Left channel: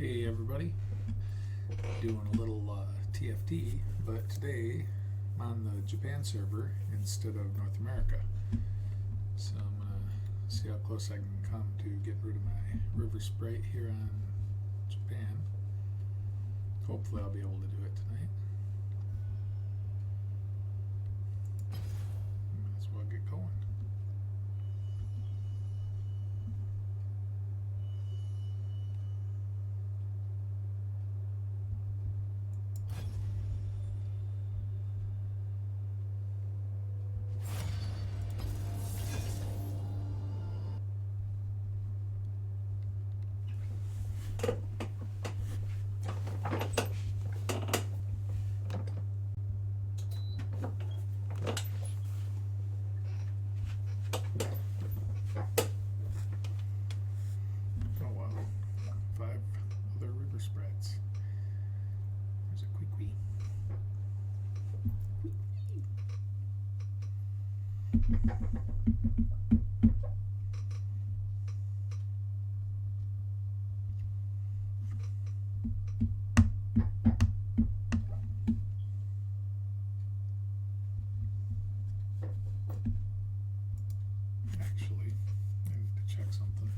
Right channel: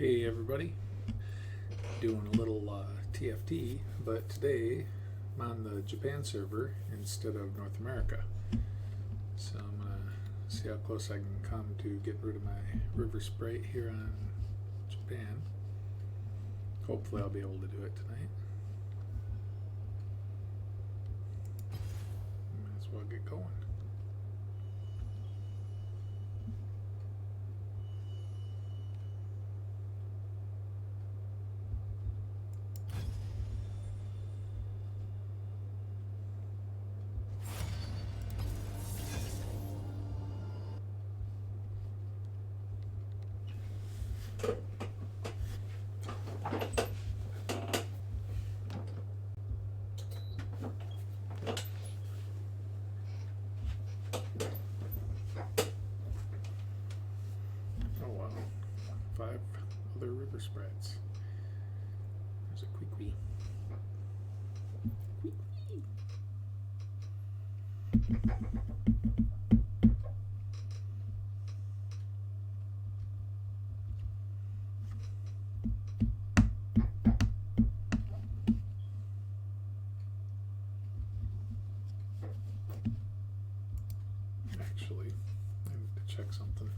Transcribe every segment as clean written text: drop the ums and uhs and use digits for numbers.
Hey everybody, doing a little TFT, but today I'm on the Japan server instead of North America. So I'm going to see how close I can come to get rid of my river sprite here on Japan. Hopefully I'll be able to do it tonight. Might as well get going. Oh wow, 5 other river sprites. There's a Queequeg. Actually, I need to check something.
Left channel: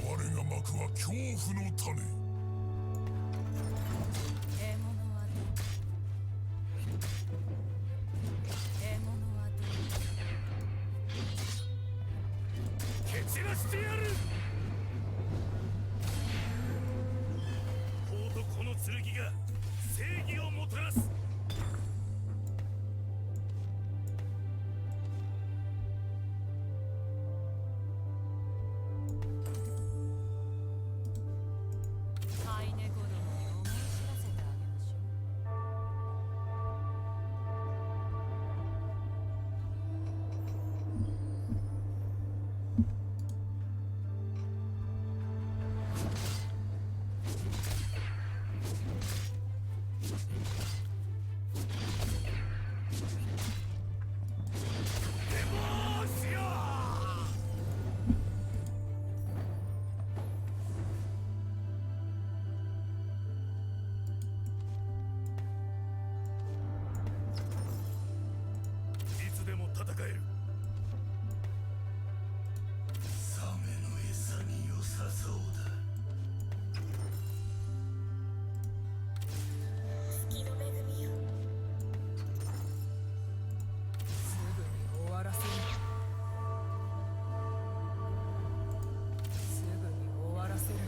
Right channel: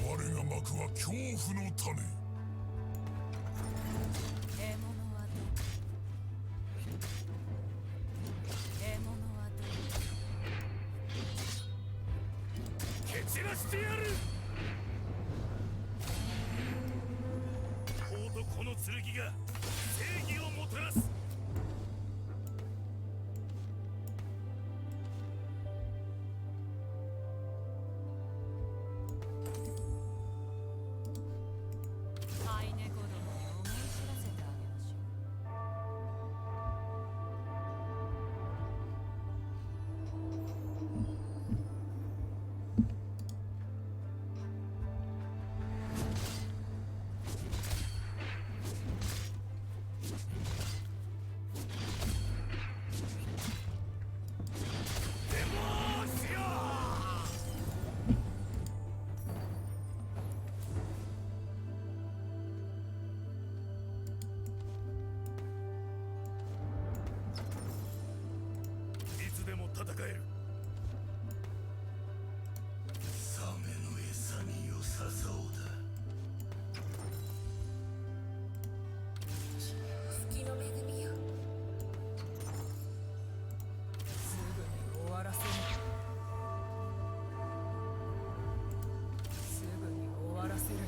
我が幕は恐怖の種。蹴散らしてやる。法とこの剣が正義をもたらす。でも戦える。サメの餌に良さそうだ。月の恵みよ。すぐに終わらせる。すぐに終わらせる。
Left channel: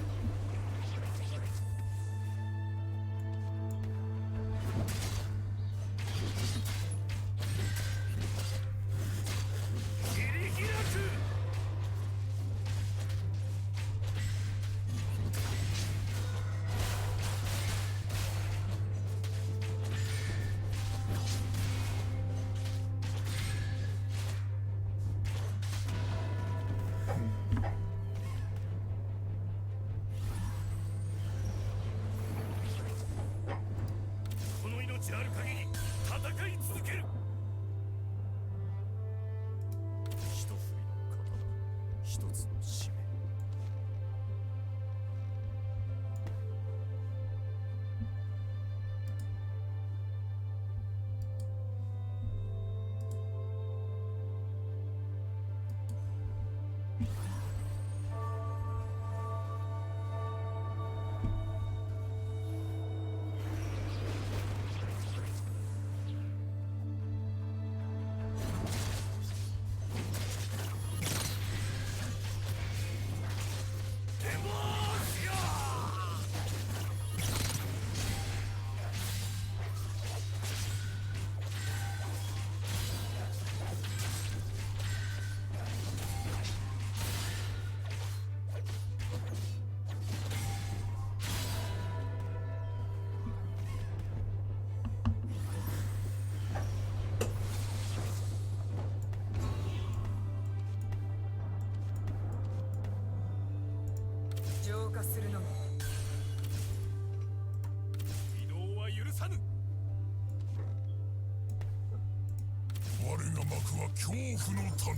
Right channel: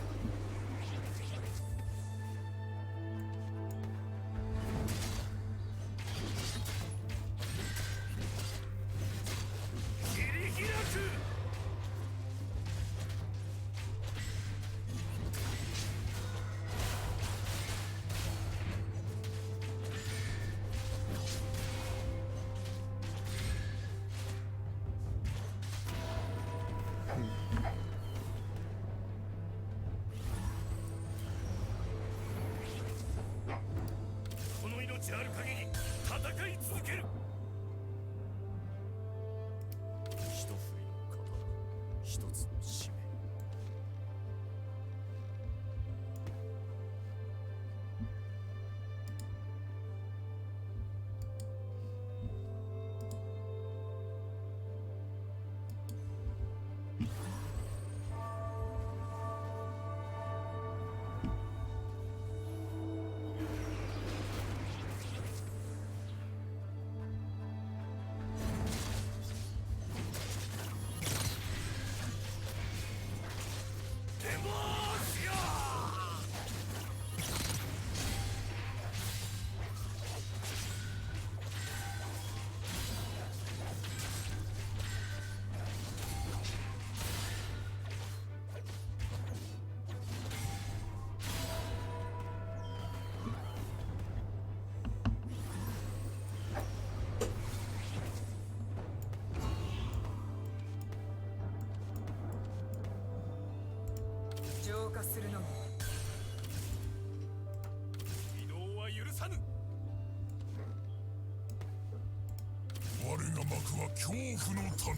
動化するのみ。移動は許さぬ。我が幕は恐怖の種。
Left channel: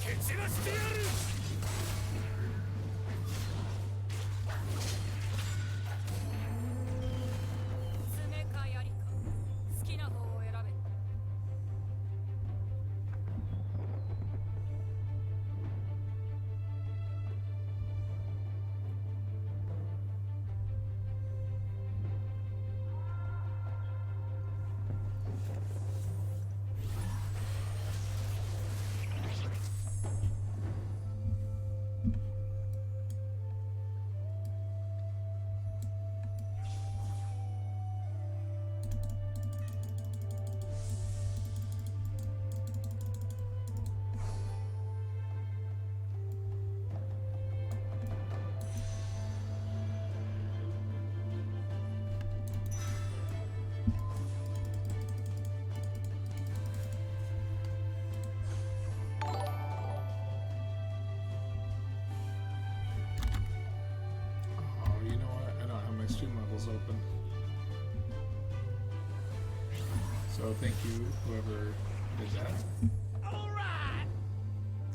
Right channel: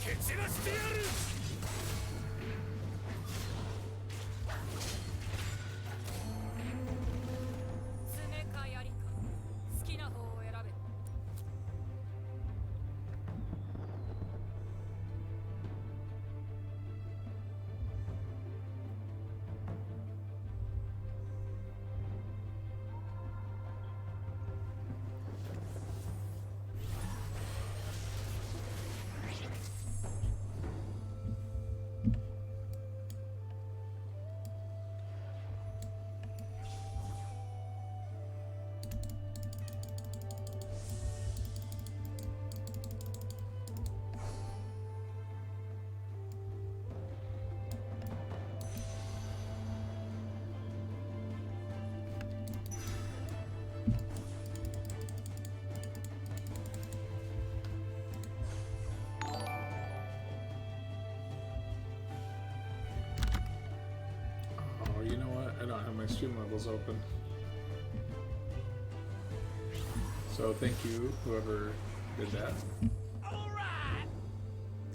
蹴散らしてやる。爪か槍か好きな方を選べ。Oh, you know what? I don't have my stream levels open. So thank you, whoever did that.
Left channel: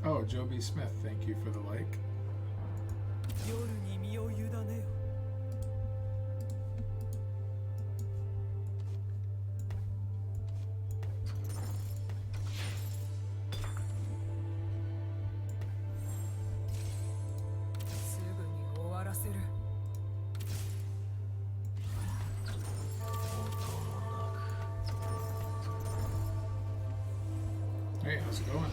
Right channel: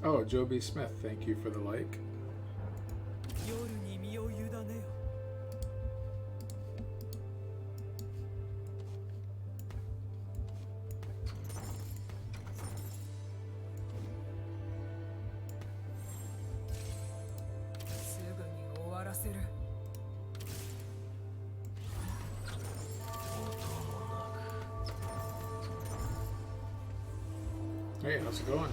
Oh, Joby Smith, thank you for the like. 夜に身を委ねよ。すぐに終わらせる。 Hey, how's it going?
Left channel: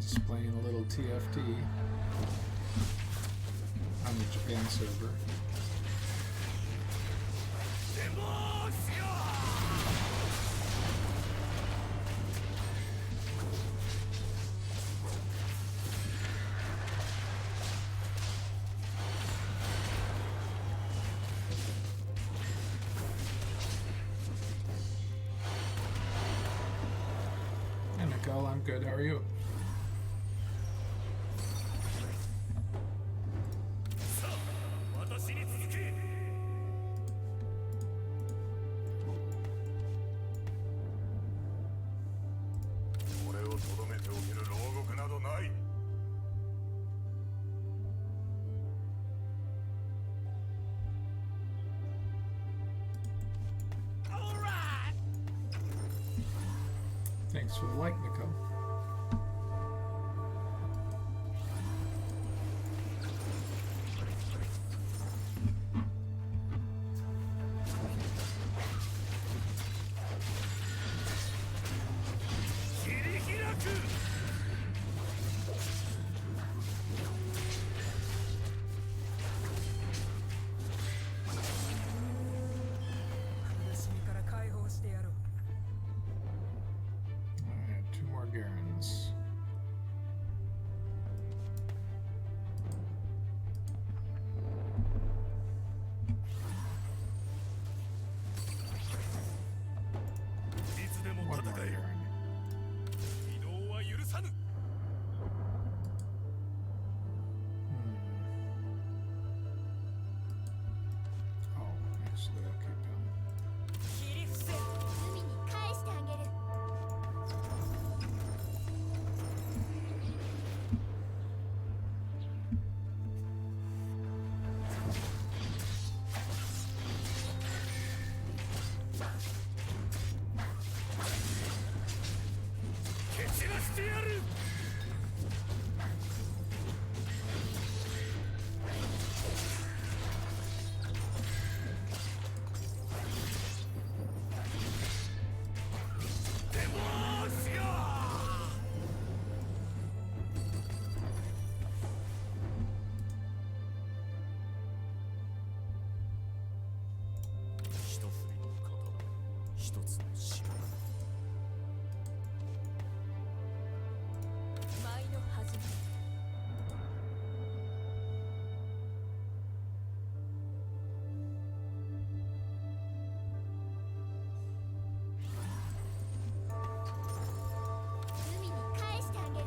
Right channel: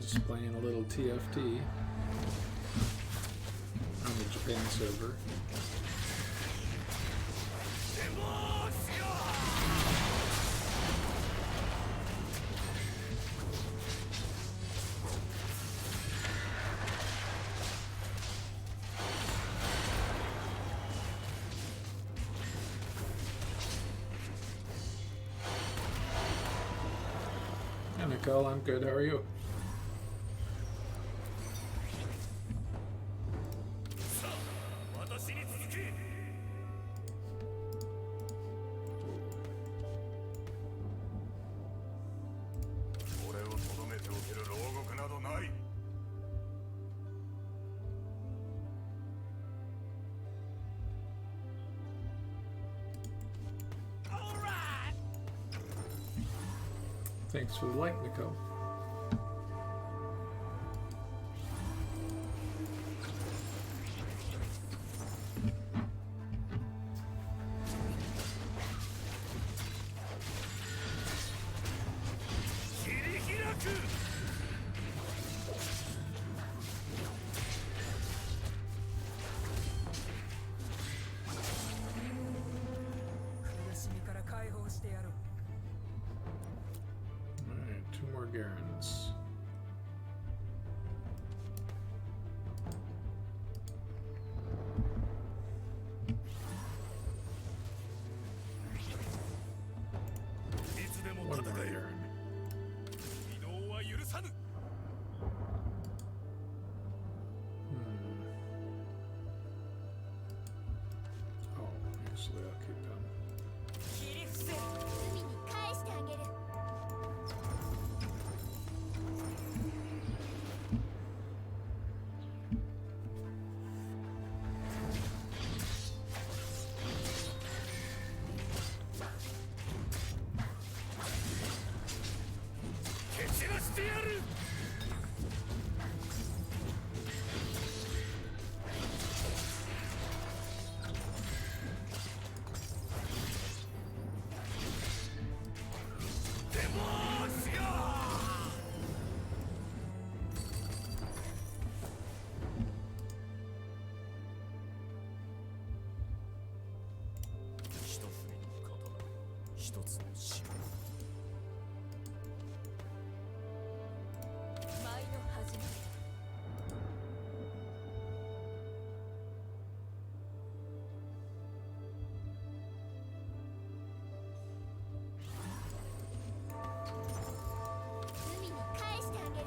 Just playing a little TFT on the Japan server. Hey, Nicole, I'm good. How are you? さあ、私に続け。俺をとどめておける牢獄などない。Thanks for the like, Nicole. Alright, 2 more Garens. One more Garen. 移動は許さぬ。 Oh, actually, I'll keep them. 切り伏せる。海に返してあげる。 蹴散らしてやる。デモーション。一海に返してあげる。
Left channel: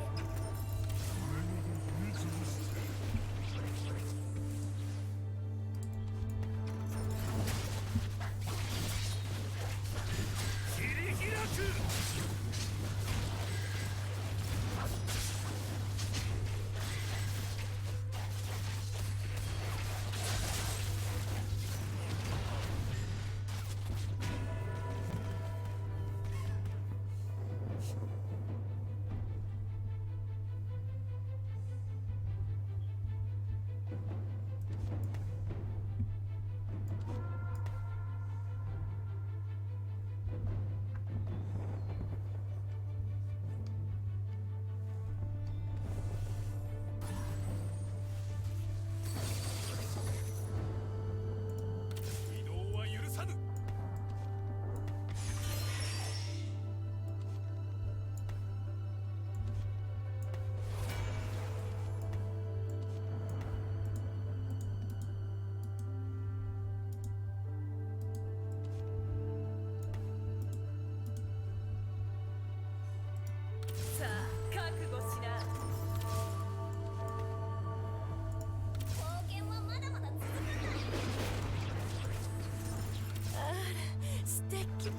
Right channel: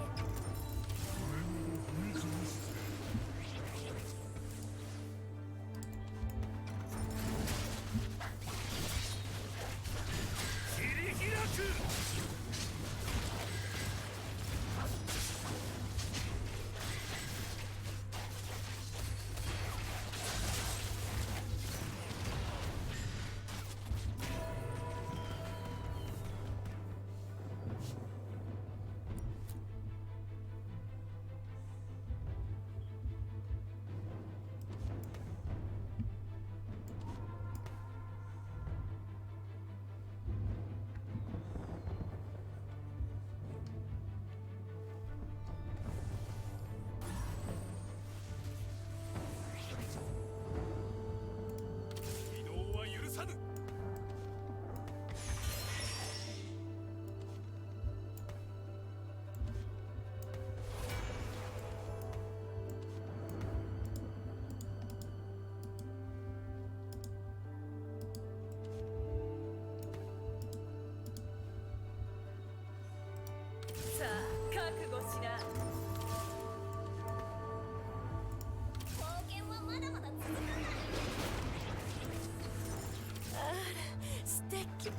移動は許さぬ。さあ覚悟しな。冒険はまだまだ続くんだ。あら素敵。蹴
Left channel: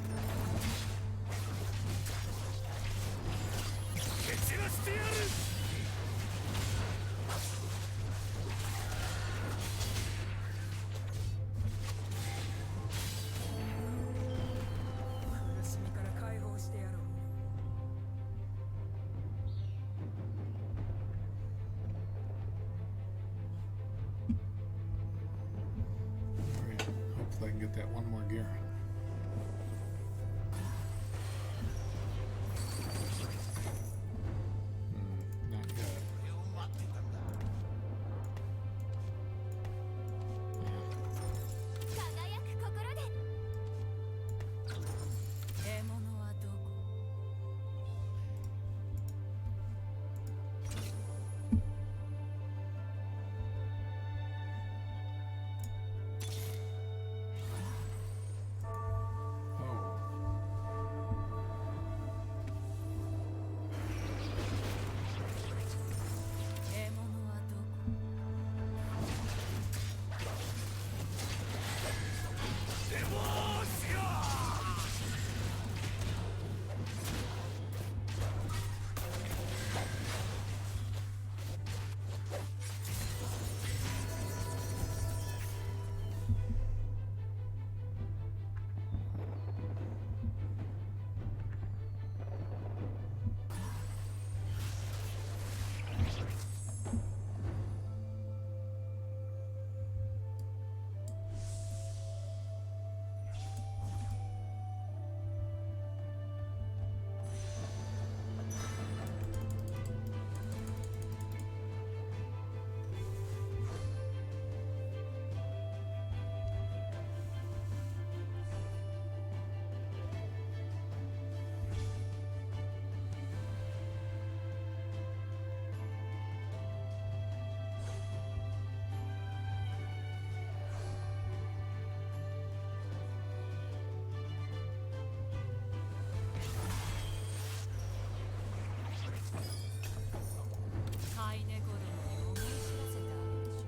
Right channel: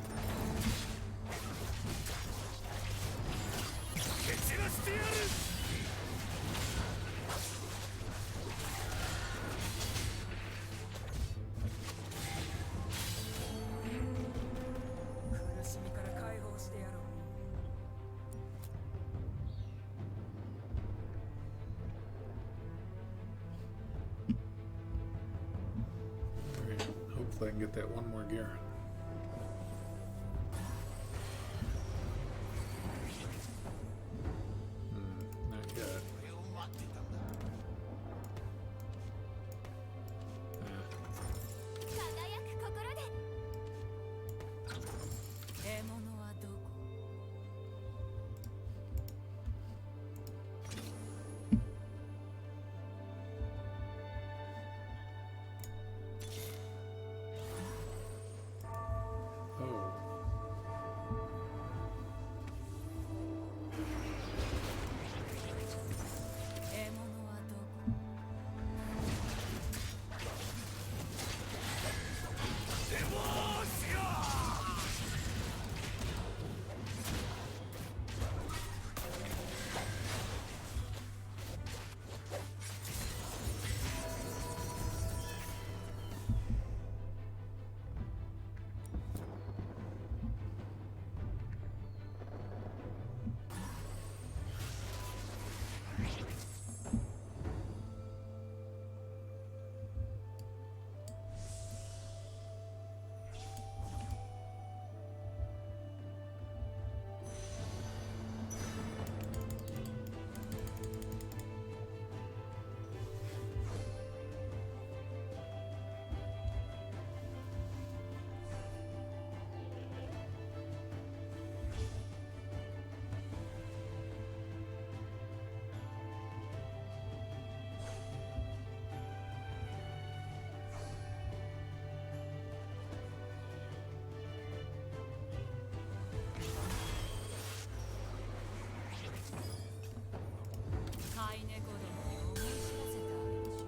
散らしてやる。苦しみから解放してやろう。Alright, hopefully I can get that one more Garen. Not yet. これを待ってたんだ。輝く心で。獲物はどこ？Oh. 獲物はどこ？デモーショ飼い猫どもに思い知らせてあげましょう。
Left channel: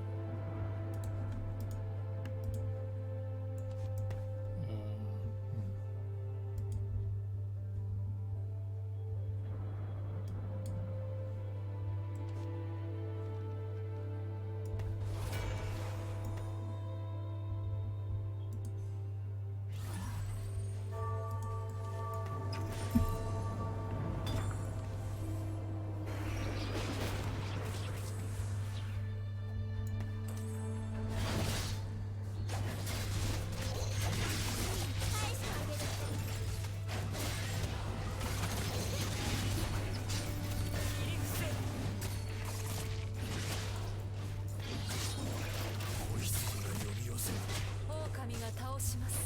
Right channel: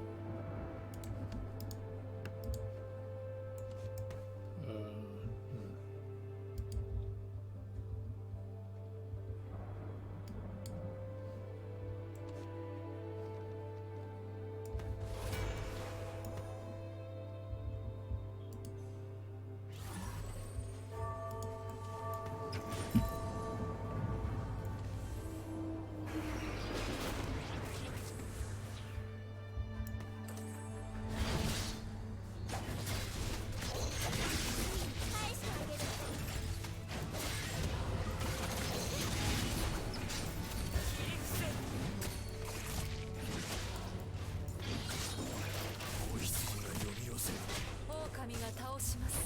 狼が倒します。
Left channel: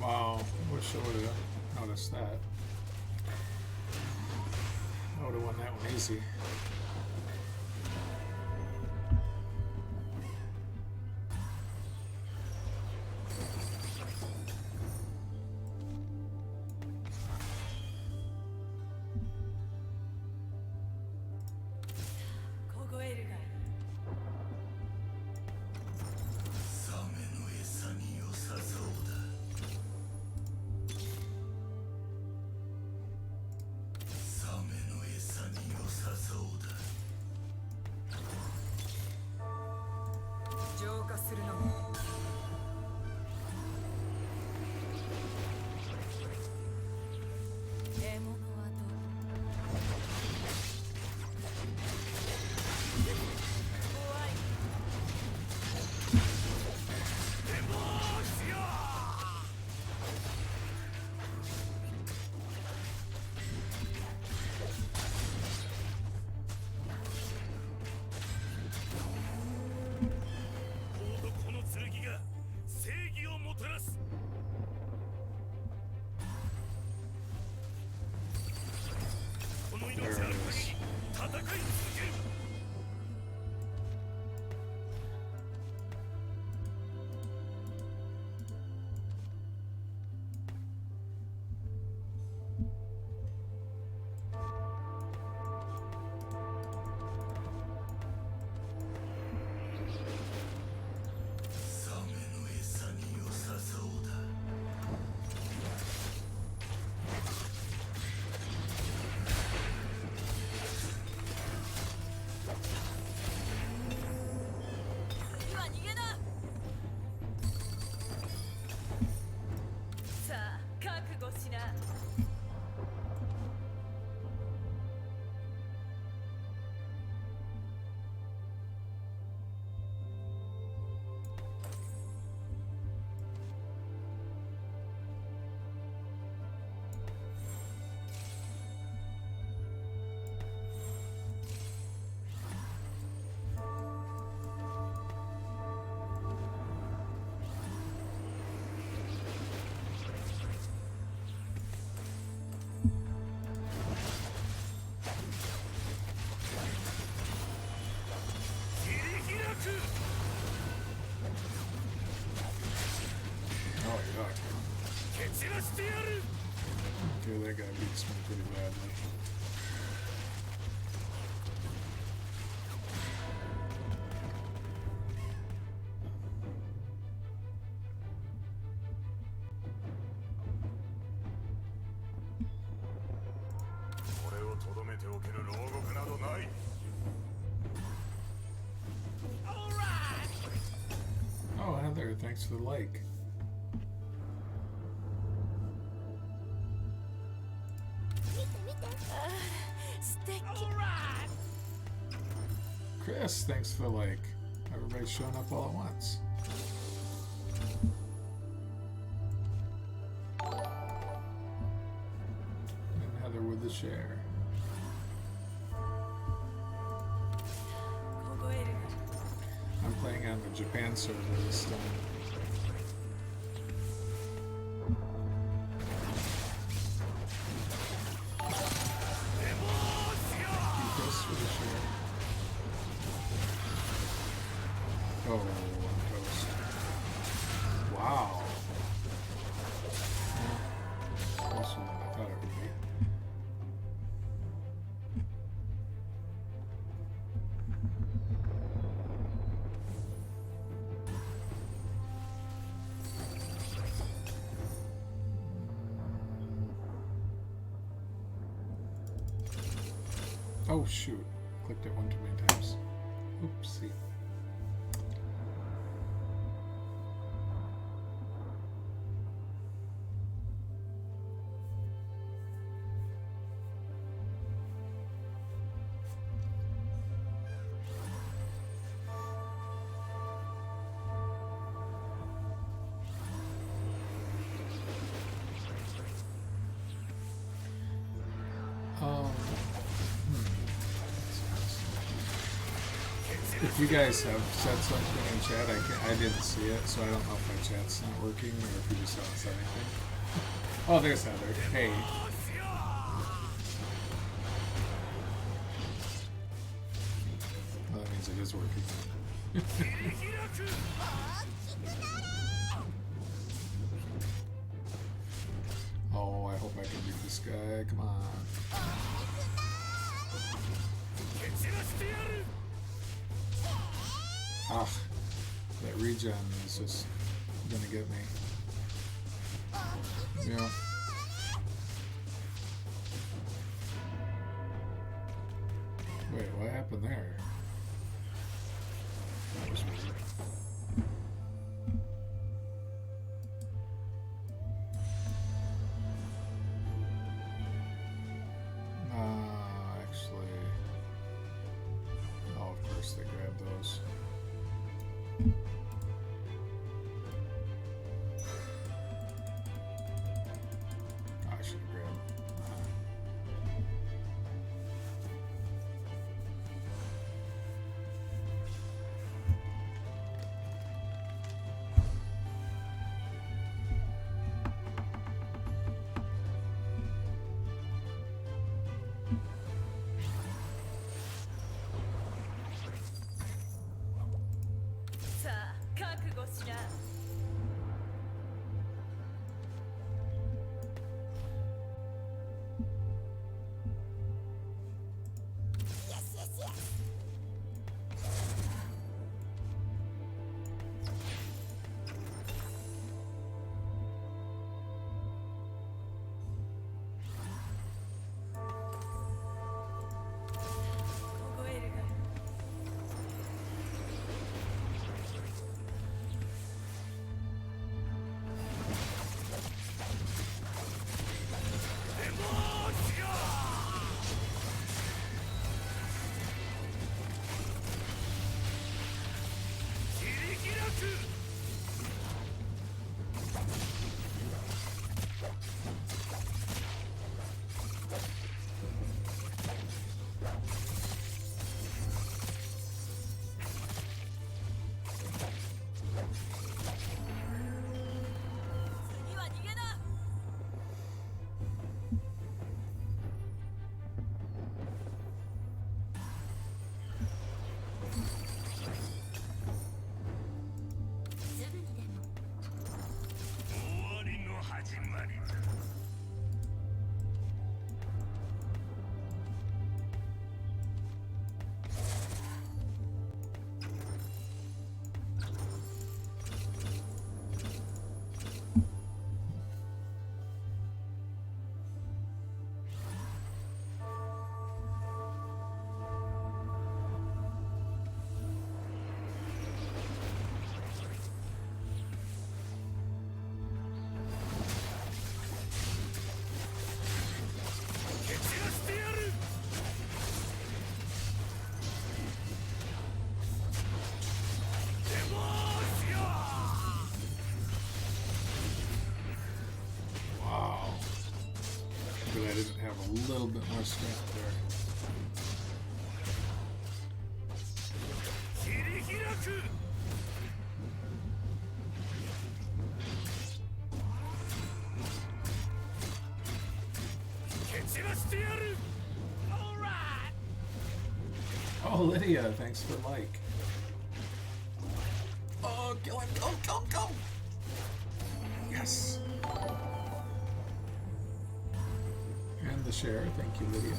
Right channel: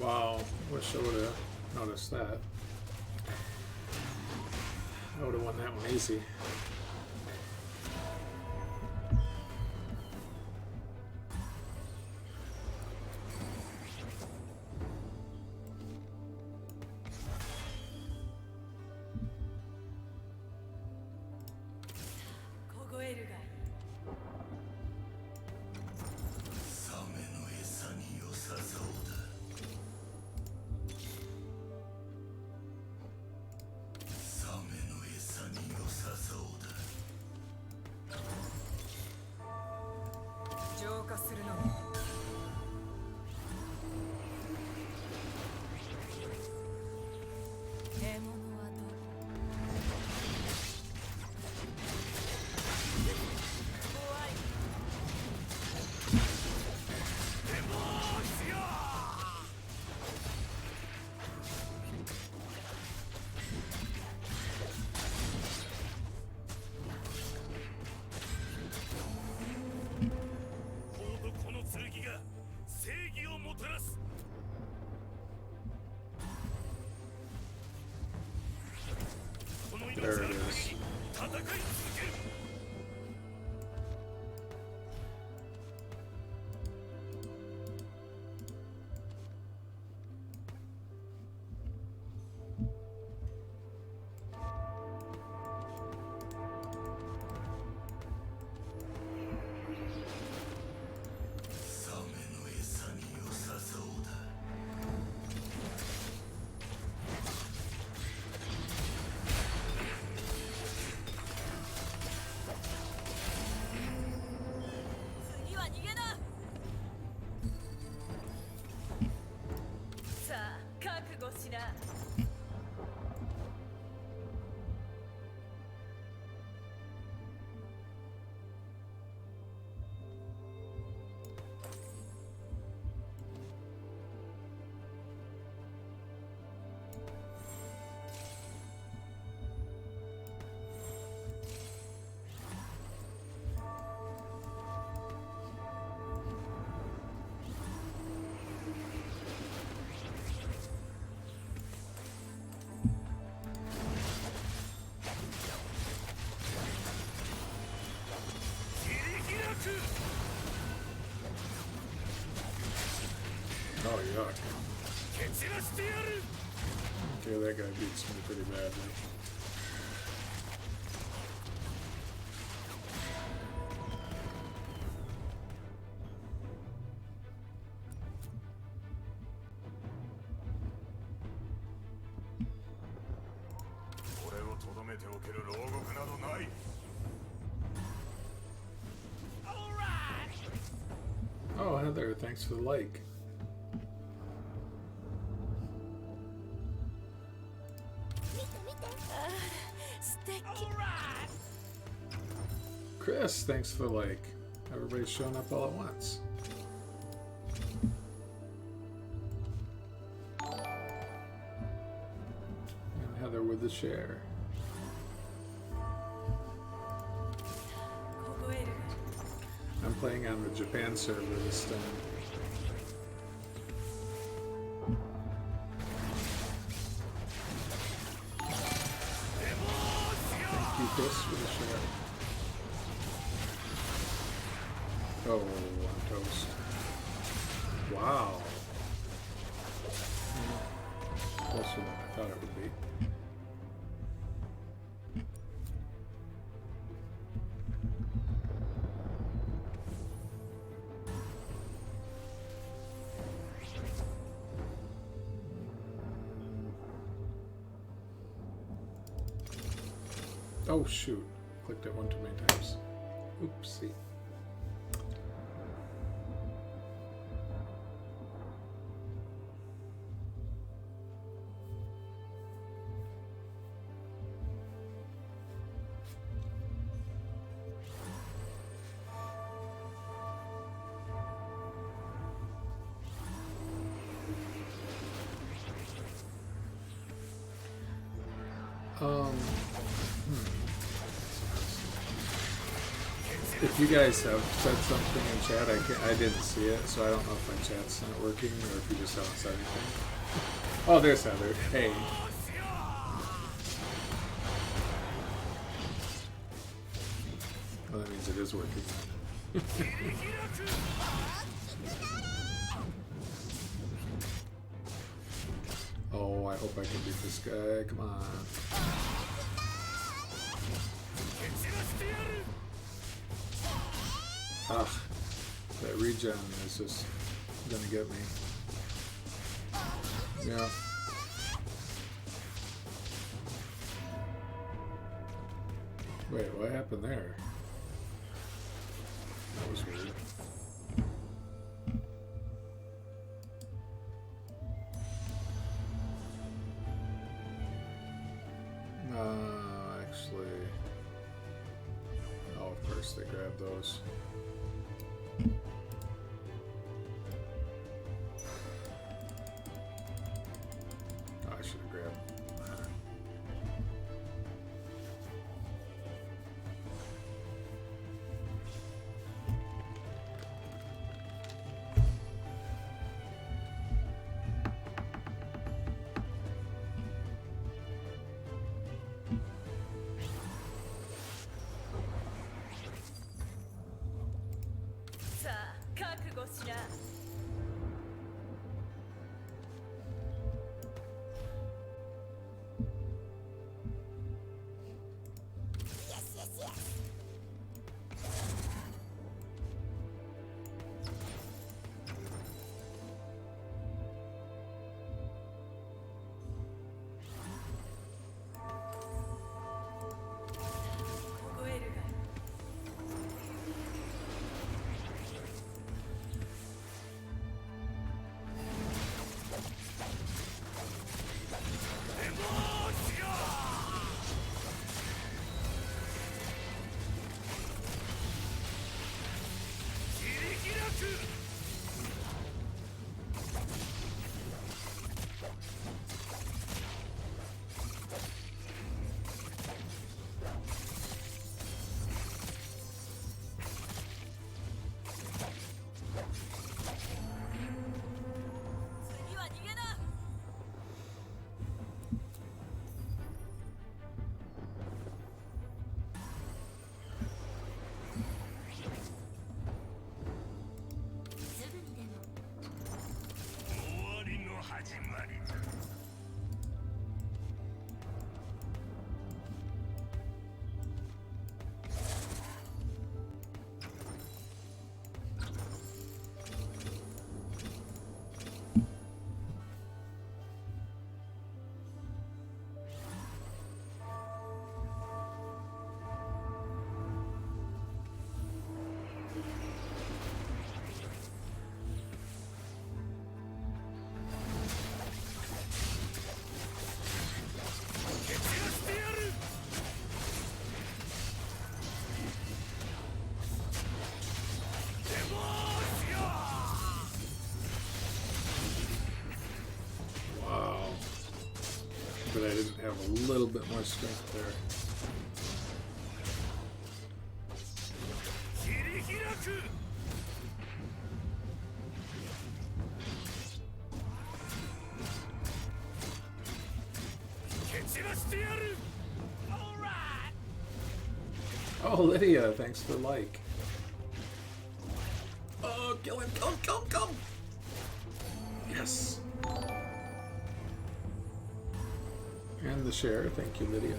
Wow, Wish I would have noticed that. I would have won that one easy. There it is. Oh, yuck. Okay, that guy beats me pretty badly. Oh, Heather, thanks for the like. Chris, thanks for the like. Everybody's showing up all at once. And Heather with the share. I'm playing on the Japan server this time. Thank you, Chris, for the share. Oh, I'm toast. Wow. Closer than I thought it would be. Oh shoot, clicked it one too many times. Oopsie. If you guys have said something in chat, I didn't see it, so I don't know if my chat's not working or if you just haven't said anything. Oh, there's Heather. Hey. Well, that means it is working. Oh, I hope I can beat this guy. Come on. Ah, that regen is just gonna get me. Yeah. Wait, what happened there? That was weird. Actually... Oh, of course they grabbed those. Oh, I should have grabbed. Yes, yes, yes. But I didn't have a little bit more strength there. Oh, Lydia, thanks for like. Oh, kill him, kill him, kill him, kill him! Yes! And the share, thank you, Lydia.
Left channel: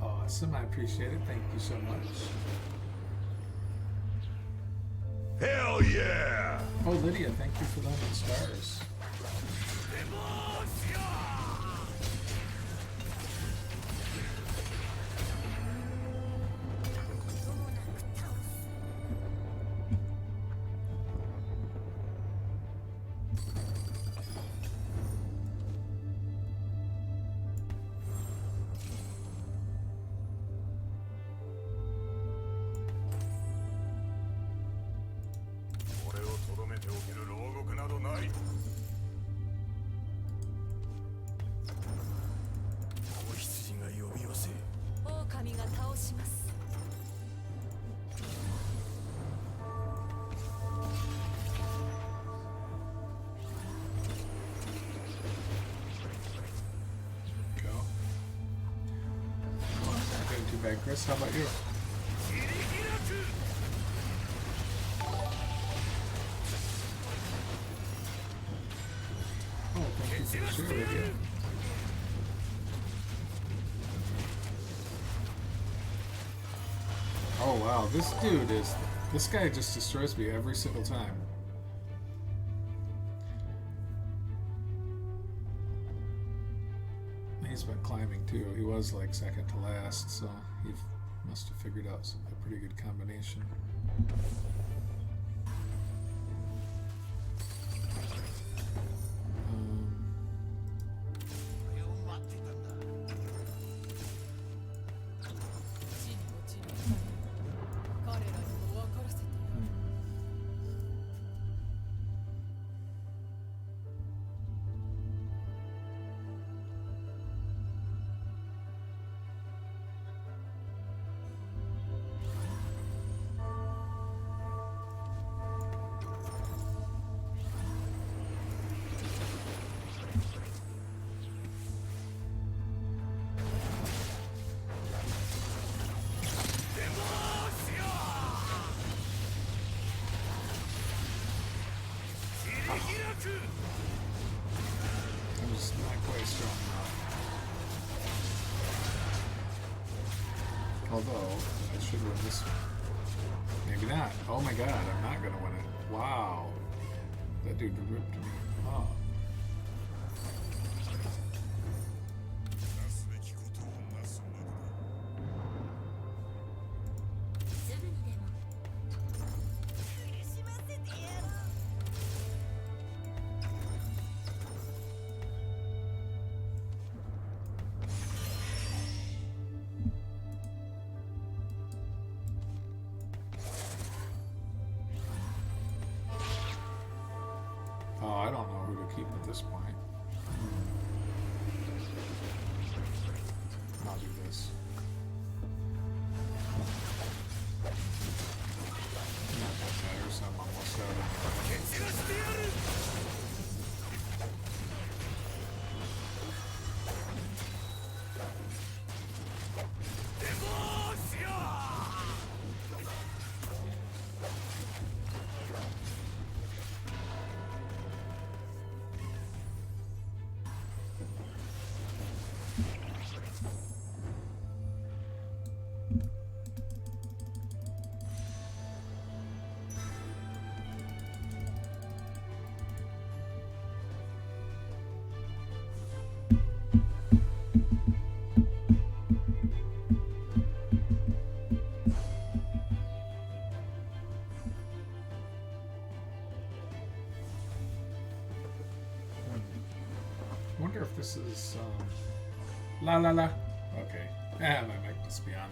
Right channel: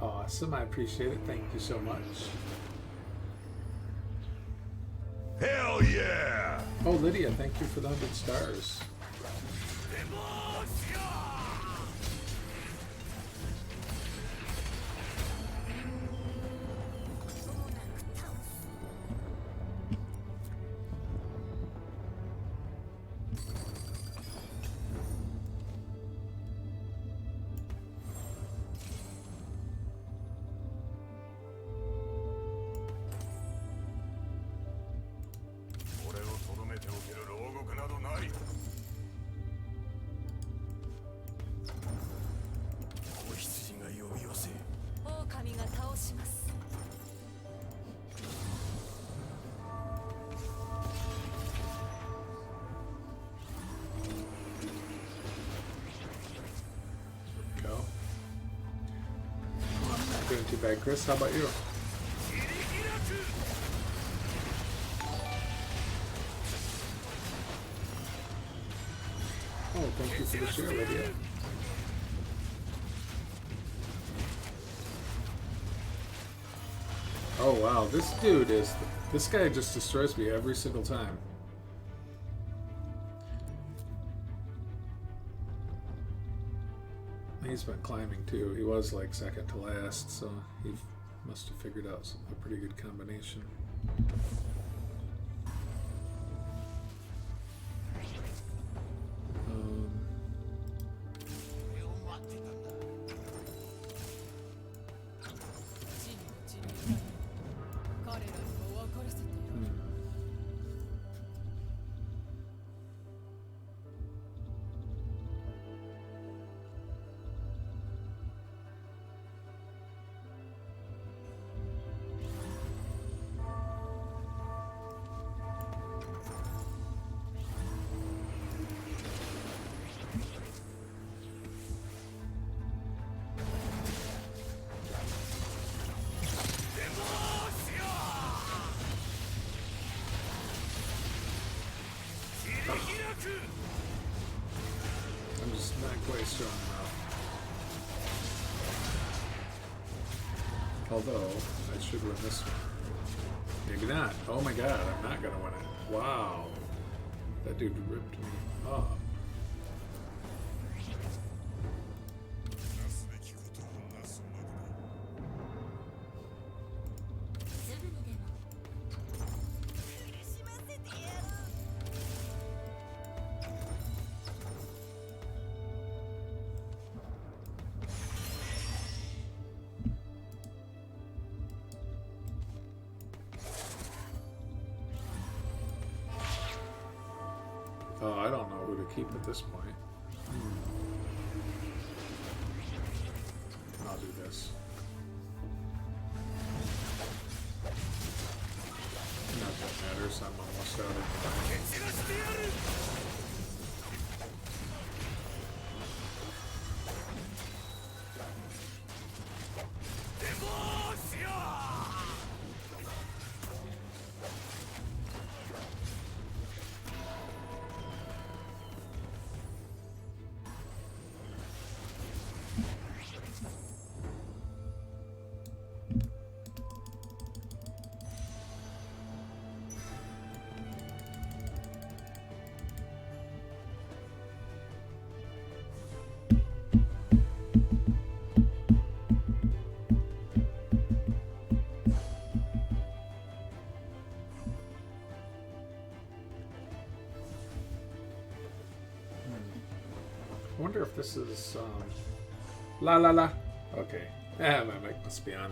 Awesome, I appreciate it. Thank you so much. Hell yeah! Oh, Lydia, thank you for the 100 stars. い子羊が呼び寄せ狼が倒します Go. Not doing too bad, Chris. How about you? Oh, thank you for the share, Lydia. Oh wow, this guy just destroys me every single time. He's been climbing too. He was like second to last, so he must have figured out a pretty good combination. Um, 地に落ちる痛み彼らにも分からせてやる hmm. I'm just not quite strong enough. Although, I should win this one. Maybe not. Oh my god, I'm not gonna win it. Wow. That dude ripped me up. なすべきことをなすまでだすぐにでも苦しませてやる Oh, I don't know who to keep at this point. I'll do this. Not that matters. I'm almost out of. I wonder if this is la la la. Okay, yeah, my mic must be on.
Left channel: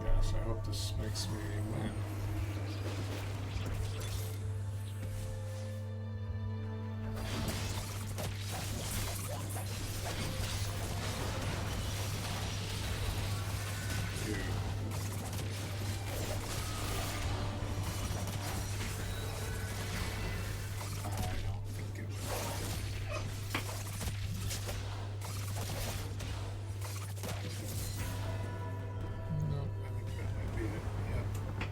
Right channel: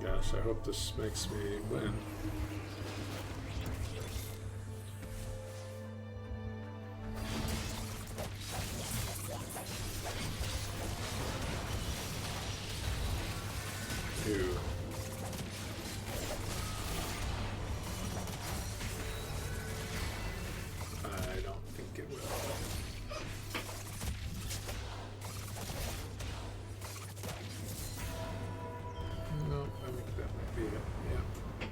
Gosh, I hope this makes me win. Two. I don't think it will. No, I think that might be it. Yep.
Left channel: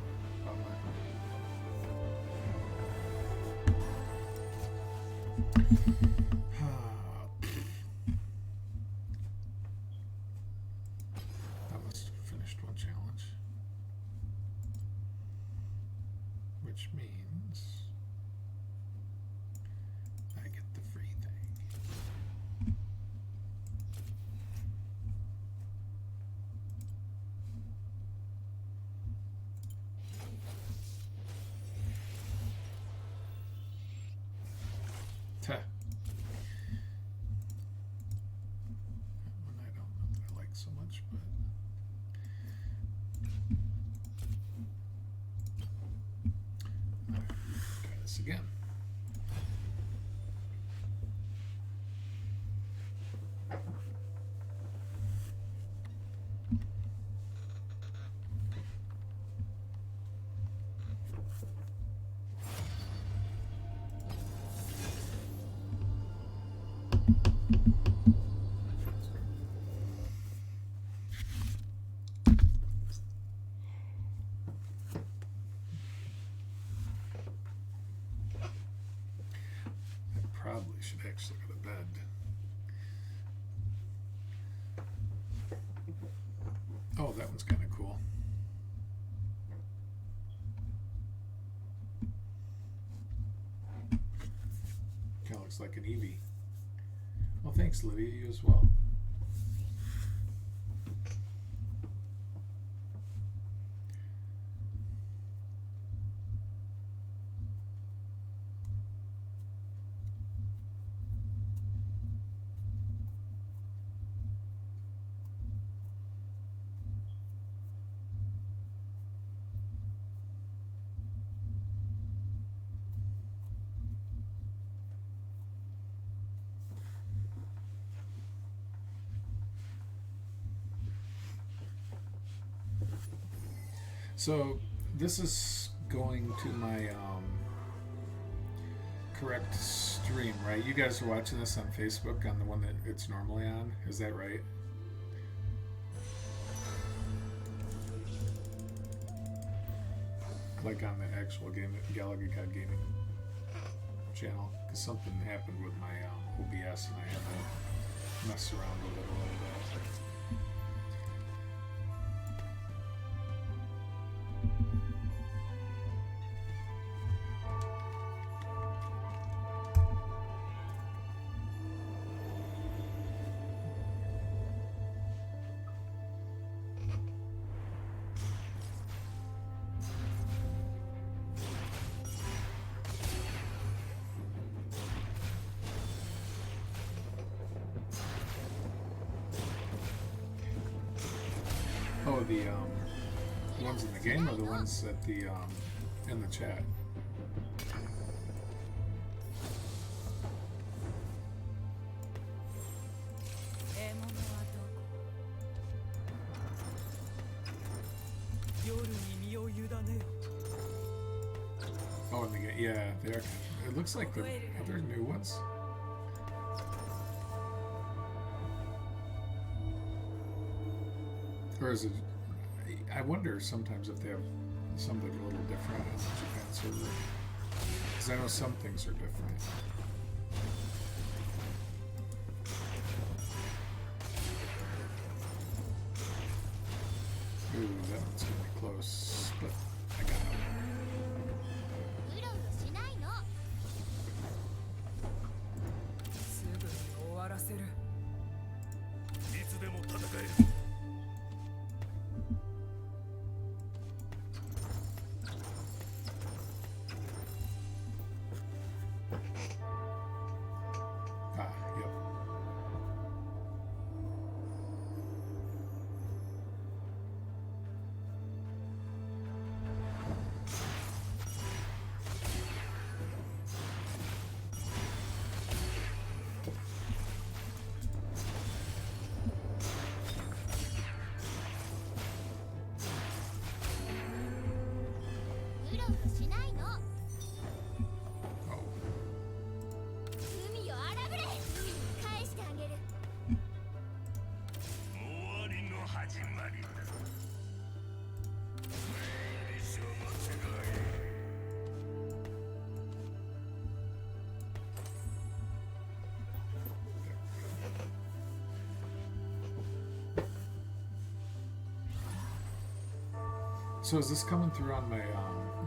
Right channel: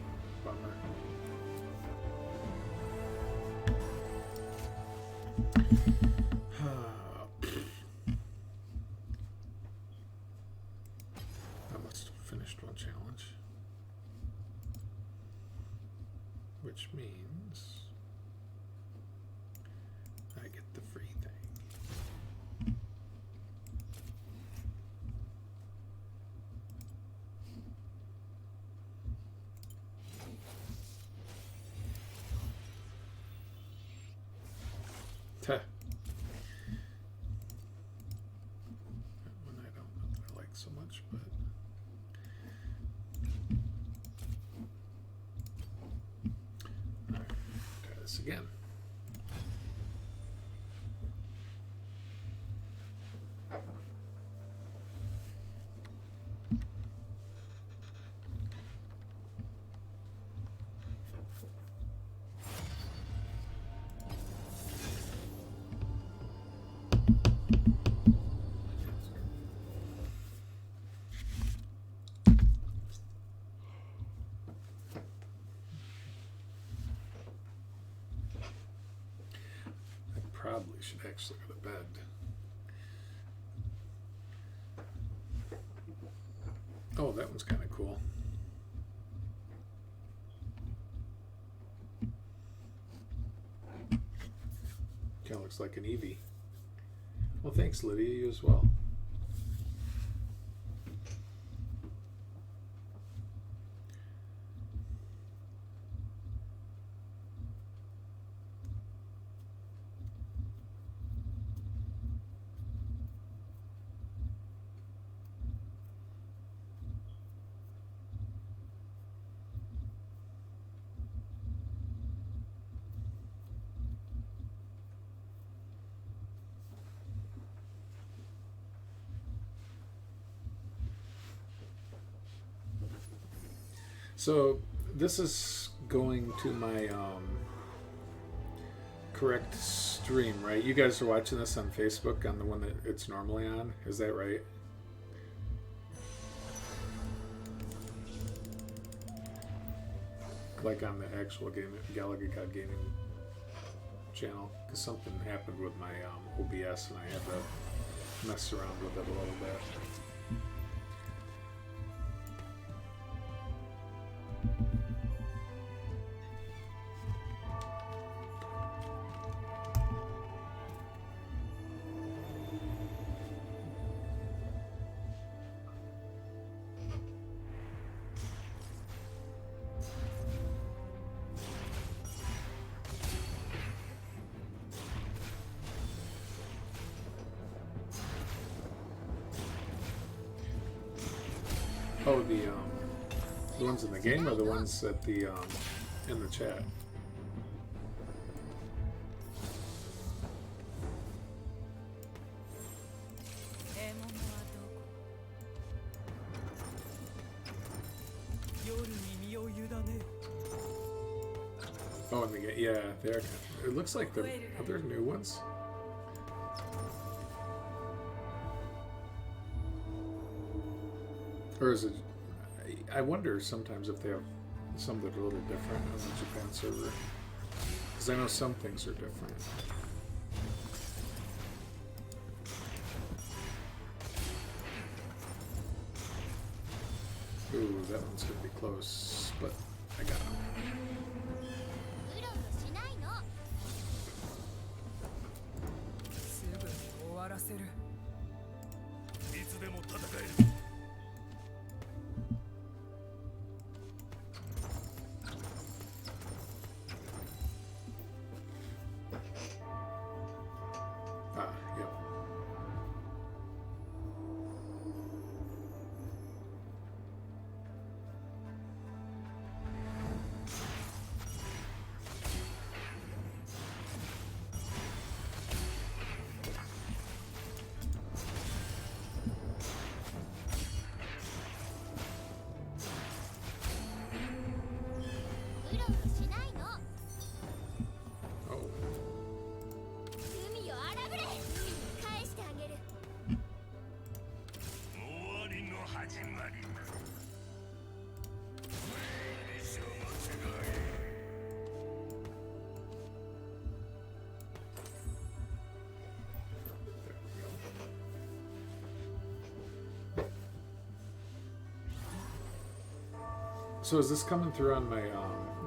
which means I get the free thing. Tuh. That one I don't know that I like so much, but try this again. Probably should actually go to bed. Oh, that one's kind of cool. Kind of looks like an Eevee. Well, thanks, Lydia. You as well. So this is going to my correct stream, right? You guys are watching this on Facebook on the one that it's normally on. Is that right? Like on the actual game, Galaga Gaming channel, because something happened with my OBS and I had to mess around with it a little bit. Oh, the ones in the game or the ones at the in the chat? Oh, in the game, yeah, they're. It looks like they're new ones. Or is it? I wonder sometimes if they have some that are a little different on the Japan server. Because I know some things are different. Ooh, that one's gonna be close, but I got him. うろうろしないの。すぐに終わらせる。いつでも戦える。Ah, yep. So is this coming through on my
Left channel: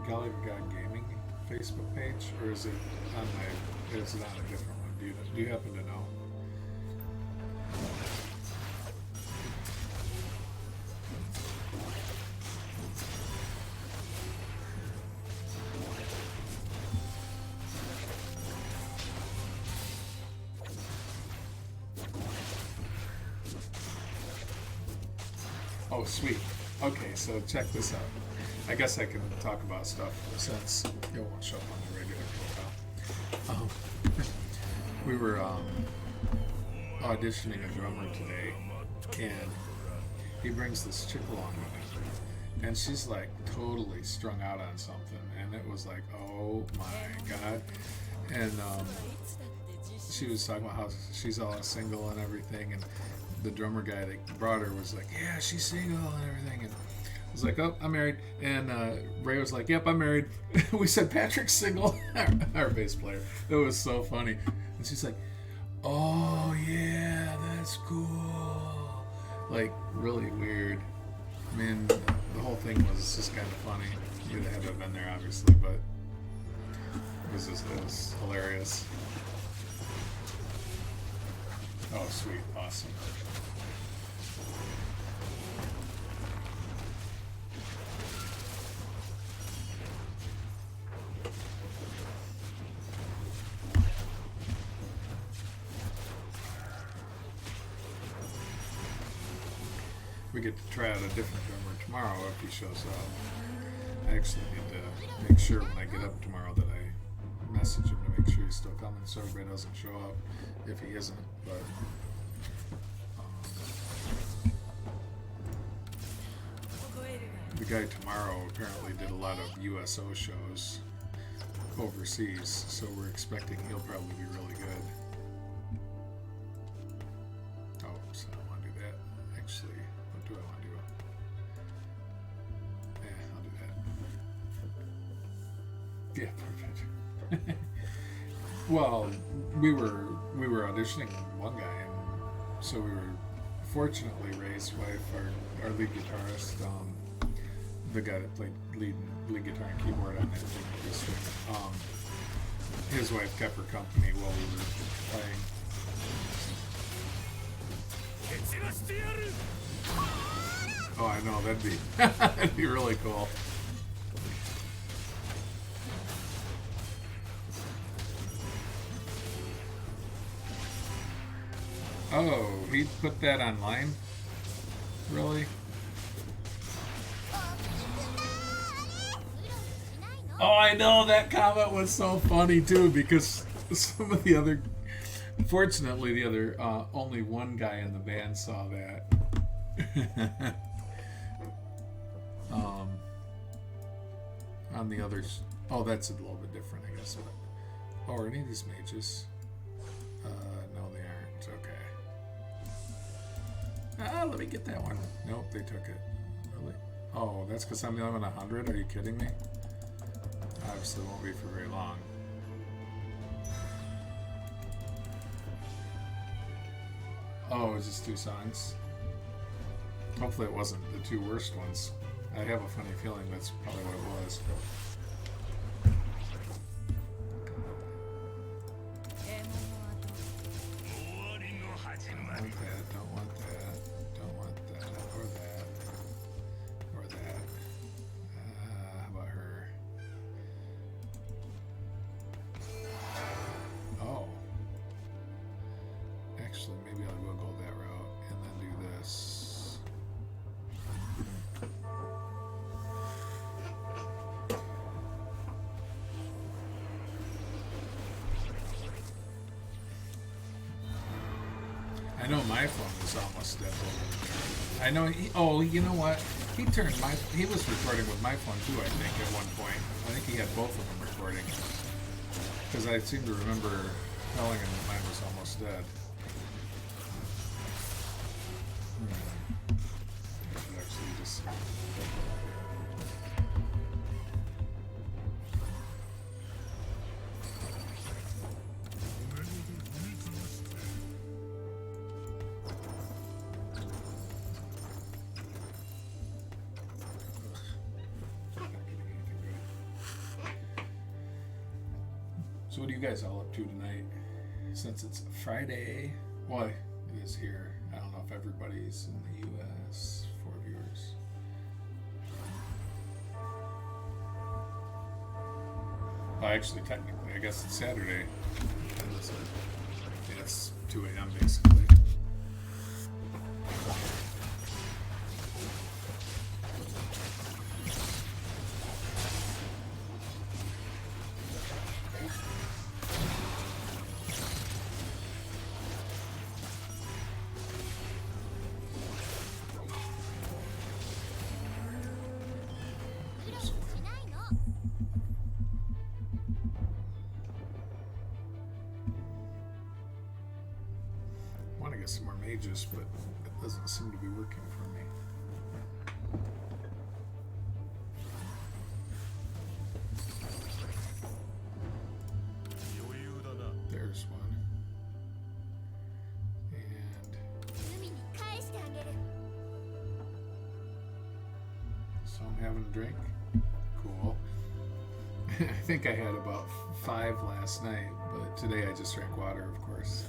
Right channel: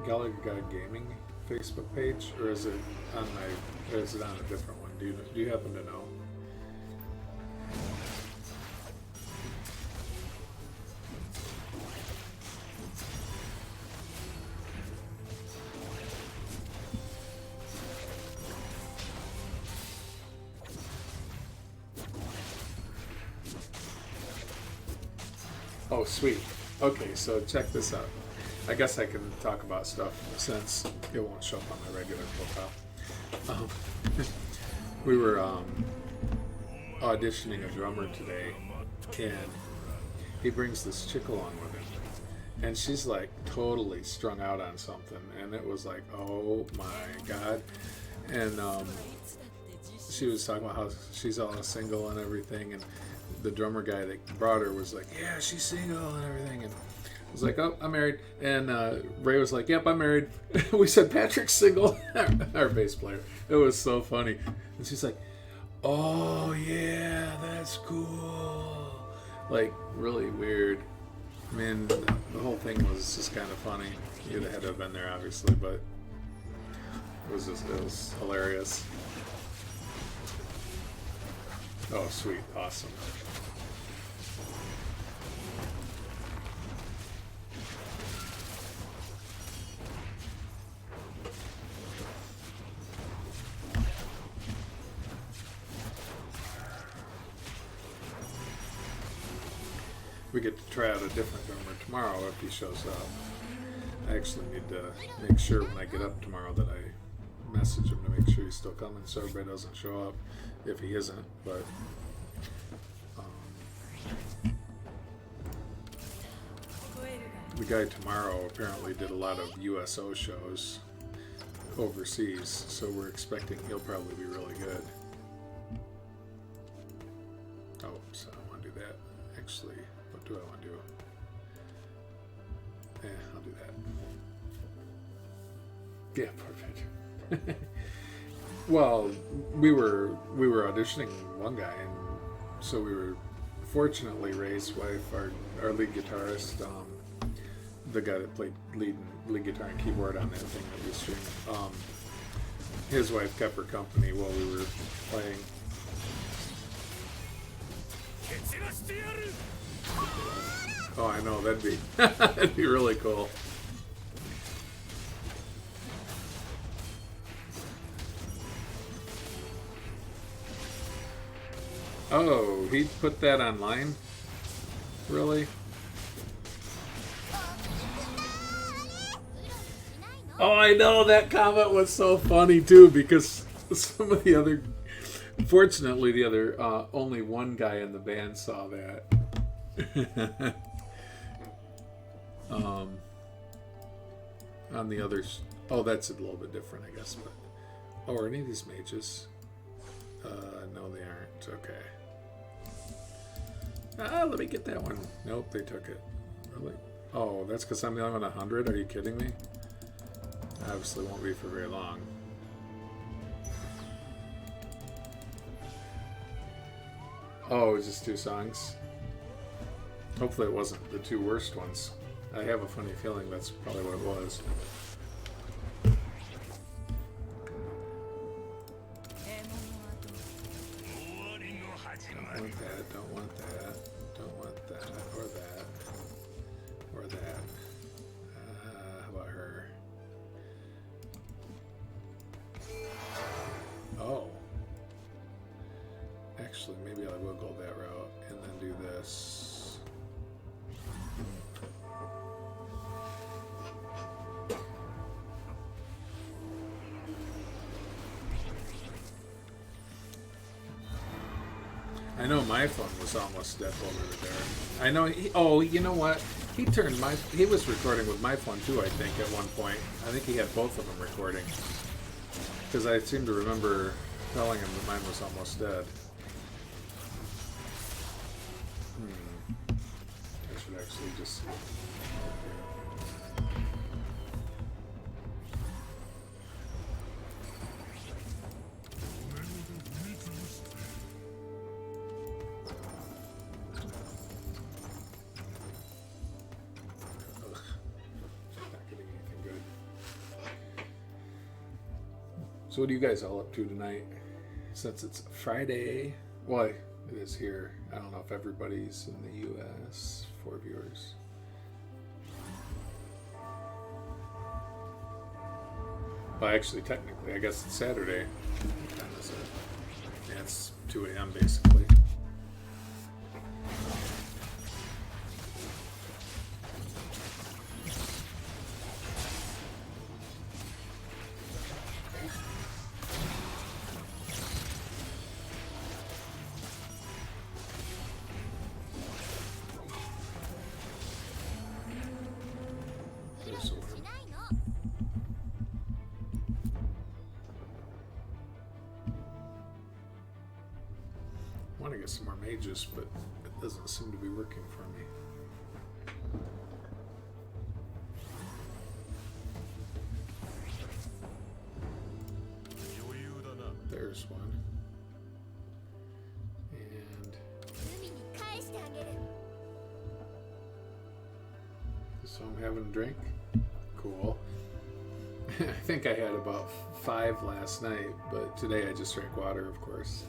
Galaga Gaming Facebook page, or is it on my? Is it on a different one? Do you happen to know? Oh, sweet. Okay, so check this out. I guess I can talk about stuff since it won't show up on the regular profile. We were auditioning a drummer today, and he brings this chick along with him, and she's like totally strung out on something, and it was like, oh my god. And she was talking about how she's all single and everything, and the drummer guy that brought her was like, yeah, she's single and everything, and I was like, oh, I'm married. And Ray was like, yep, I'm married. We said, Patrick's single. Our bass player. It was so funny. And she's like, oh, yeah, that's cool. Like, really weird. I mean, the whole thing was just kind of funny. You'd have had to have been there, obviously, but it was hilarious. Oh, sweet. Awesome. We get to try out a different drummer tomorrow if he shows up. I actually need to make sure when I get up tomorrow that I message him to make sure he's still coming so everybody doesn't show up if he isn't. But the guy tomorrow apparently did a lot of USO shows overseas, so we're expecting he'll probably be really good. Oh, so I don't want to do that. Actually, what do I want to do? I'll do that. Yeah, perfect. Well, we were auditioning one guy, and so we were fortunately Ray's wife, our lead guitarist, the guy that played lead guitar and keyboard on that thing that we streamed, his wife kept her company while we were playing. Oh, I know, that'd be really cool. Oh, he put that online? Really? Oh, I know, that comment was so funny too, because some of the other, fortunately the other, only one guy in the band saw that. On the others, oh, that's a little bit different, I guess. But, oh, are any of these mages? No, they aren't. Okay. Let me get that one. Nope, they took it. Really? Oh, that's because I'm the only one 100? Are you kidding me? Obviously won't be for very long. Oh, it was just 2 songs? Hopefully it wasn't the 2 worst ones. I have a funny feeling that's probably what it was. Don't want that, don't want that, don't want that, or that, or that. How about her? Oh. Actually, maybe I will go that route and then do this. I know my phone was almost dead over there. I know. You know what? He was recording with my phone too. I think at one point. I think he had both of them recording. Because I seem to remember telling him that mine was almost dead. I should actually just. So what are you guys all up to tonight? Since it's Friday, well, it is here. I don't know if everybody's in the U.S. 4 viewers. Well, actually, technically, I guess it's Saturday. What time is it? Yeah, it's 2 a.m. basically. I want to get some more mages, but it doesn't seem to be working for me. There's one. And so I'm having a drink. Cool. I think I had about 5 last night, but today I just drank water, of course.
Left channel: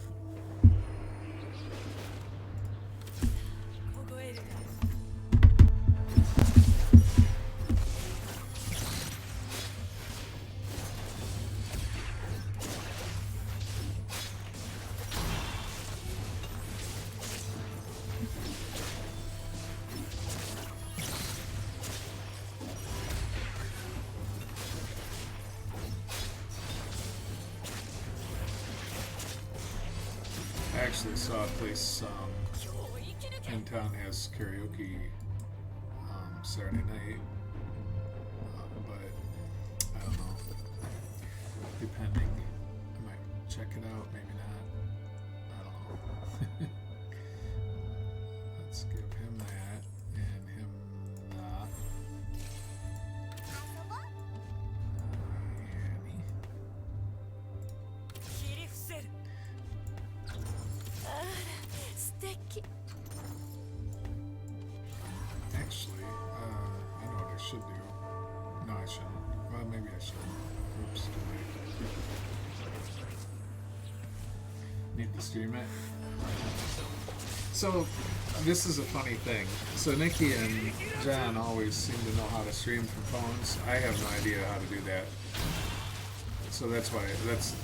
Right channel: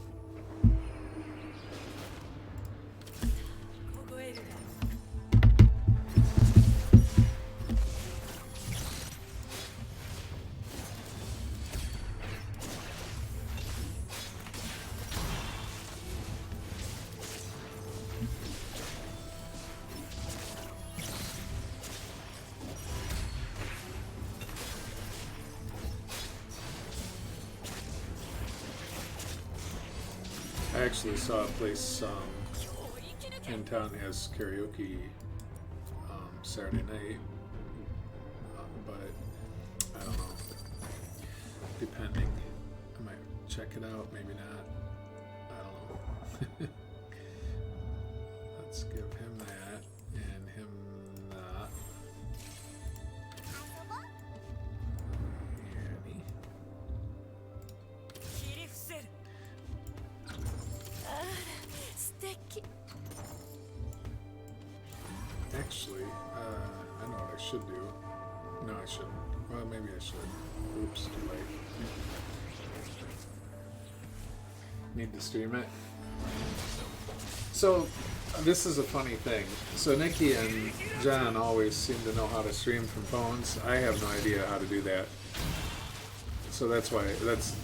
I actually saw a place in town has karaoke Saturday night, but I don't know. Depending, I might check it out. Maybe not. I don't know. Let's give him that and him that. Annie. Actually, I know what I should do. No, I shouldn't. Well, maybe I should. Oops, too late. Need to stream it. So, this is a funny thing. So, Nikki and John always seem to know how to stream from phones. I have no idea how to do that. So that's why,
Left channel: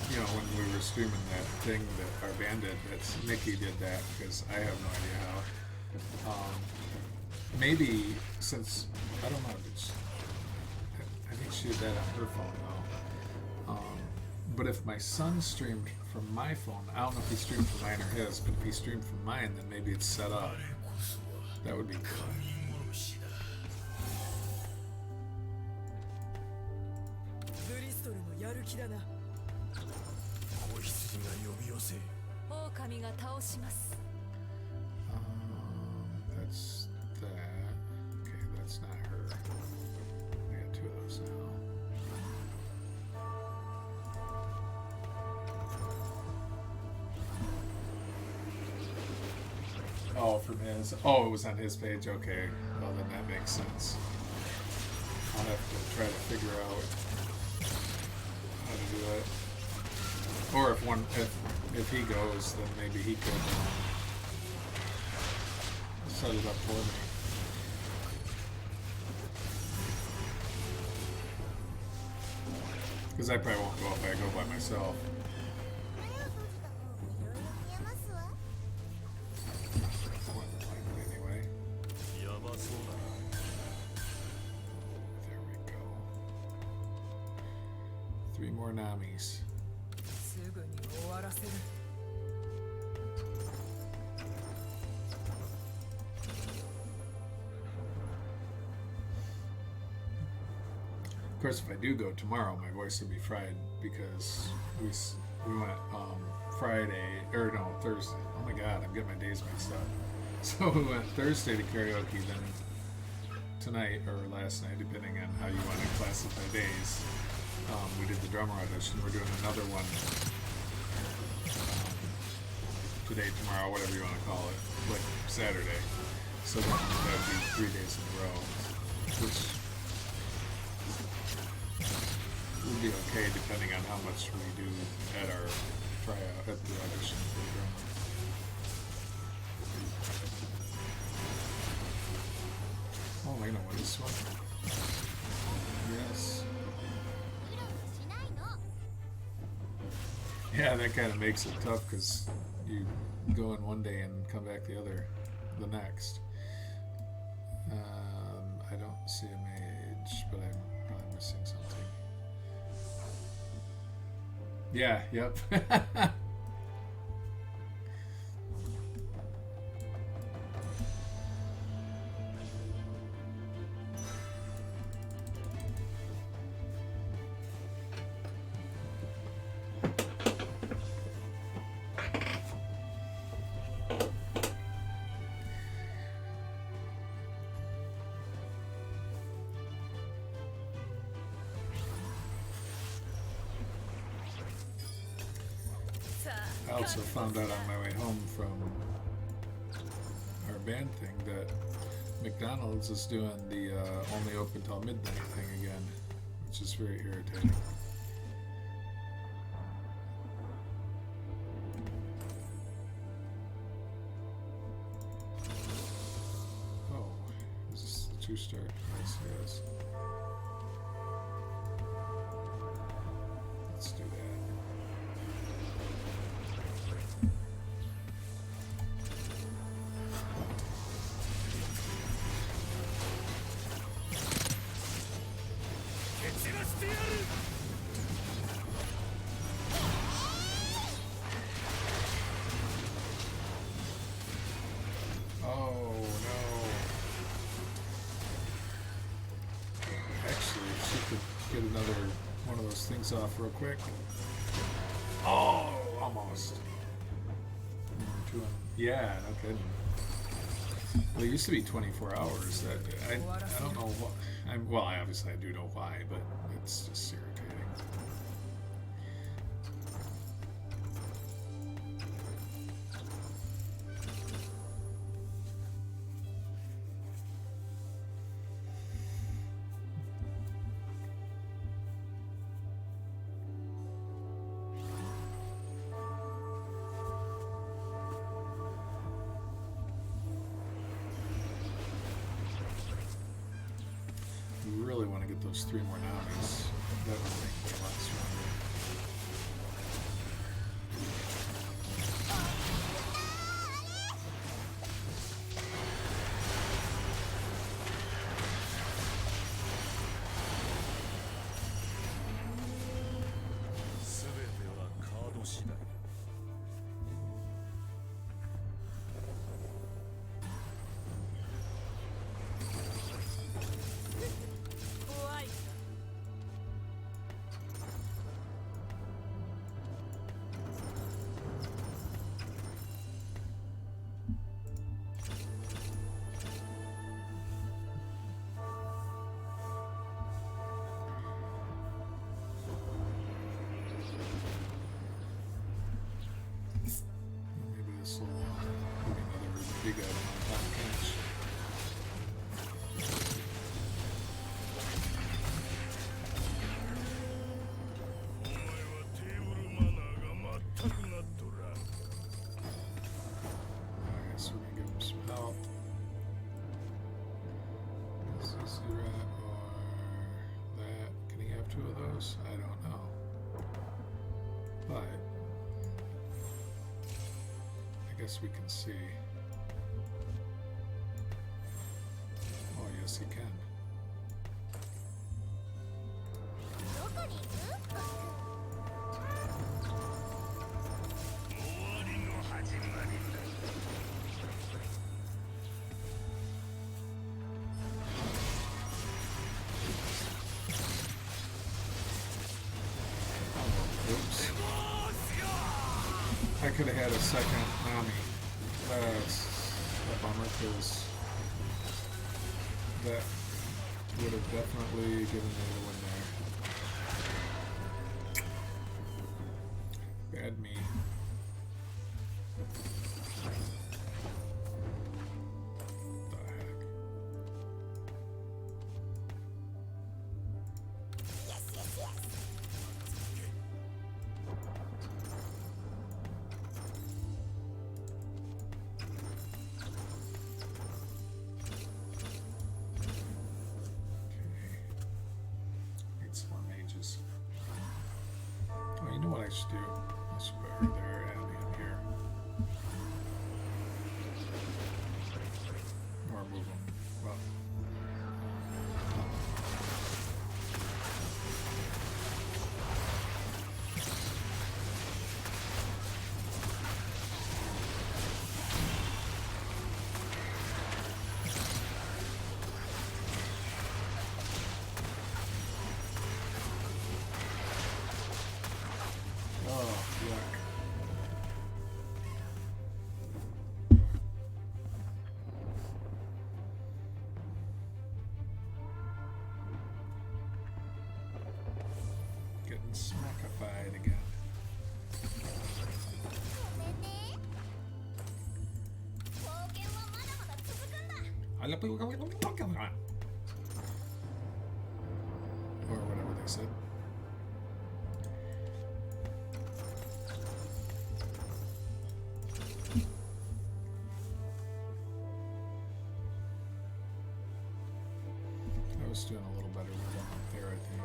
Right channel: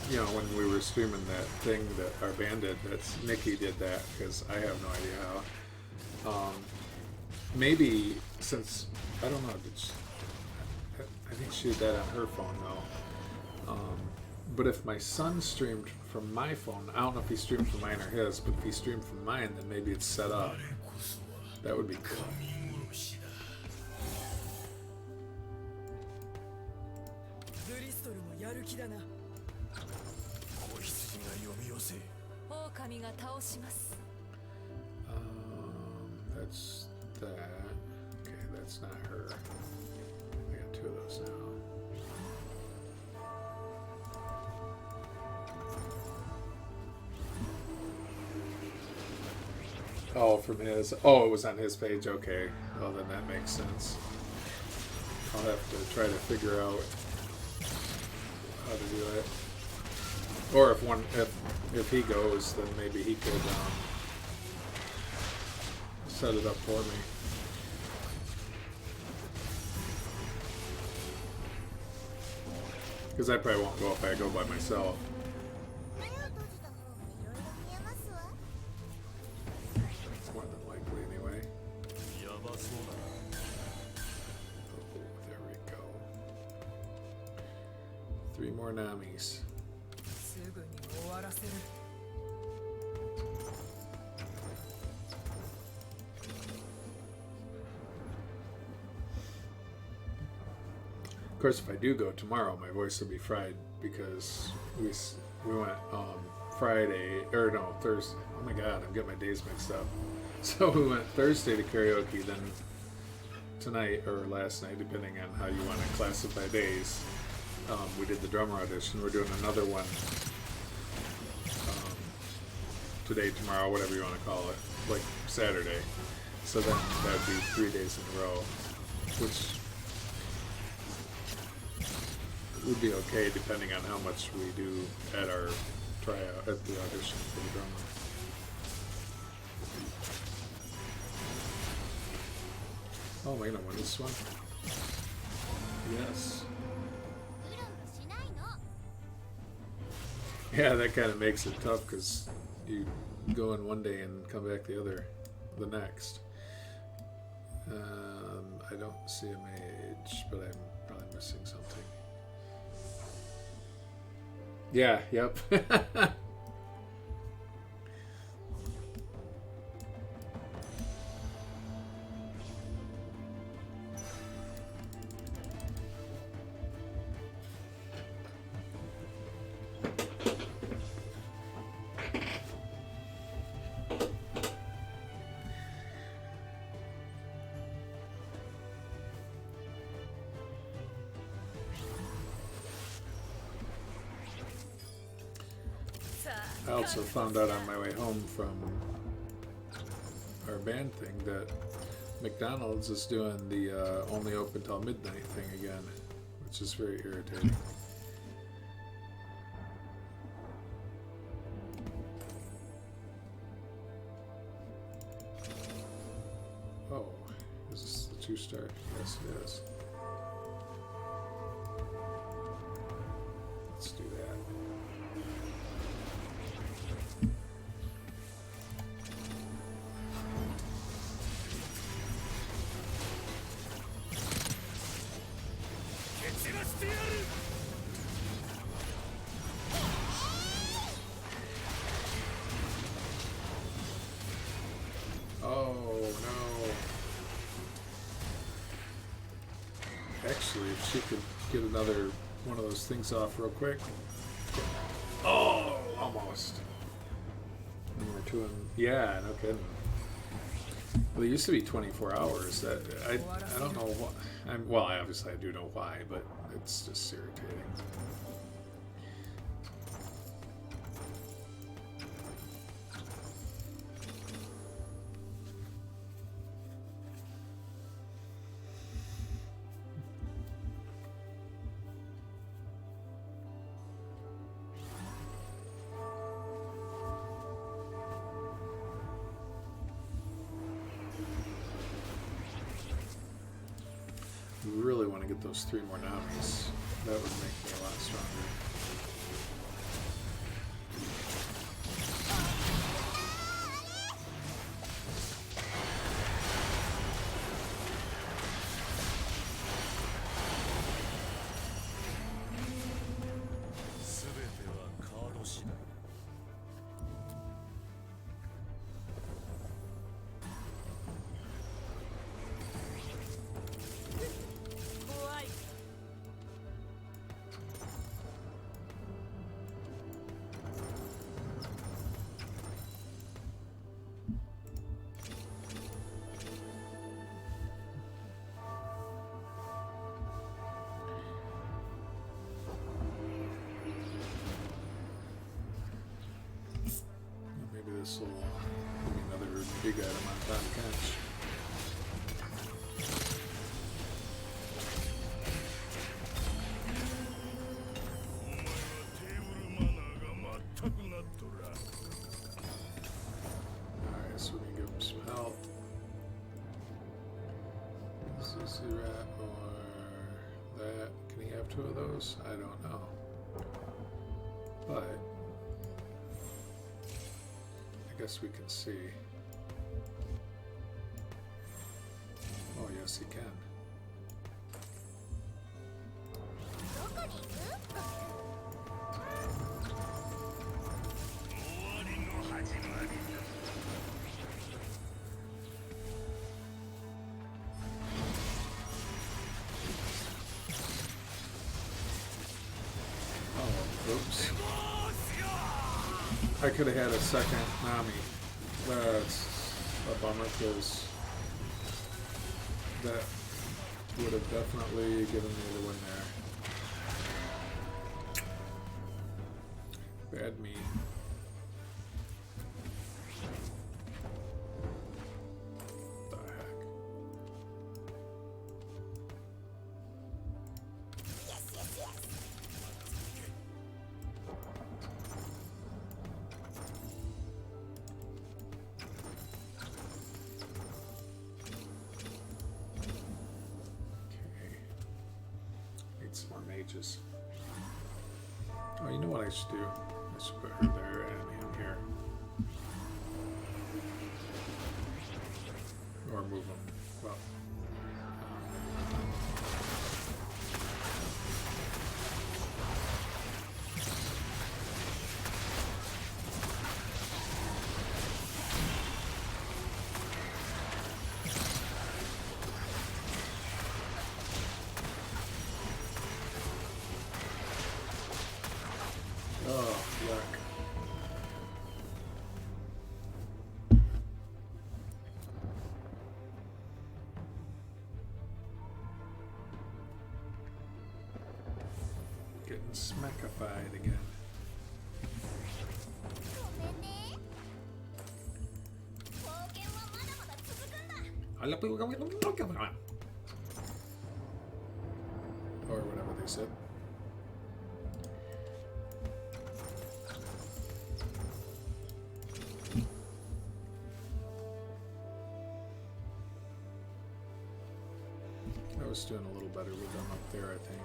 you know, when we were streaming that thing that our band did, Nikki did that, because I have no idea how. Maybe, since, I don't know, I think she did that on her phone, though. But if my son streamed from my phone, I don't know if he streamed from mine or his, but if he streamed from mine, then maybe it's set up. That would be cool. That's that. Okay, that's not her. I got 2 of those now. Oh, from his. Oh, it was on his page. Okay. Well, then that makes sense. I'll have to try to figure out how to do it. Or if he goes, then maybe he could set it up for me. Because I probably won't go if I go by myself. More than likely, anyway. There we go. 3 more Namis. Of course, if I do go tomorrow, my voice will be fried because we went Friday, or no, Thursday. Oh my god, I'm getting my days mixed up. So we went Thursday to karaoke, then tonight, or last night, depending on how you want to classify days, we did the drummer audition. We're doing another one today, tomorrow, whatever you want to call it, like Saturday. So then that would be 3 days in a row, which would be okay depending on how much we do at our tryout, at the audition for the drama. Oh, am I gonna win this one? Yes. うろうろしないの。 Yeah, that kind of makes it tough because you go in one day and come back the next. I don't see a mage, but I'm probably missing something. Yeah, yep. I also found out on my way home from our band thing that McDonald's is doing the only open till midnight thing again, which is very irritating. Oh, is this the 2-star? Yes, it is. Let's do that. Oh no. Actually, if she could get another one of those things off real quick. Oh, almost. Yeah, no kidding. Well, it used to be 24 hours. That I don't know what. Well, obviously I do know why, but it's just irritating. We really want to get those 3 more Namis. That would make me a lot stronger. Maybe this will give me another big item on top catch. Alright, so we can give him some help. Is this the rat or that? Can he have 2 of those? I don't know. But I guess we can see. Oh, yes, he can. どこに行く？ Oh, oops. I could have had a second Nami. That's a bummer because that would have definitely given me the win there. Bad me. What the heck? Yes, yes, yes. mages. Oh, you know what I should do? I should put her there and him here. Or move them. Well. Oh, yuck. Getting smackified again. ごめんね。冒険はまだまだ続くんだ。 Or whatever they said. I was doing a little better with them up there, I think.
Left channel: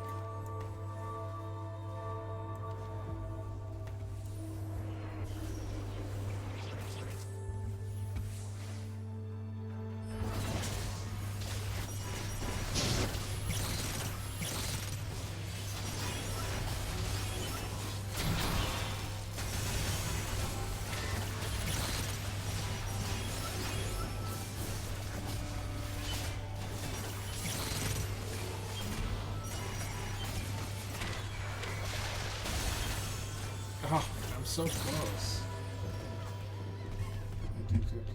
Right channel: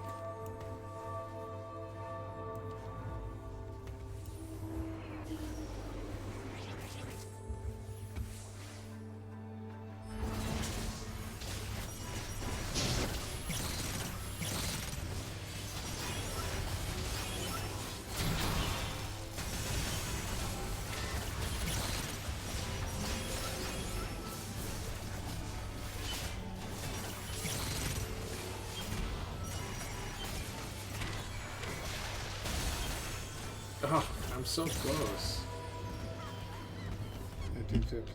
Oh, I'm so close. I think 50.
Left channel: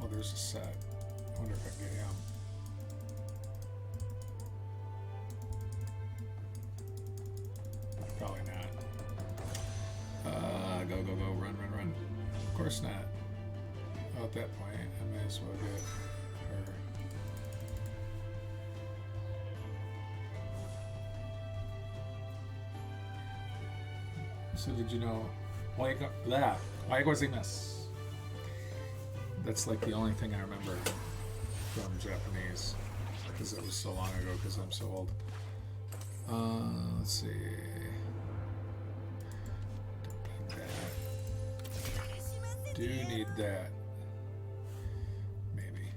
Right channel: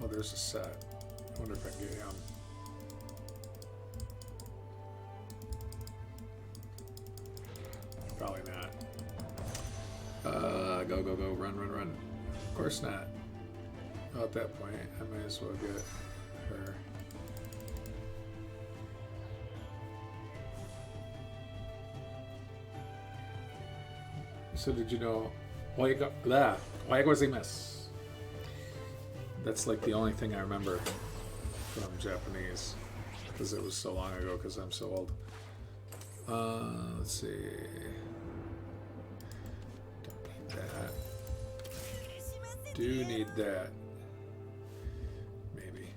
Oh, there's a set. I wonder if I can get him. Probably not. Go, go, go, run, run, run. Of course not. Oh, at that point, I might as well get her. So did you know? That's like the only thing I remember from Japanese, because it was so long ago, because I'm so old. Let's see. Do need that. Maybe.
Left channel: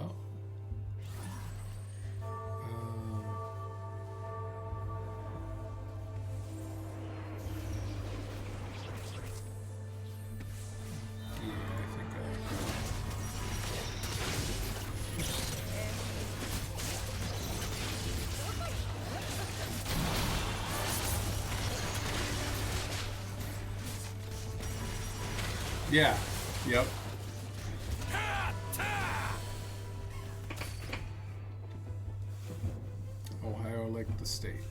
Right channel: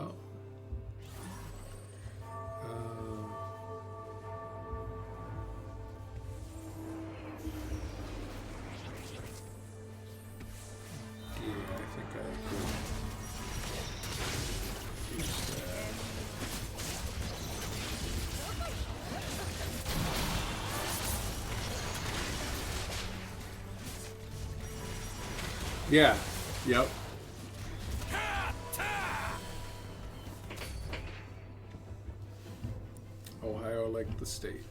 Oh. Yeah, I think I could. Yeah. Yep. Ohio, like the state.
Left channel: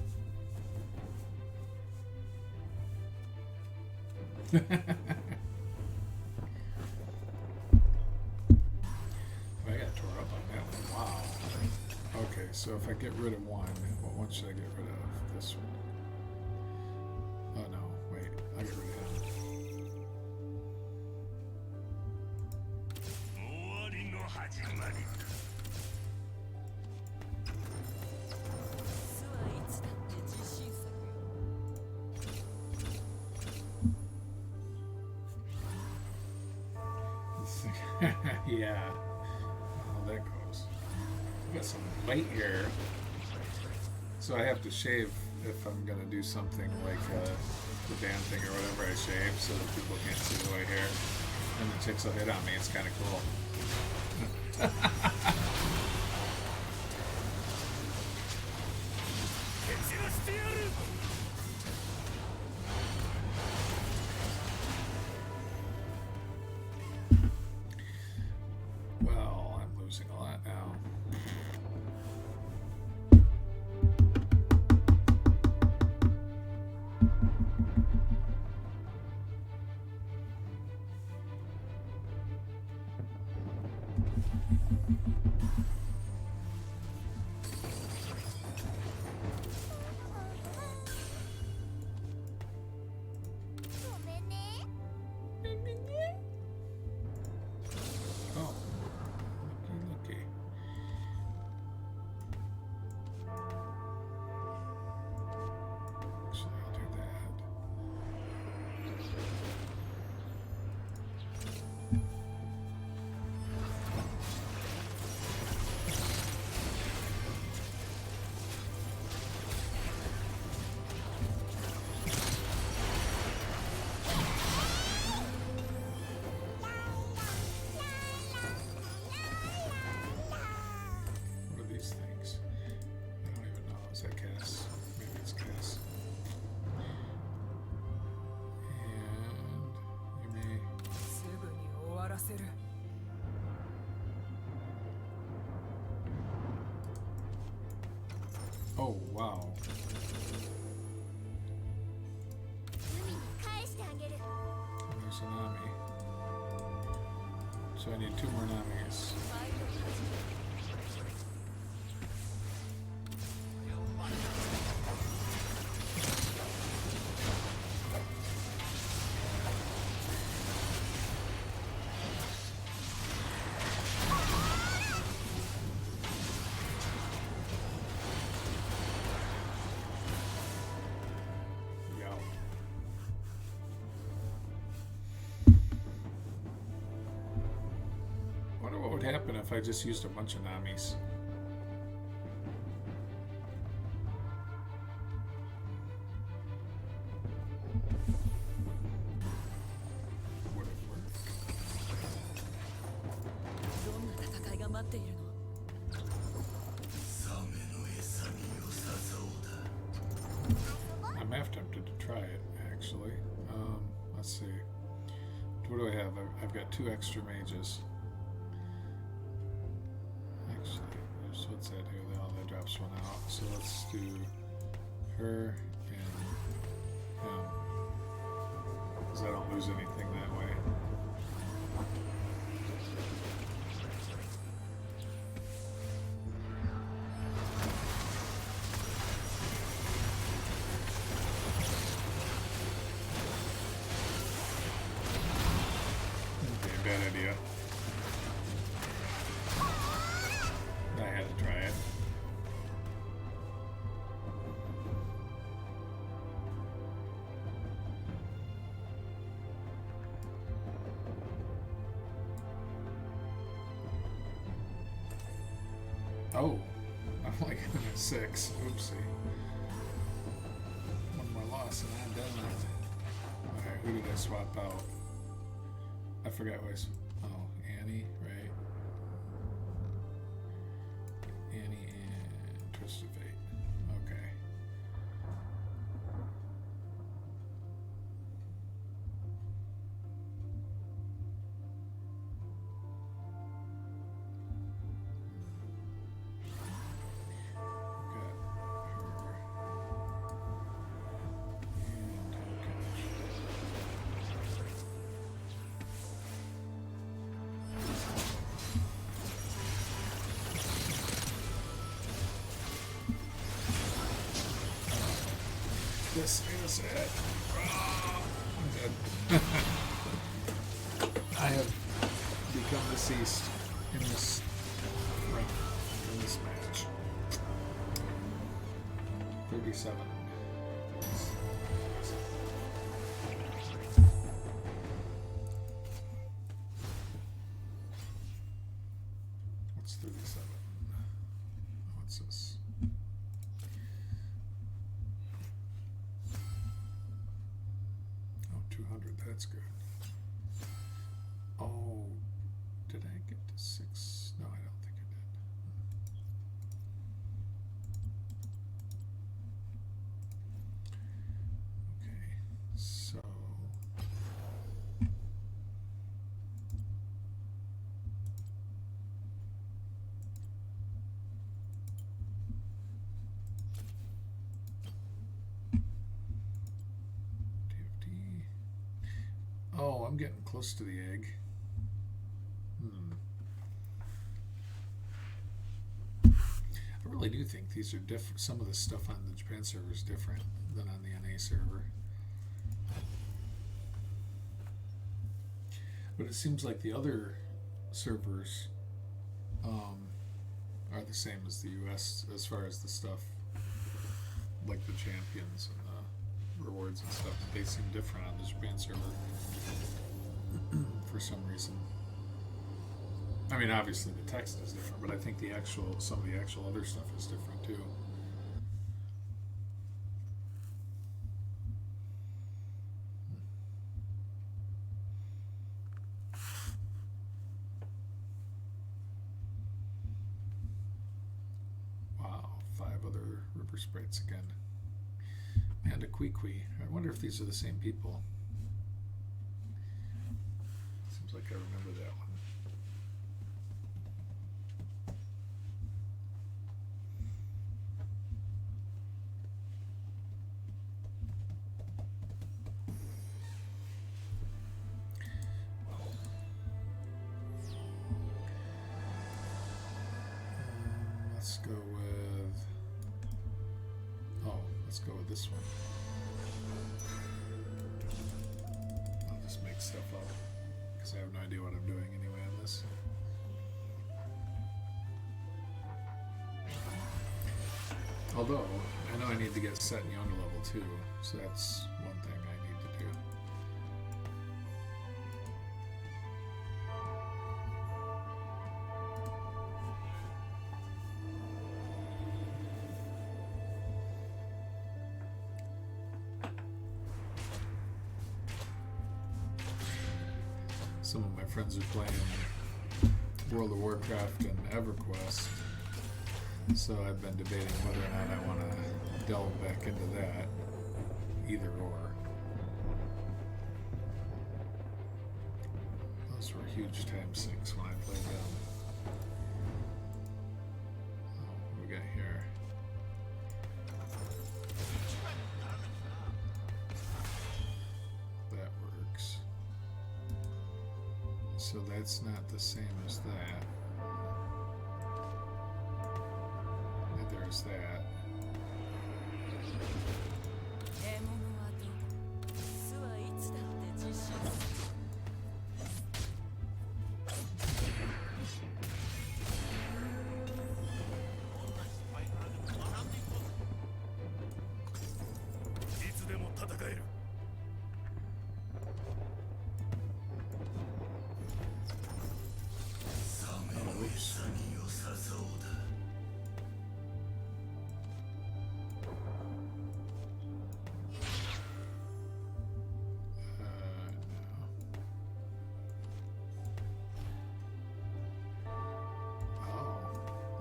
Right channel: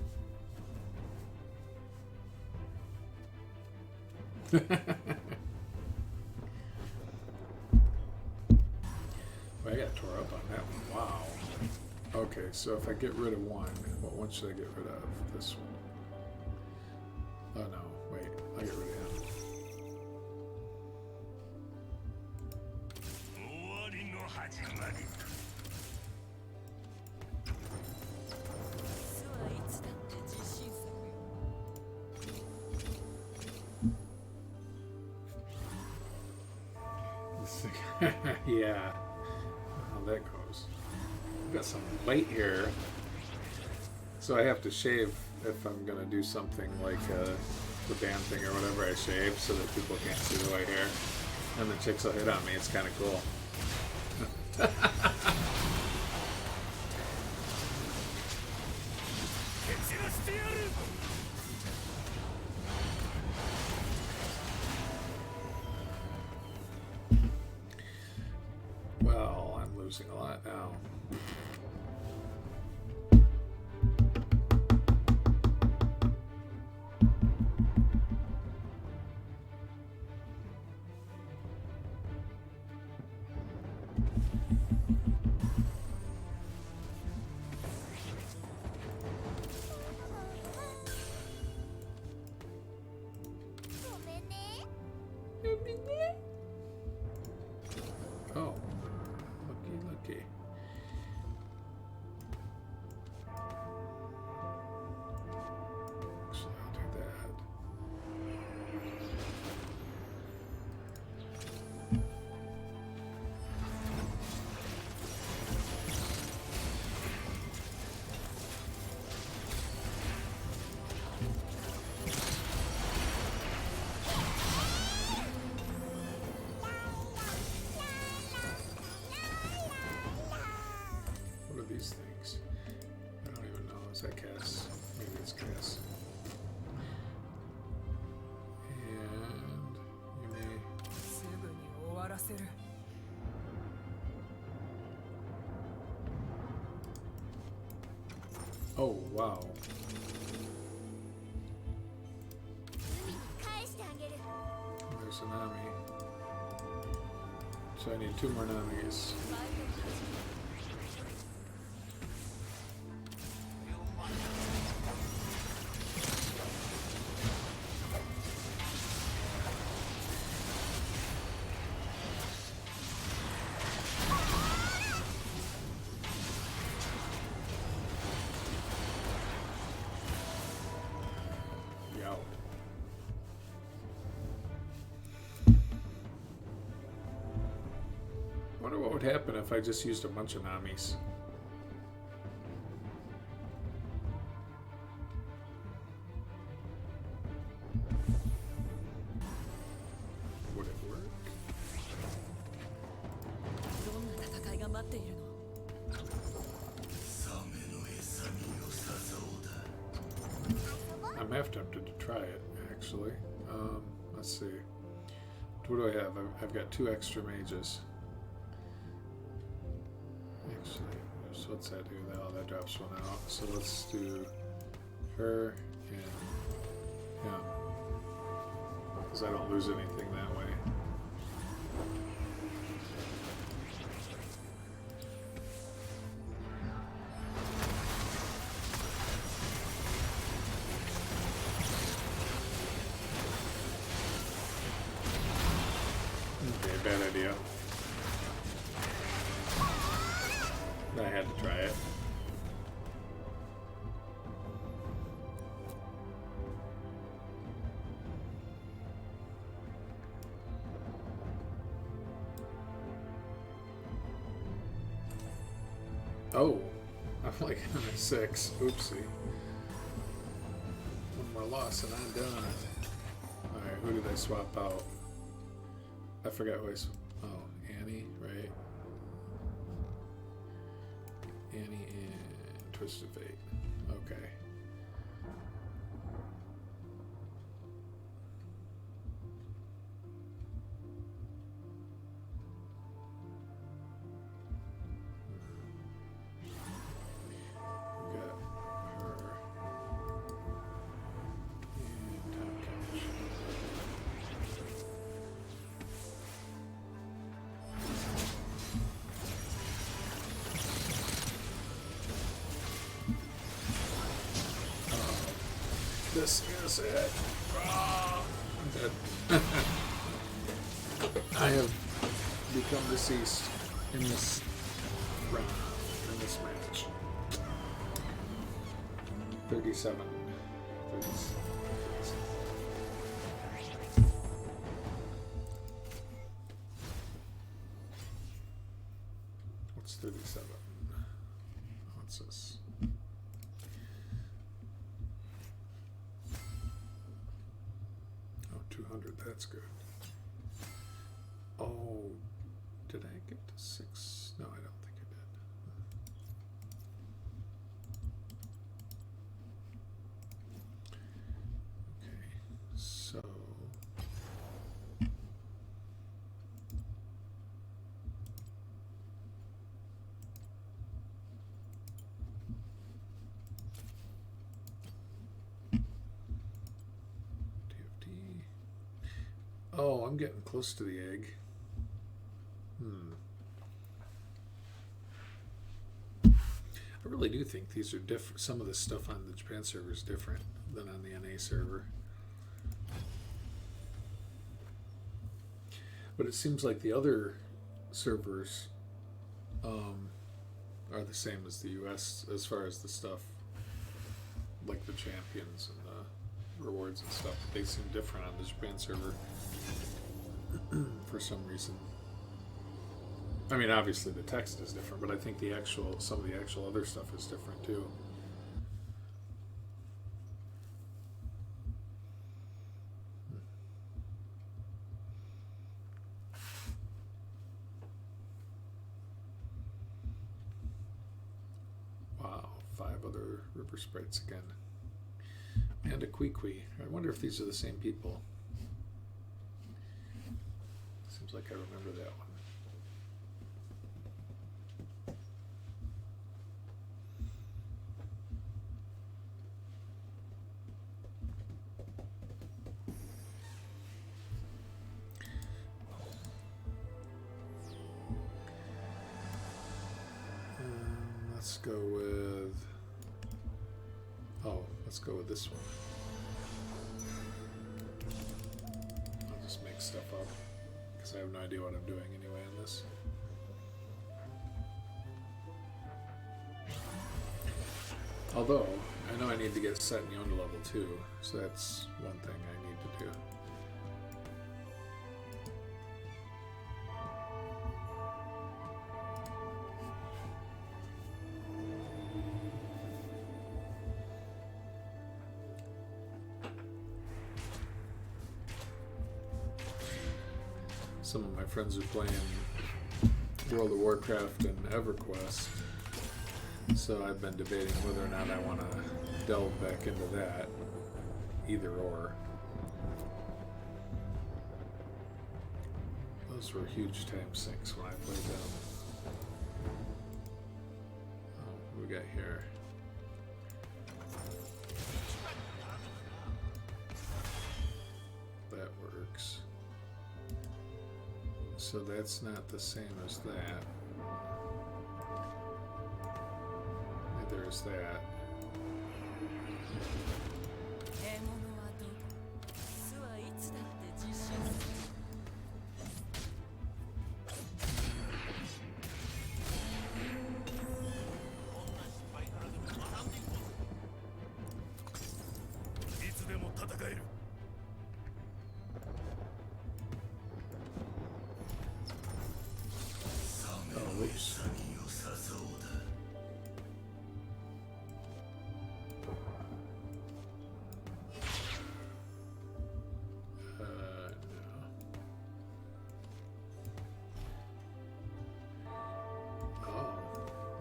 Well, I got tore up on that one. Wow. Okay, so if I get rid of one, what one should I get rid of? This one. Oh no, wait. I'll get rid of him. 終わりの始まりだ 巣はいつだって自信作よ。 Yeah. How that goes. I've got some white hair. So I have to shave if I'm going to do something like the band thing or whatever. I shave so that people can't see the white hair. And the chicks will hit on me. It's kind of cool. Well, I'm losing a lot now. Is that Cass? Maybe it's Cass. And you may. すぐに終わらせる。 Oh, wow. 海に返してあげる。 There's a Nami. So I need 2 more Namis. ワイドを始める。 Yow. Wonder what would happen if I just used a bunch of Namis. Would it work? どんな戦いが待っているの？ サメの餌に良さそうだ。 I'm half tempted to try it, actually. Let's see. What do I have? I've got 2 extra mages. Actually, so what's that do? Oh, that drops 1 out. So let's do her and him. Because I don't lose anything that way. Okay, bad idea. I had to try it. Oh, I'm like on a 6. Oopsie. One more loss and I'm done. Alright, who did I swap out? I forgot who I oh, Annie, right? Annie and Twisted Fate. Okay. Got her. And Tom Cash. This is it. I'm dead. I have become deceased in this round, in this match. 37. 36. What's 37? What's this? Oh, 200. That's good. Oh, did I get to 6? No, I don't think I did. Okay, so TFT. Oh, I'm getting close to the egg. I really do think these are different. Some of the stuff on the Japan server is different than on the NA server. But it seems like the other servers are the same as the US as far as the stuff, like the champions and the rewards and stuff. They seem different on the Japan server for some reason. I mean, obviously the text is different, but I think some of the actual other stuff is different too. Wow, 5 other River Sprites again. And a Queequee. I wonder if these are the same people. Seems like I remember that one. Let's go with... Oh, let's go with this one. I'll just make stuff up, because I have no idea what I'm doing anyway on this. Although, I know I need to get set in Yonda level too, so that's one thing I need to do. Some of my friends are playing World of Warcraft and EverQuest, so I've been debating whether or not I want to delve back into that, either or. Those were huge time sinks when I played them. Oh, what do we got here? That works. So that's not the same as that. Neither is that. 獲物はどこ巣はいつだって自信いつでも戦える。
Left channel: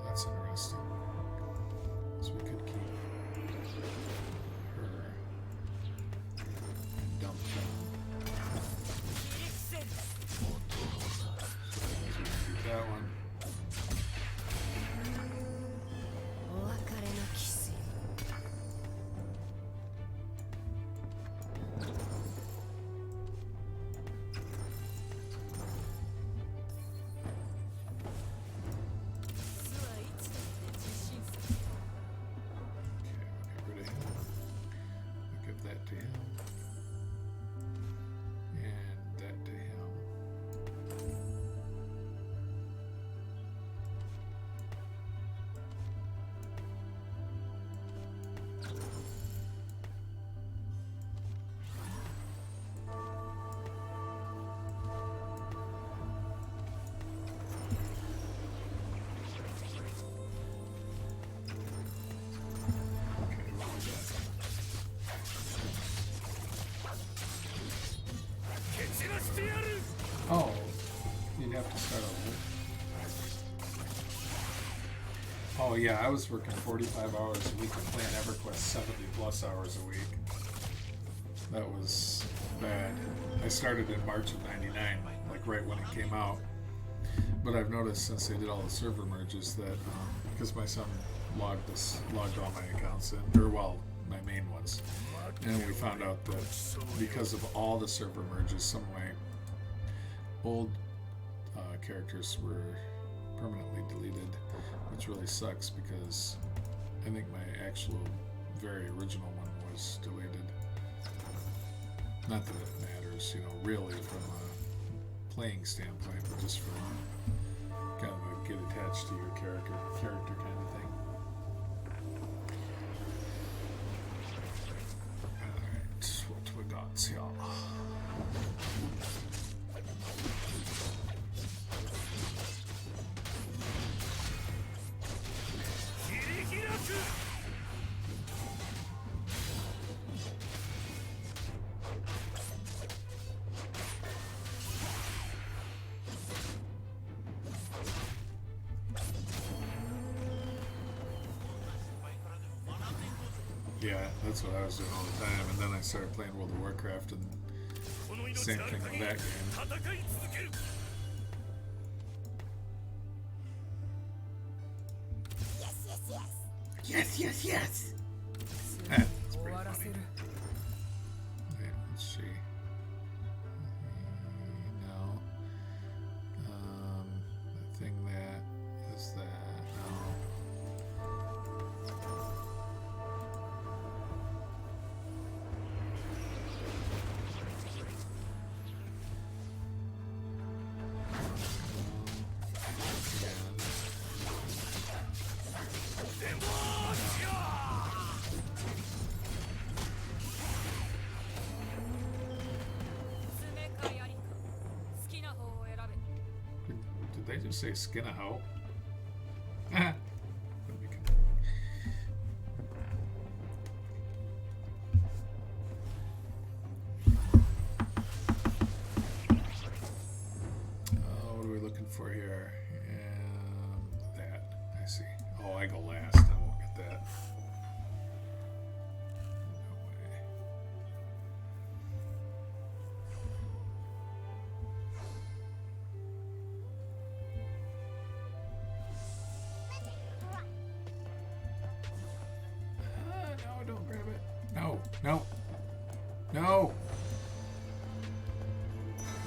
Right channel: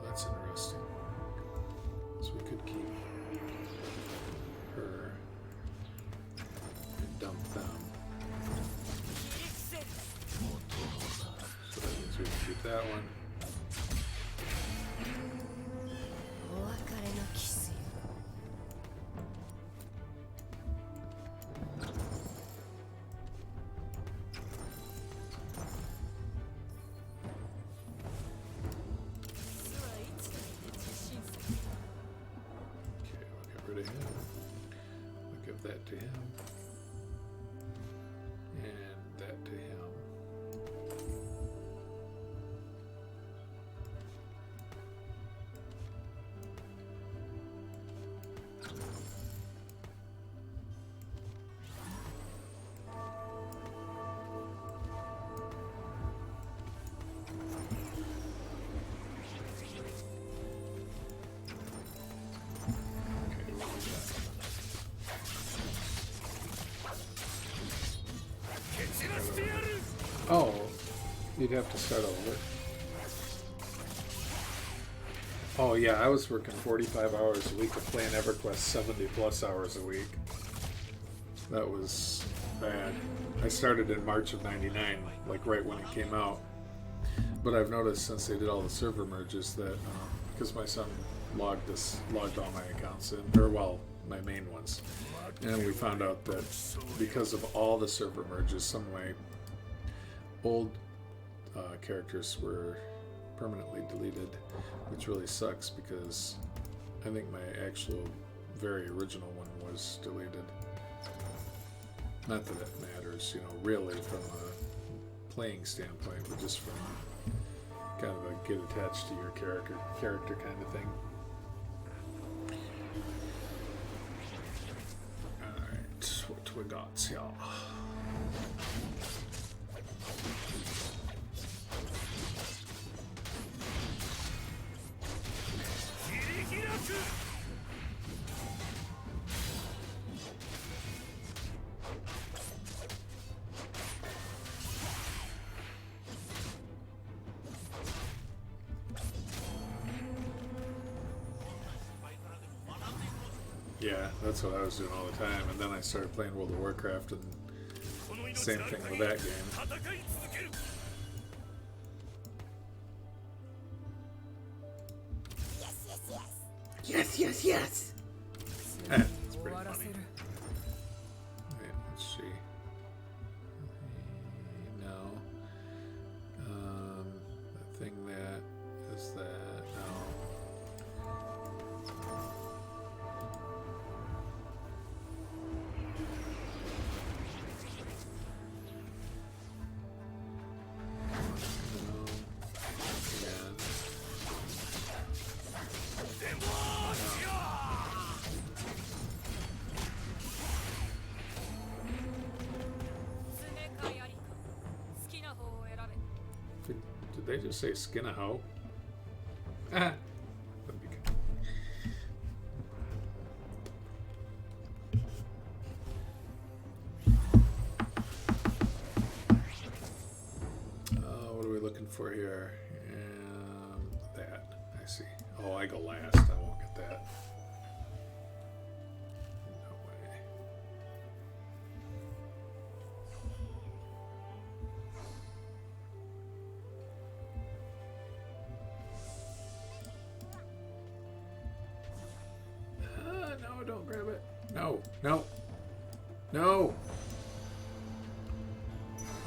That's interesting. So we could keep her and dump them. So that means we can keep that one. お別れのキスよ That to him, and that to him. Okay, what we got? Oh, you'd have to start over. Oh yeah, I was working 45 hours a week and playing EverQuest 70 plus hours a week. That was bad. I started in March of '99, like right when it came out. But I've noticed since they did all the server merges that, because my son logged all my accounts in, or well, my main ones. And we found out that because of all the server merges, some of my old characters were permanently deleted, which really sucks because I think my actual very original one was deleted. Not that it matters, you know, really from a playing standpoint, but just from kind of a get attached to your character kind of thing. Alright, what we got here? Yeah, that's what I was doing all the time, and then I started playing World of Warcraft, and same thing with that game. Yes, yes, yes! That's pretty funny. Wait, let's see. No. The thing that is that. No. Did they just say skin a hoe? That'd be good. What are we looking for here? That. I see. Oh, I go last. I won't get that. No way. No, don't grab it. No, no, no.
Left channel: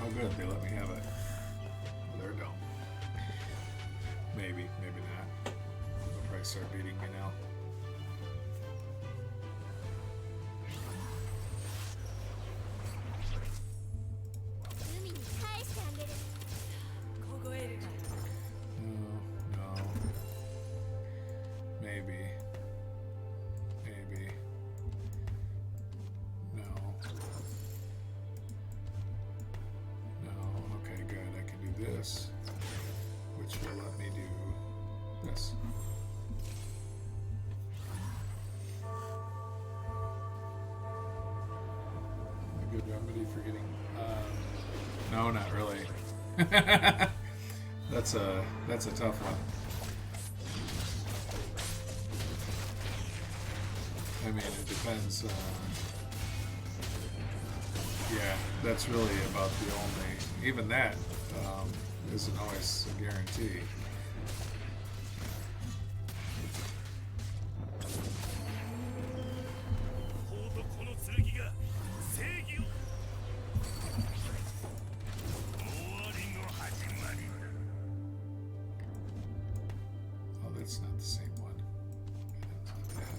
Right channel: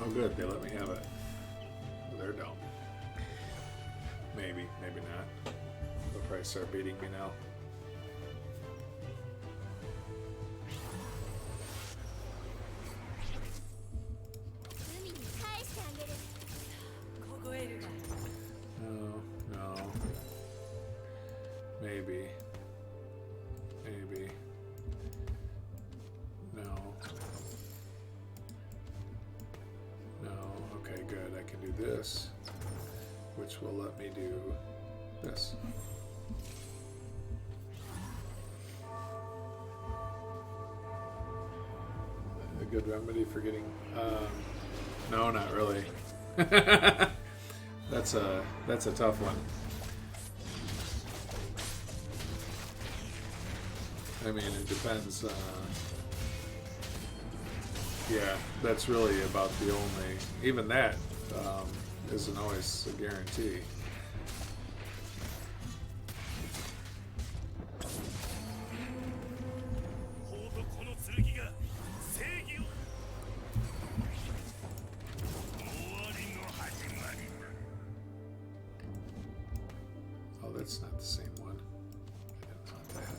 Oh, good. They let me have it. Well, they're dumb. Maybe, maybe not. They'll probably start beating me now. No, no. Maybe. Maybe. No. No. Okay, good. I can do this, which will let me do this. A good remedy for getting. No, not really. That's a tough one. I mean, it depends. Yeah, that's really about the only. Even that isn't always a guarantee. Oh, that's not the same one. I don't want that.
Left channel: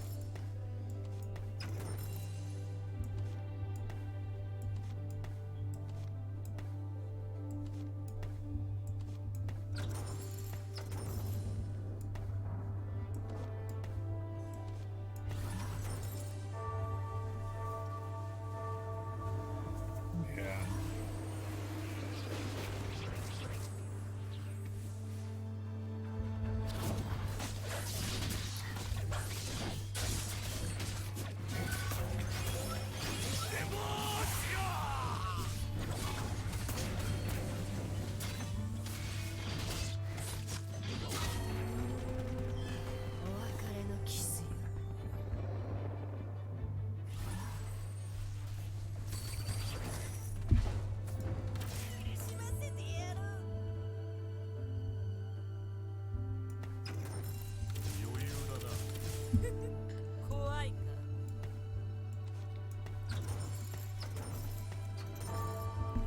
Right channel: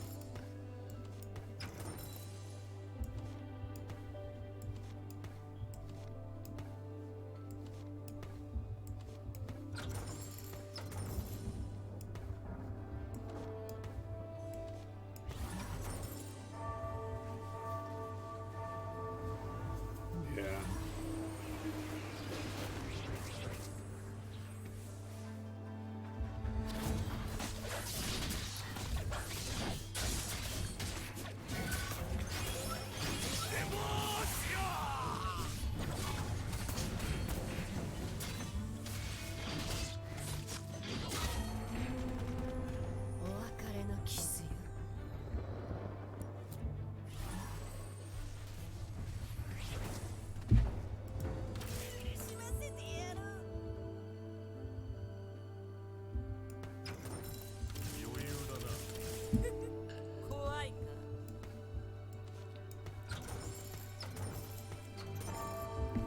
Yeah.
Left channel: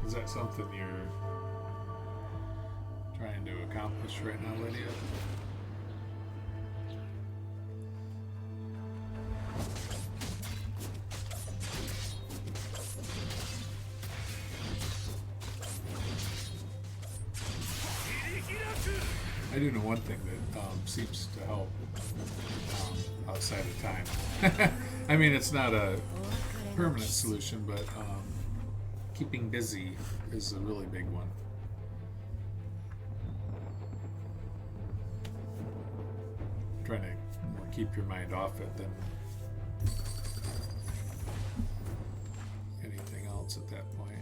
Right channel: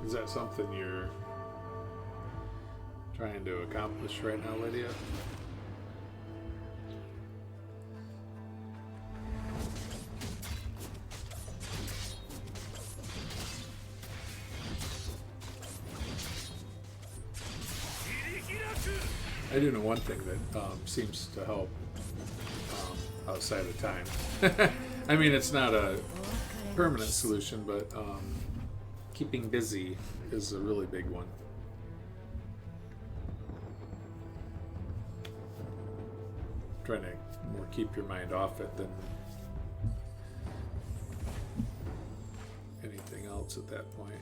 Is that something you're trying to accomplish right now, Lydia? I do know one thing that seems to help outside of time. I mean, it's not a permanent solution, but keeping busy is a really big one. Trying to more keep your mind off it than anything else at that point.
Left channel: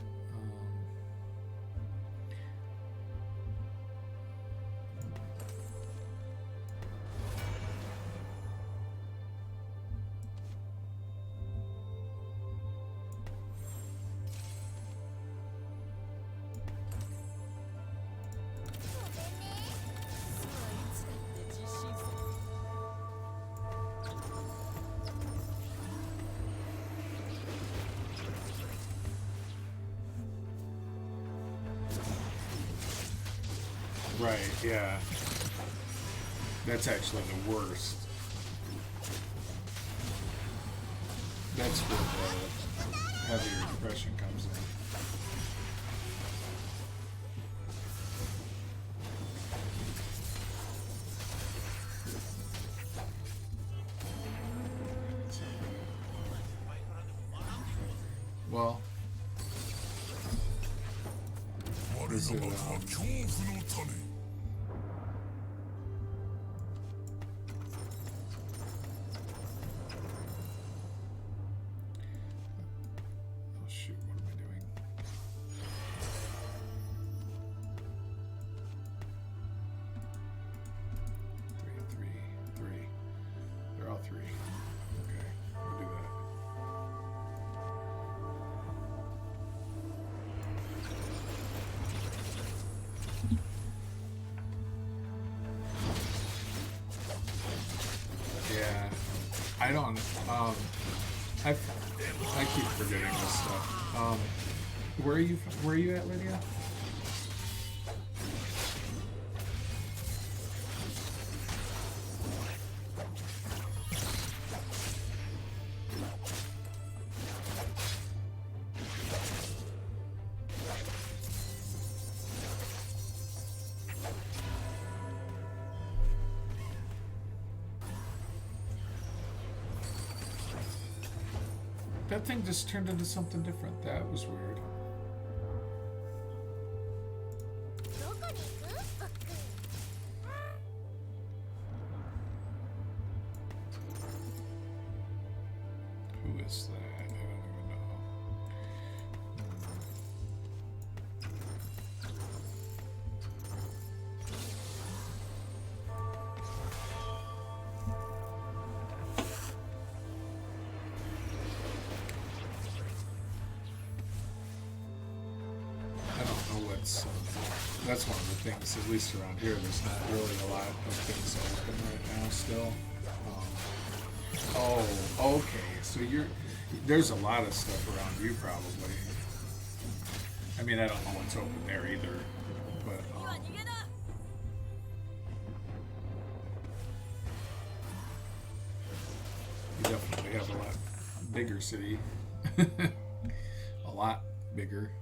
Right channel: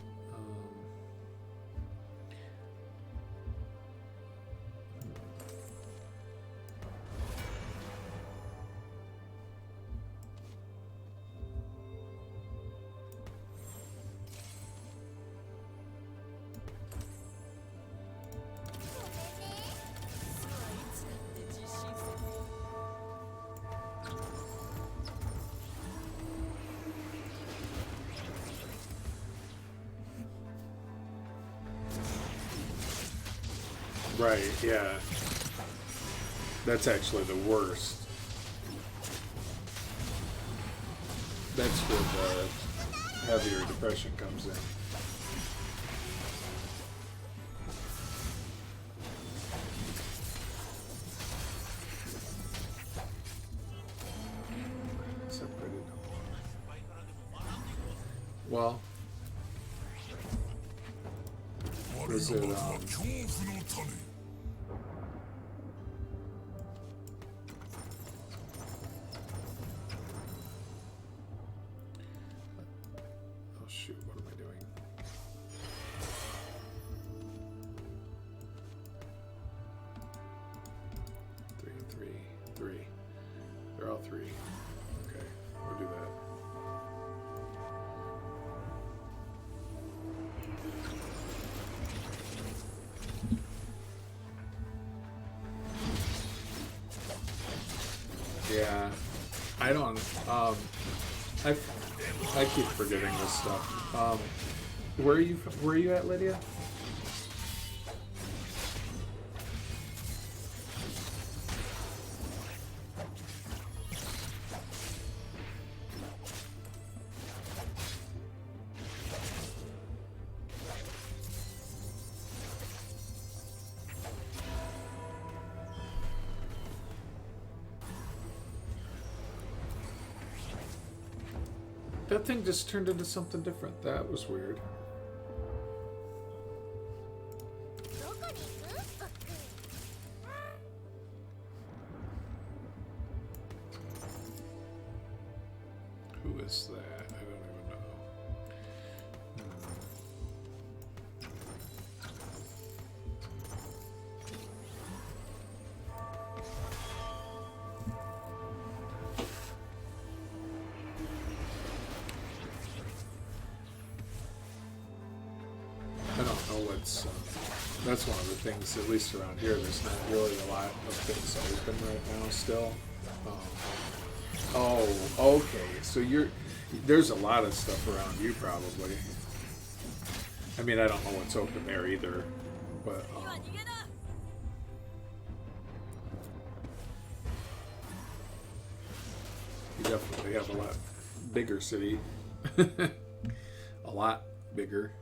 Right, yeah. That's actually the worst. That's where the heavier depression comes in. Well, is it, 我が幕は恐怖の種 oh shoot, what am I doing? Three. They're all three. Okay, we'll do that. Yeah, I don't. I keep forgetting this stuff. Where are you at, Lydia? That thing just turned into something different. That was weird. どこに行く？僕。 Who is that? I don't even know. I don't know what's. That's one of the things, at least around here, there's not really a lot of things open right now still. Oh, okay. So there's a lot of stuff around you probably. I mean, I don't know what's open there either, but you definitely have a lot bigger city. A lot bigger.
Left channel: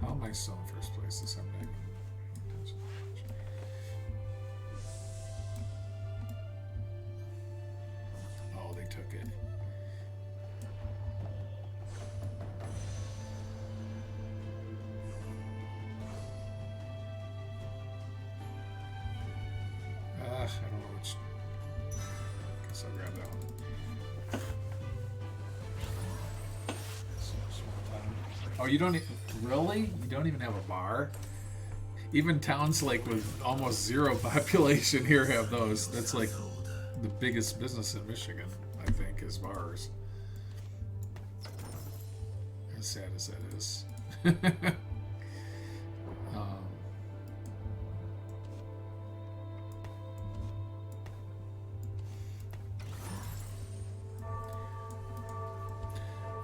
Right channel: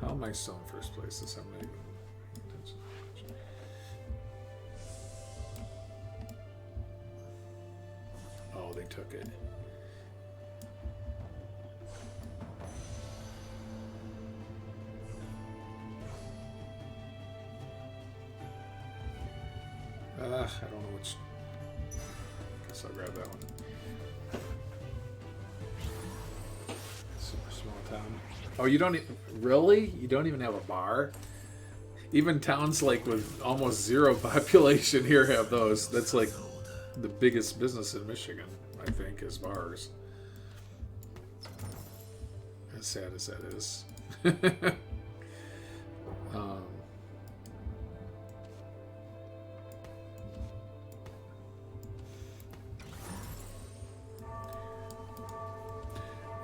How am I still in first place? This I'm not even paying attention. Oh, they took it. I don't know which. Guess I'll grab that one. Small town. Oh, you don't really? You don't even have a bar? Even towns like with almost zero population here have those. That's like the biggest business in Michigan, I think, is bars. As sad as that is.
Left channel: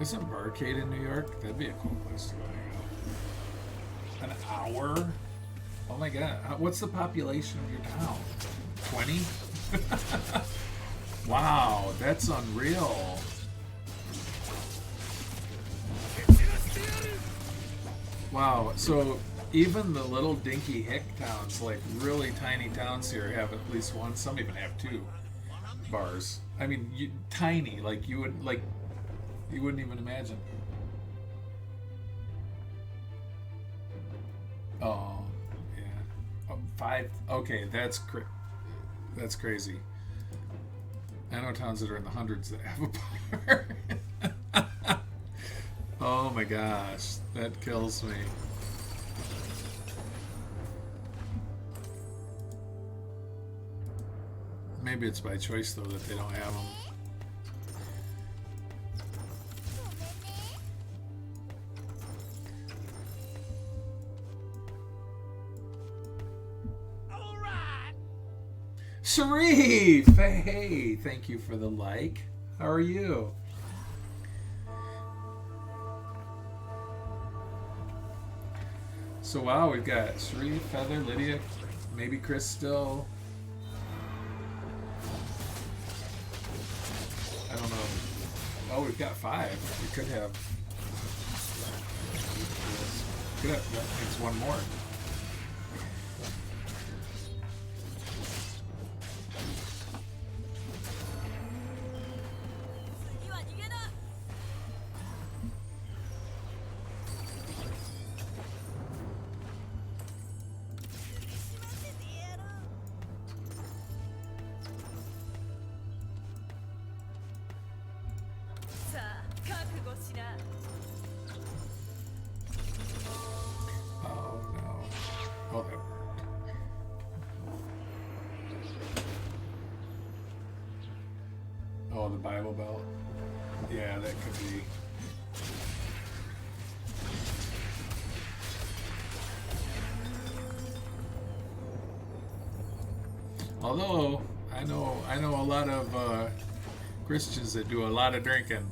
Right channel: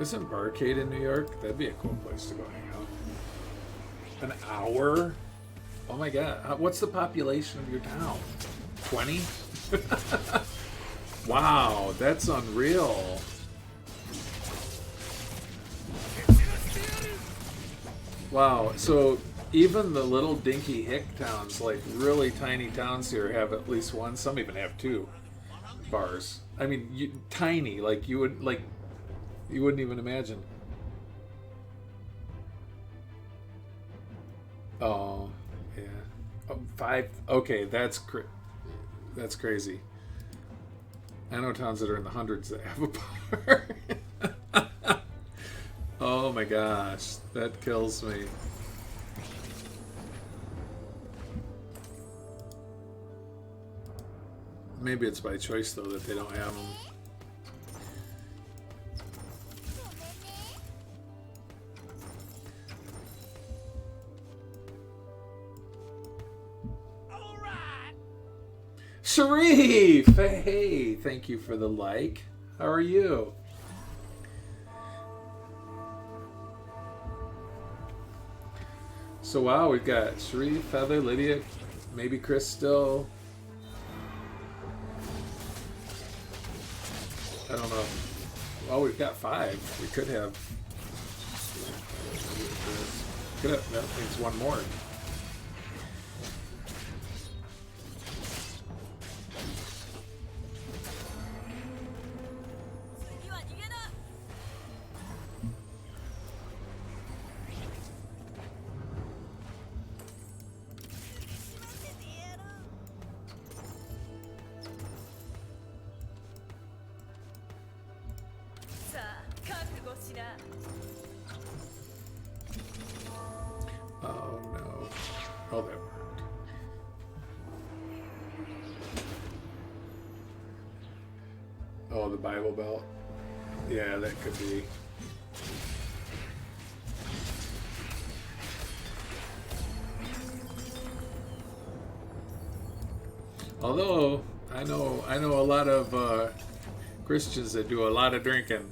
Isn't Barcade in New York? That'd be a cool place to go hang out. An hour? Oh my god. What's the population of your town? 20? Wow, that's unreal. Wow, so even the little dinky hick towns, like really tiny towns here, have at least one. Some even have two bars. I mean, tiny, like you wouldn't even imagine. Oh, yeah. Oh, 5. Okay, that's crazy. I know towns that are in the hundreds that have a bar. Oh my gosh, that kills me. Maybe it's by choice though that they don't have them. Sharif! Hey, thank you for the like. How are you? So wow, we've got Sharif, Feather, Lydia, maybe Chris still. I don't know. Well, we've got 5. We could have. That means one more. Oh no. Oh, that worked. Oh, the Bible Belt. Yeah, that could be. Although I know a lot of Christians that do a lot of drinking.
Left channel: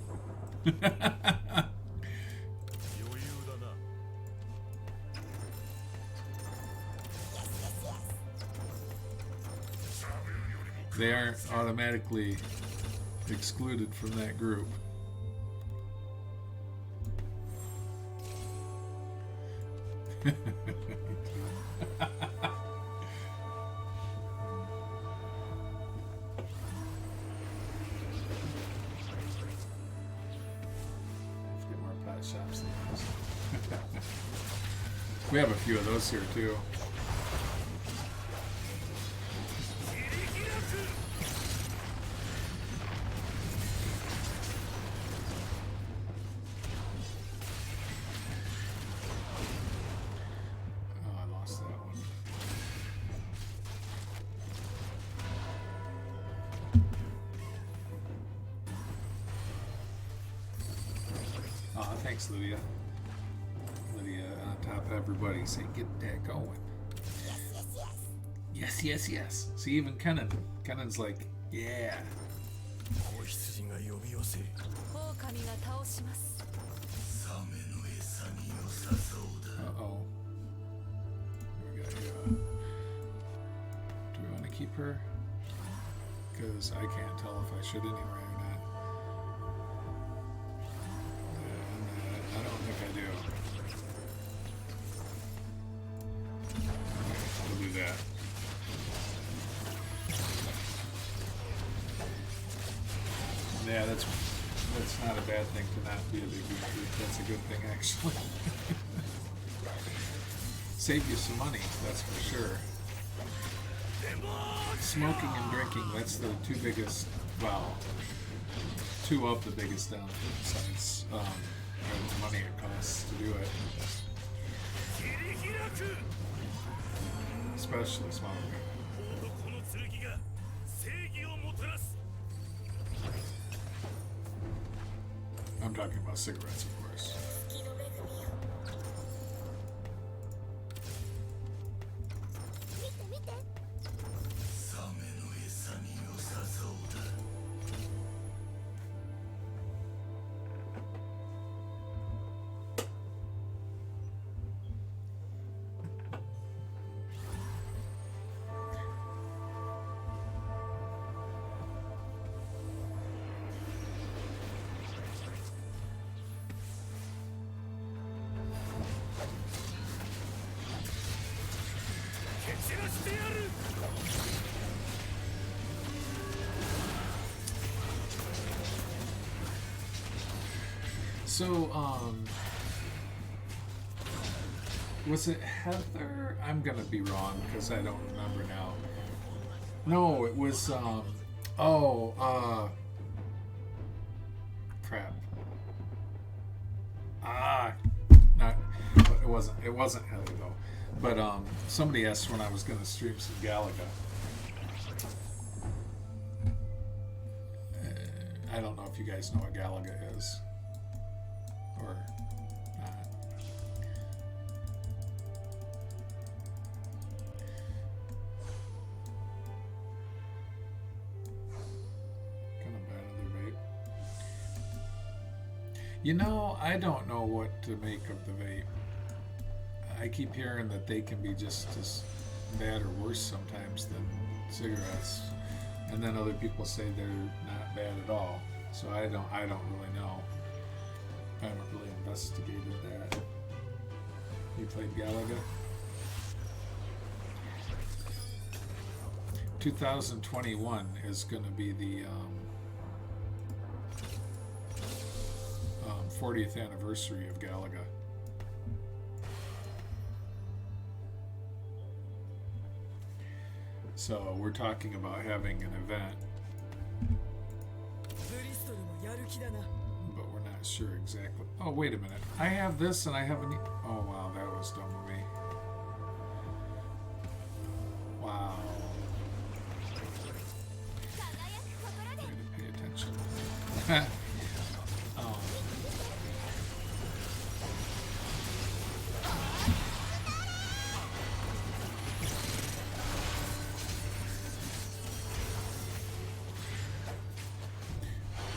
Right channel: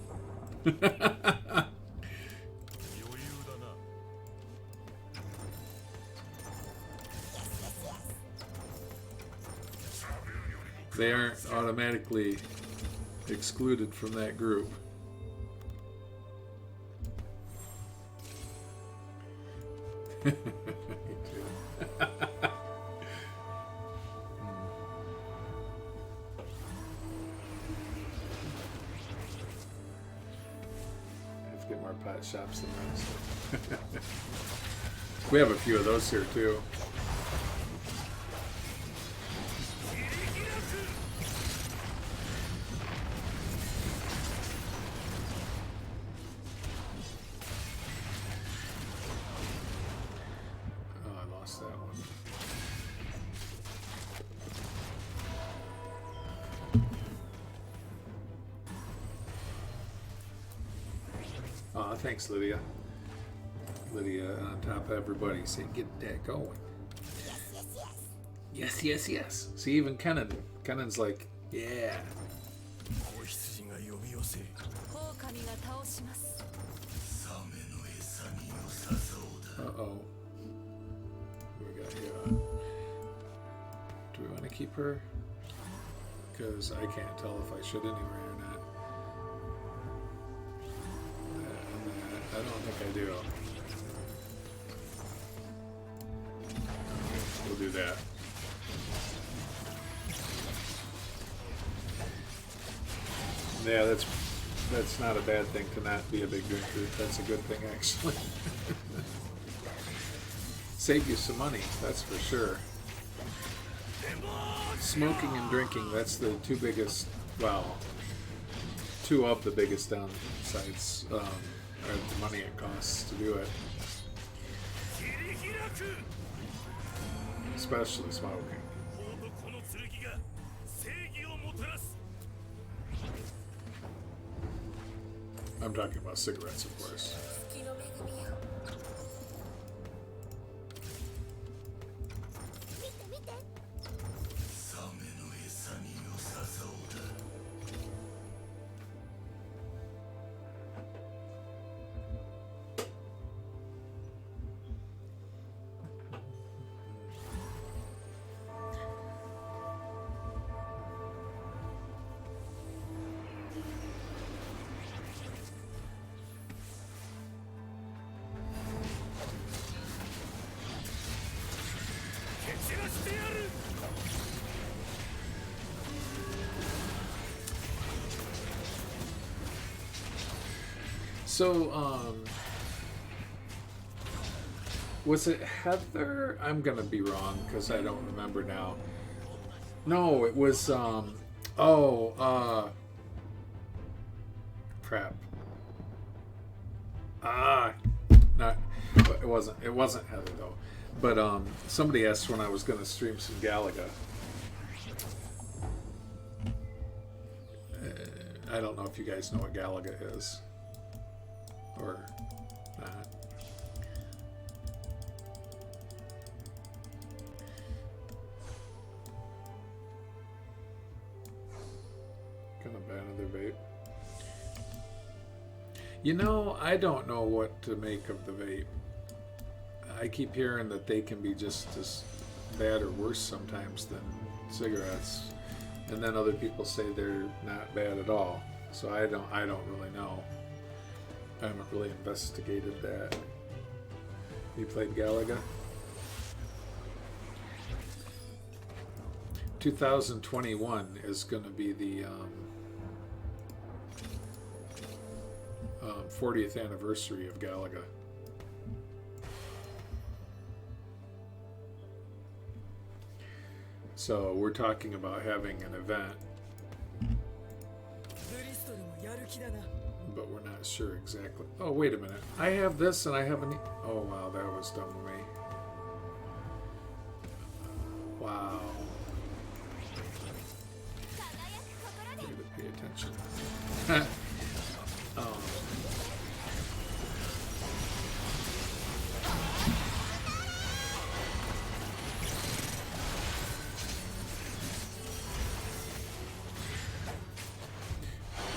They aren't automatically excluded from that group. Get more pot shops than this. We have a few of those here too. Oh, I lost that one. Aw, thanks, Lydia. Lydia on top of everybody saying, get that going. Yes, yes, yes. See, even Kenan's like, yeah. 子羊が呼び寄せ、狼が倒します。サメの餌に良さそうだ。Uh-oh. What do we got here? Do we want to keep her? Because I can't tell if I should anyway or not. I don't think I do. We'll do that. Yeah, that's not a bad thing to not be a big group. That's a good thing, actually. Save you some money, that's for sure. Smoking and drinking, that's the two biggest, well, two of the biggest downsides, or the money it costs to do it. Especially smoking. I'm talking about cigarettes, of course. 月の恵みよ見て見てサメの餌に良さそうだ。蹴散らしてやる。So, was it Heather? I'm gonna be wrong because I don't remember now. No, it was, crap. Not, it wasn't Heather though. But, somebody asked when I was gonna stream some Galaga. I don't know if you guys know what Galaga is. Or not. Gonna ban another vape. You know, I don't know what to make of the vape. I keep hearing that they can be just as bad or worse sometimes than cigarettes, and then other people say they're not bad at all. So I don't really know. I haven't really investigated that. You played Galaga? 2021 is going to be the 40th anniversary of Galaga. So we're talking about having an event, but we're not sure exactly. Oh, wait a minute. I have this and I have an... Oh, wow, that was dumb of me. Wow. I need to pay attention.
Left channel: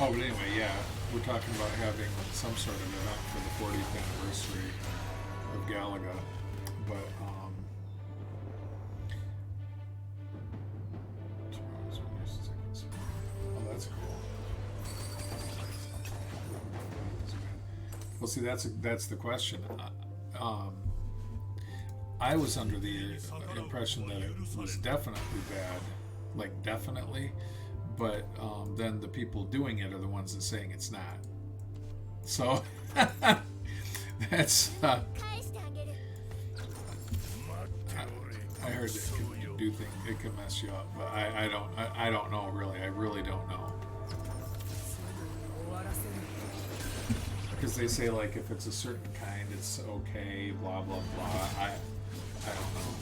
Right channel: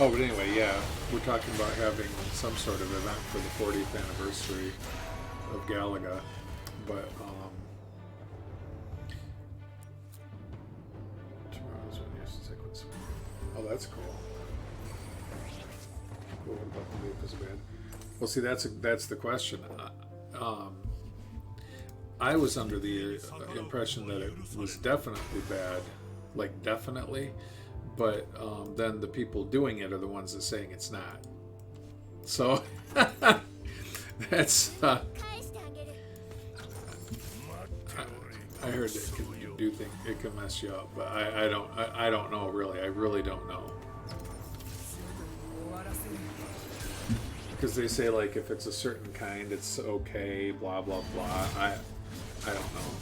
Oh, but anyway, yeah, we're talking about having some sort of event for the 40th anniversary of Galaga, but tomorrow's when you sequence. Oh, that's cool. What about the vape is bad? Well, see, that's the question. I was under the impression that it was definitely bad, like definitely. But then the people doing it are the ones that saying it's not. So that's I heard it can do things. It can mess you up, but I don't know really. I really don't know. Because they say like if it's a certain kind, it's okay. Blah blah blah. I don't know.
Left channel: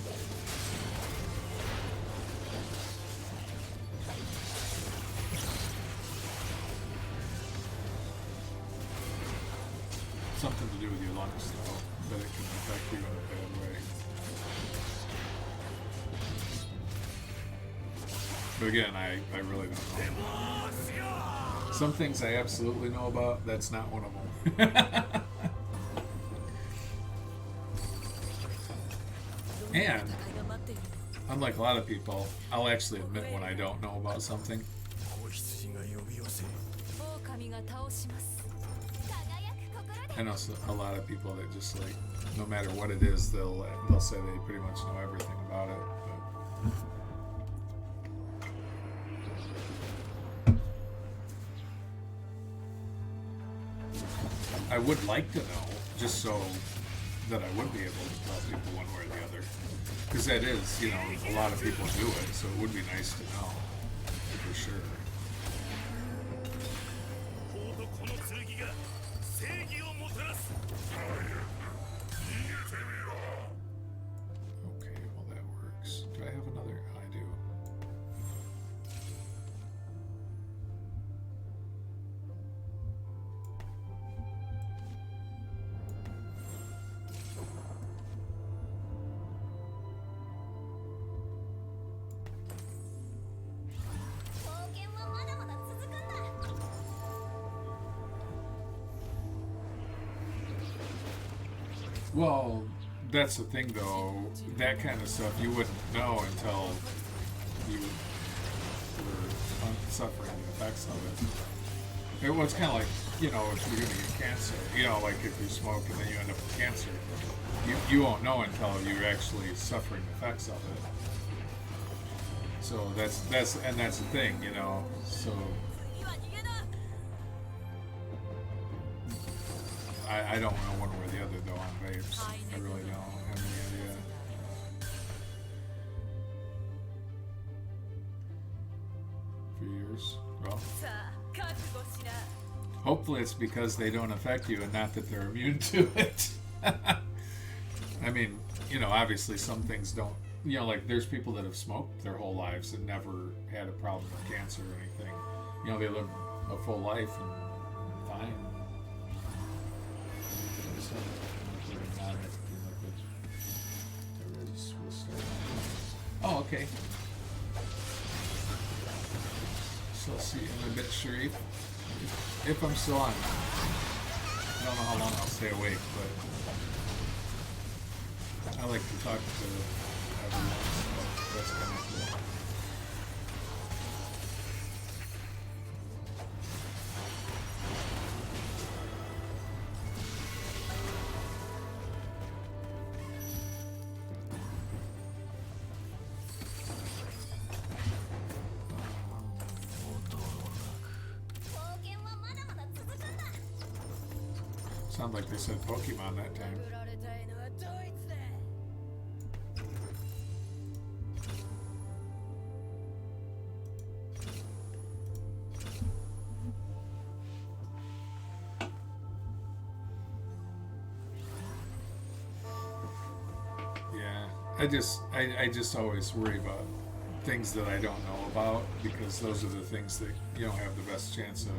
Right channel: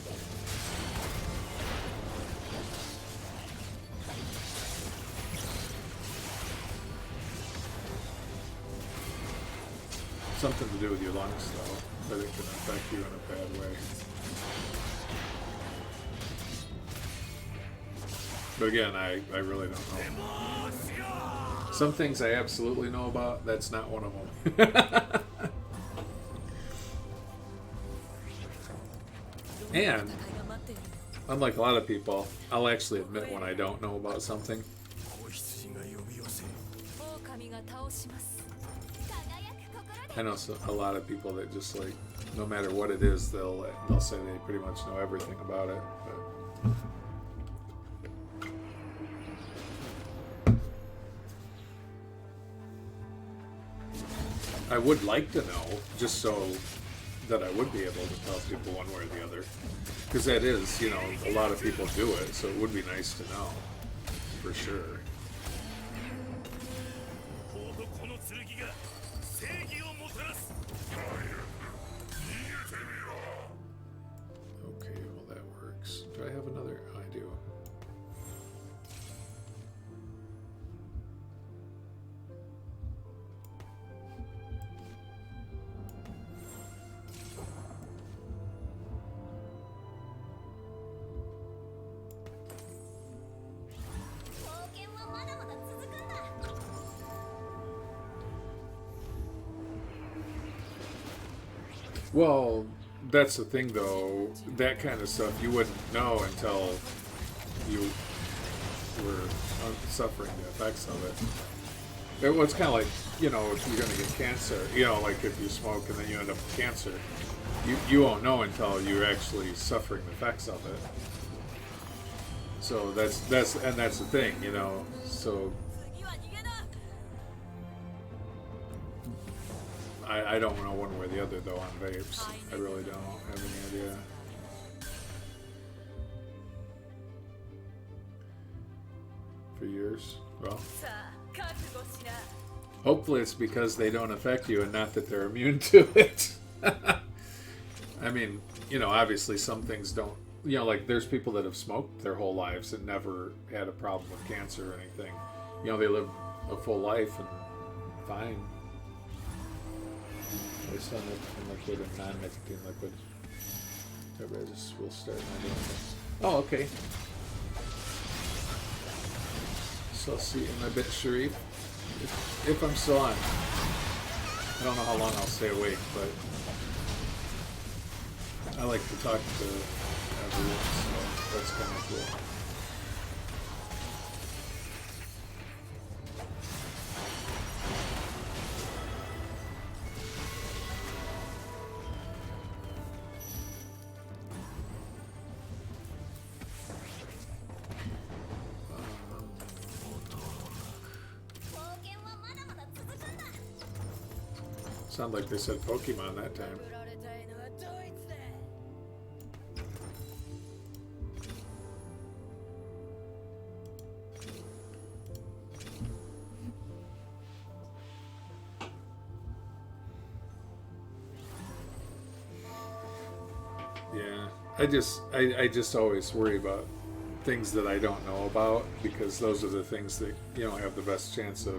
Something to do with your lungs, though, that it can affect you in a bad way. But again, I really don't know. Some things I absolutely know about, that's not one of them. And, unlike a lot of people, I'll actually admit when I don't know about something. I know a lot of people that just like, no matter what it is, they'll say they pretty much know everything about it. But I would like to know, just so that I would be able to tell people one way or the other, because that is, you know, a lot of people do it, so it would be nice to know, for sure. Okay, well that works. Do I have another? I do. Well, that's the thing, though. That kind of stuff you wouldn't know until you were suffering the effects of it. It was kind of like, you know, if you're going to get cancer, you know, like if you smoke and then you end up with cancer, you won't know until you're actually suffering the effects of it. So that's the thing, you know. So I don't know one way or the other, though, on vapes. I really don't have any idea. For years? Well, hopefully it's because they don't affect you and not that they're immune to it. I mean, you know, obviously some things don't, you know, like there's people that have smoked their whole lives and never had a problem with cancer or anything. You know, they live a full life and fine. I just don't know how much non-nicotine liquids. I just will start. Oh, okay. So I'll see you in a bit, Sharif. If I'm still on. I don't know how long I'll stay awake, but I like to talk to everyone, so that's kind of cool. Sound like they said Pokemon that time. 殴られたいのはドイツだ。 Yeah, I just always worry about things that I don't know about, because those are the things that, you know, have the best chance of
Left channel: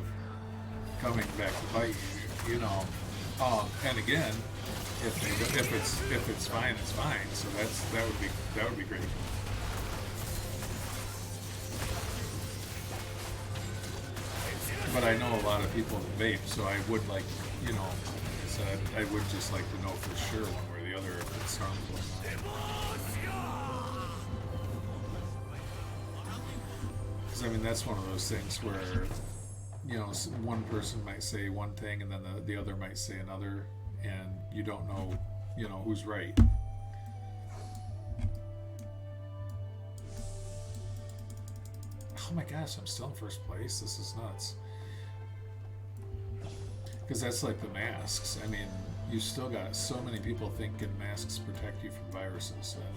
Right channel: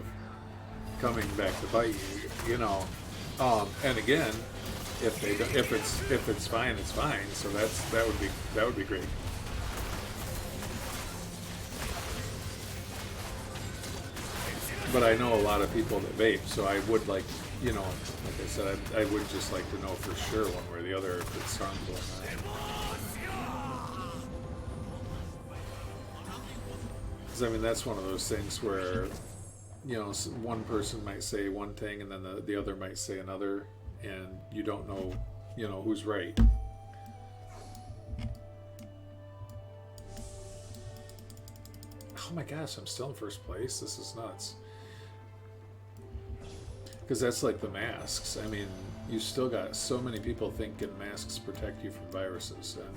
coming back to bite you. You know, and again, if it's fine, it's fine. So that would be great. But I know a lot of people that vape, so I would like, you know, like I said, I would just like to know for sure one way or the other if it's harmful. Because I mean, that's one of those things where, you know, one person might say one thing and then the other might say another, and you don't know, you know, who's right. Oh my gosh, I'm still in first place. This is nuts. Because that's like the masks. I mean, you still got so many people thinking masks protect you from viruses, and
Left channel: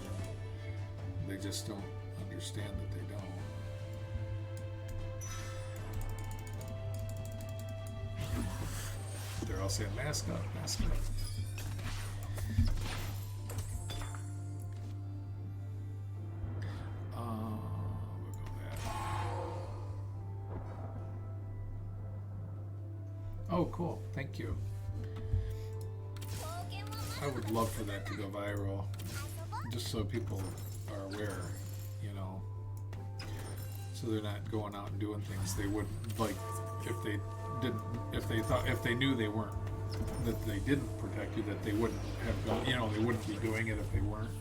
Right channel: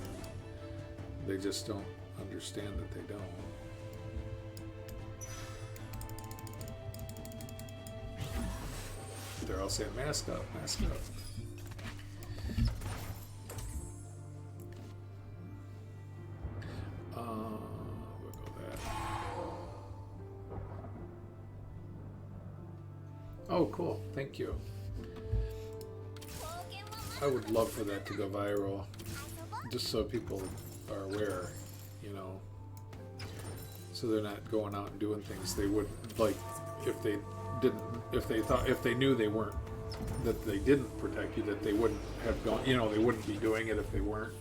they just don't understand that they don't. They're all saying, mask up, mask up. We'll go that. Oh, cool. Thank you. I would love for that to go viral, just so people are aware, you know, so they're not going out and doing things they wouldn't, like, if they didn't, if they knew they weren't, that they didn't protect you, that they wouldn't have gone, you know, they wouldn't be doing it if they weren't.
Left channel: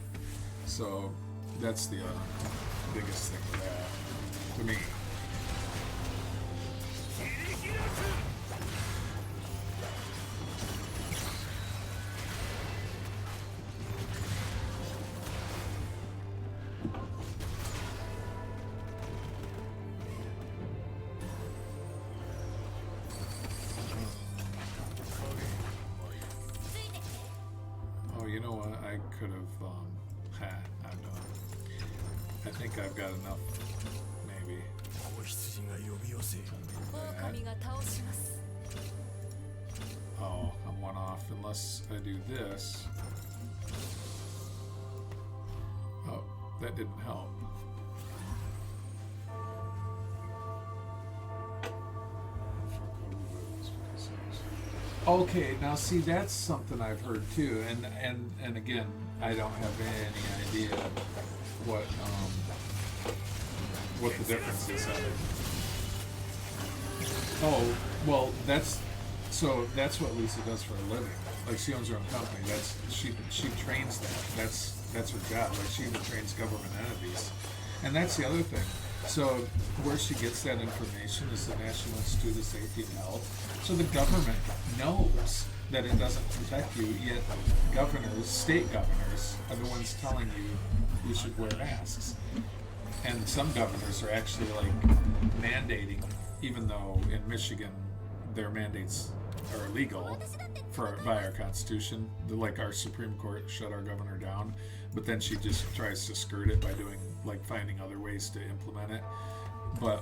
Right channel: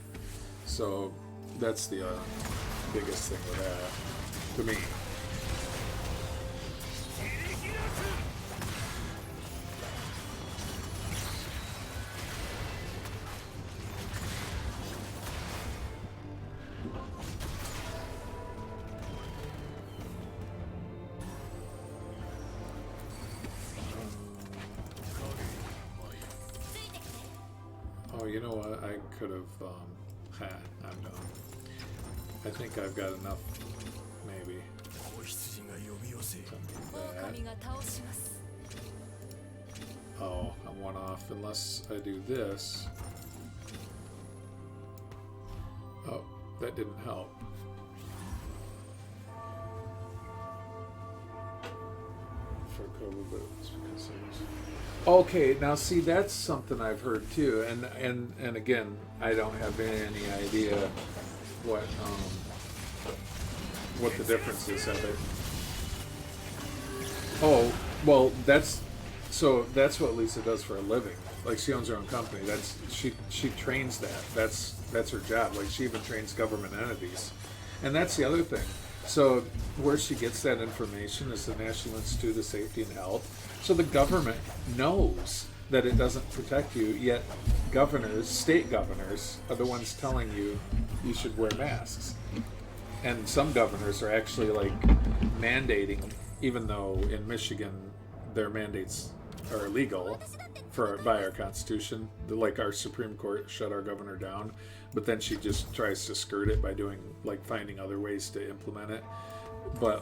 So that's the biggest thing with that, to me. Oh, you know what? I could have, I'm done. I think I've got enough, maybe. 子羊が呼び寄せ 狼が倒します。 Oh, I'm one off unless I do this. Oh, that didn't help. For cover boots, because okay, now see, that's something I've heard too, and again, I don't have any idea what the difference is of it. Oh, well, that's what Lisa does for a living. Like, she owns her own company. She trains that. That's her job. Like, she even trains government entities. And that's the other thing. So where she gets that information is the National Institute of Safety and Health. So the government knows that it doesn't protect you, yet governors, state governors, are the ones telling you you should wear masks. And some governors are actually like mandating, even though in Michigan their mandates are illegal by our Constitution. Like, our Supreme Court shut our governor down, but then she just tries to skirt it by doing, like, finding other ways to implement it. But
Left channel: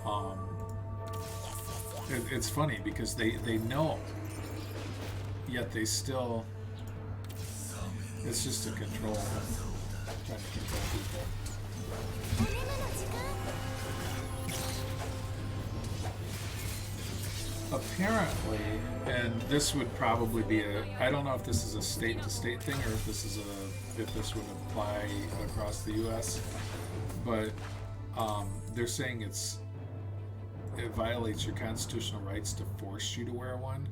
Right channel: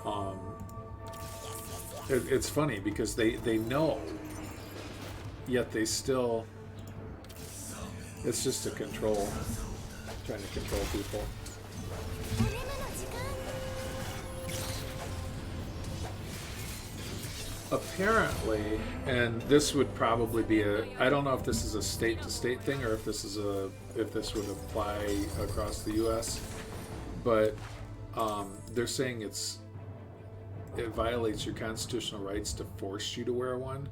it's funny because they know, yet they still, it's just a control, trying to control people. Apparently, and this would probably be I don't know if this is a state-to-state thing or if this would apply across the U.S., but they're saying it violates your constitutional rights to force you to wear one.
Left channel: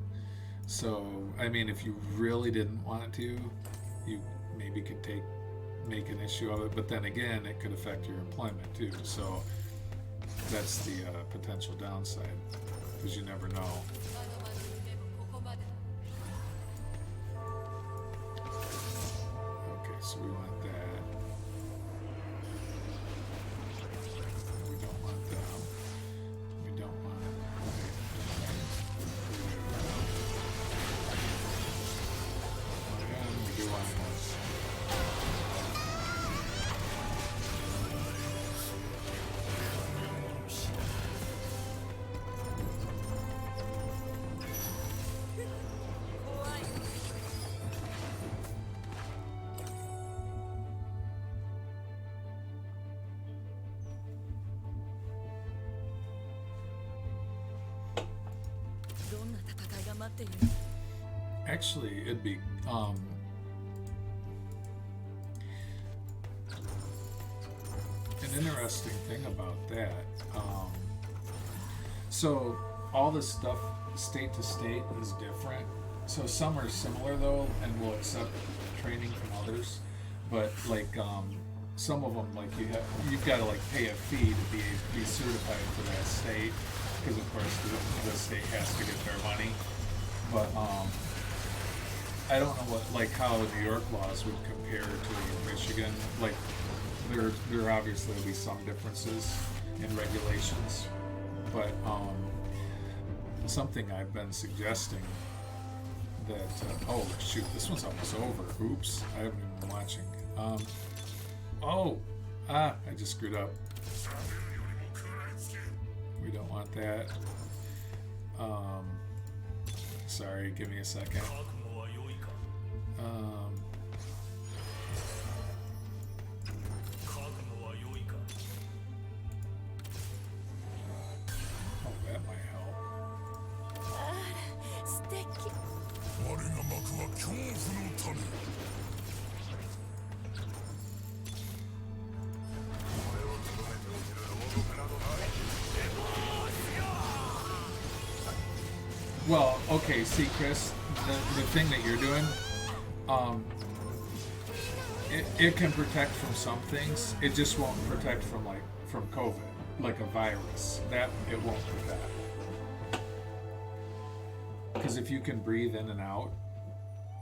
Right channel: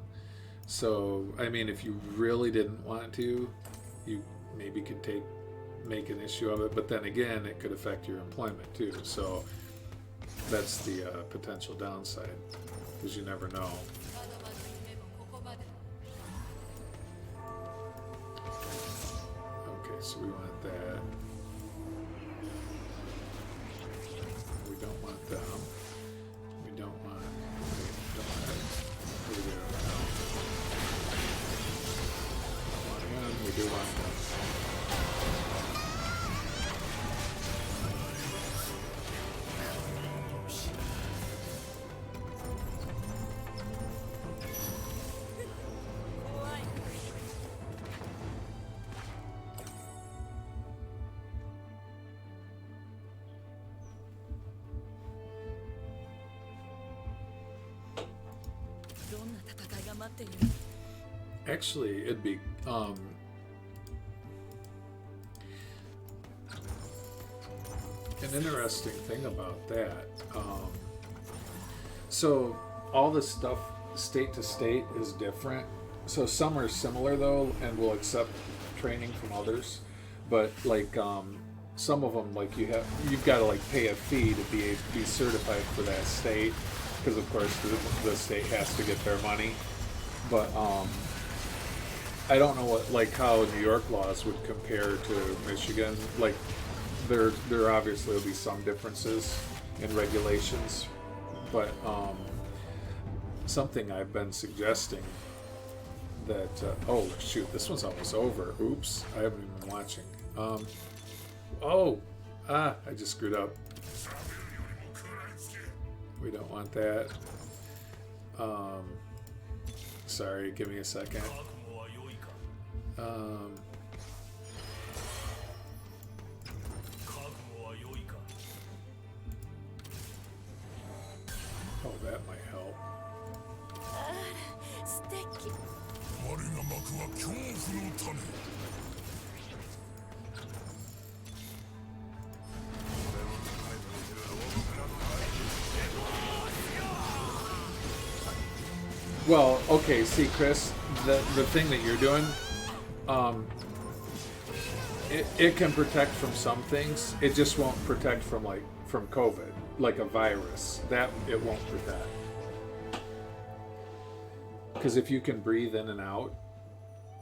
So, I mean, if you really didn't want to, you maybe could make an issue of it. But then again, it could affect your employment too. So that's the potential downside, because you never know. まだまだ夢もここまで。 Okay, so we want that. We don't want them. We don't want we do want this. Actually, it'd be an interesting thing about that. So all this stuff, state to state, is different. So some are similar though, and will accept training from others. But like some of them, like you've got to like pay a fee to be certified for that state, because of course the state has to get their money. But I don't know how New York laws would compare to Michigan. Like there obviously will be some differences in regulations, but something I've been suggesting that oh shoot, this one's almost over. Oops, I haven't even been watching. I just screwed up. We don't want that. Sorry, give me a second. Oh, that might help. 素敵。我が幕は恐怖の種。 Well, okay, see, Chris, the thing that you're doing, it can protect from some things. It just won't protect from COVID, like a virus. That it won't protect. Because if you can breathe in and out,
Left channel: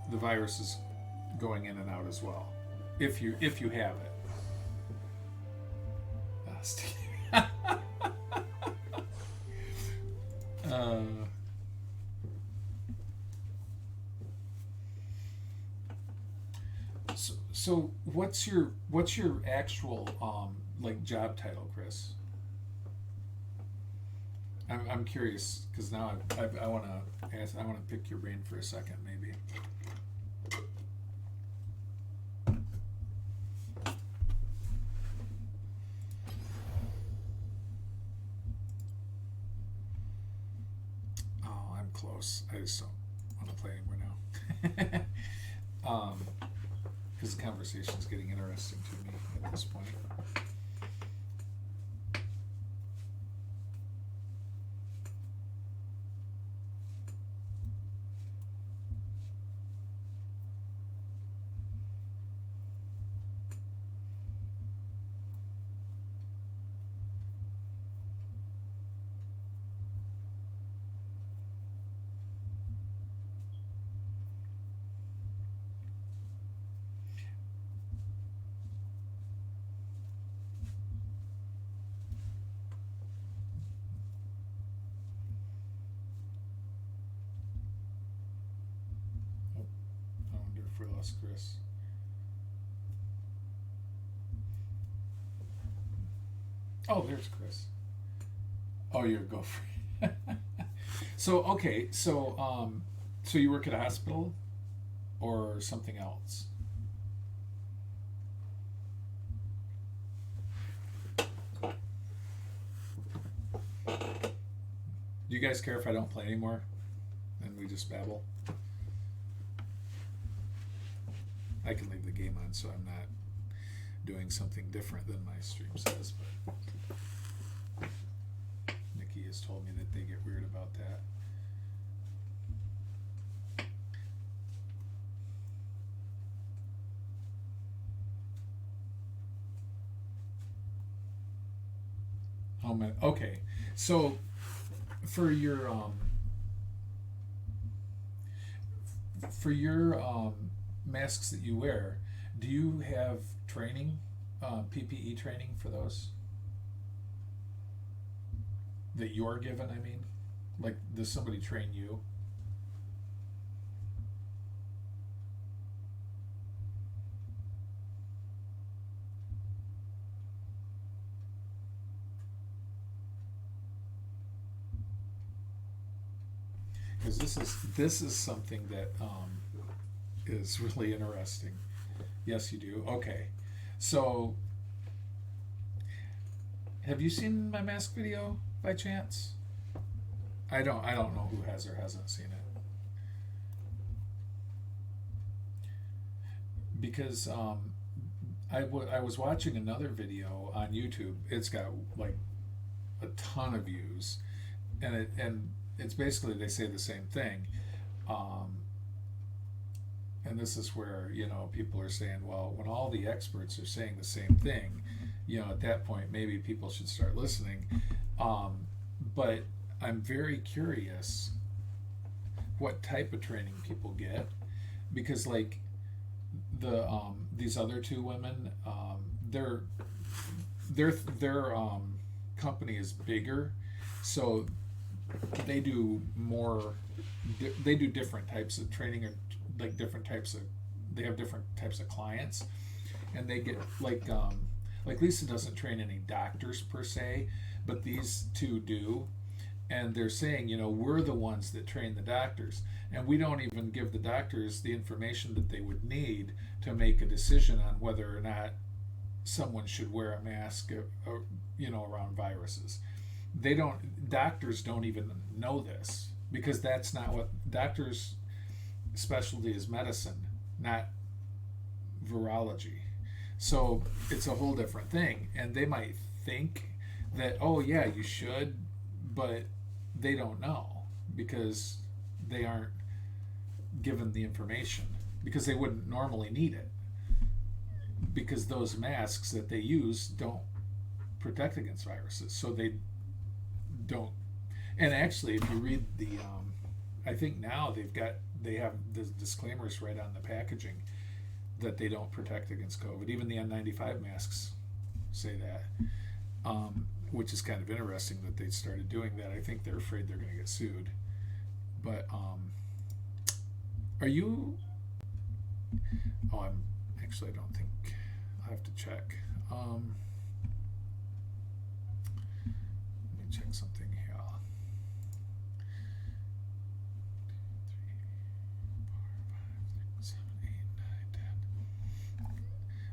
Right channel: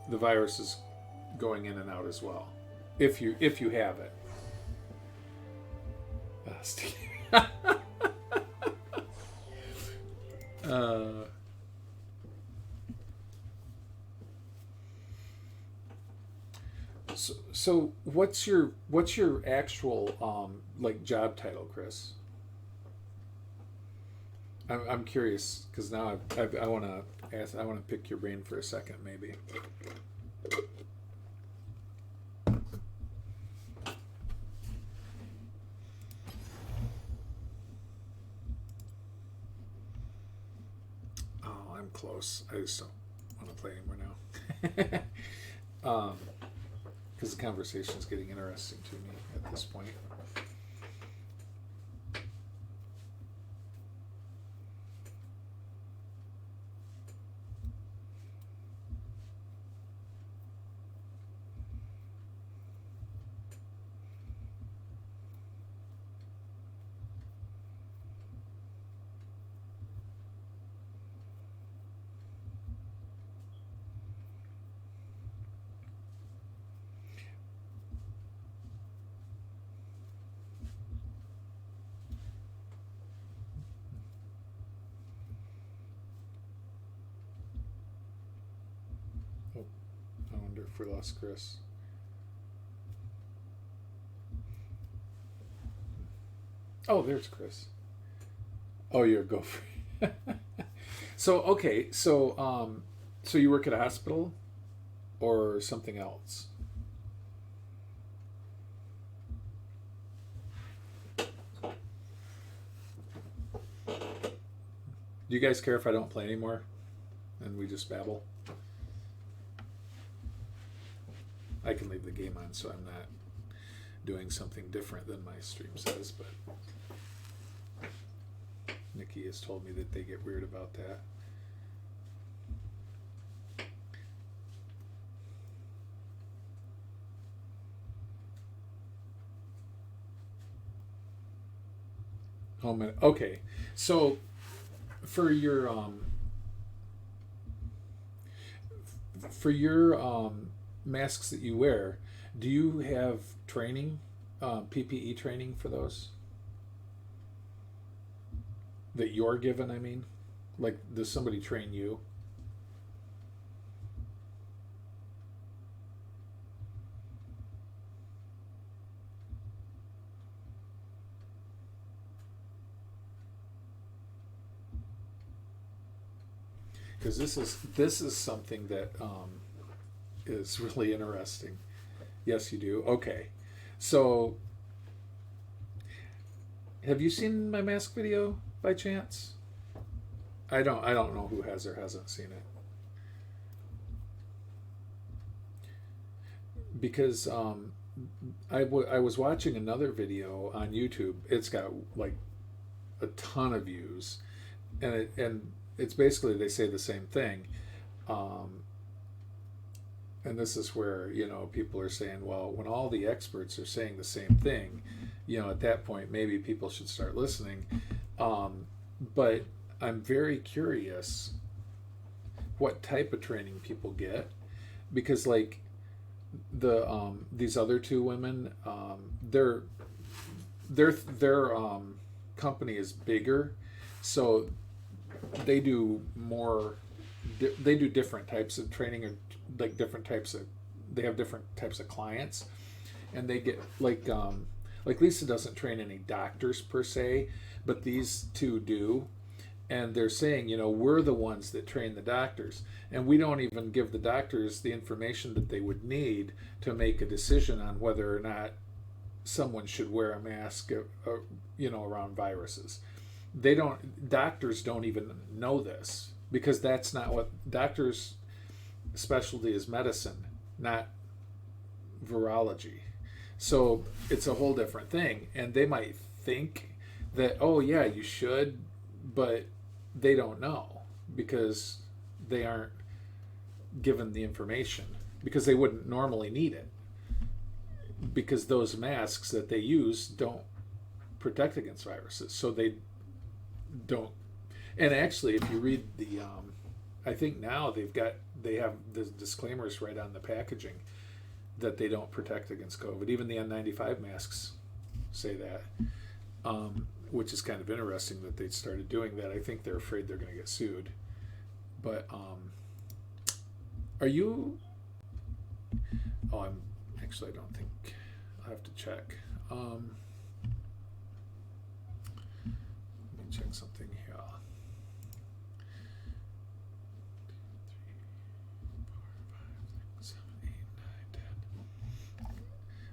the virus is going in and out as well. If you have it. Steve. So what's your actual job title, Chris? I'm curious, because now I want to pick your brain for a second, maybe. Oh, I'm close. I just don't want to play anymore now. Because the conversation's getting interesting to me at this point. I wonder if we lost Chris. Oh, there's Chris. Oh, you're a gopher. So okay, so you work at a hospital or something else? Do you guys care if I don't play anymore and we just babble? I can leave the game on so I'm not doing something different than my stream says, but Nikki has told me that they get weird about that. Oh man. Okay. So for your masks that you wear, do you have training, PPE training for those that you're given? I mean, like, does somebody train you? Because this is something that is really interesting. Yes, you do. Okay, so have you seen my mask video by chance? I don't know who has or hasn't seen it, because I was watching another video on YouTube. It's got like a ton of views, and it's basically they say the same thing. Um, and this is where, people are saying, well, when all the experts are saying the same thing, at that point maybe people should start listening. But I'm very curious what type of training people get, because like these other two women, their company is bigger, so they do more. They do different types of training, or like different types of. They have different types of clients, and they get like Lisa doesn't train any doctors per se, but these two do, and they're saying, we're the ones that train the doctors, and we don't even give the doctors the information that they would need to make a decision on whether or not someone should wear a mask, around viruses. Doctors don't even know this, because that's not what doctors' specialty is. Medicine, not virology. So it's a whole different thing, and they might think that, oh yeah, you should, but they don't know, because they aren't given the information, because they wouldn't normally need it, because those masks that they use don't protect against viruses, so they don't. And actually, if you read the I think now they have the disclaimers right on the packaging that they don't protect against COVID. Even the N95 masks say that, which is kind of interesting that they started doing that. I think they're afraid they're going to get sued. But are you? Oh, I don't think. I'll have to check. Let me check something here.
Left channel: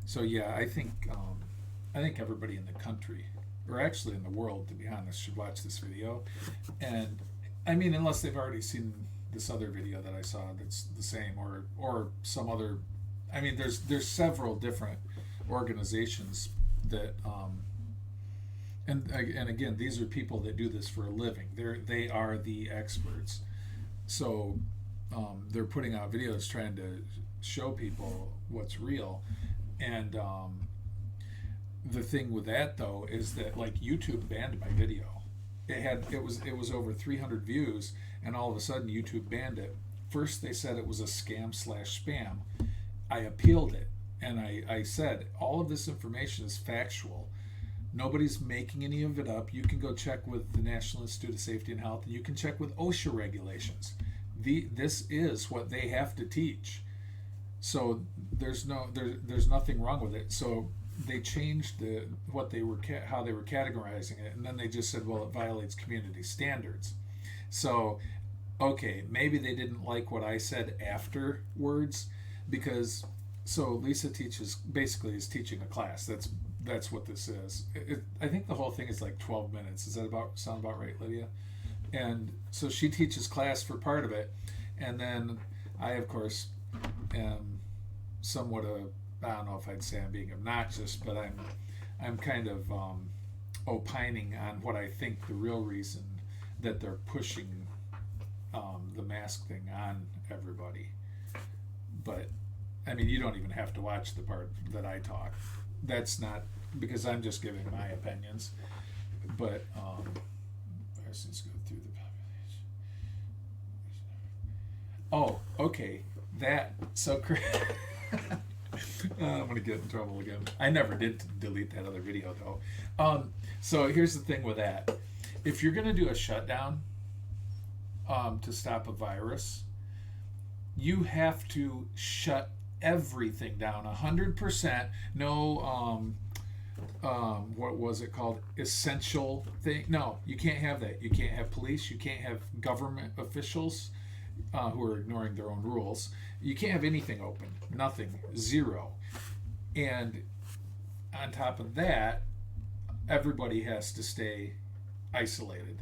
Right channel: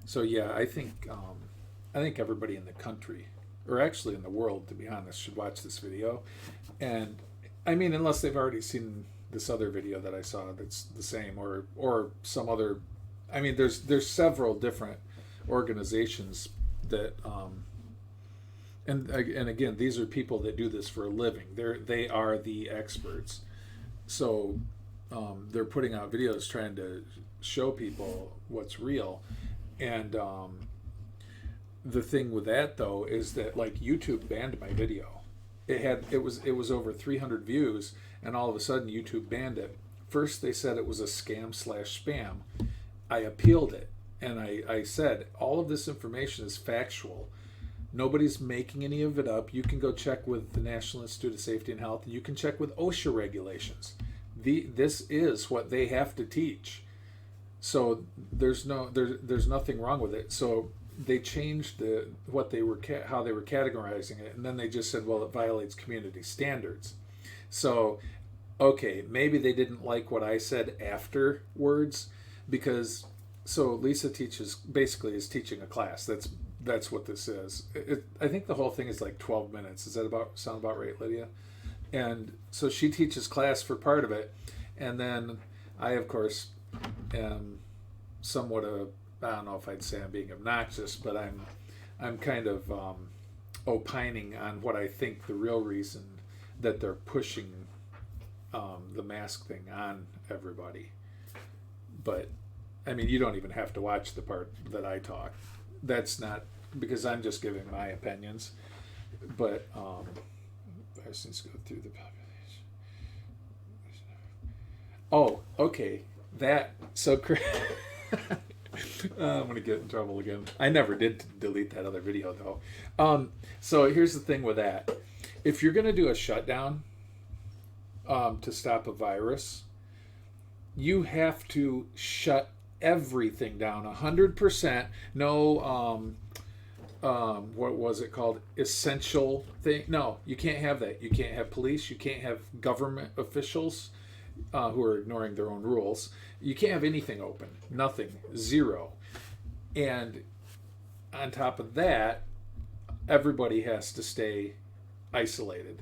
So yeah, I think everybody in the country, or actually in the world, to be honest, should watch this video. And I mean, unless they've already seen this other video that I saw that's the same, or some other. I mean, there's several different organizations that and again, these are people that do this for a living. They are the experts. So they're putting out videos trying to show people what's real. And the thing with that though is that, like, YouTube banned my video. It was over 300 views, and all of a sudden YouTube banned it. First they said it was a scam/spam. I appealed it, and I said all of this information is factual. Nobody's making any of it up. You can go check with the National Institute of Safety and Health, and you can check with OSHA regulations. This is what they have to teach. So there's nothing wrong with it. So they changed how they were categorizing it, and then they just said, well, it violates community standards. So okay, maybe they didn't like what I said afterwards, because Lisa is teaching a class. That's what this is. I think the whole thing is like 12 minutes. Does that sound about right, Lydia? And so she teaches class for part of it, and then I, of course, am somewhat I don't know if I'd say I'm being obnoxious, but I'm kind of opining on what I think the real reason that they're pushing the mask thing on everybody. But I mean, you don't even have to watch the part that I talk. That's not, because I'm just giving my opinions. But viruses go through the population. Oh, okay. That so. I'm gonna get in trouble again. I never did delete that other video though. So here's the thing with that: if you're gonna do a shutdown to stop a virus, you have to shut everything down 100%. No, what was it called? Essential thing? No, you can't have that. You can't have police. You can't have government officials who are ignoring their own rules. You can't have anything open. Nothing. Zero. And on top of that, everybody has to stay isolated.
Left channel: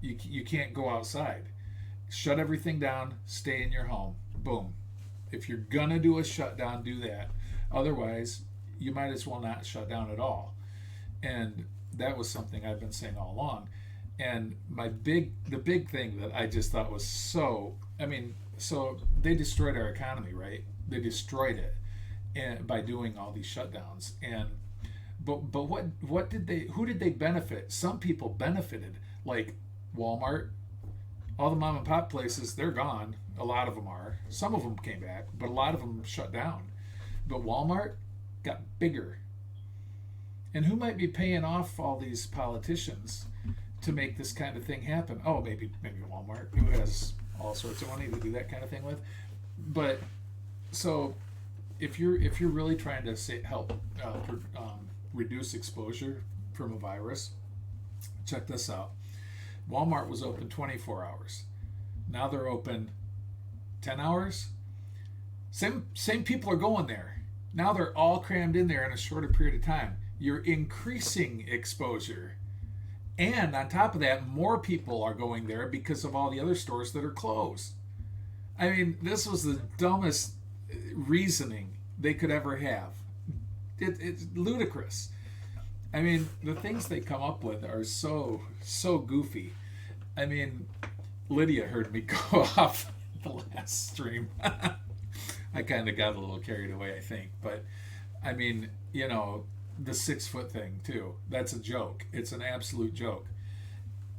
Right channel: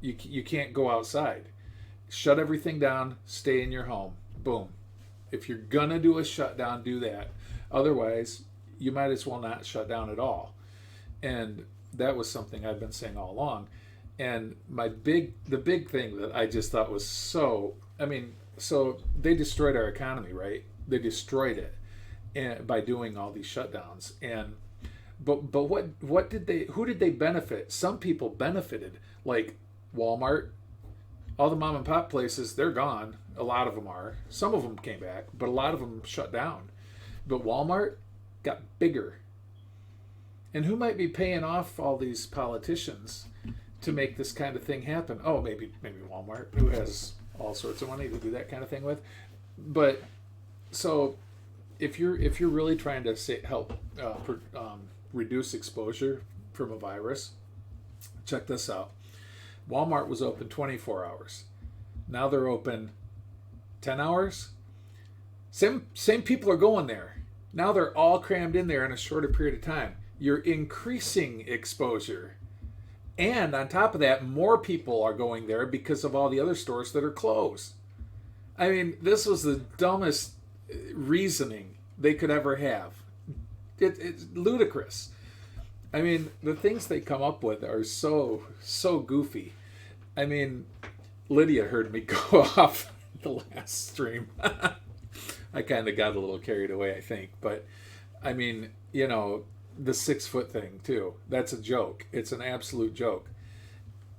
You can't go outside. Shut everything down. Stay in your home. Boom. If you're gonna do a shutdown, do that. Otherwise, you might as well not shut down at all. And that was something I've been saying all along. And the big thing that I just thought was so they destroyed our economy, right? They destroyed it, and by doing all these shutdowns. And but who did they benefit? Some people benefited, like Walmart. All the mom and pop places, they're gone. A lot of them are. Some of them came back, but a lot of them shut down. But Walmart got bigger. And who might be paying off all these politicians to make this kind of thing happen? Oh, maybe Walmart, who has all sorts of money to do that kind of thing with. But so if you're really trying to help reduce exposure from a virus, check this out. Walmart was open 24 hours. Now they're open 10 hours. Same people are going there. Now they're all crammed in there in a shorter period of time. You're increasing exposure. And on top of that, more people are going there because of all the other stores that are closed. I mean, this was the dumbest reasoning they could ever have. It's ludicrous. I mean, the things they come up with are so goofy. I mean, Lydia heard me go off the last stream. I kind of got a little carried away, I think. But, I mean, the 6 foot thing, too. That's a joke. It's an absolute joke.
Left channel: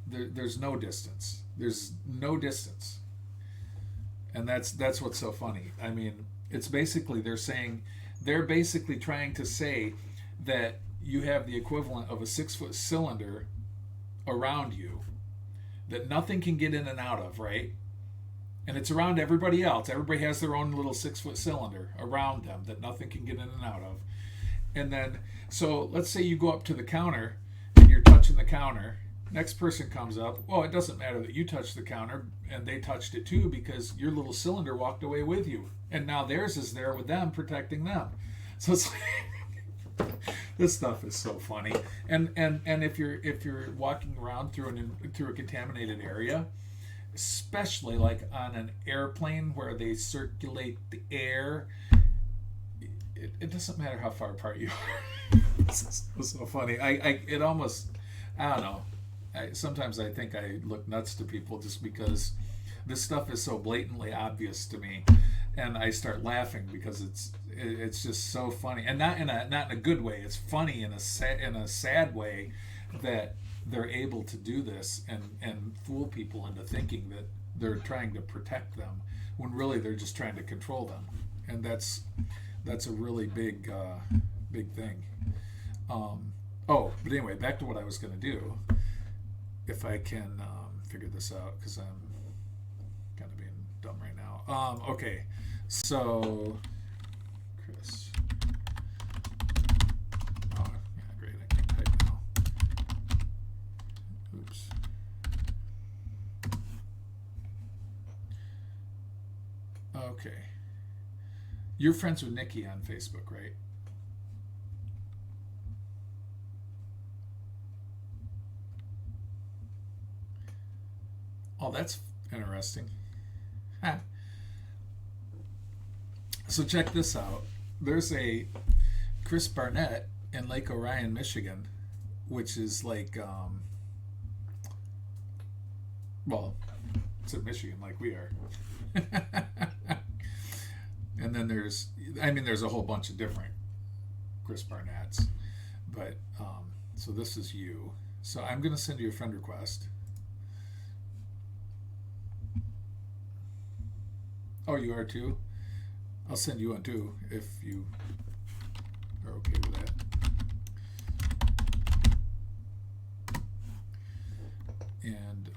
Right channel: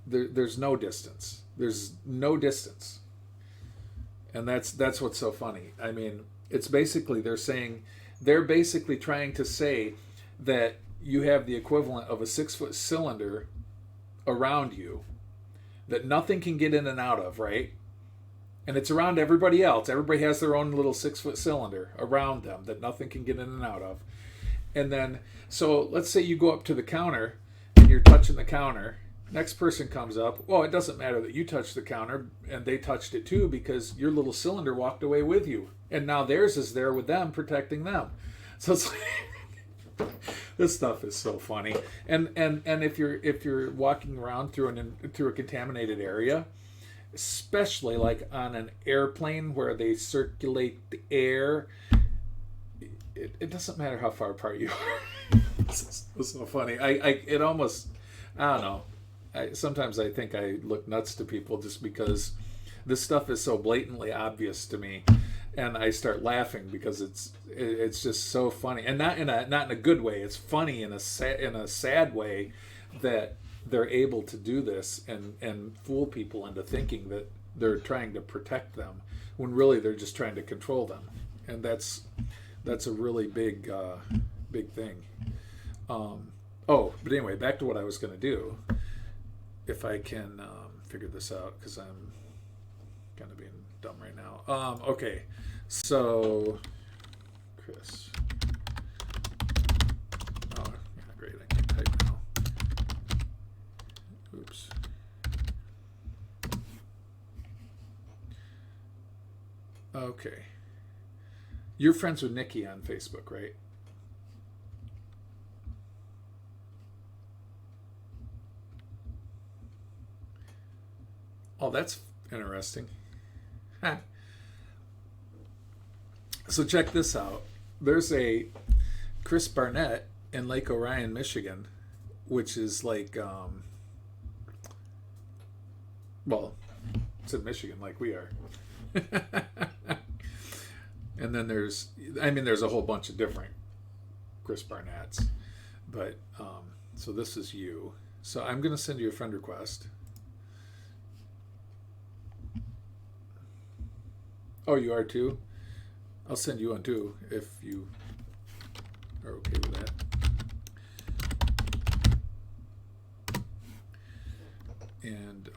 There's no distance. There's no distance. And that's what's so funny. I mean, it's basically, they're basically trying to say that you have the equivalent of a 6 foot cylinder around you that nothing can get in and out of, right? And it's around everybody else. Everybody has their own little 6 foot cylinder around them that nothing can get in and out of. And then, so let's say you go up to the counter and you're touching the counter. Next person comes up. Well, it doesn't matter that you touched the counter and they touched it too, because your little cylinder walked away with you. And now theirs is there with them, protecting them. So it's like, this stuff is so funny. And if you're walking around through a contaminated area, especially like on an airplane where they circulate the air, it doesn't matter how far apart you are. It's so funny. I don't know. Sometimes I think I look nuts to people just because this stuff is so blatantly obvious to me, and I start laughing because it's just so funny, and not in a good way. It's funny in a sad way that they're able to do this and fool people into thinking that they're trying to protect them when really they're just trying to control them, and that's a really big thing. But anyway, back to what I was going to do. If I can figure this out, because I'm kind of being dumb right now. Okay, so Chris. Oh, yeah, great. I can type now. Oops. Okay. You're friends with Nikki on Facebook, right? Oh, that's interesting. Huh. So check this out. There's a Chris Barnett in Lake Orion, Michigan, which is like, it's in Michigan like we are. And then there's a whole bunch of different Chris Barnetts. But, so this is you. So I'm going to send you a friend request. Oh, you are too? I'll send you one too if you are okay with that. And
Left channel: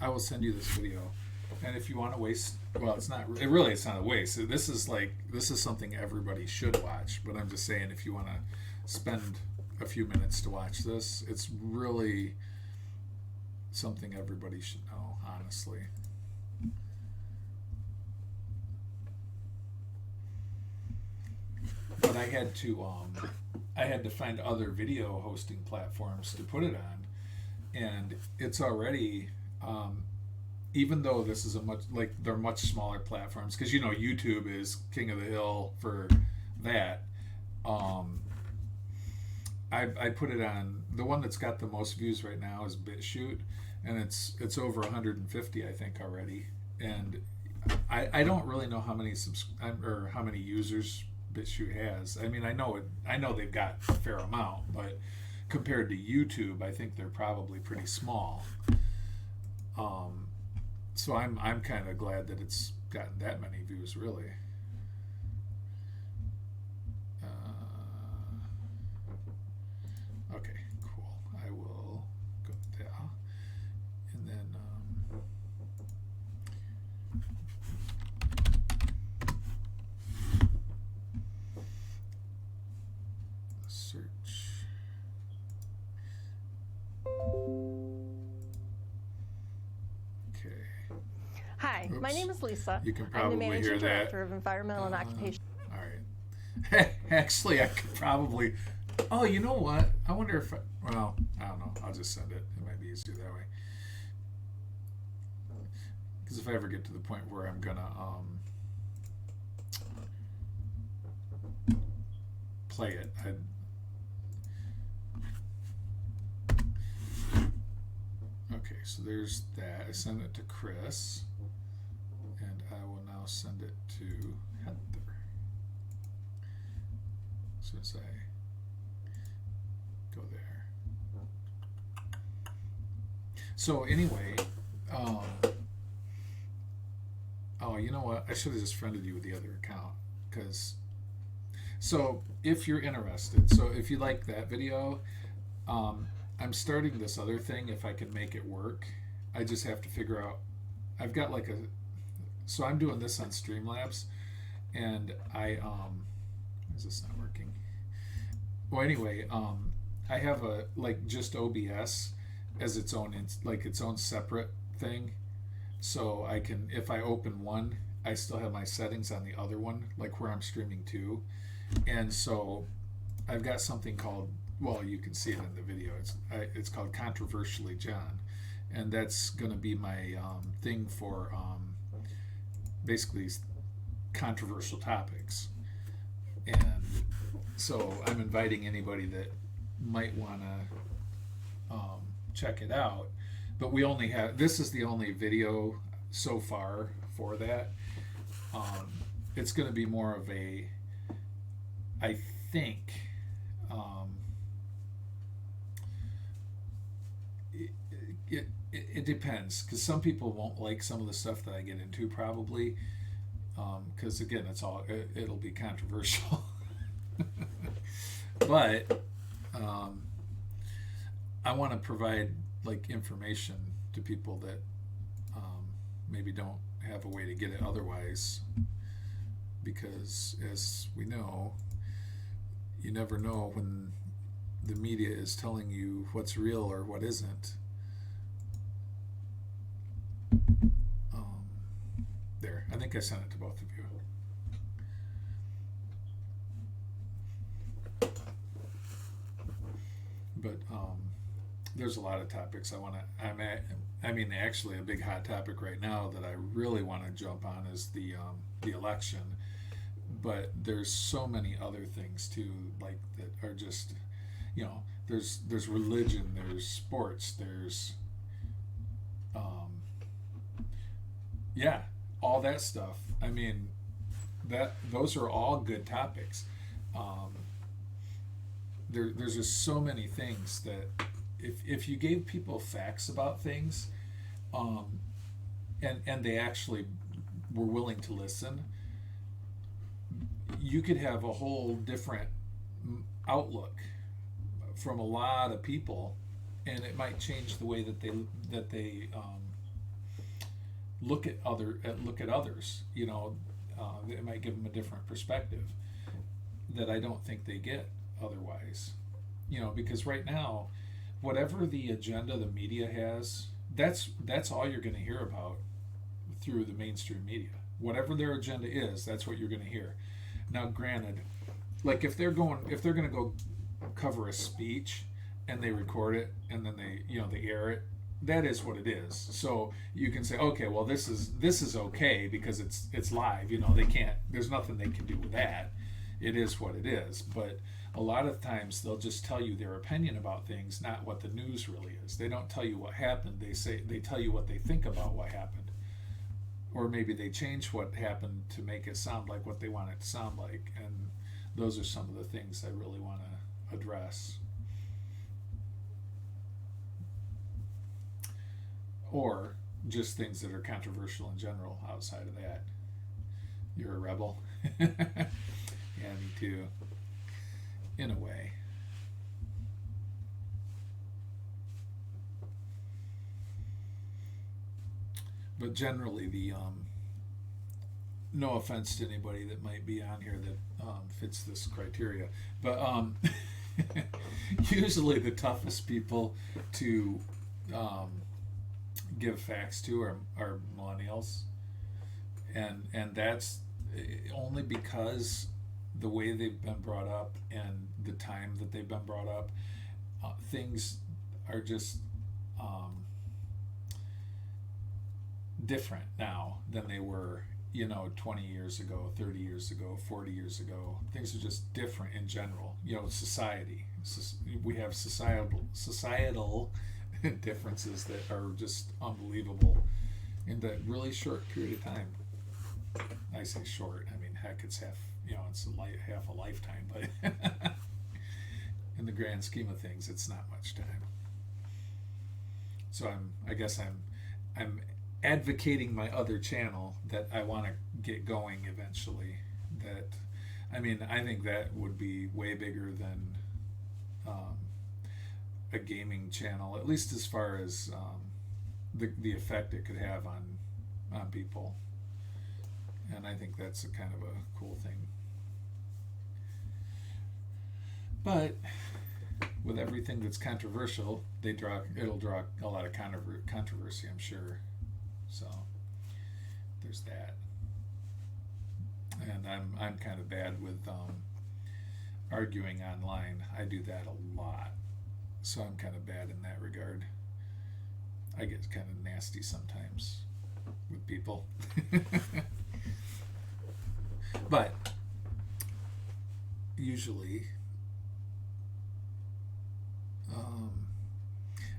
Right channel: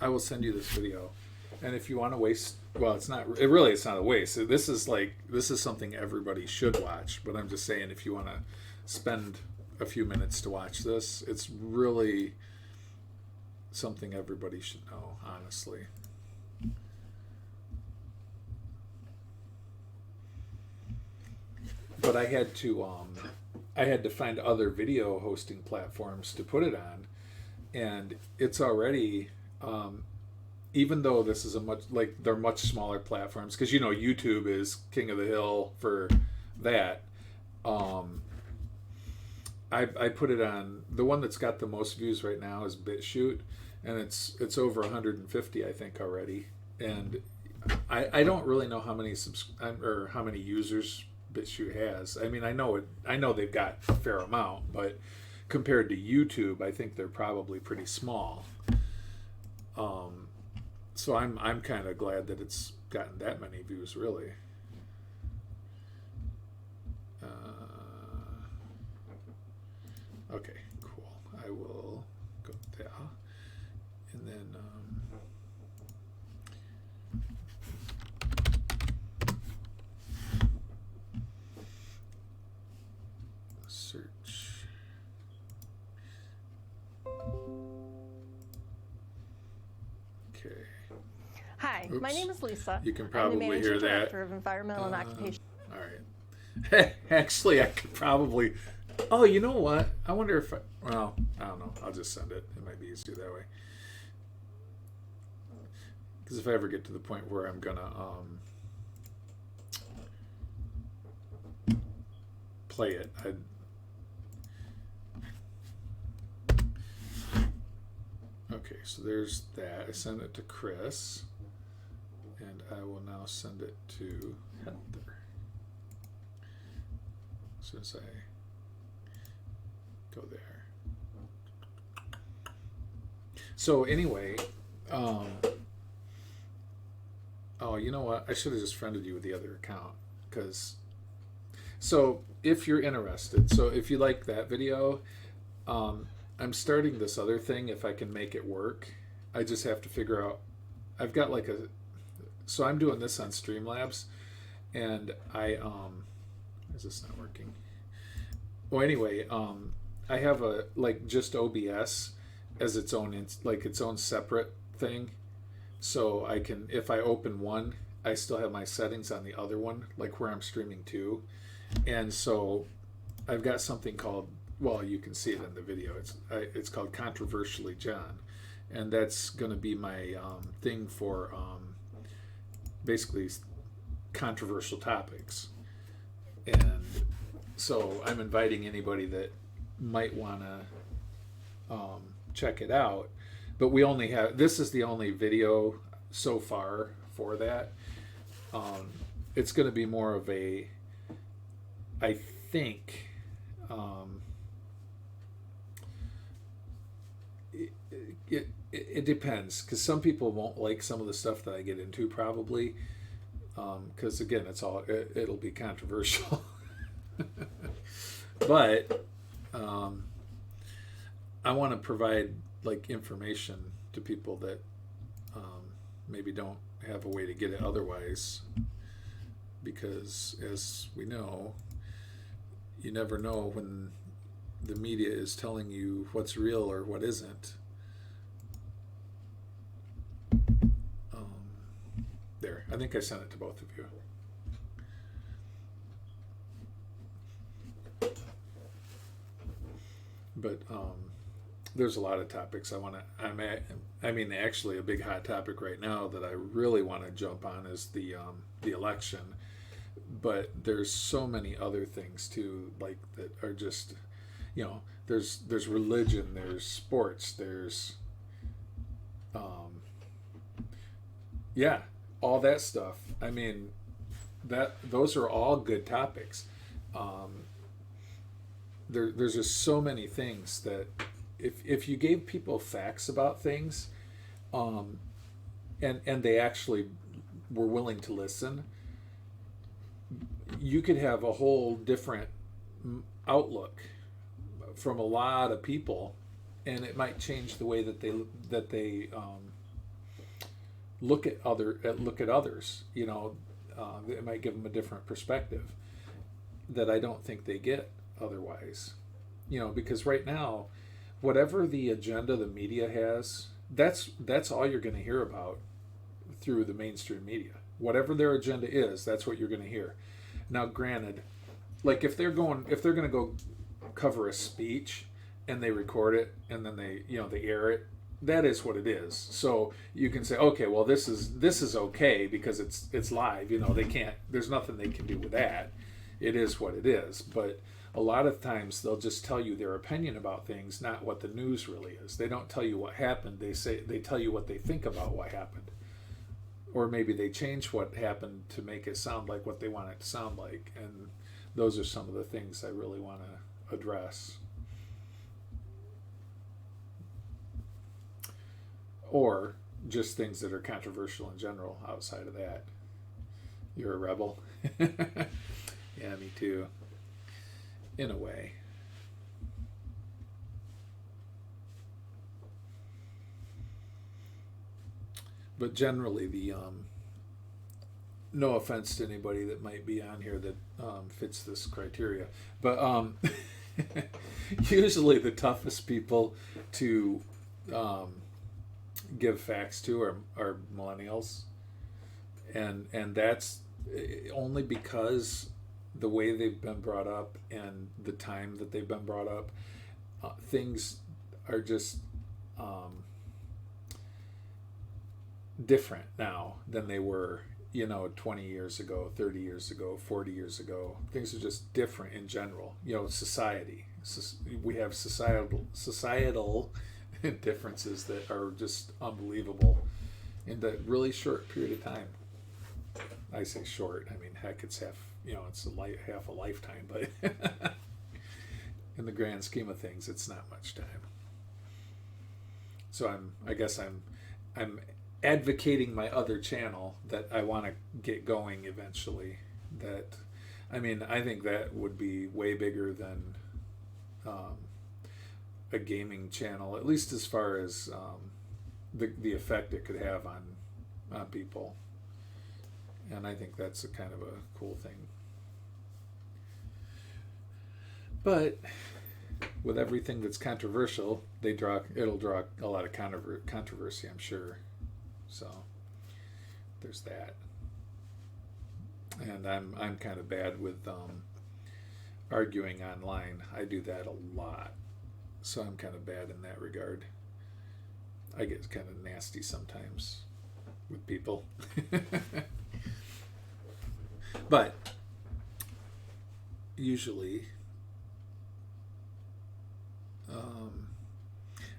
I will send you this video. And if you want to waste, well, it's not a waste. This is something everybody should watch. But I'm just saying, if you want to spend a few minutes to watch this, it's really something everybody should know, honestly. But I had to find other video hosting platforms to put it on, and it's already, even though this is they're much smaller platforms, because YouTube is king of the hill for that. I put it on, the one that's got the most views right now is BitChute, and it's over 150 I think already, and I don't really know how many how many users BitChute has. I mean, I know they've got a fair amount, but compared to YouTube, I think they're probably pretty small. So I'm kind of glad that it's gotten that many views, really. Okay, cool. I will go there, and then search. Okay. Hi, my Oops. name is Lisa. You can I'm the probably Managing hear that. Director of Environmental and Occupational. All right. Actually, I could probably. Oh, you know what? I wonder if. Well, I don't know. I'll just send it. It might be easier that way. Because if I ever get to the point where I'm gonna play it, Okay, so there's that. I send it to Chris, and I will now send it to Heather. As soon as I go there. So anyway, oh, you know what? I should have just friended you with the other account, because. So if you're interested, so if you like that video, I'm starting this other thing if I can make it work. I just have to figure out. I've got so I'm doing this on Streamlabs, and is this not working? Well, anyway, I have just OBS as its own its own separate thing, so I can, if I open one, I still have my settings on the other one, like where I'm streaming to, and so I've got something called, well, you can see it in the video. It's called Controversially John, and that's going to be my thing for basically controversial topics. And so I'm inviting anybody that might want to check it out. But this is the only video so far for that. It's going to be more of a, I think, it depends, because some people won't like some of the stuff that I get into, probably, because again, it'll be controversial. But I want to provide information to people that maybe don't have a way to get it otherwise, because as we know, you never know when the media is telling you what's real or what isn't. There, I think I sent it to both of you. But there's a lot of topics I want to. Actually, a big hot topic right now that I really want to jump on is the election. But there's so many other things too, that are just, there's religion, there's sports, there's all that stuff. Those are all good topics. there's just so many things that if you gave people facts about things, and they actually were willing to listen, you could have a whole different outlook from a lot of people, and it might change the way that they look at others. It might give them a different perspective that I don't think they get otherwise. Because right now, whatever the agenda the media has, that's all you're going to hear about through the mainstream media. Whatever their agenda is, that's what you're going to hear. Now, granted, like if they're going to go cover a speech and they record it and then they air it, that is what it is. So you can say, okay, well this is okay because it's live. They can't. There's nothing they can do with that. It is what it is. But a lot of times they'll just tell you their opinion about things, not what the news really is. They don't tell you what happened. They tell you what they think about what happened. Or maybe they change what happened to make it sound like what they want it to sound like. And those are some of the things I really want to address. Or just things that are controversial in general outside of that. You're a rebel. Yeah, me too. In a way. But generally, no offense to anybody that might be on here that fits this criteria, but usually the toughest people to give facts to are millennials, and that's only because the way they've been brought up and the time that they've been brought up, things are just different now than they were 20 years ago, 30 years ago, 40 years ago. Things are just different in general. Society, we have societal differences that are just unbelievable in that really short period of time. I say short, I mean, heck, it's half half a lifetime, but in the grand scheme of things, it's not much time. So I guess I'm advocating my other channel that I want to get going eventually. I think that would be way bigger than a gaming channel, at least as far as the effect it could have on people. And I think that's a kind of a cool thing. But with everything that's controversial, it'll draw a lot of controversy, I'm sure. So there's that. And I'm kind of bad with arguing online. I do that a lot. So I'm kind of bad in that regard. I get kind of nasty sometimes with people. But usually,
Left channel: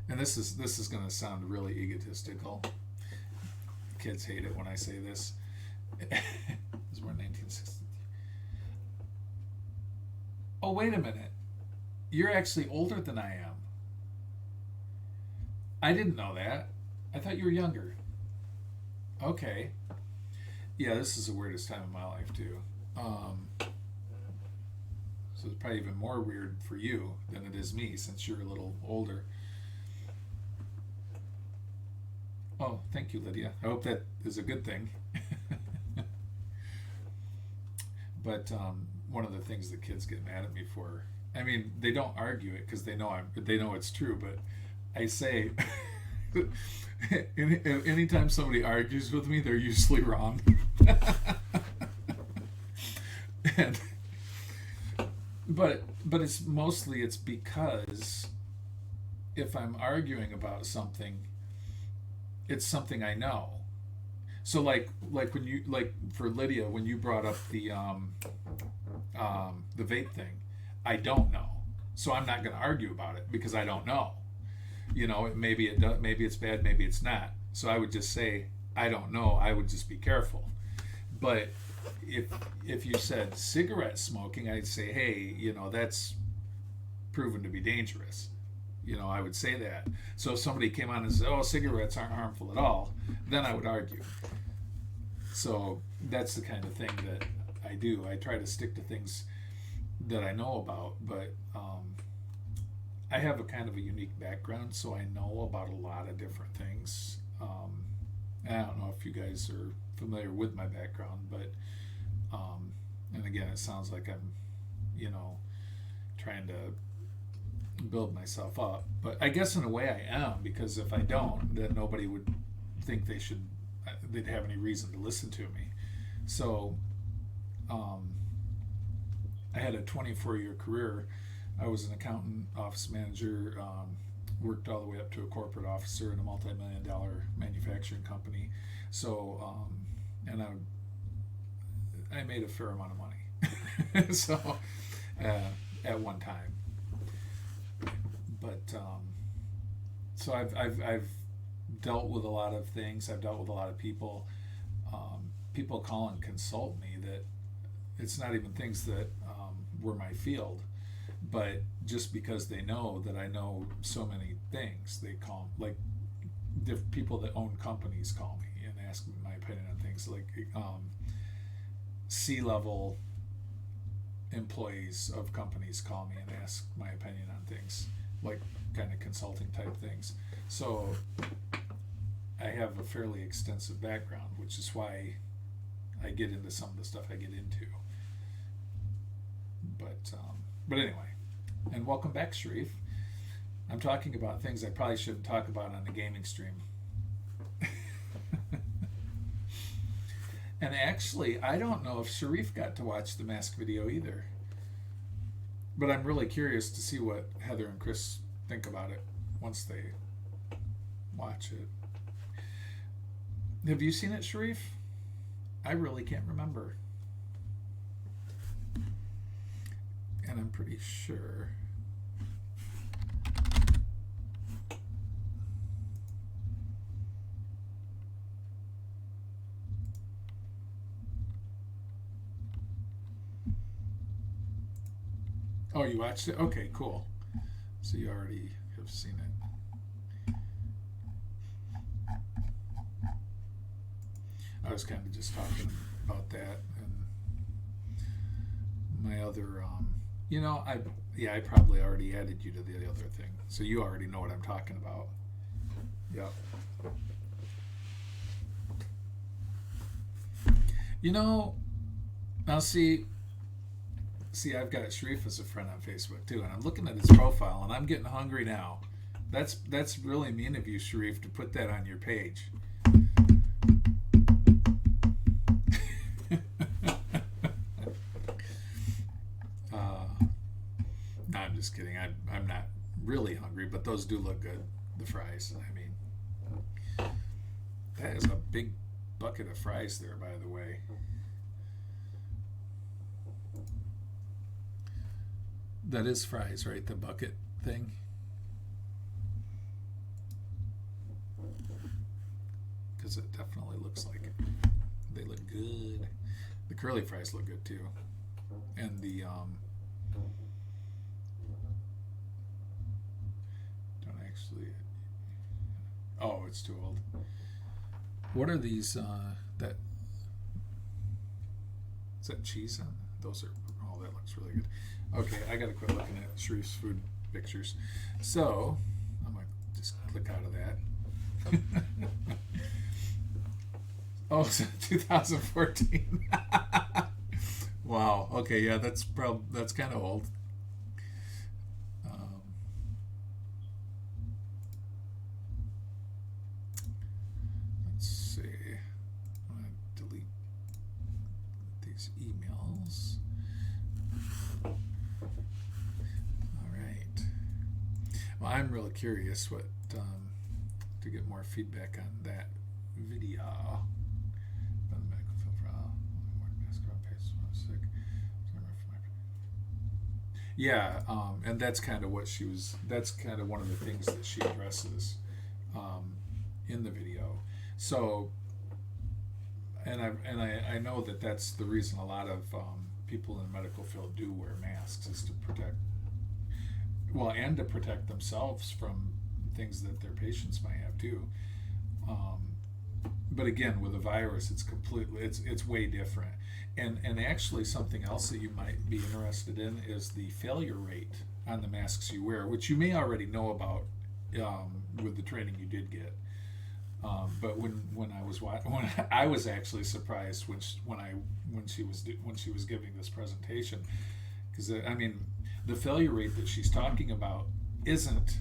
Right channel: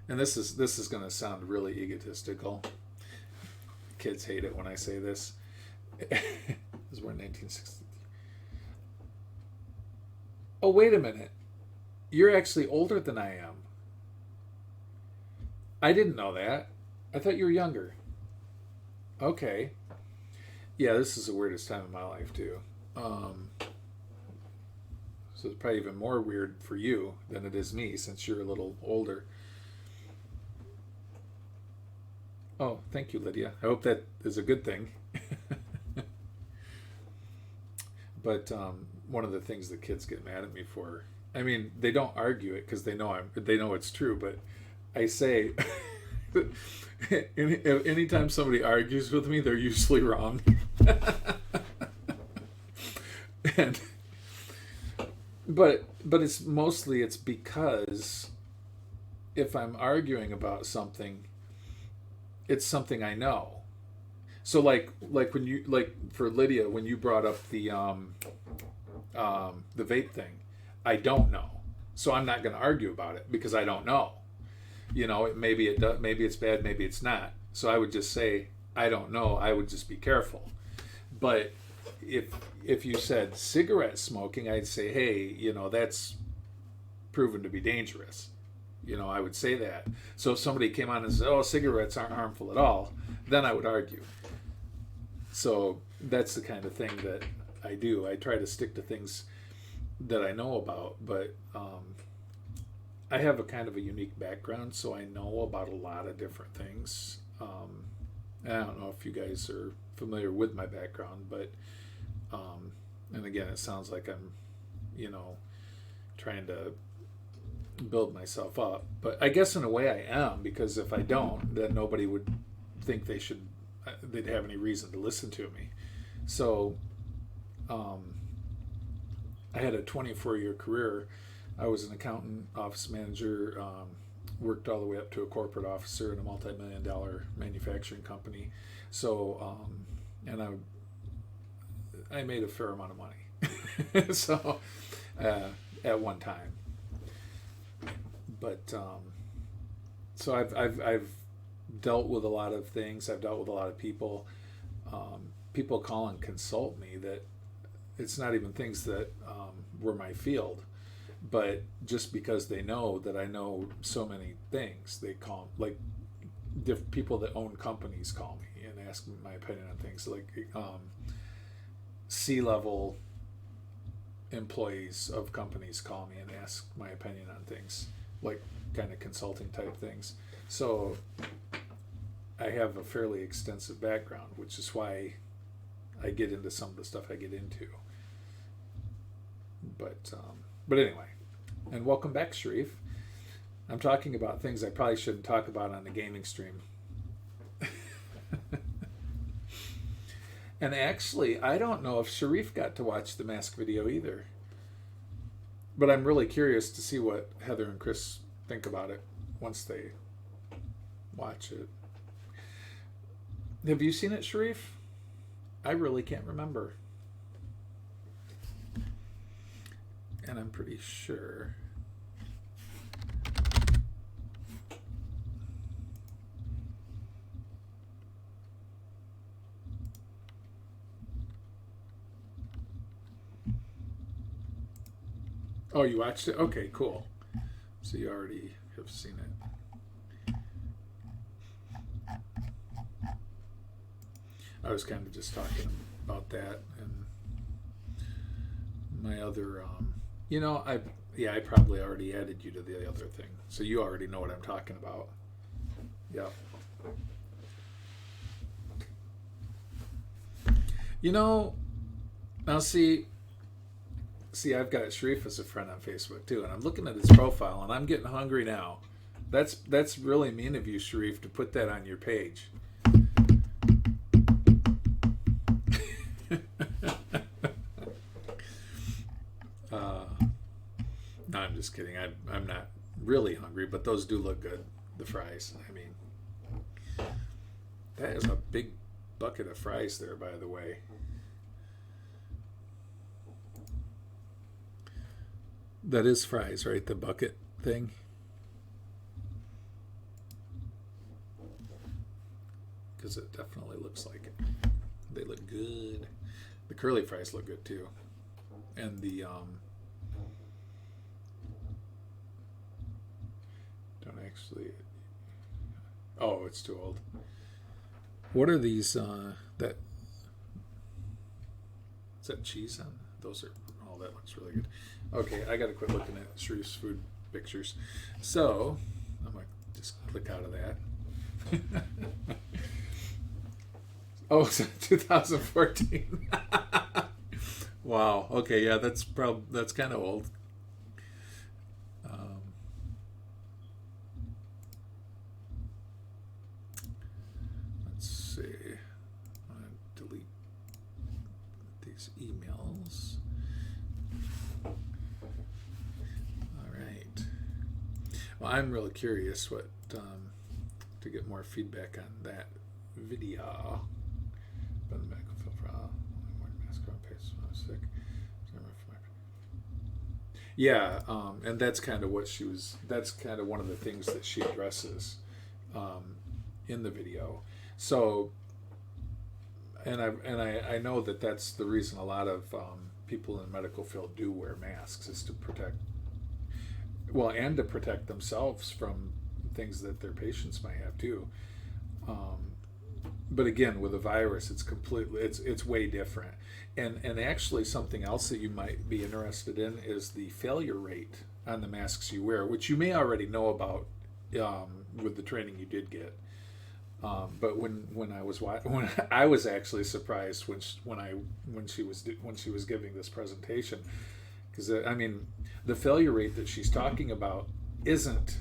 and this is going to sound really egotistical. Kids hate it when I say this. Because we're in 1960. Oh, wait a minute. You're actually older than I am. I didn't know that. I thought you were younger. Okay. Yeah, this is the weirdest time of my life, too. So it's probably even more weird for you than it is me, since you're a little older. Oh, thank you, Lydia. I hope that is a good thing. But one of the things that kids get mad at me for, I mean, they don't argue it because they know it's true, but I say anytime somebody argues with me, they're usually wrong. But it's because if I'm arguing about something, it's something I know. So like when you, like for Lydia, when you brought up the vape thing, I don't know, so I'm not going to argue about it because I don't know. Maybe it does, maybe it's bad, maybe it's not. So I would just say I don't know. I would just be careful. But if you said cigarette smoking, I'd say, hey, that's proven to be dangerous. I would say that. So if somebody came on and said, oh, cigarettes aren't harmful at all, then I would argue. So that's the kind of thing that I do. I try to stick to things that I know about, but I have a kind of a unique background, so I know about a lot of different things. I don't know if you guys are familiar with my background, but and again, it sounds like I'm, trying to build myself up, but I guess in a way I am, because if I don't, then nobody would think they'd have any reason to listen to me. So I had a 24-year career. I was an accountant, office manager, worked all the way up to a corporate officer in a multi-million-dollar manufacturing company. So and I made a fair amount of money. So at one time. But so I've dealt with a lot of things. I've dealt with a lot of people. People call and consult me that it's not even things that were my field, but just because they know that I know so many things, they call, like, people that own companies call me and ask me my opinion on things. Like C-level employees of companies call me and ask my opinion on things, like kind of consulting type things. So I have a fairly extensive background, which is why I get into some of the stuff I get into. But anyway, and welcome back, Sharif. I'm talking about things I probably shouldn't talk about on the gaming stream. And actually, I don't know if Sharif got to watch the mask video either. But I'm really curious to see what Heather and Chris think about it once they watch it. Have you seen it, Sharif? I really can't remember. And I'm pretty sure. Oh, you watched it? Okay, cool. So you already have seen it. I was kind of just talking about that and my other, I probably already added you to the other thing. So you already know what I'm talking about. Yep. Now see, I've got Sharif as a friend on Facebook too, and I'm looking at his profile, and I'm getting hungry now. That's really mean of you, Sharif, to put that on your page. No, I'm just kidding. I'm not really hungry, but those do look good. The fries. I mean, that is a big bucket of fries there, by the way. That is fries, right? The bucket thing. Because it definitely looks like it. They look good. The curly fries look good too. And the don't actually. Oh, it's too old. What are these? That is that cheese on? Those are. Oh, that looks really good. Okay, I gotta quit looking at Sharif's food pictures. So I'm gonna just click out of that. Oh, it's 2014. Wow. Okay, yeah, that's kind of old. Let's see. I'm gonna delete these emails. Well, I'm really curious what to get more feedback on that video. Yeah, and that's kind of what that's kind of one of the things that she addresses in the video. So I know that that's the reason a lot of people in the medical field do wear masks, is to protect, well, and to protect themselves from things that their patients might have too. But again, with a virus, it's way different. And actually, something else that you might be interested in is the failure rate on the masks you wear, which you may already know about with the training you did get. But when I was actually surprised when she was giving this presentation, because I mean, the failure rate that she's talking about isn't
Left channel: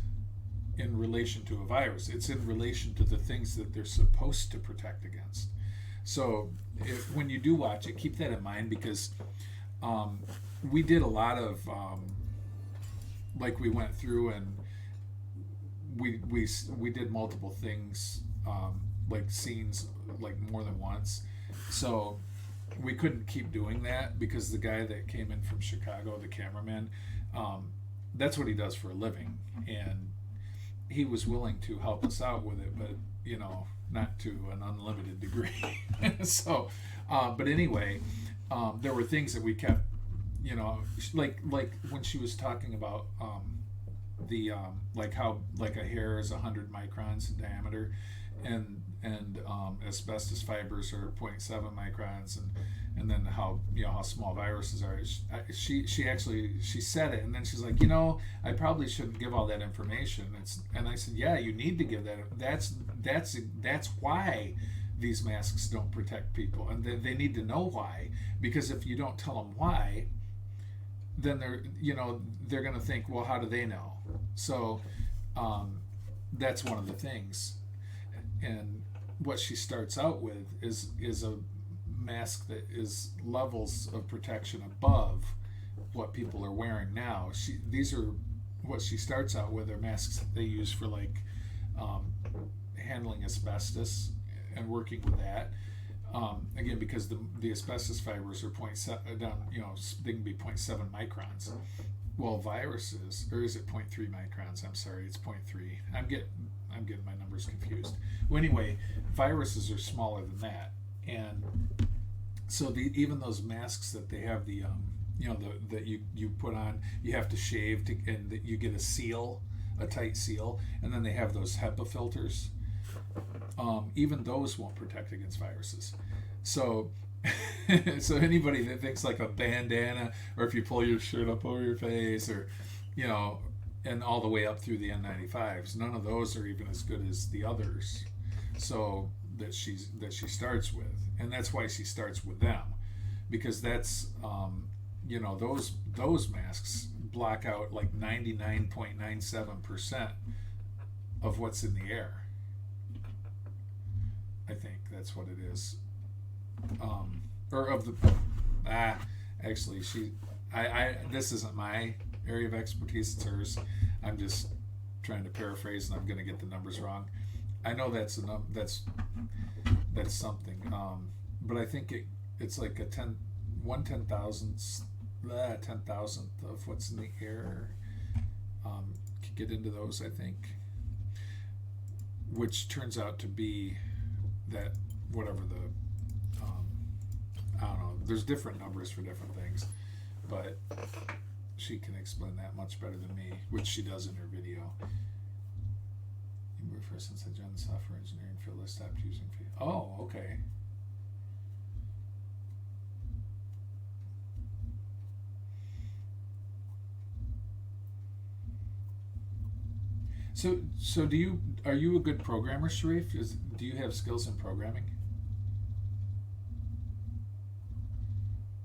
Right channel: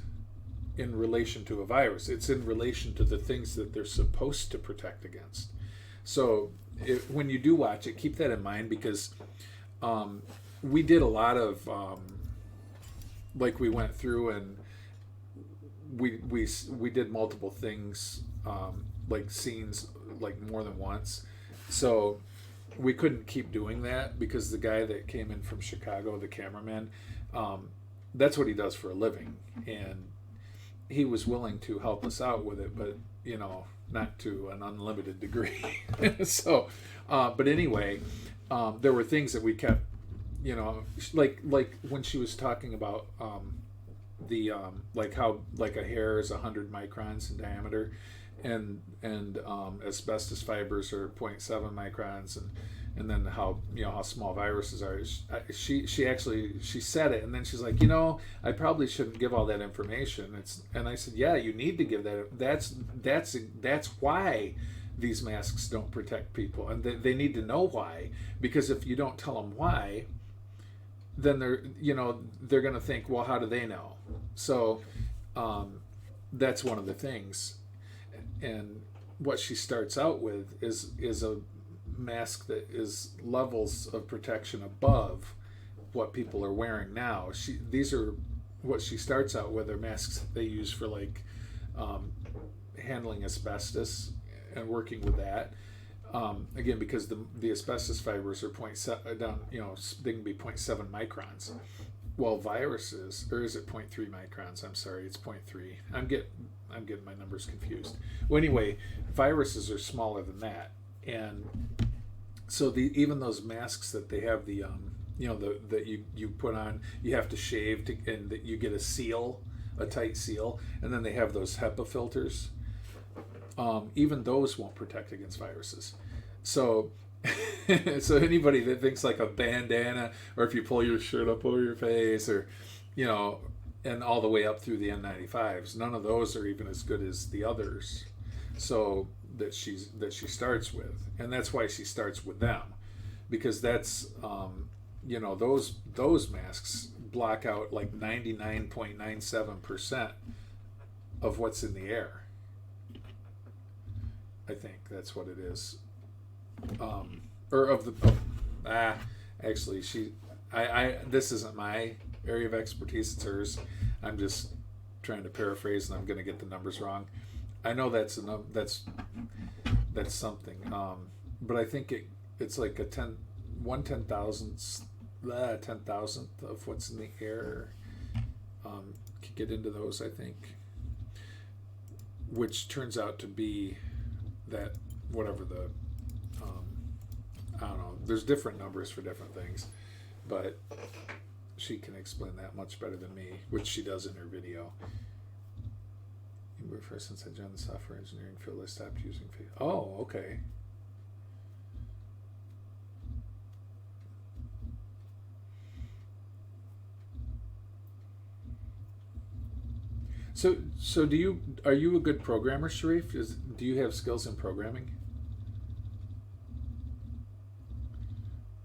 in relation to a virus. It's in relation to the things that they're supposed to protect against. So when you do watch it, keep that in mind, because we did a lot of like, we went through and we did multiple things, like scenes, like more than once. So we couldn't keep doing that, because the guy that came in from Chicago, the cameraman, that's what he does for a living, and he was willing to help us out with it, but not to an unlimited degree. So but anyway, there were things that we kept, like when she was talking about the like how, like, a hair is 100 microns in diameter, and asbestos fibers are 0.7 microns, and then how how small viruses are. She actually said it, and then she's like, I probably shouldn't give all that information. And I said, yeah, you need to give that. That's why these masks don't protect people, and they need to know why, because if you don't tell them why, then they're going to think, well, how do they know? So that's one of the things. And what she starts out with is a mask that is levels of protection above what people are wearing now. These are what she starts out with, are masks that they use for, like, handling asbestos and working with that. Again, because the asbestos fibers are 0.7 down, they can be 0.7 microns. Well, viruses, or is it 0.3 microns? I'm sorry, it's 0.3. I'm getting my numbers confused. Well, anyway, viruses are smaller than that, and so even those masks that they have, the that you put on, you have to shave and that you get a tight seal, and then they have those HEPA filters. Even those won't protect against viruses. So so anybody that thinks, like, a bandana, or if you pull your shirt up over your face, or and all the way up through the N95s, none of those are even as good as the others. So that she starts with, and that's why she starts with them, because that's those masks block out like 99.97% of what's in the air. I think that's what it is. Or of the actually, I this isn't my area of expertise, it's hers. I'm just trying to paraphrase, and I'm going to get the numbers wrong. I know that's something, but I think it's like a 10,000th of what's in the air. Could get into those, I think, which turns out to be that whatever the I don't know. There's different numbers for different things, but she can explain that much better than me, which she does in her video. Since I joined the software engineering field, I stopped using Oh, okay. So are you a good programmer, Sharif? Do you have skills in programming?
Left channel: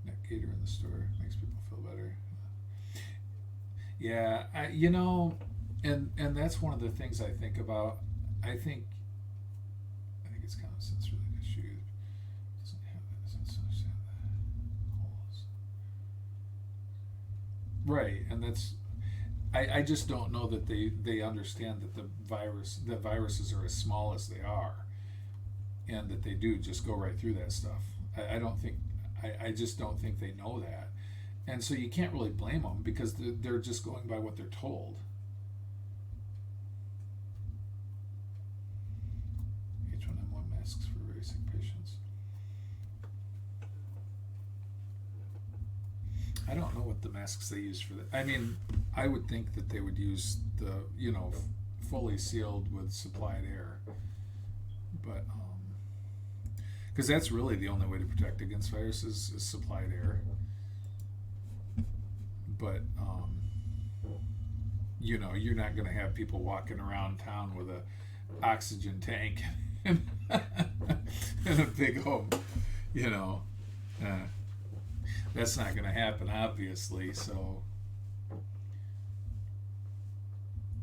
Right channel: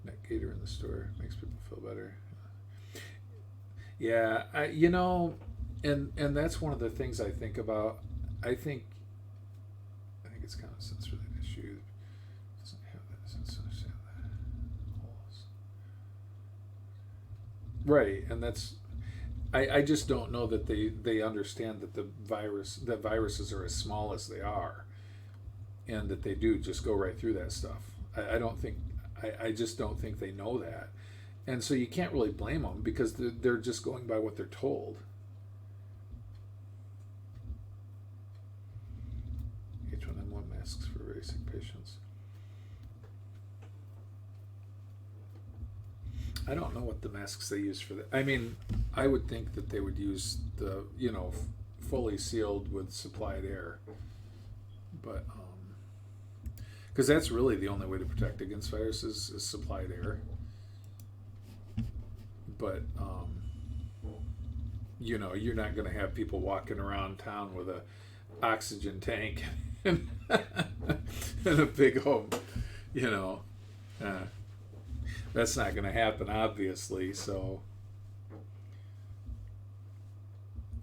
Netgator in the store makes people feel better. Yeah, and that's one of the things I think about. I think it's kind of a sense-related issue. It doesn't have that sense, understand that. Right, and that's. I just don't know that they understand that viruses are as small as they are, and that they do just go right through that stuff. I just don't think they know that, and so you can't really blame them, because they're just going by what they're told. H1N1 masks for very sick patients. I don't know what the masks they use for that. I mean, I would think that they would use the, fully sealed with supplied air. But, because that's really the only way to protect against viruses is supplied air. But, you're not going to have people walking around town with a oxygen tank and a big home, that's not going to happen, obviously. So,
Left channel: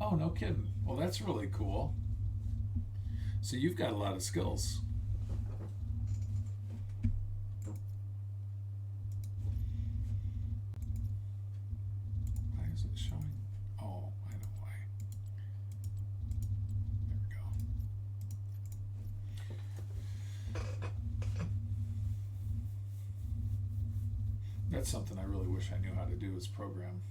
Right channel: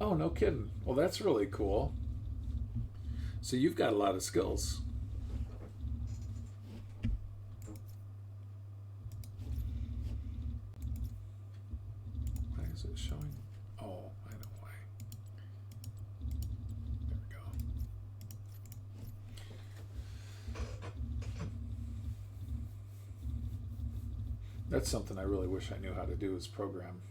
oh, no kidding. Well, that's really cool. So you've got a lot of skills. Why is it showing? Oh, I know why. There we go. That's something I really wish I knew how to do is program.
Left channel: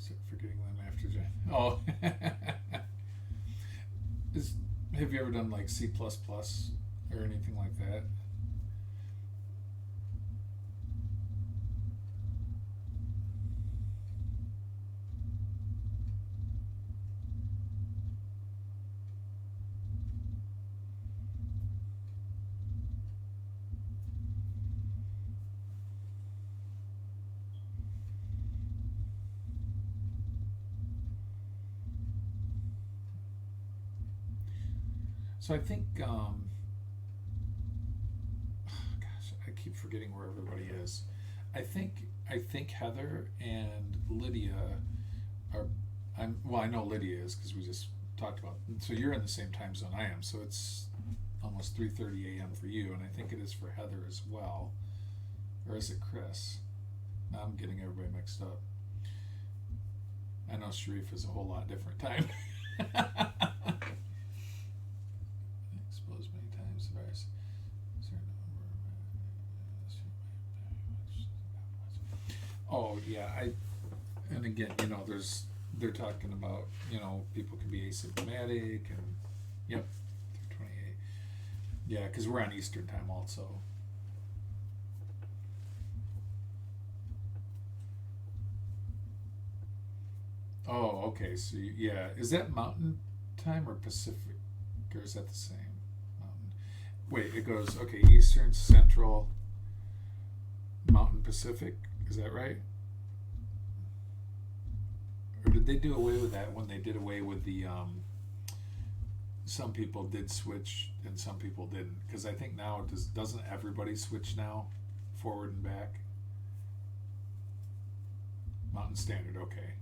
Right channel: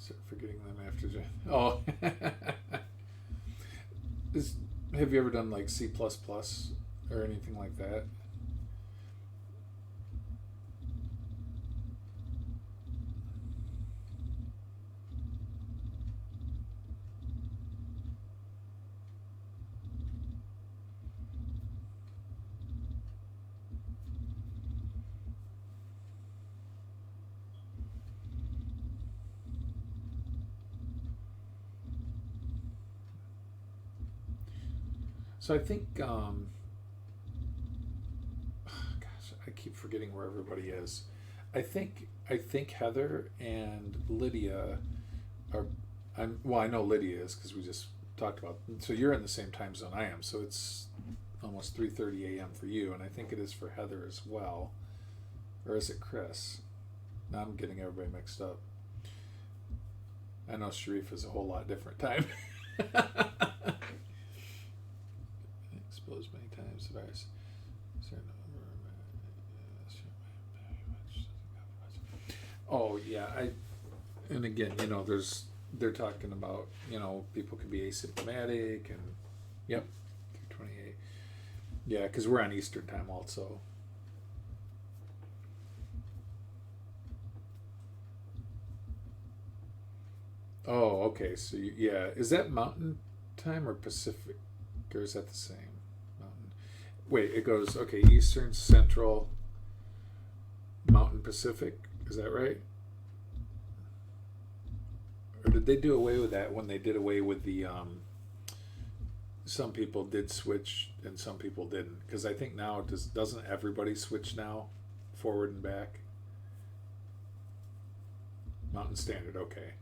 Start forgetting them after. Oh, have you ever done like C++ or anything like that? So I think, gosh, I keep forgetting where everybody is. I think Heather and Lydia are. I know Lydia is because we just talked about. So you're in the same time zone I am. So it's almost 3:30 a.m. for you, and I think it is for Heather as well, or is it Chris? Now I'm getting everybody mixed up. I know Sharif is a whole lot different time. Exposed many times. The virus. Oh yeah, and again, they're talking about, people can be asymptomatic and, yep, 28. Yeah, because we're on Eastern time also. Oh, okay. So yeah, is that Mountain Time or Pacific, or is that the same? Mountain. Wait, it goes Eastern, Central, Mountain, Pacific. Is that right? Or did they do away with that when they did away with the? Some people did switch and some people didn't, because I think now doesn't everybody switch now, forward and back? Mountain Standard, okay.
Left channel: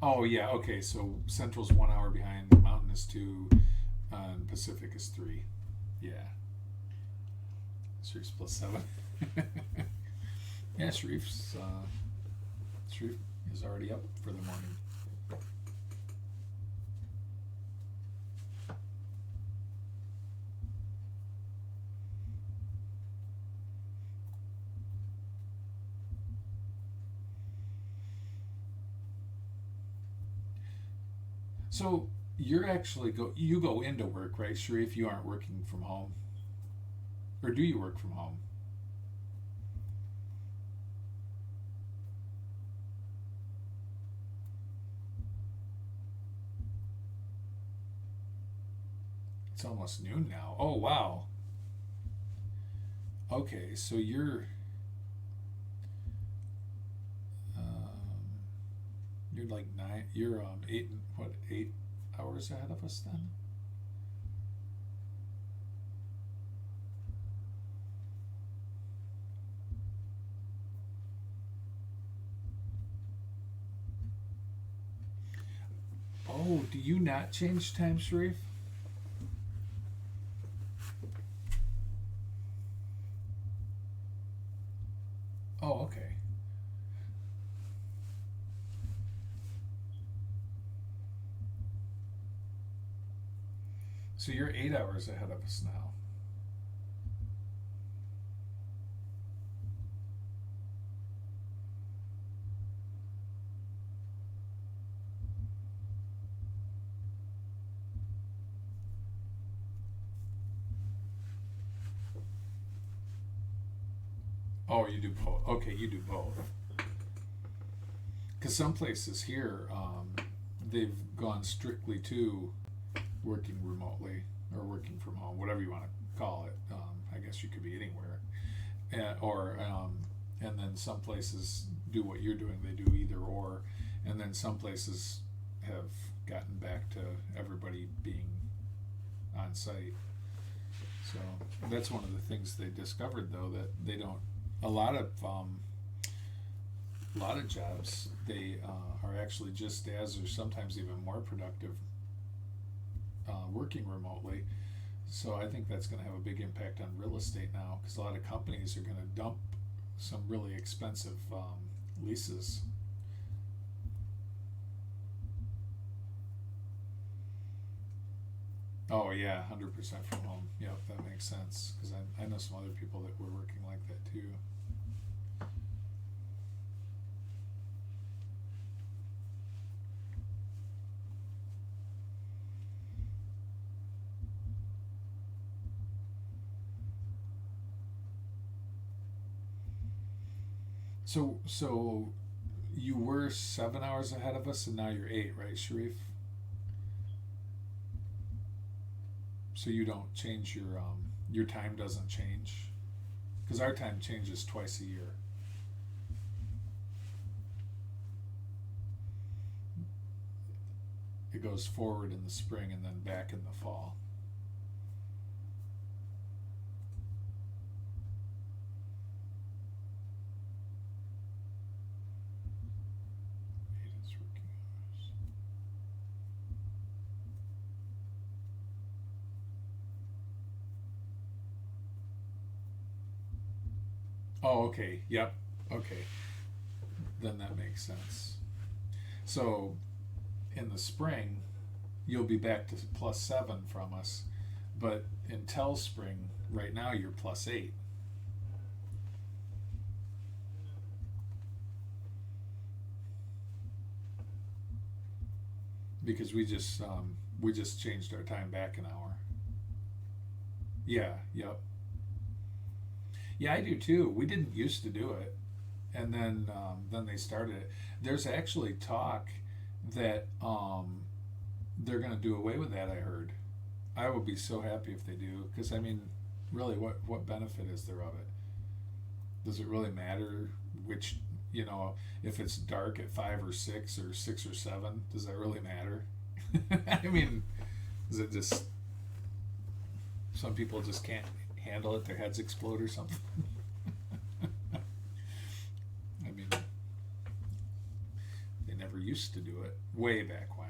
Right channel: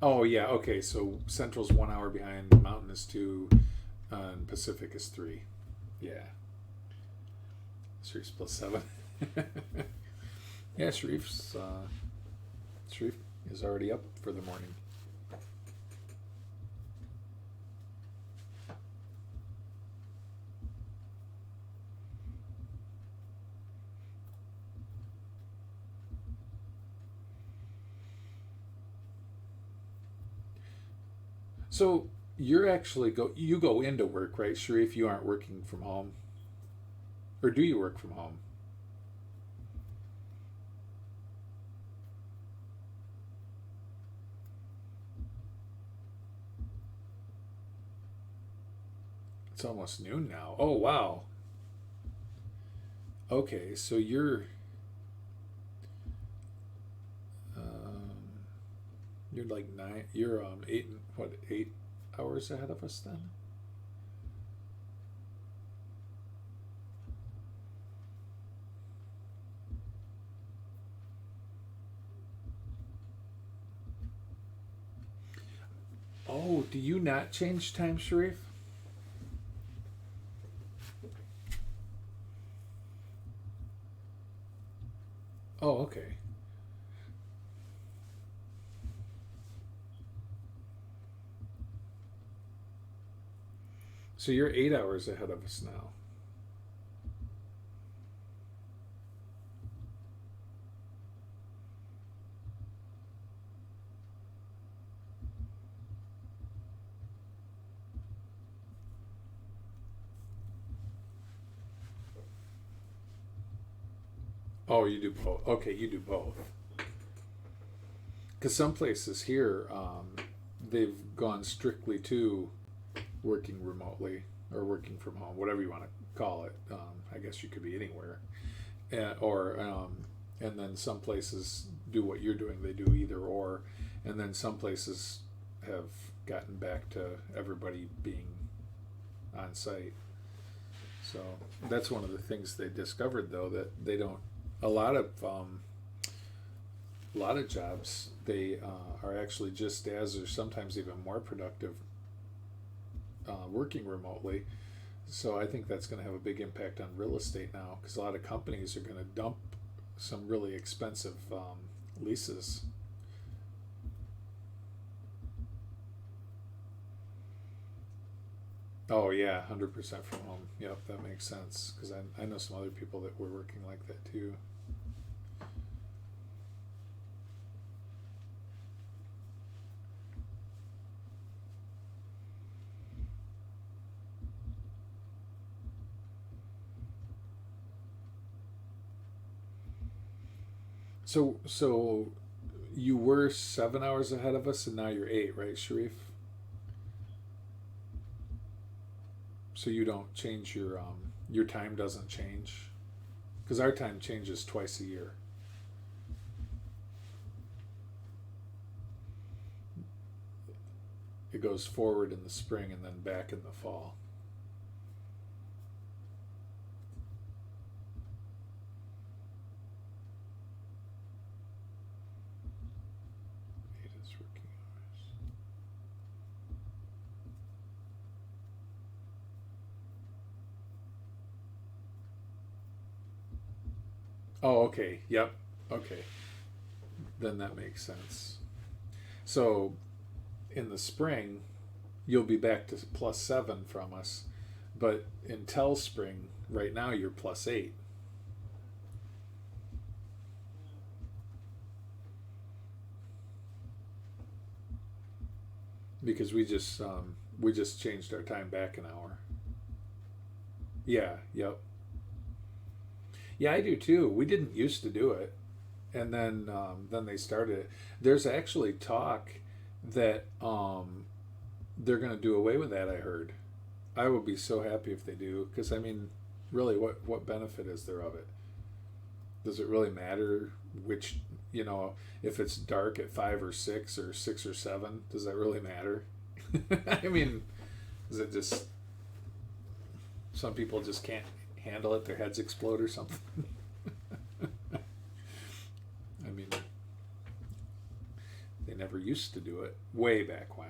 Oh yeah, okay. So Central's 1 hour behind, Mountain is 2, and Pacific is 3. Yeah. Sharif's +7. Yeah, Sharif is already up for the morning. So you're actually you go into work, right, Sharif? You aren't working from home, or do you work from home? It's almost noon now. Oh wow. Okay, so you're like 9. You're 8 hours ahead of us then. Oh, do you not change time, Sharif? Oh, okay. So you're 8 hours ahead of us now. Oh, you do both. Okay, you do both. Because some places here, they've gone strictly to working remotely or working from home, whatever you want to call it. I guess you could be anywhere, and then some places do what you're doing. They do either or, and then some places have gotten back to everybody being on site. So that's one of the things they discovered, though, that they don't. A lot of jobs they are actually just as, or sometimes even more productive working remotely. So I think that's going to have a big impact on real estate now, because a lot of companies are going to dump some really expensive leases. Oh yeah, 100% from home. Yep, that makes sense, because I know some other people that were working like that too. So you were 7 hours ahead of us, and now you're 8, right, Sharif? So you don't change your time doesn't change, because our time changes twice a year. It goes forward in the spring and then back in the fall. Oh, okay. Yep. Okay. Then that makes sense. So in the spring, you'll be back to +7 from us, but until spring, right now you're +8. Because we just changed our time back an hour. Yeah. Yep. Yeah, I do too. We didn't used to do it, and then they started it. There's actually talk that they're going to do away with that. I heard. I would be so happy if they do, because I mean, really, what benefit is there of it? Does it really matter which, if it's dark at 5 or 6 or 6 or 7? Does that really matter? I mean, is it just some people just can't handle it, their heads explode or something? I mean, they never used to do it way back when.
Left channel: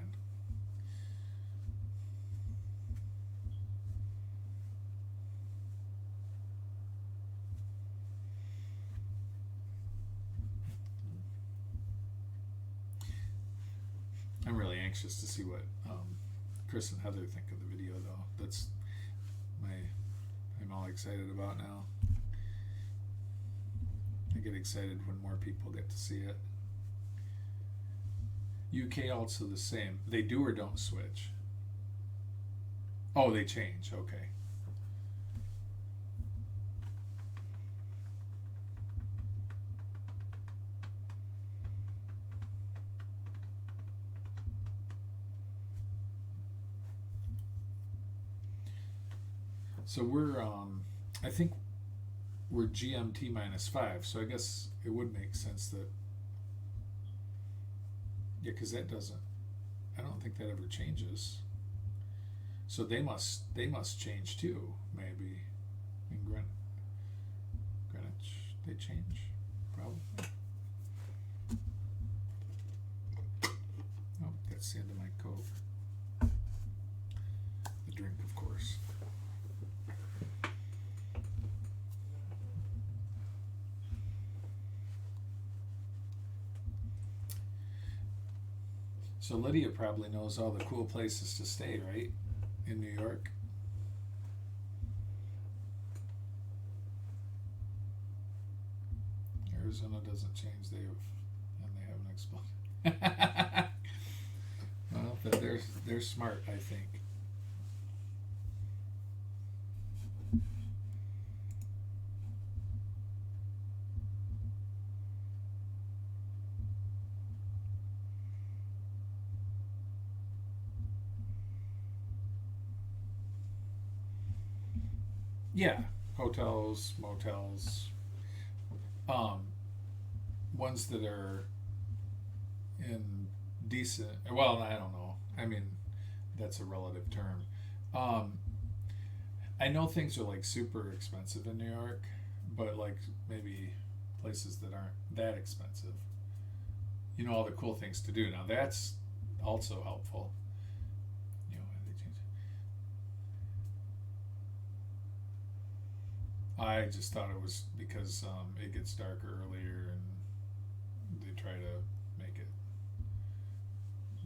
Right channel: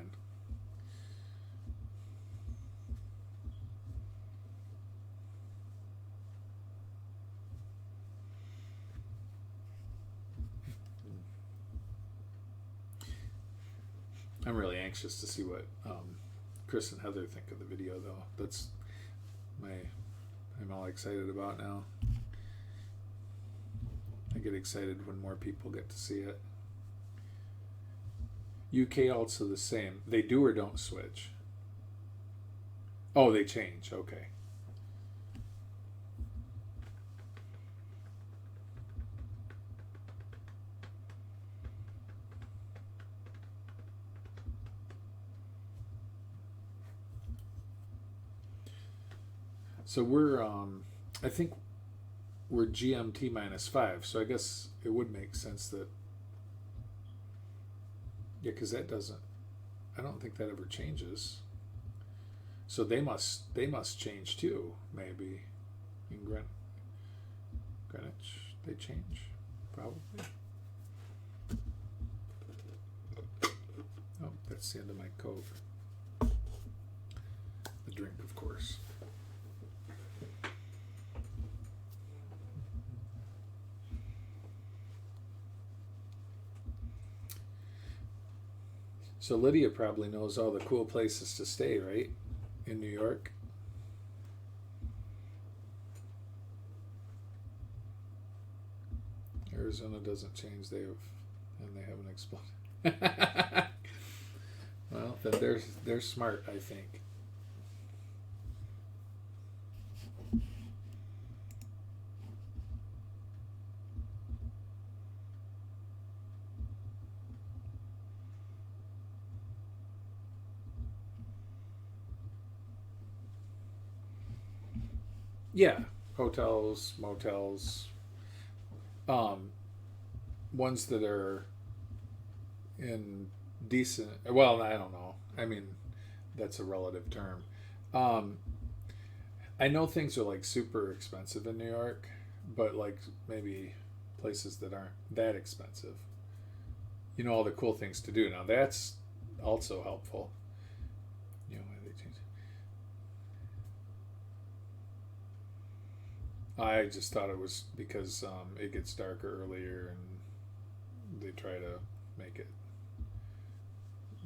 I'm really anxious to see what Chris and Heather think of the video, though. That's I'm all excited about now. I get excited when more people get to see it. UK also the same. They do or don't switch? Oh, they change. Okay. So we're, I think we're GMT -5. So I guess it would make sense that, yeah, because that doesn't, I don't think that ever changes. So they must change too, maybe. In Greenwich, they change, probably. Oh, that's the end of my Coke. The drink, of course. So Lydia probably knows all the cool places to stay, right? In New York. Arizona doesn't change. They haven't exploded. Well, then they're smart, I think. Yeah, hotels, motels, ones that are in decent. Well, I don't know. I mean, that's a relative term. Um, I know things are like super expensive in New York, but like maybe places that aren't that expensive. You know, all the cool things to do. Now that's also helpful. You know, why they change. I just thought it was because it gets darker earlier and they try to make it.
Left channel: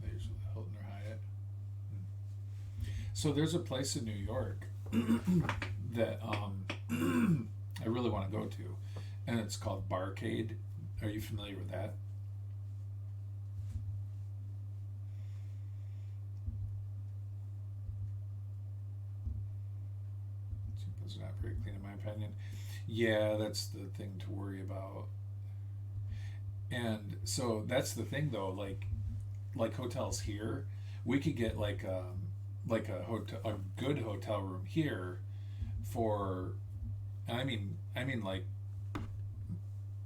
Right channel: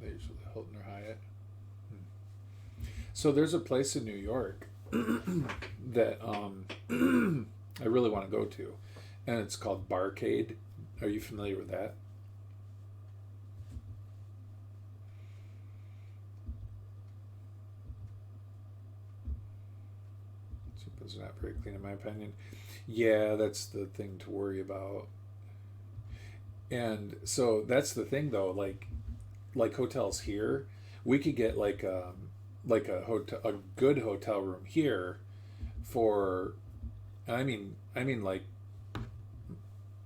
They usually Hilton or Hyatt. So there's a place in New York that I really want to go to, and it's called Barcade. Are you familiar with that? It's not very clean in my opinion. Yeah, that's the thing to worry about. And so that's the thing though, like hotels here, we could get like a good hotel room here for, I mean like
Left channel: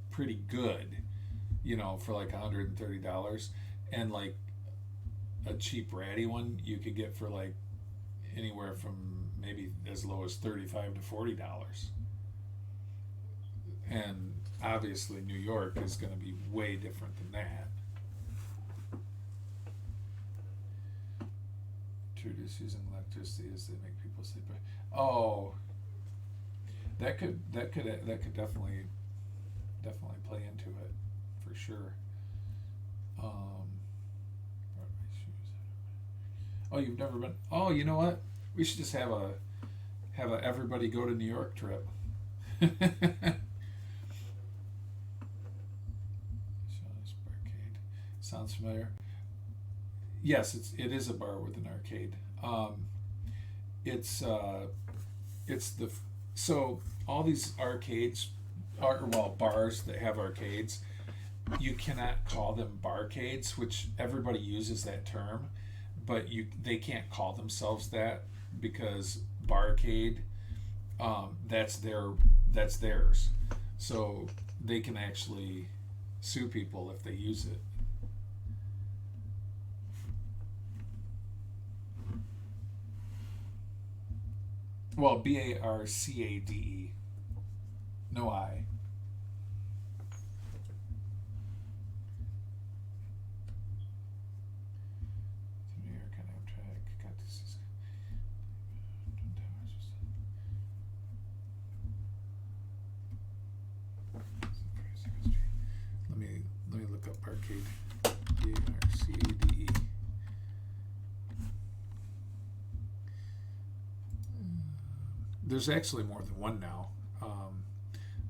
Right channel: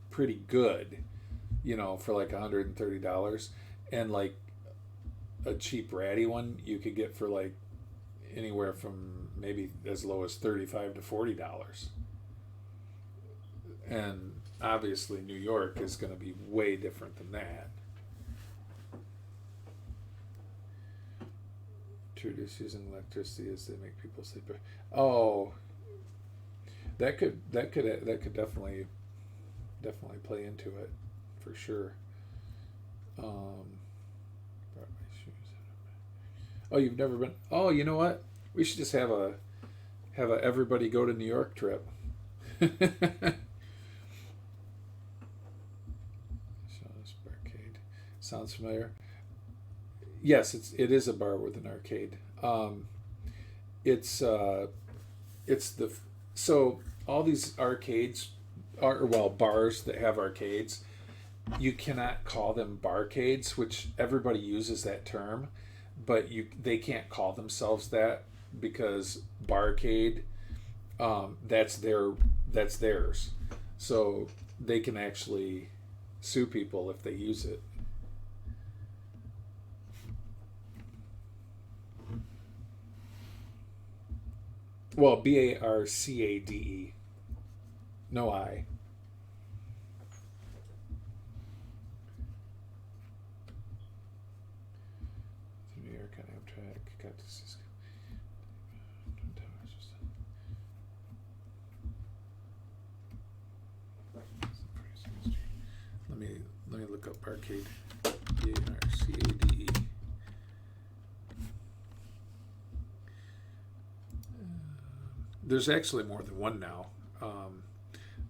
pretty good, you know, for like $130, and like a cheap ratty one you could get for like anywhere from maybe as low as $35 to $40. And obviously New York is going to be way different than that. Introduce using electricity as they make people sleep. Oh, that could definitely play into it for sure. Oh, you've never been? Oh, you know what? We should just have a everybody go to New York trip. Arcade sounds familiar. Yes, it is a bar with an arcade. It's the so all these arcades are, well, bars that have arcades. You cannot call them barcades, which everybody uses that term, but they can't call themselves that because barcade, that's theirs, so they can actually sue people if they use it. Well, Barcade, no I. New York on Amtrak, got to Cisco. Let me look up arcade. Barcade. There's actually more than one now,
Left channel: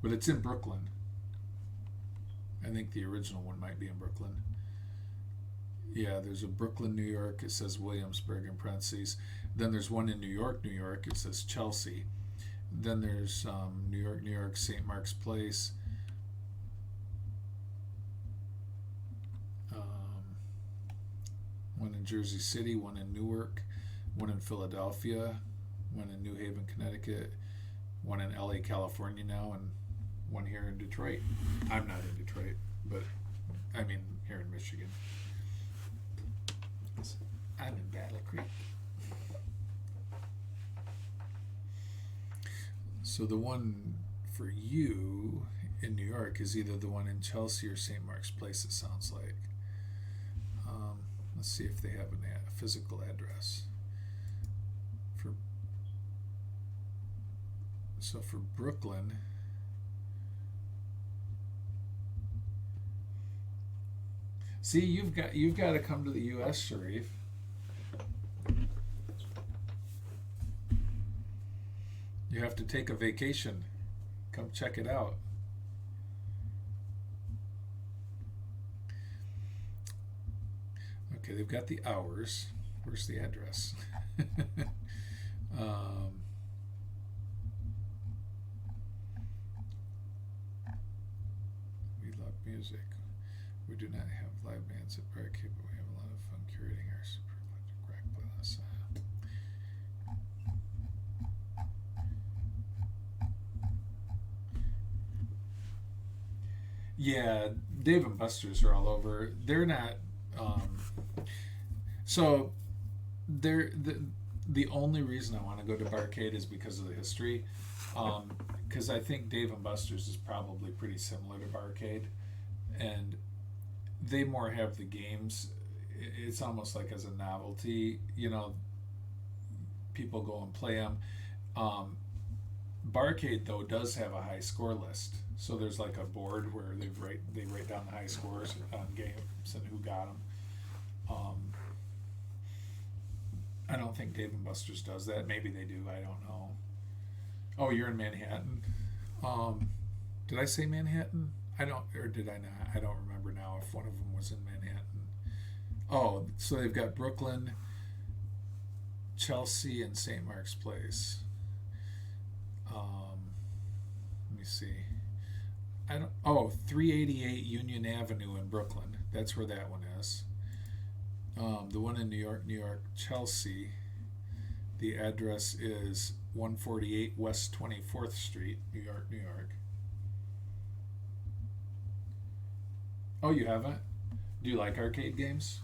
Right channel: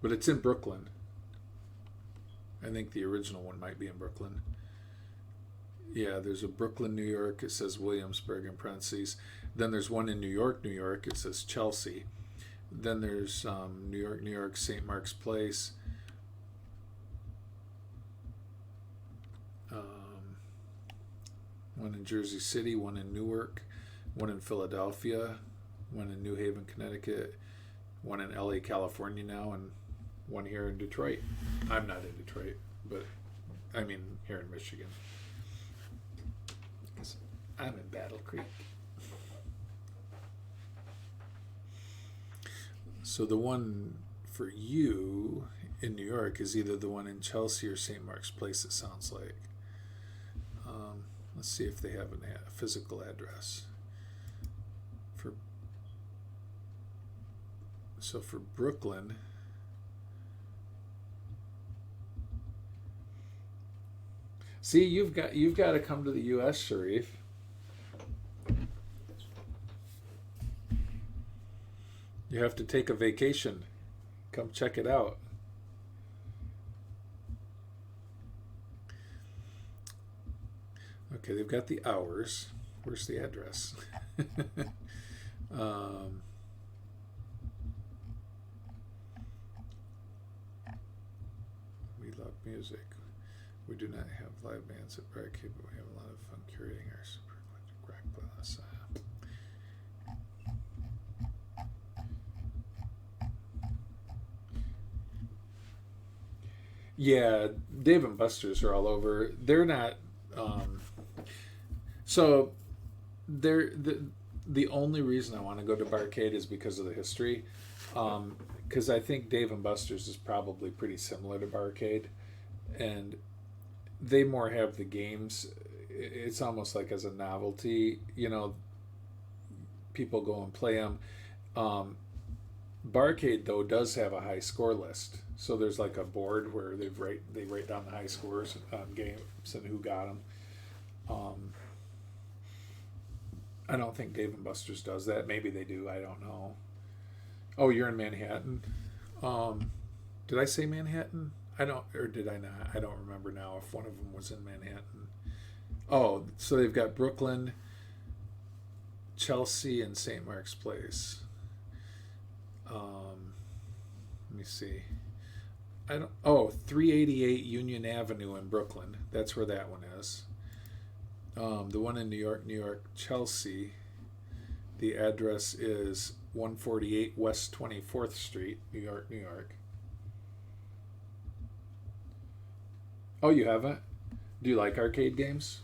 but it's in Brooklyn. I think the original one might be in Brooklyn. Yeah, there's a Brooklyn, New York. It says Williamsburg in parentheses. Then there's one in New York, New York. It says Chelsea. Then there's New York, New York, St. Mark's Place. One in Jersey City, one in Newark, one in Philadelphia, one in New Haven, Connecticut, one in LA, California now, and one here in Detroit. I'm not in Detroit, but I mean here in Michigan. I'm in Battle Creek. So the one for you in New York is either the one in Chelsea or St. Mark's Place, it sounds like. Let's see if they have a physical address. So for Brooklyn, see, you've got to come to the U.S., Sharif. You have to take a vacation. Come check it out. Okay, they've got the hours. Where's the address? We love music. We do not have live bands at Barricade, but we have a lot of fun curating our super electric rock playlist. Yeah, Dave and Buster's are all over. They're not. So they're the only reason I want to go to Barcade is because of the history. Because I think Dave and Buster's is probably pretty similar to Barcade, and they more have the games. It's almost like as a novelty, people go and play them. Barcade though does have a high score list, so there's like a board where they write down the high scores on games and who got them. I don't think Dave and Buster's does that. Maybe they do. I don't know. Oh, you're in Manhattan. Did I say Manhattan? Or did I not? I don't remember now if one of them was in Manhattan. Oh, so they've got Brooklyn, Chelsea, and St. Mark's Place. Let me see. 388 Union Avenue in Brooklyn. That's where that one is. The one in New York, Chelsea. The address is 148 West 24th Street, New York. Oh, you haven't? Do you like arcade games?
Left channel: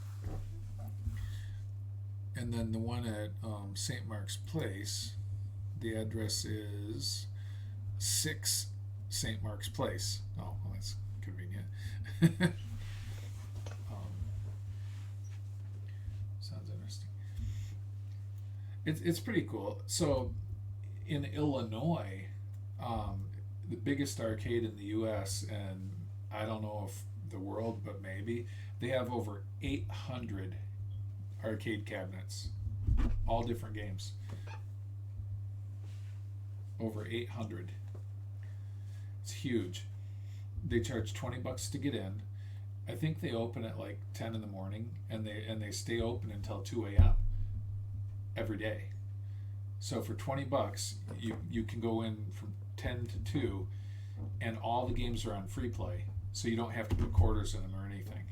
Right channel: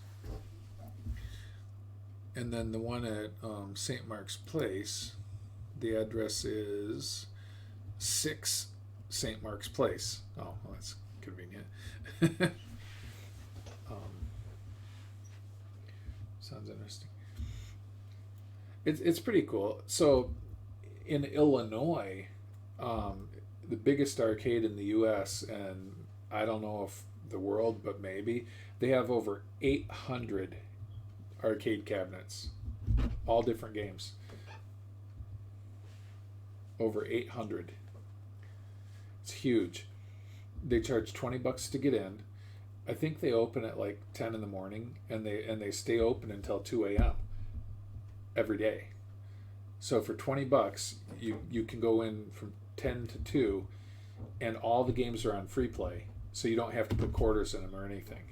And then the one at St. Mark's Place, the address is 6 St. Mark's Place. Oh, well, that's convenient. Sounds interesting. It's pretty cool. So in Illinois, the biggest arcade in the U.S., and I don't know if the world, but maybe, they have over 800 arcade cabinets, all different games. Over 800. It's huge. They charge $20 to get in. I think they open at like 10 in the morning, and they stay open until 2 a.m. every day. So for $20, you can go in from 10 to 2, and all the games are on free play, so you don't have to put quarters in them or anything.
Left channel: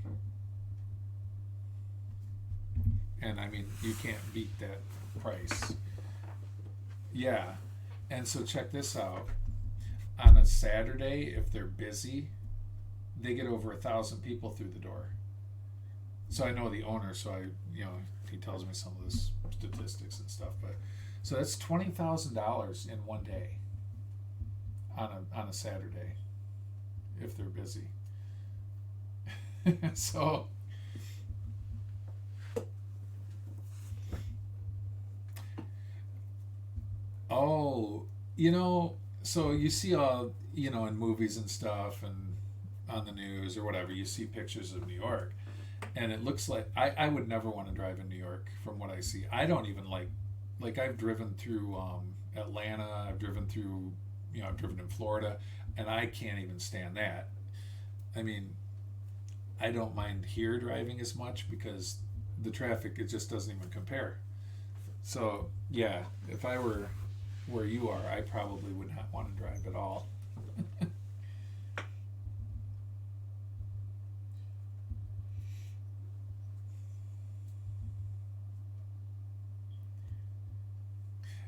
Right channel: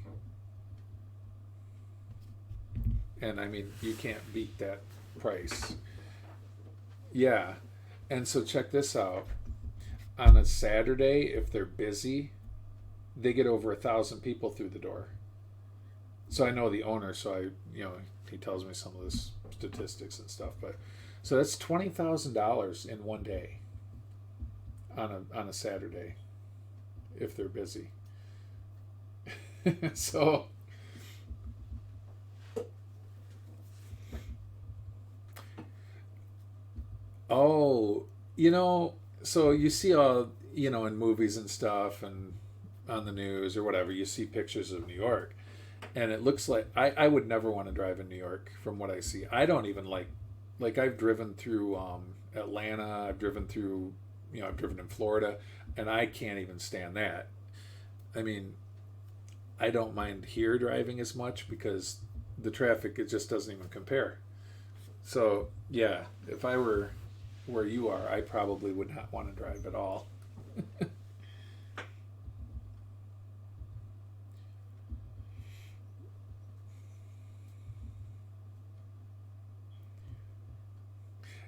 And I mean, you can't beat that price. Yeah. And so check this out. On a Saturday, if they're busy, they get over 1,000 people through the door. So I know the owner, so he tells me some of this statistics and stuff. But so that's $20,000 in one day on a Saturday if they're busy. So so you see all, in movies and stuff and on the news or whatever, you see pictures of New York, and it looks like I would never want to drive in New York from what I see. I don't even like I've driven through Atlanta, I've driven through, I've driven in Florida, and I can't even stand that. I mean, I don't mind here driving as much because the traffic, it just doesn't even compare. So yeah, if I were where you are, I probably would not want to drive at all.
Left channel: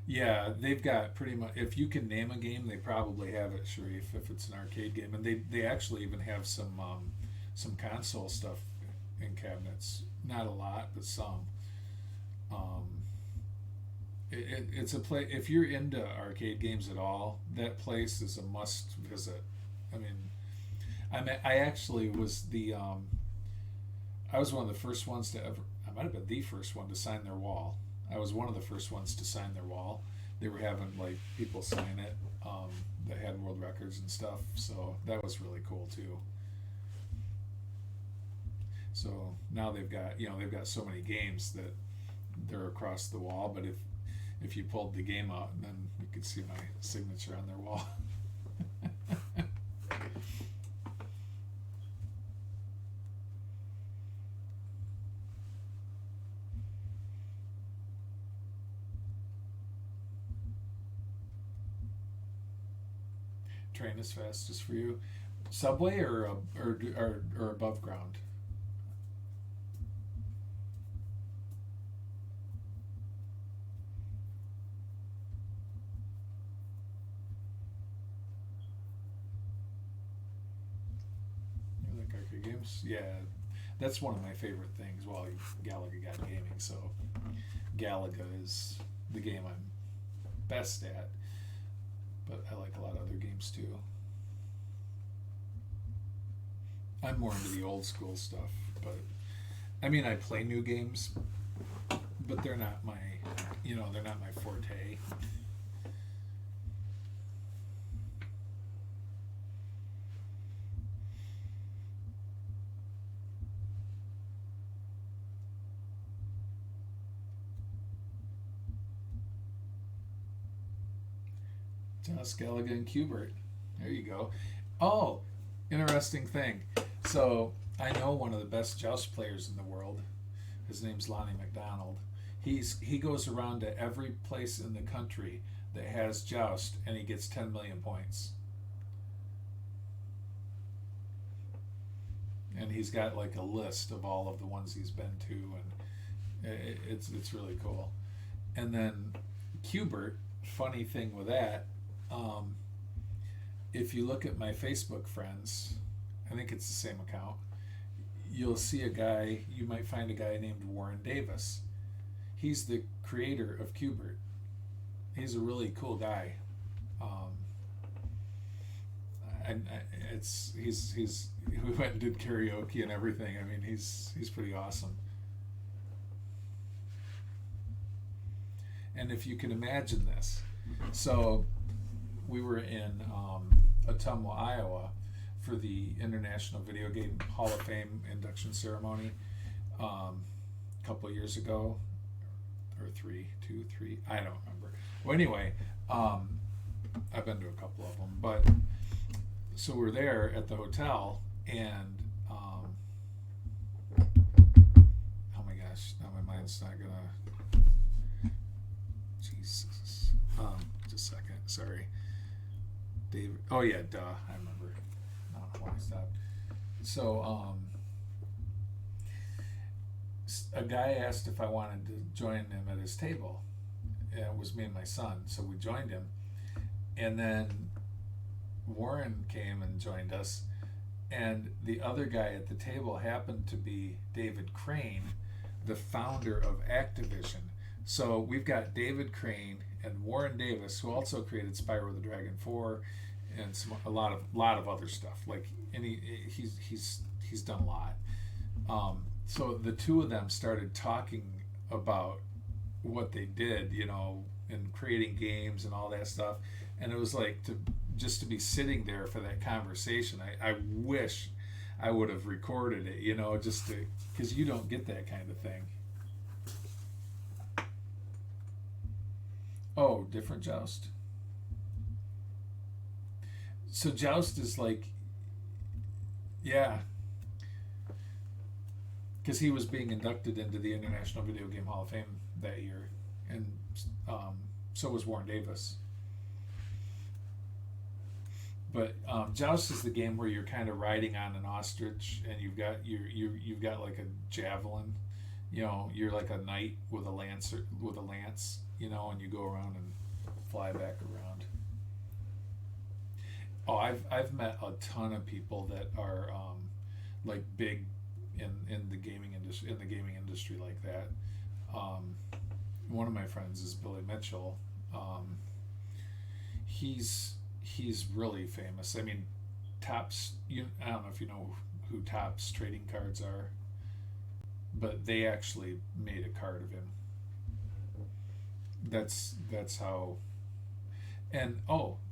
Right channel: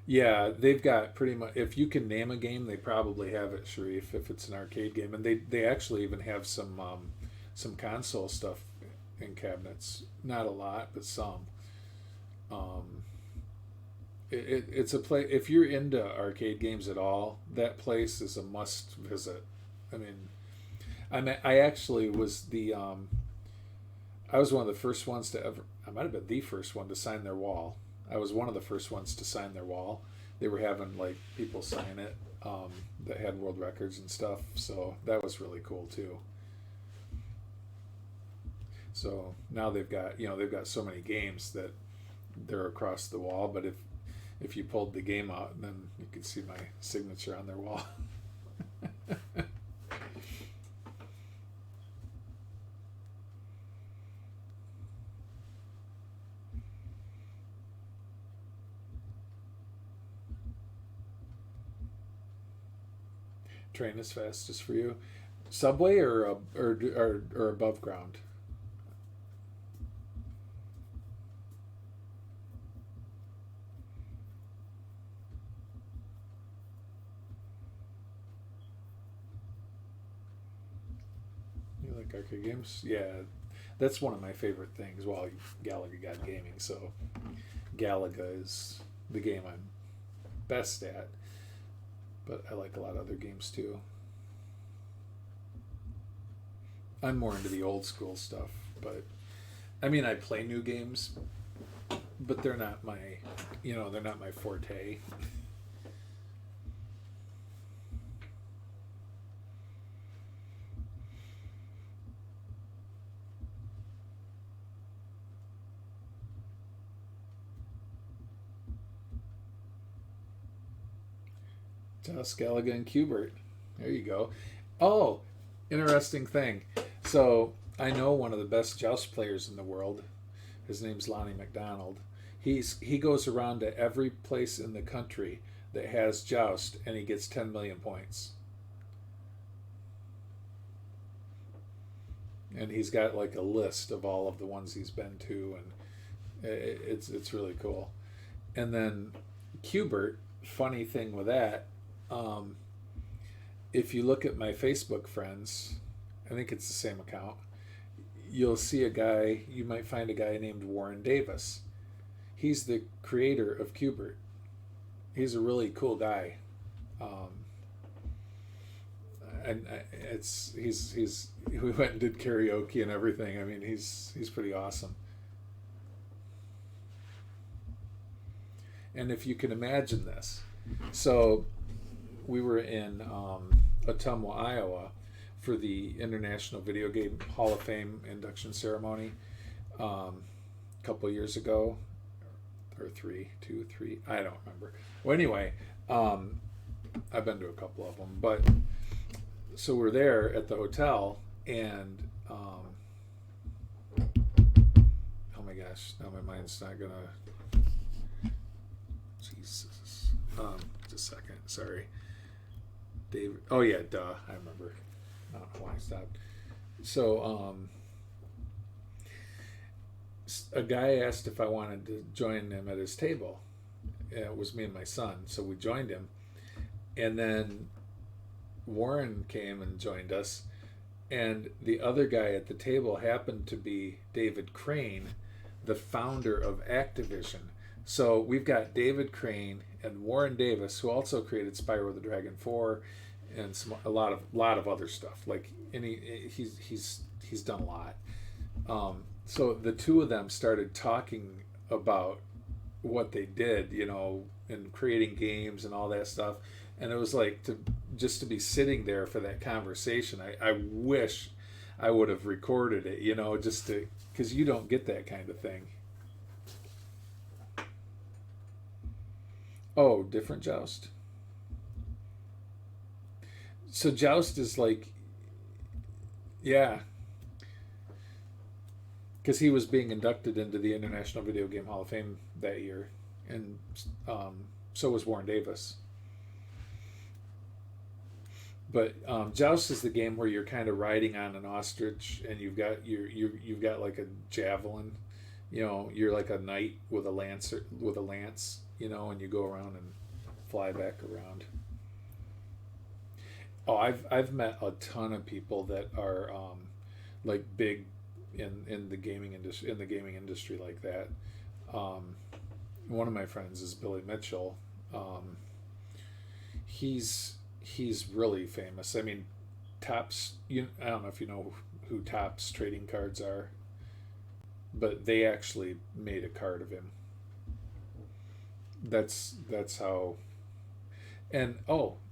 Yeah, they've got pretty much, if you can name a game, they probably have it, Sharif, if it's an arcade game. And they actually even have some console stuff in cabinets. Not a lot, but some. It's a place, if you're into arcade games at all, that place is a must visit. I mean, I actually was I was one of the first ones to ever, I might have been the first one to sign their wall. I was one of the first ones to sign their wall. They were having like people sign it that had world records and stuff, so that was really cool too. So now they've got so many games that they're across the wall, but if you pulled the game out, then you could see my signature on their wall. train is fastest for you? Subway or above ground? You like arcade games? Yeah, that's one of my favorite things. Well, Galaga got gaming, so Galaga is the game I'm best at. But I like a lot of other games too. I'm more into the old school stuff, but I mean, I play new games, but they're not my, they're not my forte. Joust, Galaga, and Qbert. There you go. Oh, interesting thing. So I know one of the best Joust players in the world. His name's Lonnie McDonald. He goes around to every place in the country that has Joust, and he gets 10 million points. And he's got like a list of all of the ones he's been to, and it's really cool. And then Qbert, funny thing with that, if you look at my Facebook friends, I think it's the same account, you'll see a guy, you might find a guy named Warren Davis. He's the creator of Qbert. He's a really cool guy. And we went and did karaoke and everything. I mean, he's pretty awesome. And if you can imagine this, so we were in Ottumwa, Iowa, for the International Video Game Hall of Fame induction ceremony a couple of years ago, or three, I don't remember. Well, anyway, I've been to a couple of them, but so we're there at the hotel, and oh my gosh, now my mind's not gonna. Jesus, just a second, sorry. David. Oh yeah, duh. I remember. Why I stopped. So, a guy asked if I wanted to join him at his table. It was me and my son, so we joined him, and then Warren came and joined us, and the other guy at the table happened to be David Crane, the founder of Activision. So we've got David Crane and Warren Davis, who also created Spyro the Dragon 4 and a lot of other stuff. Like he's done a lot. So the two of them started talking about what they did, and creating games and all that stuff. And it was like to be sitting there for that conversation. I wish I would have recorded it, just to, because you don't get that kind of thing. Oh, different Joust. So Joust is like, yeah, because he was being inducted into the International Video Game Hall of Fame that year, and so was Warren Davis. But Joust is the game where you're kind of riding on an ostrich, and you've got like a javelin, you're like a knight with a lance, and you go around and fly back around. Oh, I've met a ton of people that are like big in the gaming industry like that. One of my friends is Billy Mitchell. He's really famous. I mean, Topps. I don't know if you know who Topps trading cards are, but they actually made a card of him. That's how. And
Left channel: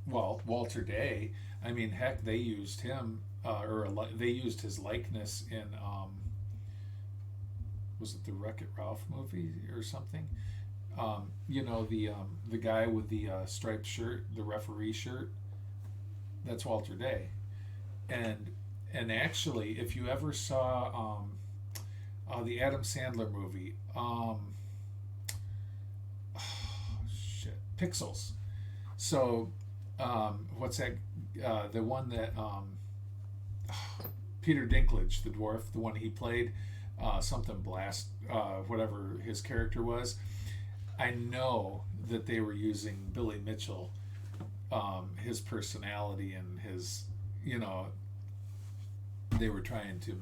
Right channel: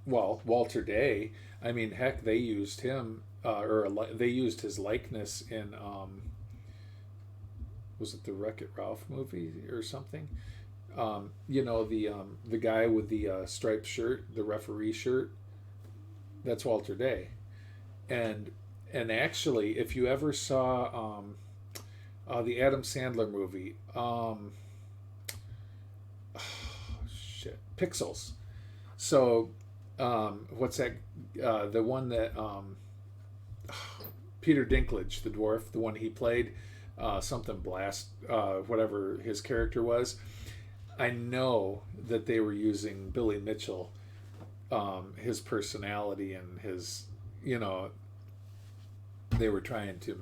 Walter Day. I mean, heck, they used him, they used his likeness in. Was it the Wreck-It Ralph movie or something? The guy with the striped shirt, the referee shirt. That's Walter Day, and actually, if you ever saw the Adam Sandler movie, Pixels. So what's that? The one that Peter Dinklage, the dwarf, the one he played, something Blast, whatever his character was. I know that they were using Billy Mitchell, his personality and his, they were trying to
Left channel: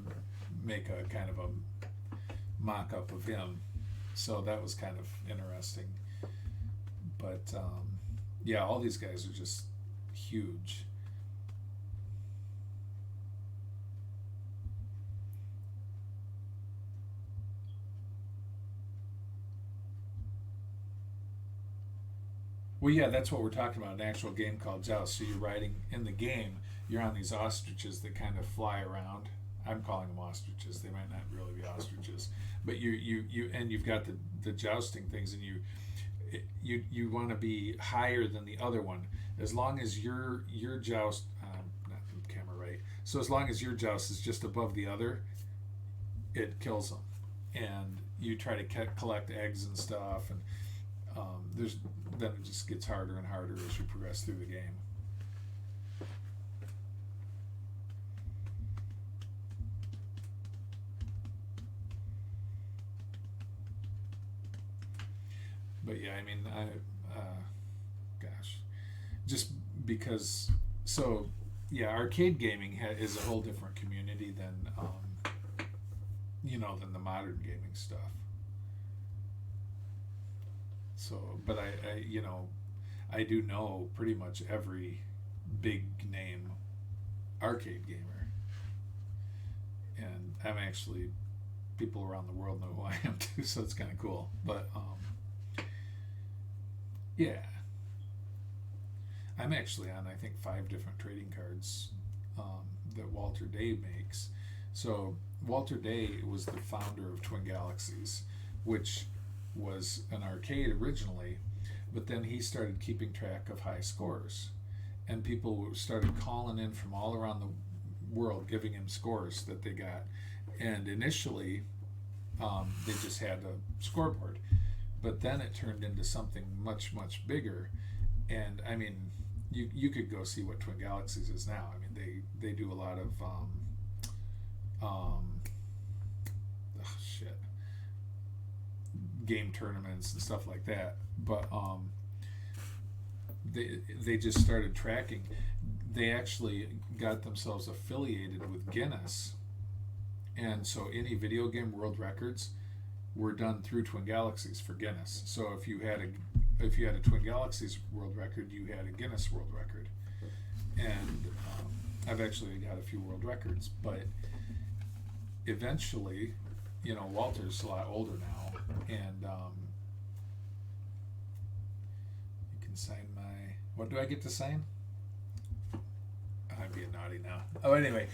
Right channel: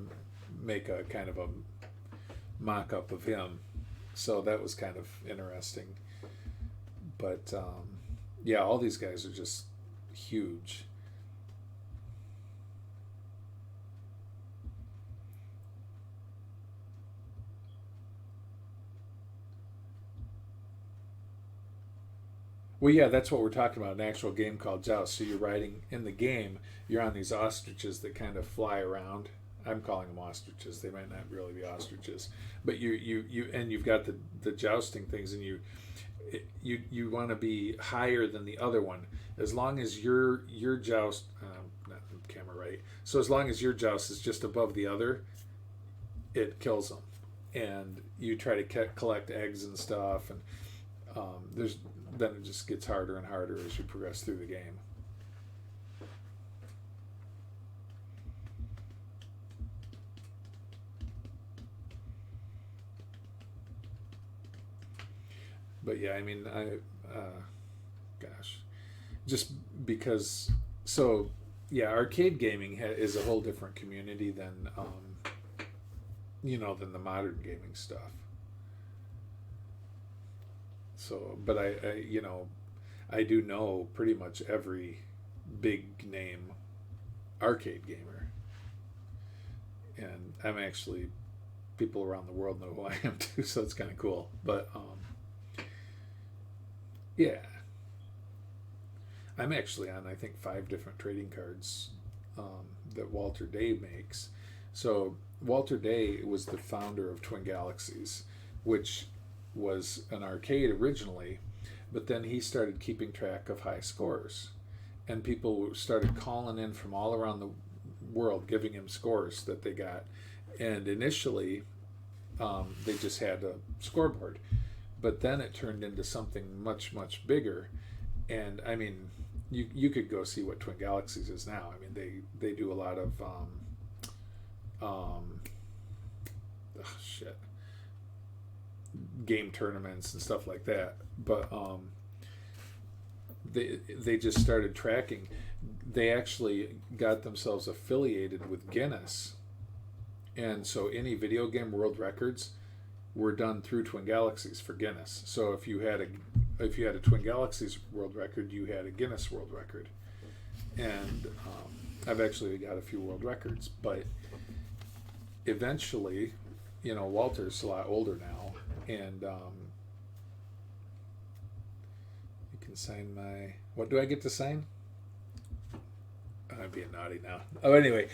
make a kind of a mock-up of him. So that was kind of interesting. But, yeah, all these guys are just huge. Well, yeah, that's what we're talking about, an actual game called Joust. So you're riding, in the game, you're on these ostriches that kind of fly around. I'm calling them ostriches. They might not really be ostriches. But you've got the jousting things, and you want to be higher than the other one. As long as your joust, not the camera right, so as long as your joust is just above the other, it kills them. And you try to collect eggs and stuff, and then it just gets harder and harder as you progress through the game. But yeah, I mean, gosh, just because. So yeah, arcade gaming is a whole different community than than the modern gaming stuff. So, but I do know pretty much every big name arcade gamer, and I'm actually, people around the world know who I am too, so it's kind of cool. But yeah, I'm actually on, I think, 5 different trading cards that Walter Day makes. So Walter Day was the founder of Twin Galaxies, which was an arcade originally, but then he started keeping track of high scores, and people started calling in from all around the world giving him scores that they got. And initially they just had a scoreboard, but then it turned into something much, much bigger. And I mean, you could go see what Twin Galaxies is now. I mean, they do a lot of game tournaments and stuff like that. But they just started tracking. They actually got themselves affiliated with Guinness, and so any video game world records were done through Twin Galaxies for Guinness. So if you had a Twin Galaxies world record, you had a Guinness world record. And I've actually got a few world records, but eventually, Walter's a lot older now, and you can sign my. What do I get to sign? I'm being naughty now. Oh, anyway,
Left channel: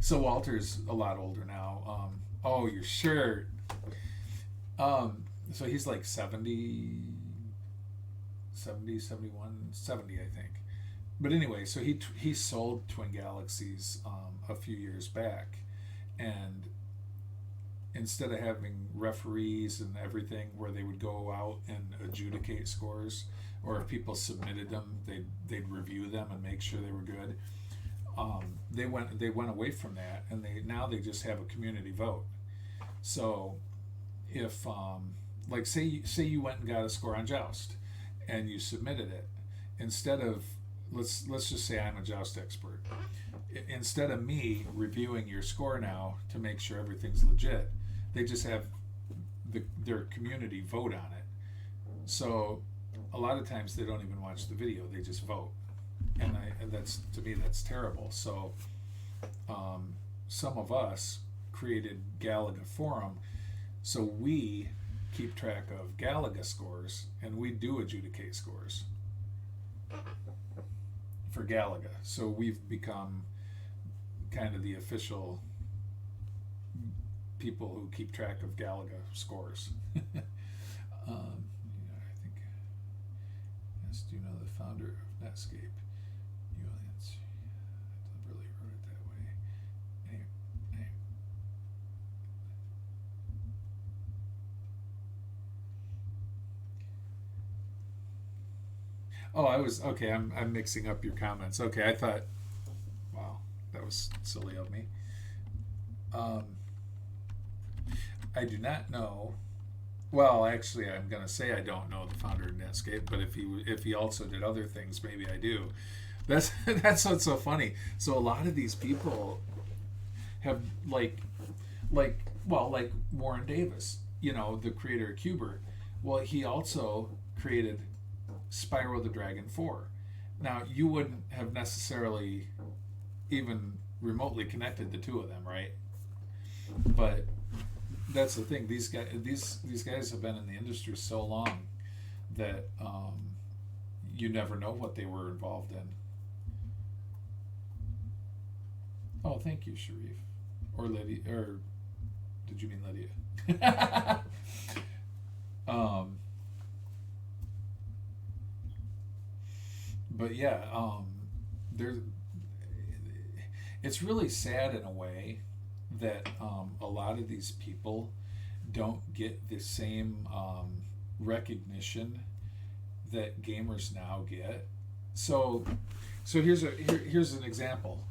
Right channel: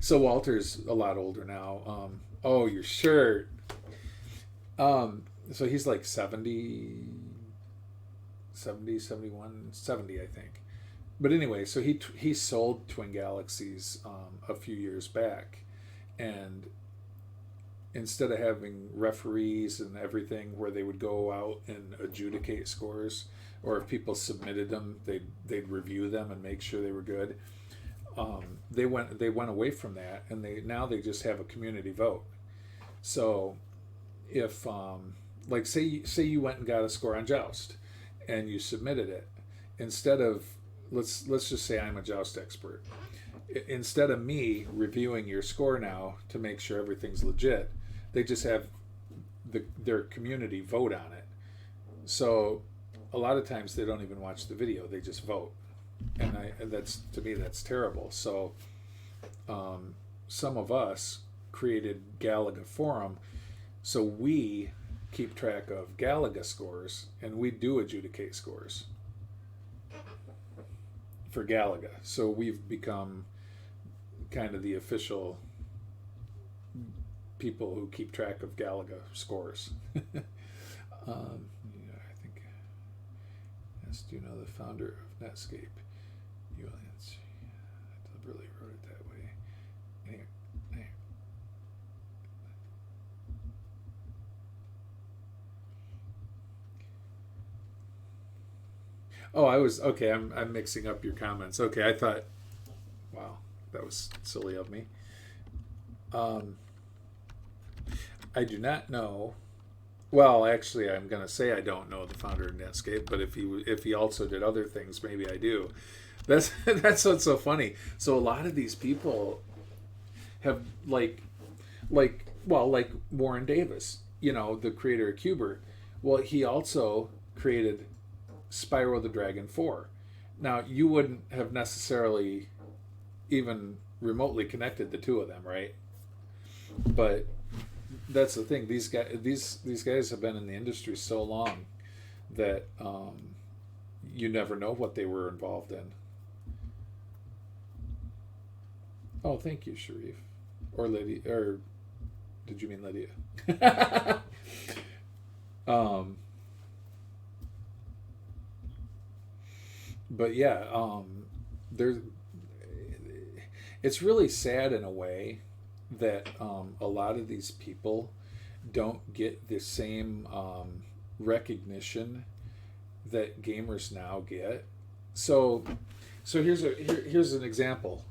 so Walter's a lot older now. Oh, your shirt. So he's like 70, 71, 70, I think. But anyway, so he sold Twin Galaxies a few years back, and instead of having referees and everything where they would go out and adjudicate scores, or if people submitted them, they'd review them and make sure they were good. They went away from that, and they just have a community vote. So if like say you went and got a score on Joust and you submitted it, instead of let's just say I'm a Joust expert, instead of me reviewing your score now to make sure everything's legit, they just have their community vote on it. So a lot of times they don't even watch the video, they just vote. And that's, to me, that's terrible. So some of us created Galaga Forum, so we keep track of Galaga scores, and we do adjudicate scores for Galaga. So we've become kind of the official people who keep track of Galaga scores. Yeah, I think, yes, do you know the founder of Netscape? I deliberately wrote it that way. Anyway. Oh, I was okay. I'm mixing up your comments. Okay, I thought. Wow, that was silly of me. I do not know. Well, actually, I'm going to say I don't know the founder of Netscape, but if he also did other things, maybe I do. That's what's so funny. So a lot of these people have like Warren Davis, the creator of Qbert. Well, he also created Spyro the Dragon 4. Now, you wouldn't have necessarily even remotely connected the two of them, right? But that's the thing. These guys have been in the industry so long that you never know what they were involved in. Oh, thank you, Sharif. Or Lydia. Or did you mean Lydia? But yeah, there's. It's really sad in a way that a lot of these people don't get the same recognition that gamers now get. So here's an example.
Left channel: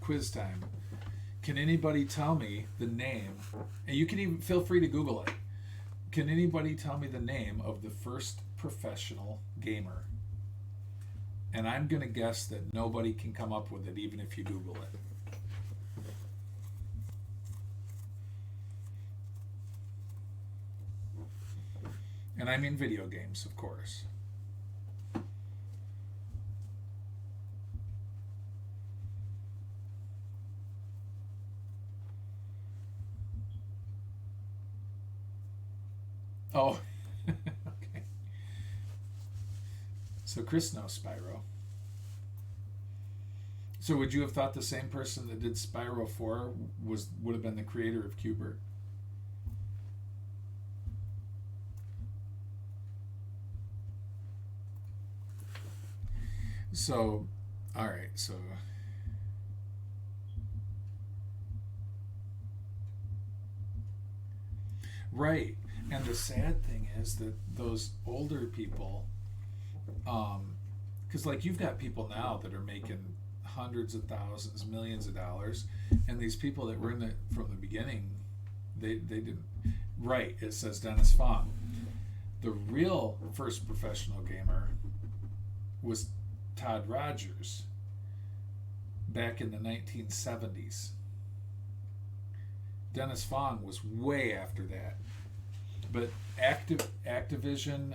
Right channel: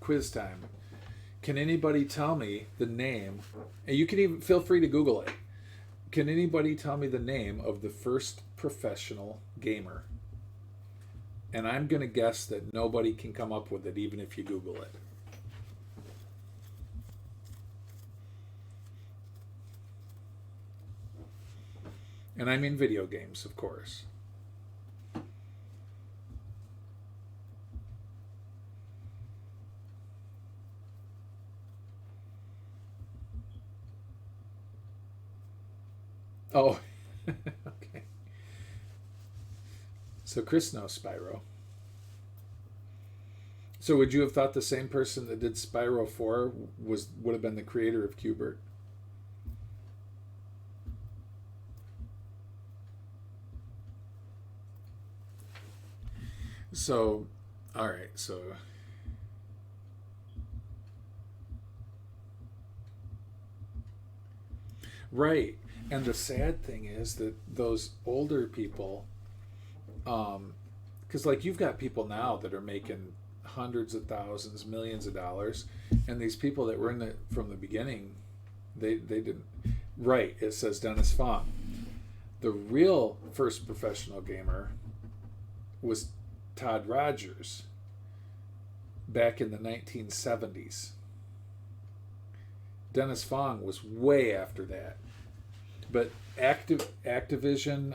Quiz time. Can anybody tell me the name? And you can even feel free to Google it. Can anybody tell me the name of the first professional gamer? And I'm going to guess that nobody can come up with it, even if you Google it. And I mean video games, of course. Oh, okay. So Chris knows Spyro. So would you have thought the same person that did Spyro 4 would have been the creator of Qbert? So, all right, so right. And the sad thing is that those older people, because like you've got people now that are making hundreds of thousands, millions of dollars, and these people that were in it from the beginning, they didn't. Right, it says Dennis Fong. The real first professional gamer was Todd Rogers back in the 1970s. Dennis Fong was way after that. But Activision,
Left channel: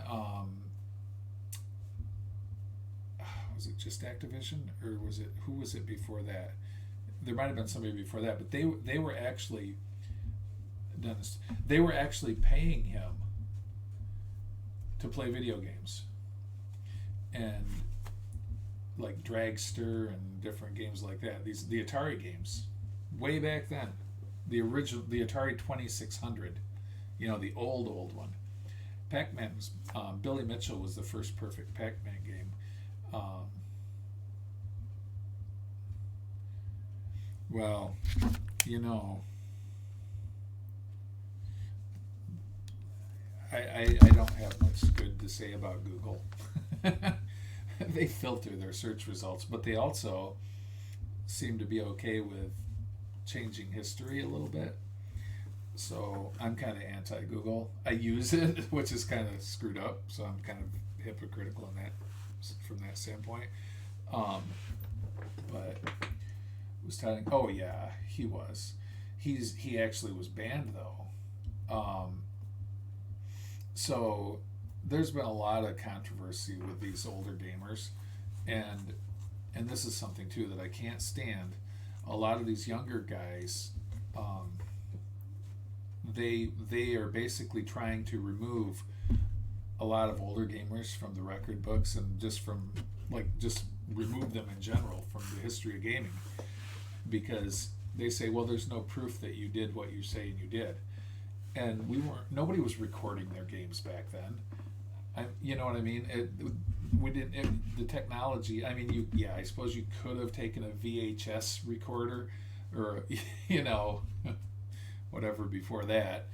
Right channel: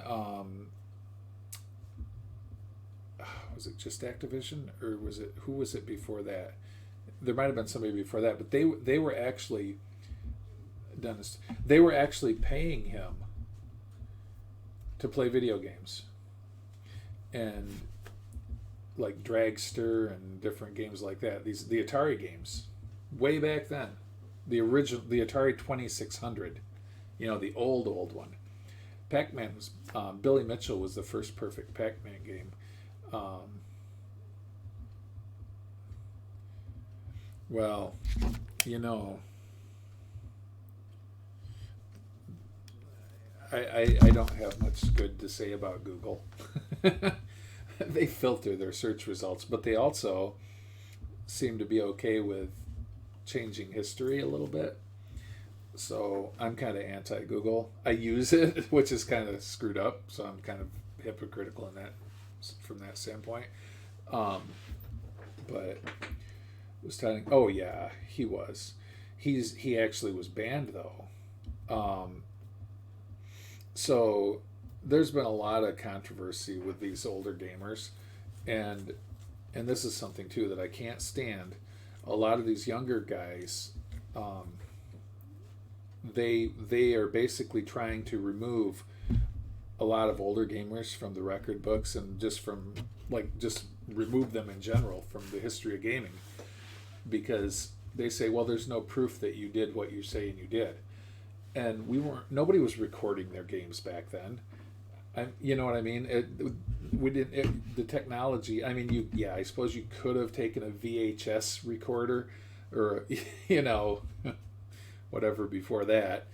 was it just Activision, or who was it before that? There might have been somebody before that, but they were actually Dennis. They were actually paying him to play video games, and like Dragster and different games like that. The Atari games, way back then, the Atari 2600. The old one. Pac-Man was Billy Mitchell was the first perfect Pac-Man game. Well, I don't have much good to say about Google. They filter their search results, but they also seem to be okay with changing history a little bit. So I'm kind of anti-Google. I use it, which is kind of screwed up. So I'm kind of hypocritical from that standpoint. But was telling. Oh yeah, he was. He actually was banned though. So there's been a lot of controversy with these older gamers, and this is something too that I can't stand. A lot of these younger guys. They are basically trying to remove a lot of older gamers from the record books and just remove them in general from the history of gaming, because they say, well, there's no proof that you did what you say and you did, and nobody was recording their games back then. You know what I mean? The technology. I mean, I suppose you could have taken a VHS recorder or whatever before that,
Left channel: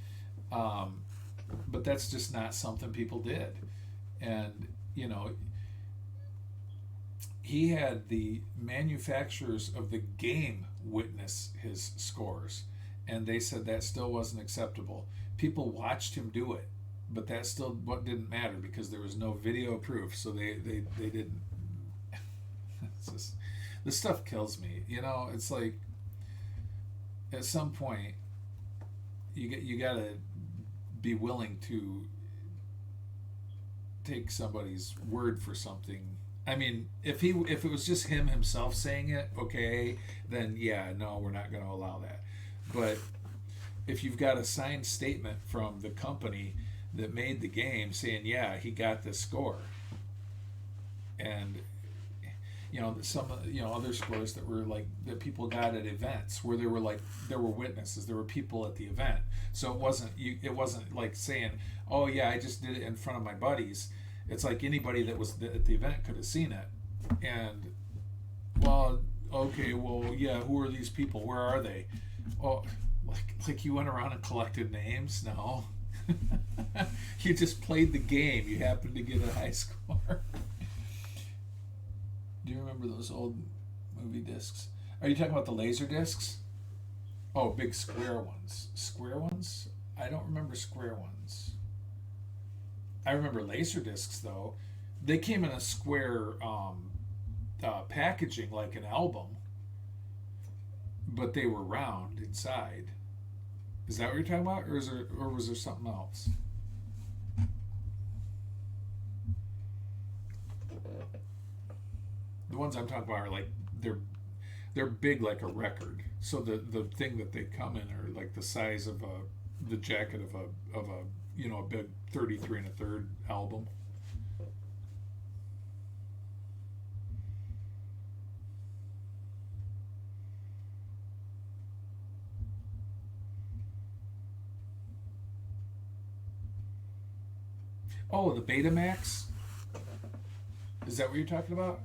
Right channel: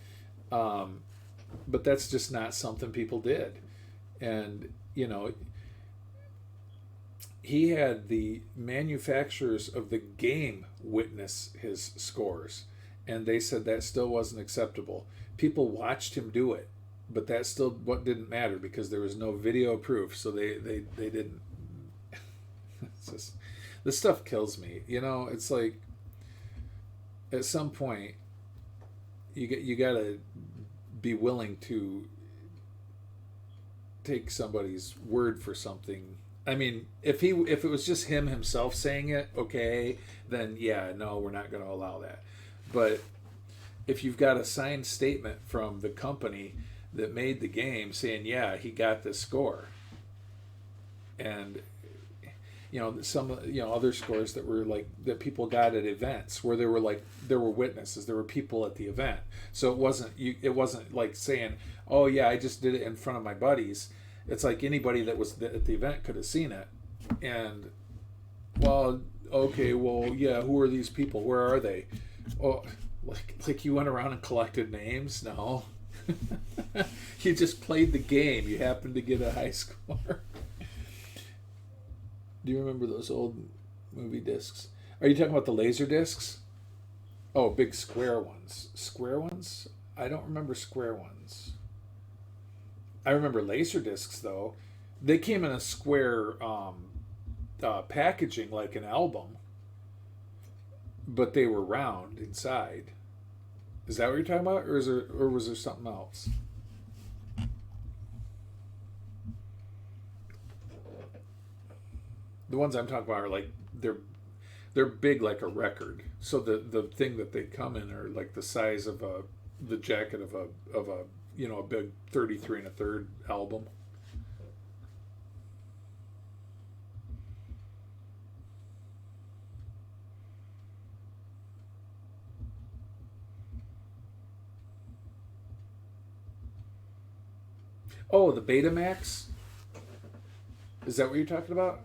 but that's just not something people did. And he had the manufacturers of the game witness his scores, and they said that still wasn't acceptable. People watched him do it, but that still what didn't matter because there was no video proof, so they didn't. It's just, this stuff kills me. You know, it's like at some point you gotta be willing to take somebody's word for something. I mean, if it was just him himself saying it, okay, then yeah, no, we're not going to allow that. But if you've got a signed statement from the company that made the game saying, yeah, he got this score, and some other scores that were like that people got at events where there were witnesses, there were people at the event, so it wasn't like saying, oh yeah, I just did it in front of my buddies. It's like anybody that was at the event could have seen it. And, well, okay, well, yeah, who are these people? Where are they? Oh, like you went around and collected names? No. You just played the game. You happened to get a high score. Do you remember those old movie discs? Are you talking about the laser discs? Oh, big square ones. Square ones? I don't remember square ones. I remember laser discs though. They came in a square packaging like an album, but they were round inside. Is that what you're talking about, or was there something else? The ones I'm talking about are like they're big like a record. So the thing that they come in are like the size of the jacket of a a big 33 1/3 album. Oh, the Betamax? Is that what you're talking about?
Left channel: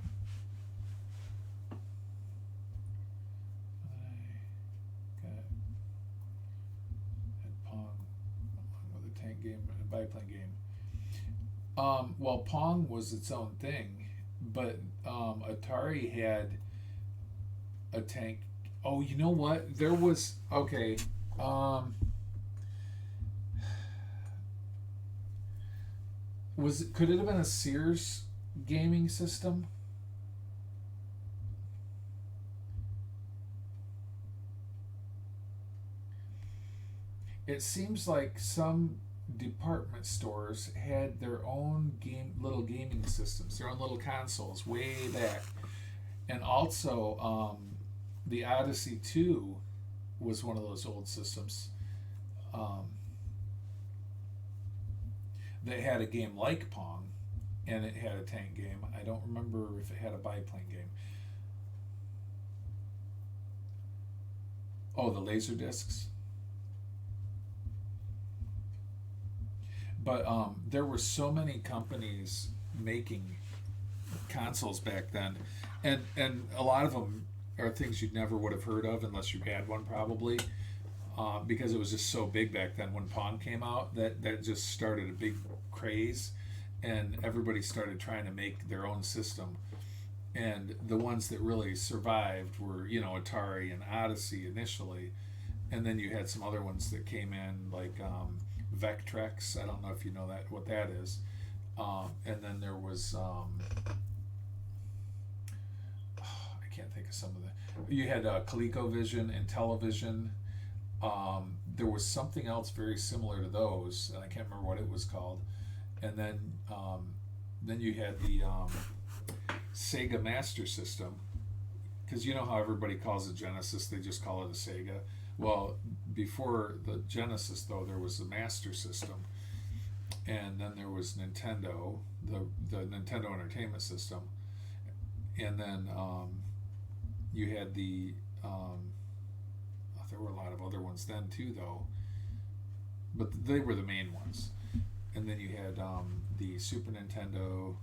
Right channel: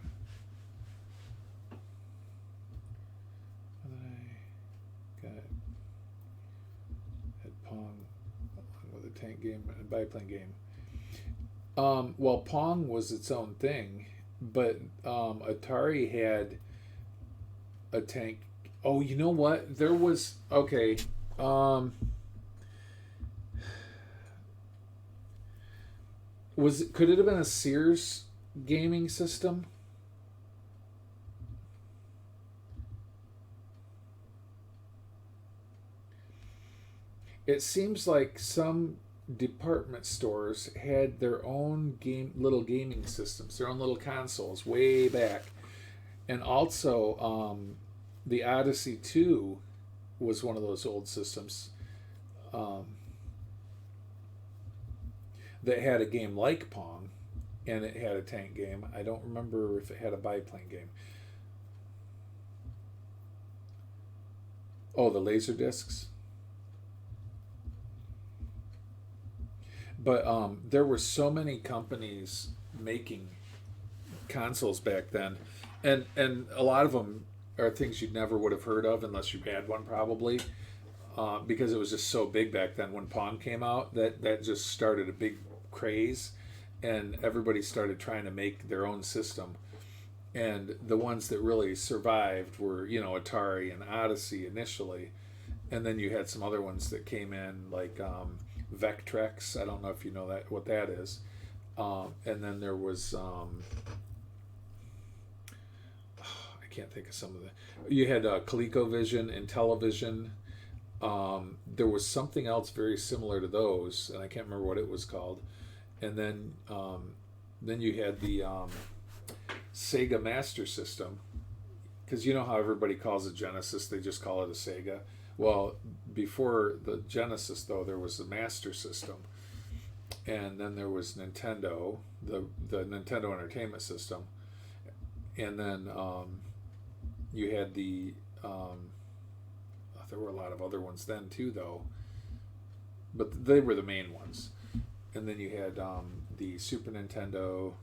Tank game and biplane game. Well, Pong was its own thing, but Atari had a tank. Oh, you know what? There was okay. Could it have been a Sears gaming system? It seems like some department stores had their own little gaming systems, their own little consoles way back. And also the Odyssey 2 was one of those old systems that had a game like Pong, and it had a tank game. I don't remember if it had a biplane game. Oh, the laser discs. But there were so many companies making consoles back then, and a lot of them are things you'd never would have heard of unless you had one, probably, because it was just so big back then. When Pong came out, that just started a big craze, and everybody started trying to make their own system. And the ones that really survived were, Atari and Odyssey initially, and then you had some other ones that came in like Vectrex. I don't know if you know what that is. And then there was I can't think of some of the. You had ColecoVision and Television. There was something else very similar to those, and I can't remember what it was called. And then you had the Sega Master System, because you know how everybody calls it Genesis, they just call it a Sega. Well, before the Genesis, though, there was the Master System, and then there was Nintendo, the Nintendo Entertainment System, and then you had the there were a lot of other ones then too, though, but they were the main ones. And then you had the Super Nintendo,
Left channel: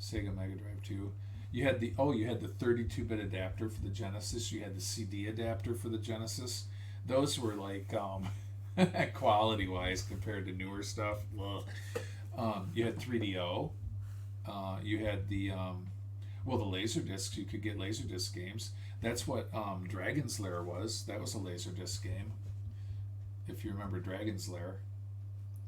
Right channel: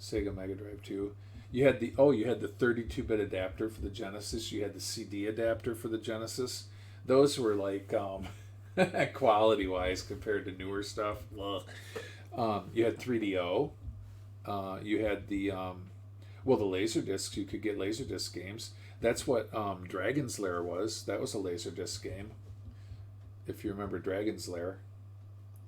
Sega Mega Drive 2. You had the 32-bit adapter for the Genesis. You had the CD adapter for the Genesis. Those were like quality-wise compared to newer stuff. You had 3DO. You had the Well, the Laserdiscs, you could get Laserdisc games. That's what Dragon's Lair was. That was a Laserdisc game. If you remember Dragon's Lair.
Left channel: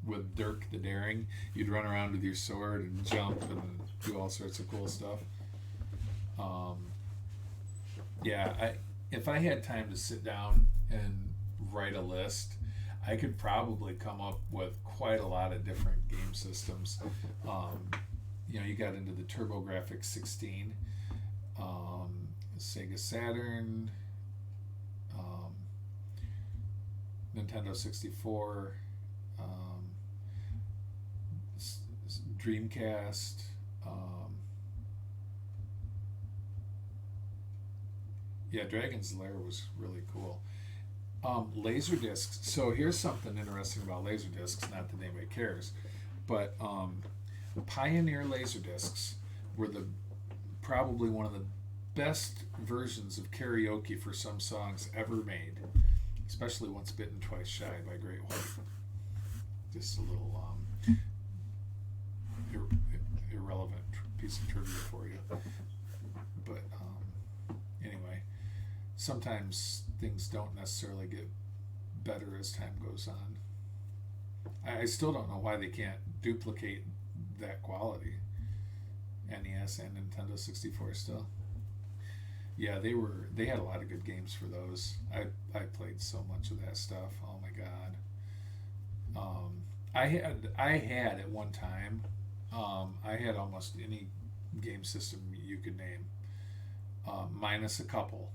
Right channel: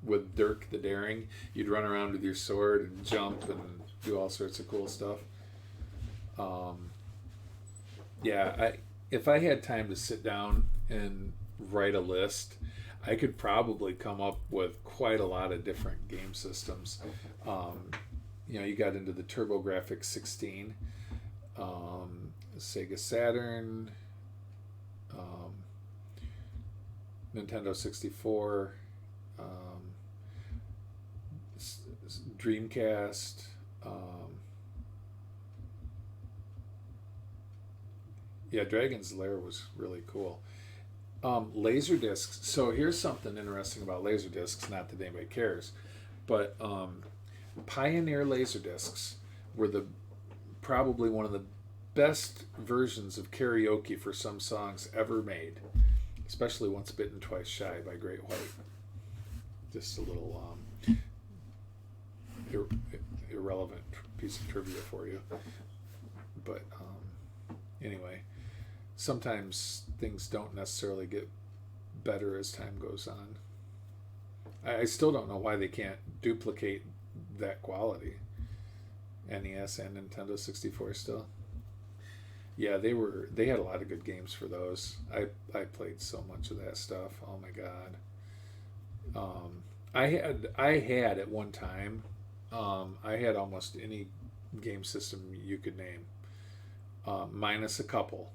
With Dirk the Daring, you'd run around with your sword and jump and do all sorts of cool stuff. If I had time to sit down and write a list, I could probably come up with quite a lot of different game systems. You got into the TurboGrafx 16, Sega Saturn, Nintendo 64, Dreamcast, Dragon's Lair was really cool. Laserdiscs. So here's something interesting about Laserdiscs, not that anybody cares, but Pioneer Laserdiscs were probably one of the best versions of karaoke for some songs ever made, especially Once Bitten, Twice Shy by Great White. Just a little irrelevant piece of trivia for you. But anyway, sometimes things don't necessarily get better as time goes on. I still don't know why they can't duplicate that quality. NES and Nintendo 64 still. Yeah, they had a lot of good games for those. I played so much of that stuff. Oh my god. I had at one time. I had almost any game system you could name, minus a couple.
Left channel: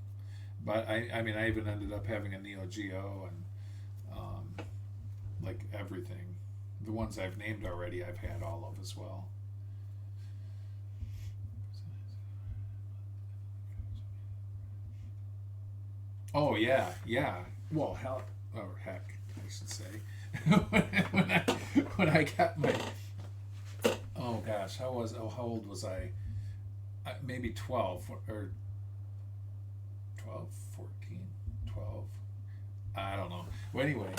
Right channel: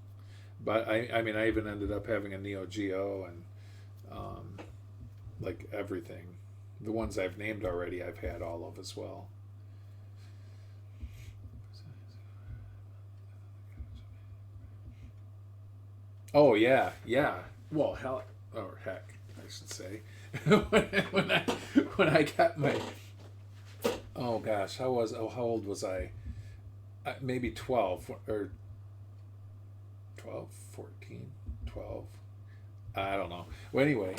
But I even ended up having a Neo Geo and like everything. The ones I've named already, I've had all of as well. Oh yeah. Well, heck, I should say. when I got my, oh gosh, how old was I? Maybe 12 or 12, 14, 12. I don't know. Well, anyway,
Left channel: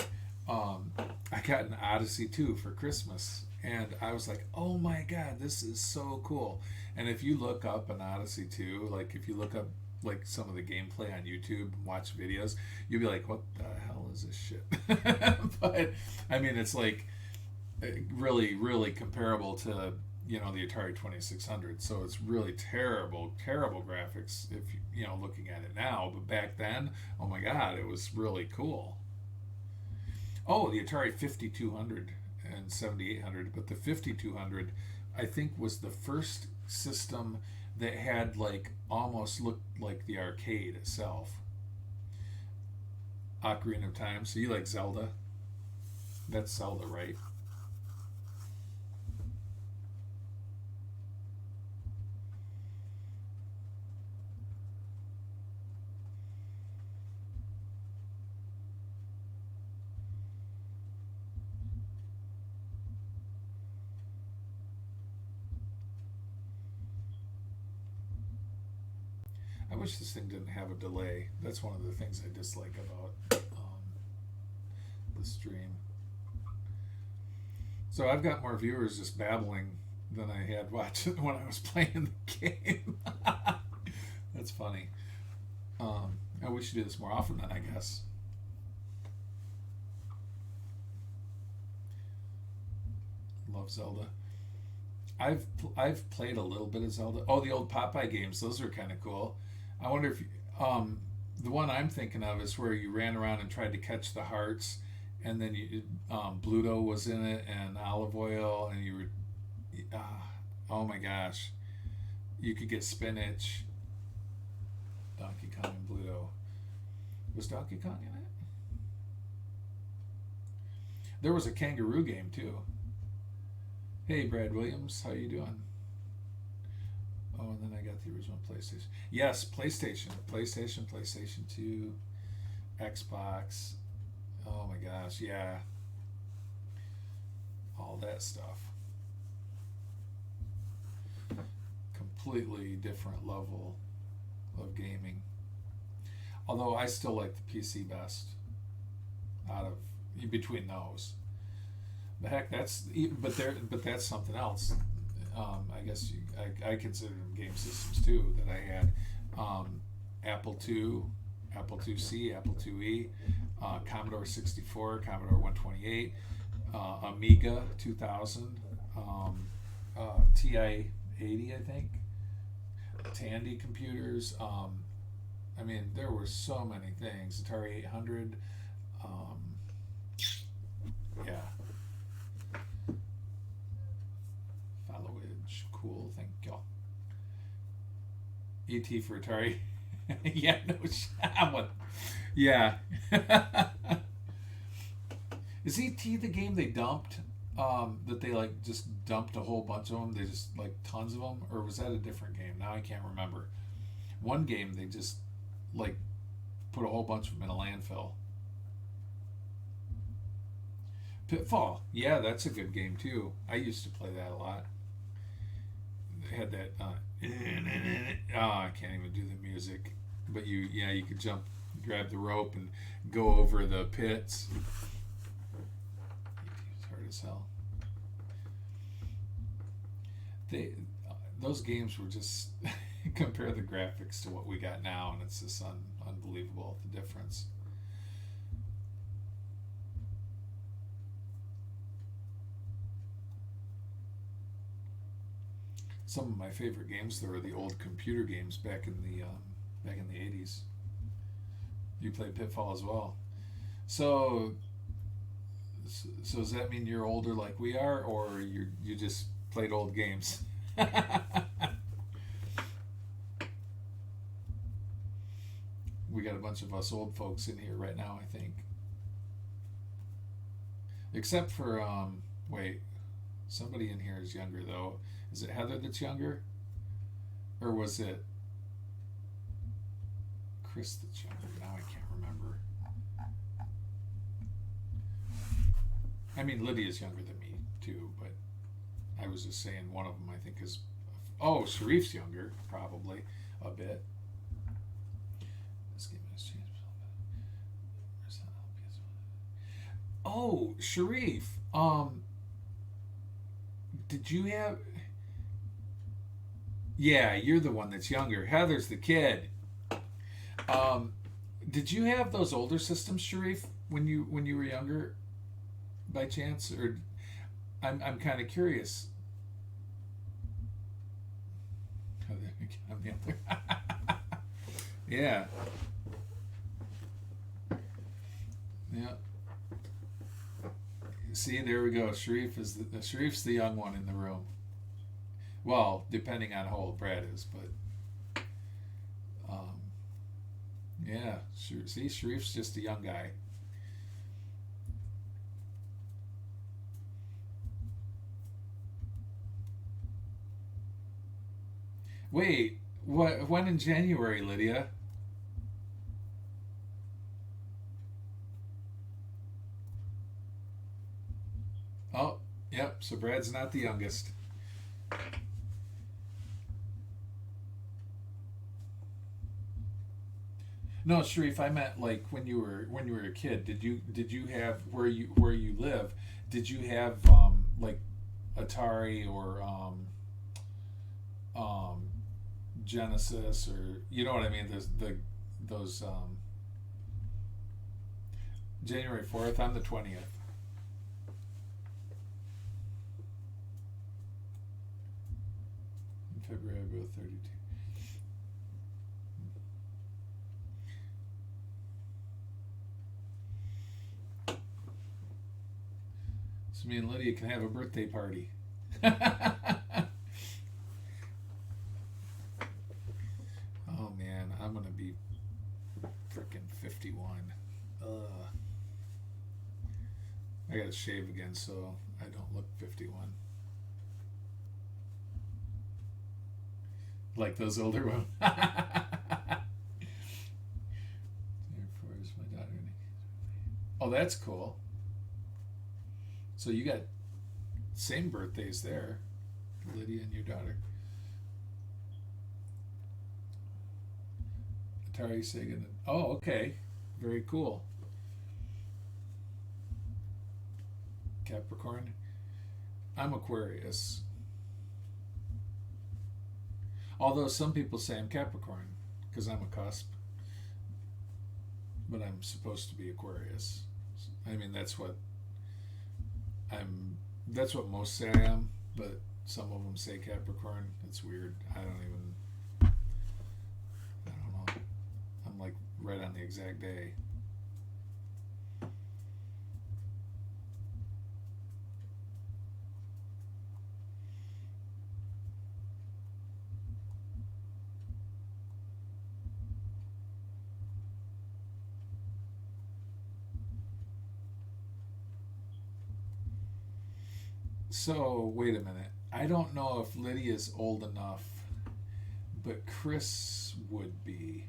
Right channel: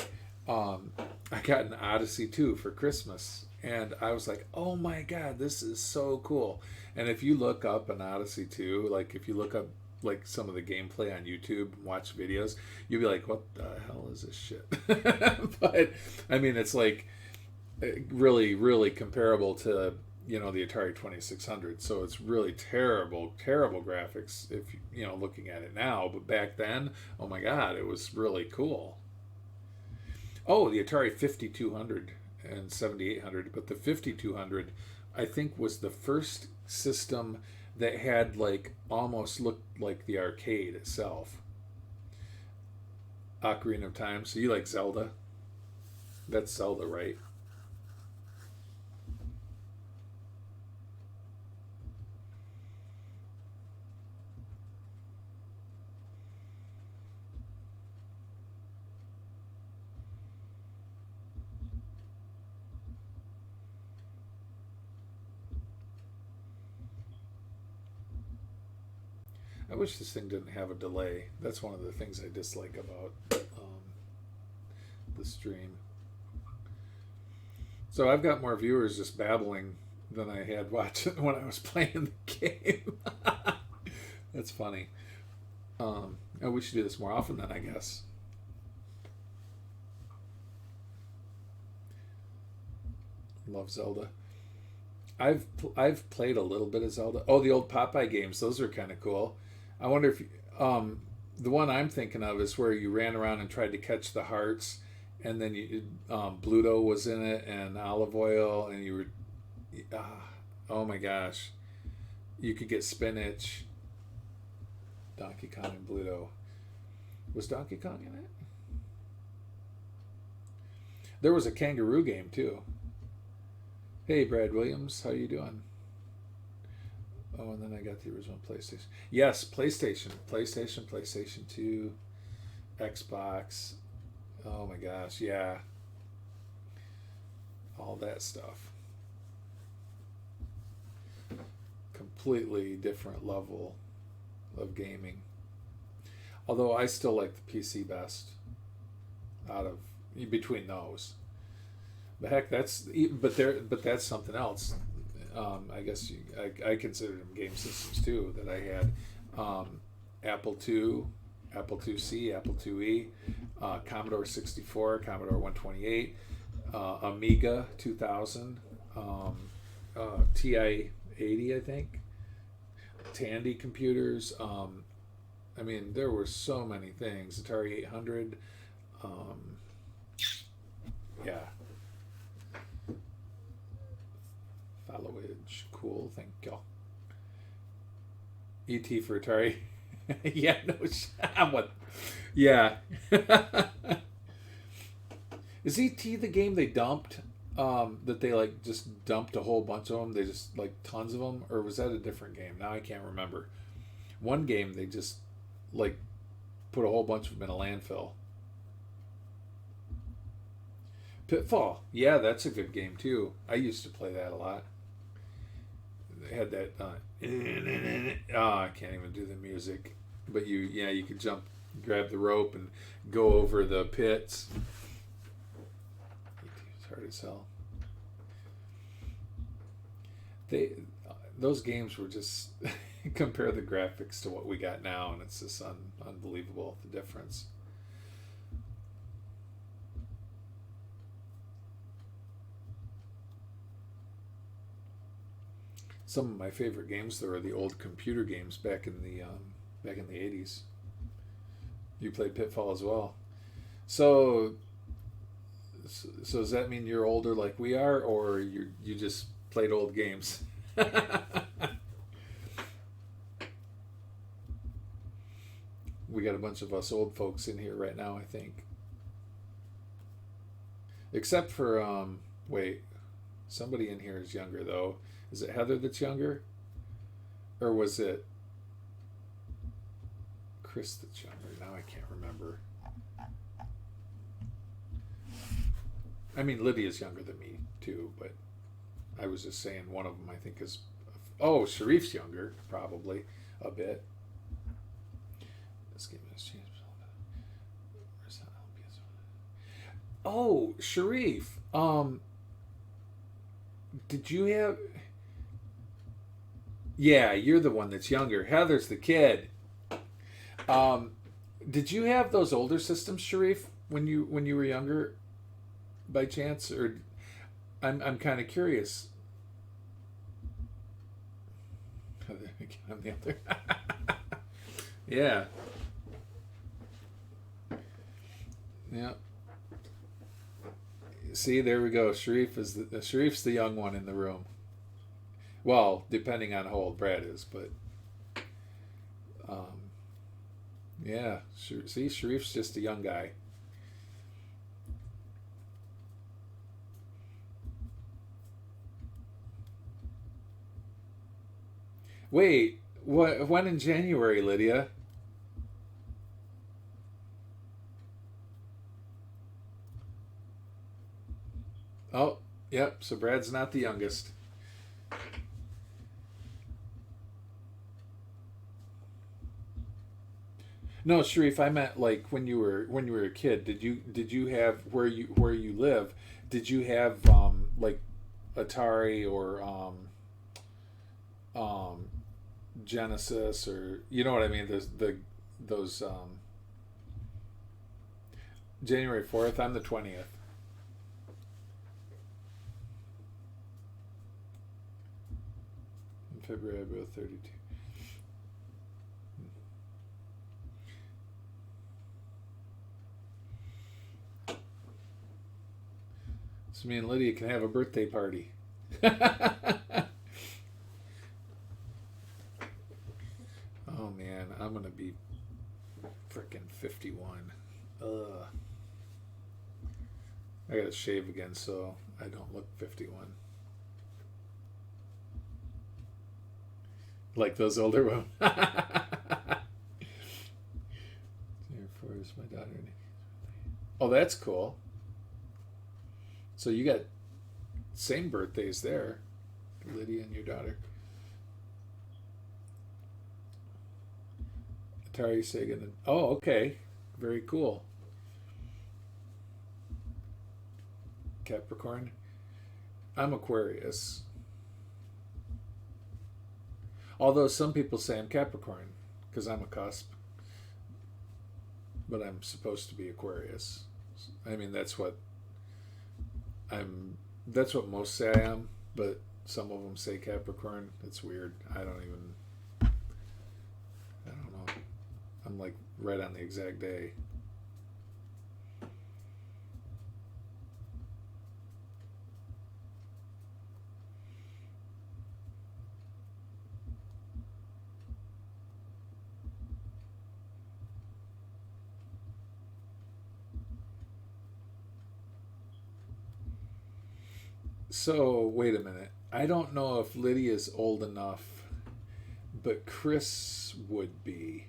I got an Odyssey 2 for Christmas, and I was like, oh my god, this is so cool. And if you look up an Odyssey 2, like if you look up like some of the gameplay on YouTube and watch videos, you'll be like, what the hell is this shit? But it's like really, really comparable to the Atari 2600. So it's really terrible graphics if looking at it now. But back then, oh my god, it was really cool. Oh, the Atari 5200 and 7800, but the 5200 I think was the first system that had like almost looked like the arcade itself. Ocarina of Time. So you like Zelda? That's Zelda, right? I wish this thing didn't have a delay. That's one of the things I dislike about the stream. So I've got more viewers just babbling than I had watching when I was playing the game. That's funny. We should do this more often then, I guess. Love Zelda. I've played a little bit of Zelda. Oh, the old Popeye games. Those are kind of cool. I wonder if the one I'm thinking of is where you ran around and tried to catch the hearts, and then Bluto was in it, and Olive Oil, and you were, oh my gosh, you could get spinach. Donkey Kong and Bluto. Was Donkey Kong in it? There was a kangaroo game too. Hey, Brad Williams, how you doing? Oh, and then I got the original PlayStation. Yes, PlayStation 2, Xbox. Oh my gosh, yeah. All that stuff. Completely different level of gaming. Although I still like the PC best out of between those. But heck, that's something else. I guess I consider them game systems too that I had. Apple II, Apple IIc, Apple IIe, Commodore 64, Commodore 128, Amiga 2000, TI 80, I think, Tandy computers. I mean, there were so many things. Atari 800. Yeah. Followage. Cool. Thank you. ET for Atari. Yeah, no. What? Yeah. Is ET the game they dumped? That they like just dumped a whole bunch of them? They just like tons of them? Or was that a different game? Now I can't remember. One game they just like put a whole bunch of them in a landfill. Pitfall. Yeah, that's a good game too. I used to play that a lot. They had that. I can't even do the music. But you could jump, grab the rope, and go over the pits. It's hard as hell. Those games were just compare the graphics to what we got now, and it's just unbelievable the difference. Some of my favorite games though are the old computer games back in the 80s. You played Pitfall as well. So does that mean you're older like we are, or you just played old games? We got a bunch of us old folks in here right now, I think. Except for wait, somebody in here is younger though. Is it Heather that's younger? Or was it Chris that's younger? Now I can't remember. I mean, Lydia's younger than me too, but I was just saying one of them I think is... Oh, Sharif's younger, probably, a bit. Let's give me a chance. Oh, Sharif. Did you have... Yeah, you're the one that's younger. Heather's the kid. Did you have those older systems, Sharif, when you were younger, by chance? Or I'm kind of curious. I'm the other. Yeah. Yeah. See, there we go. Sharif's the young one in the room. Well, depending on how old Brad is, but yeah. See, Sharif's just a young guy. Wait, what? When in January, Lydia? Oh, yep. So Brad's not the youngest. No, Sharif, I meant like when you were a kid. Did you have where you live? Did you have like Atari or Genesis, or you know what I mean? Those January 4th. I'm the 20th. In February, I both 32. So me and Lydia can have a birthday party. Oh man, I'm gonna be frickin' 51. Ugh. I gotta shave again so I don't look 51. Like those older women. Therefore, is my daughter. Oh, that's cool. So you got same birthdays there, Lydia and your daughter. Atari, Sega. Oh, okay. Very cool. Capricorn. I'm Aquarius. Although some people say I'm Capricorn because I'm a cusp, but I'm supposed to be Aquarius. I mean, that's what I'm. That's what most say I am, but some of them say Capricorn. It's weird. I don't know. I'm like right on the exact day. So, wait a minute. I don't know if Lydia's old enough, but Chris would be.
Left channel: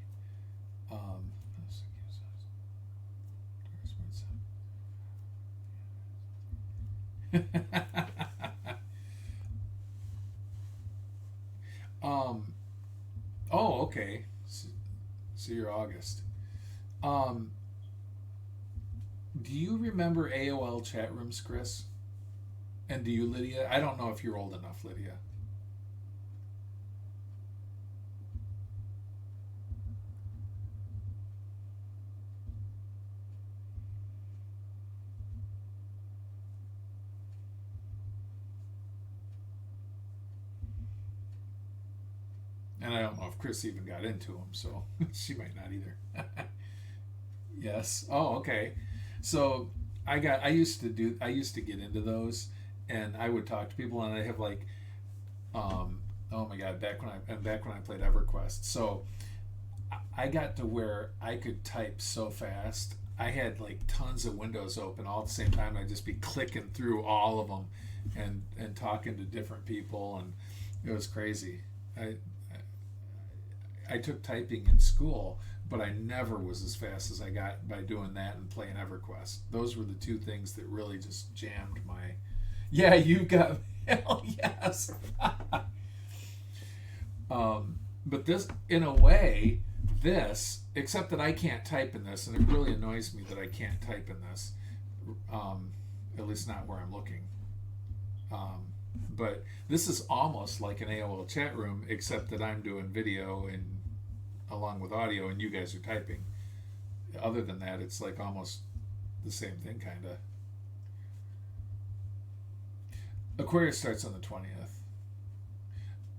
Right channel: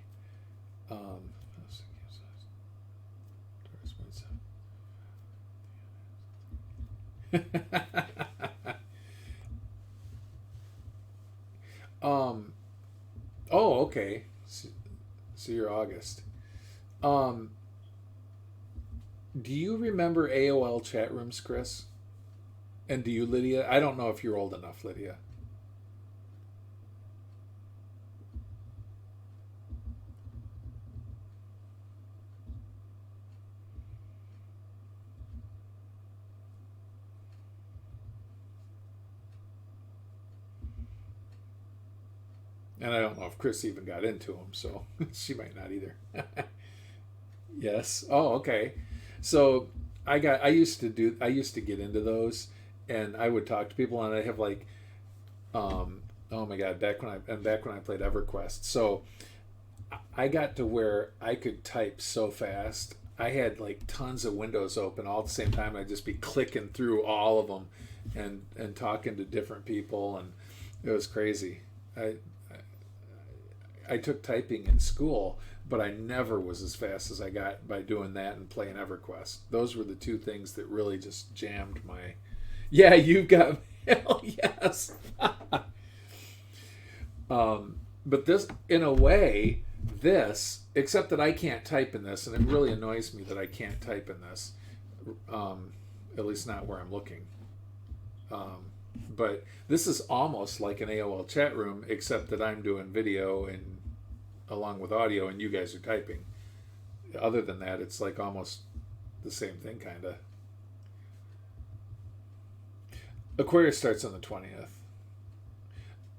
um, oh, okay. So you're August. Do you remember AOL chat rooms, Chris? And do you, Lydia? I don't know if you're old enough, Lydia. And I don't know if Chris even got into them, so she might not either. Yes. Oh, okay. So I used to get into those, and I would talk to people, and I have like, oh my God, back when I played EverQuest. So I got to where I could type so fast. I had like tons of windows open all at the same time. I'd just be clicking through all of them, and talking to different people, and it was crazy. I took typing in school, but I never was as fast as I got by doing that and playing EverQuest. Those were the two things that really just jammed my. Yeah, you got mail. Yes. But this, in a way, except that I can't type in this, and it really annoys me that I can't type in this. At least not where I'm looking. But this is almost like an AOL chat room, except that I'm doing video and along with audio, and you guys are typing. Other than that, it's like almost the same thing, kind of. Aquarius starts on the 20th.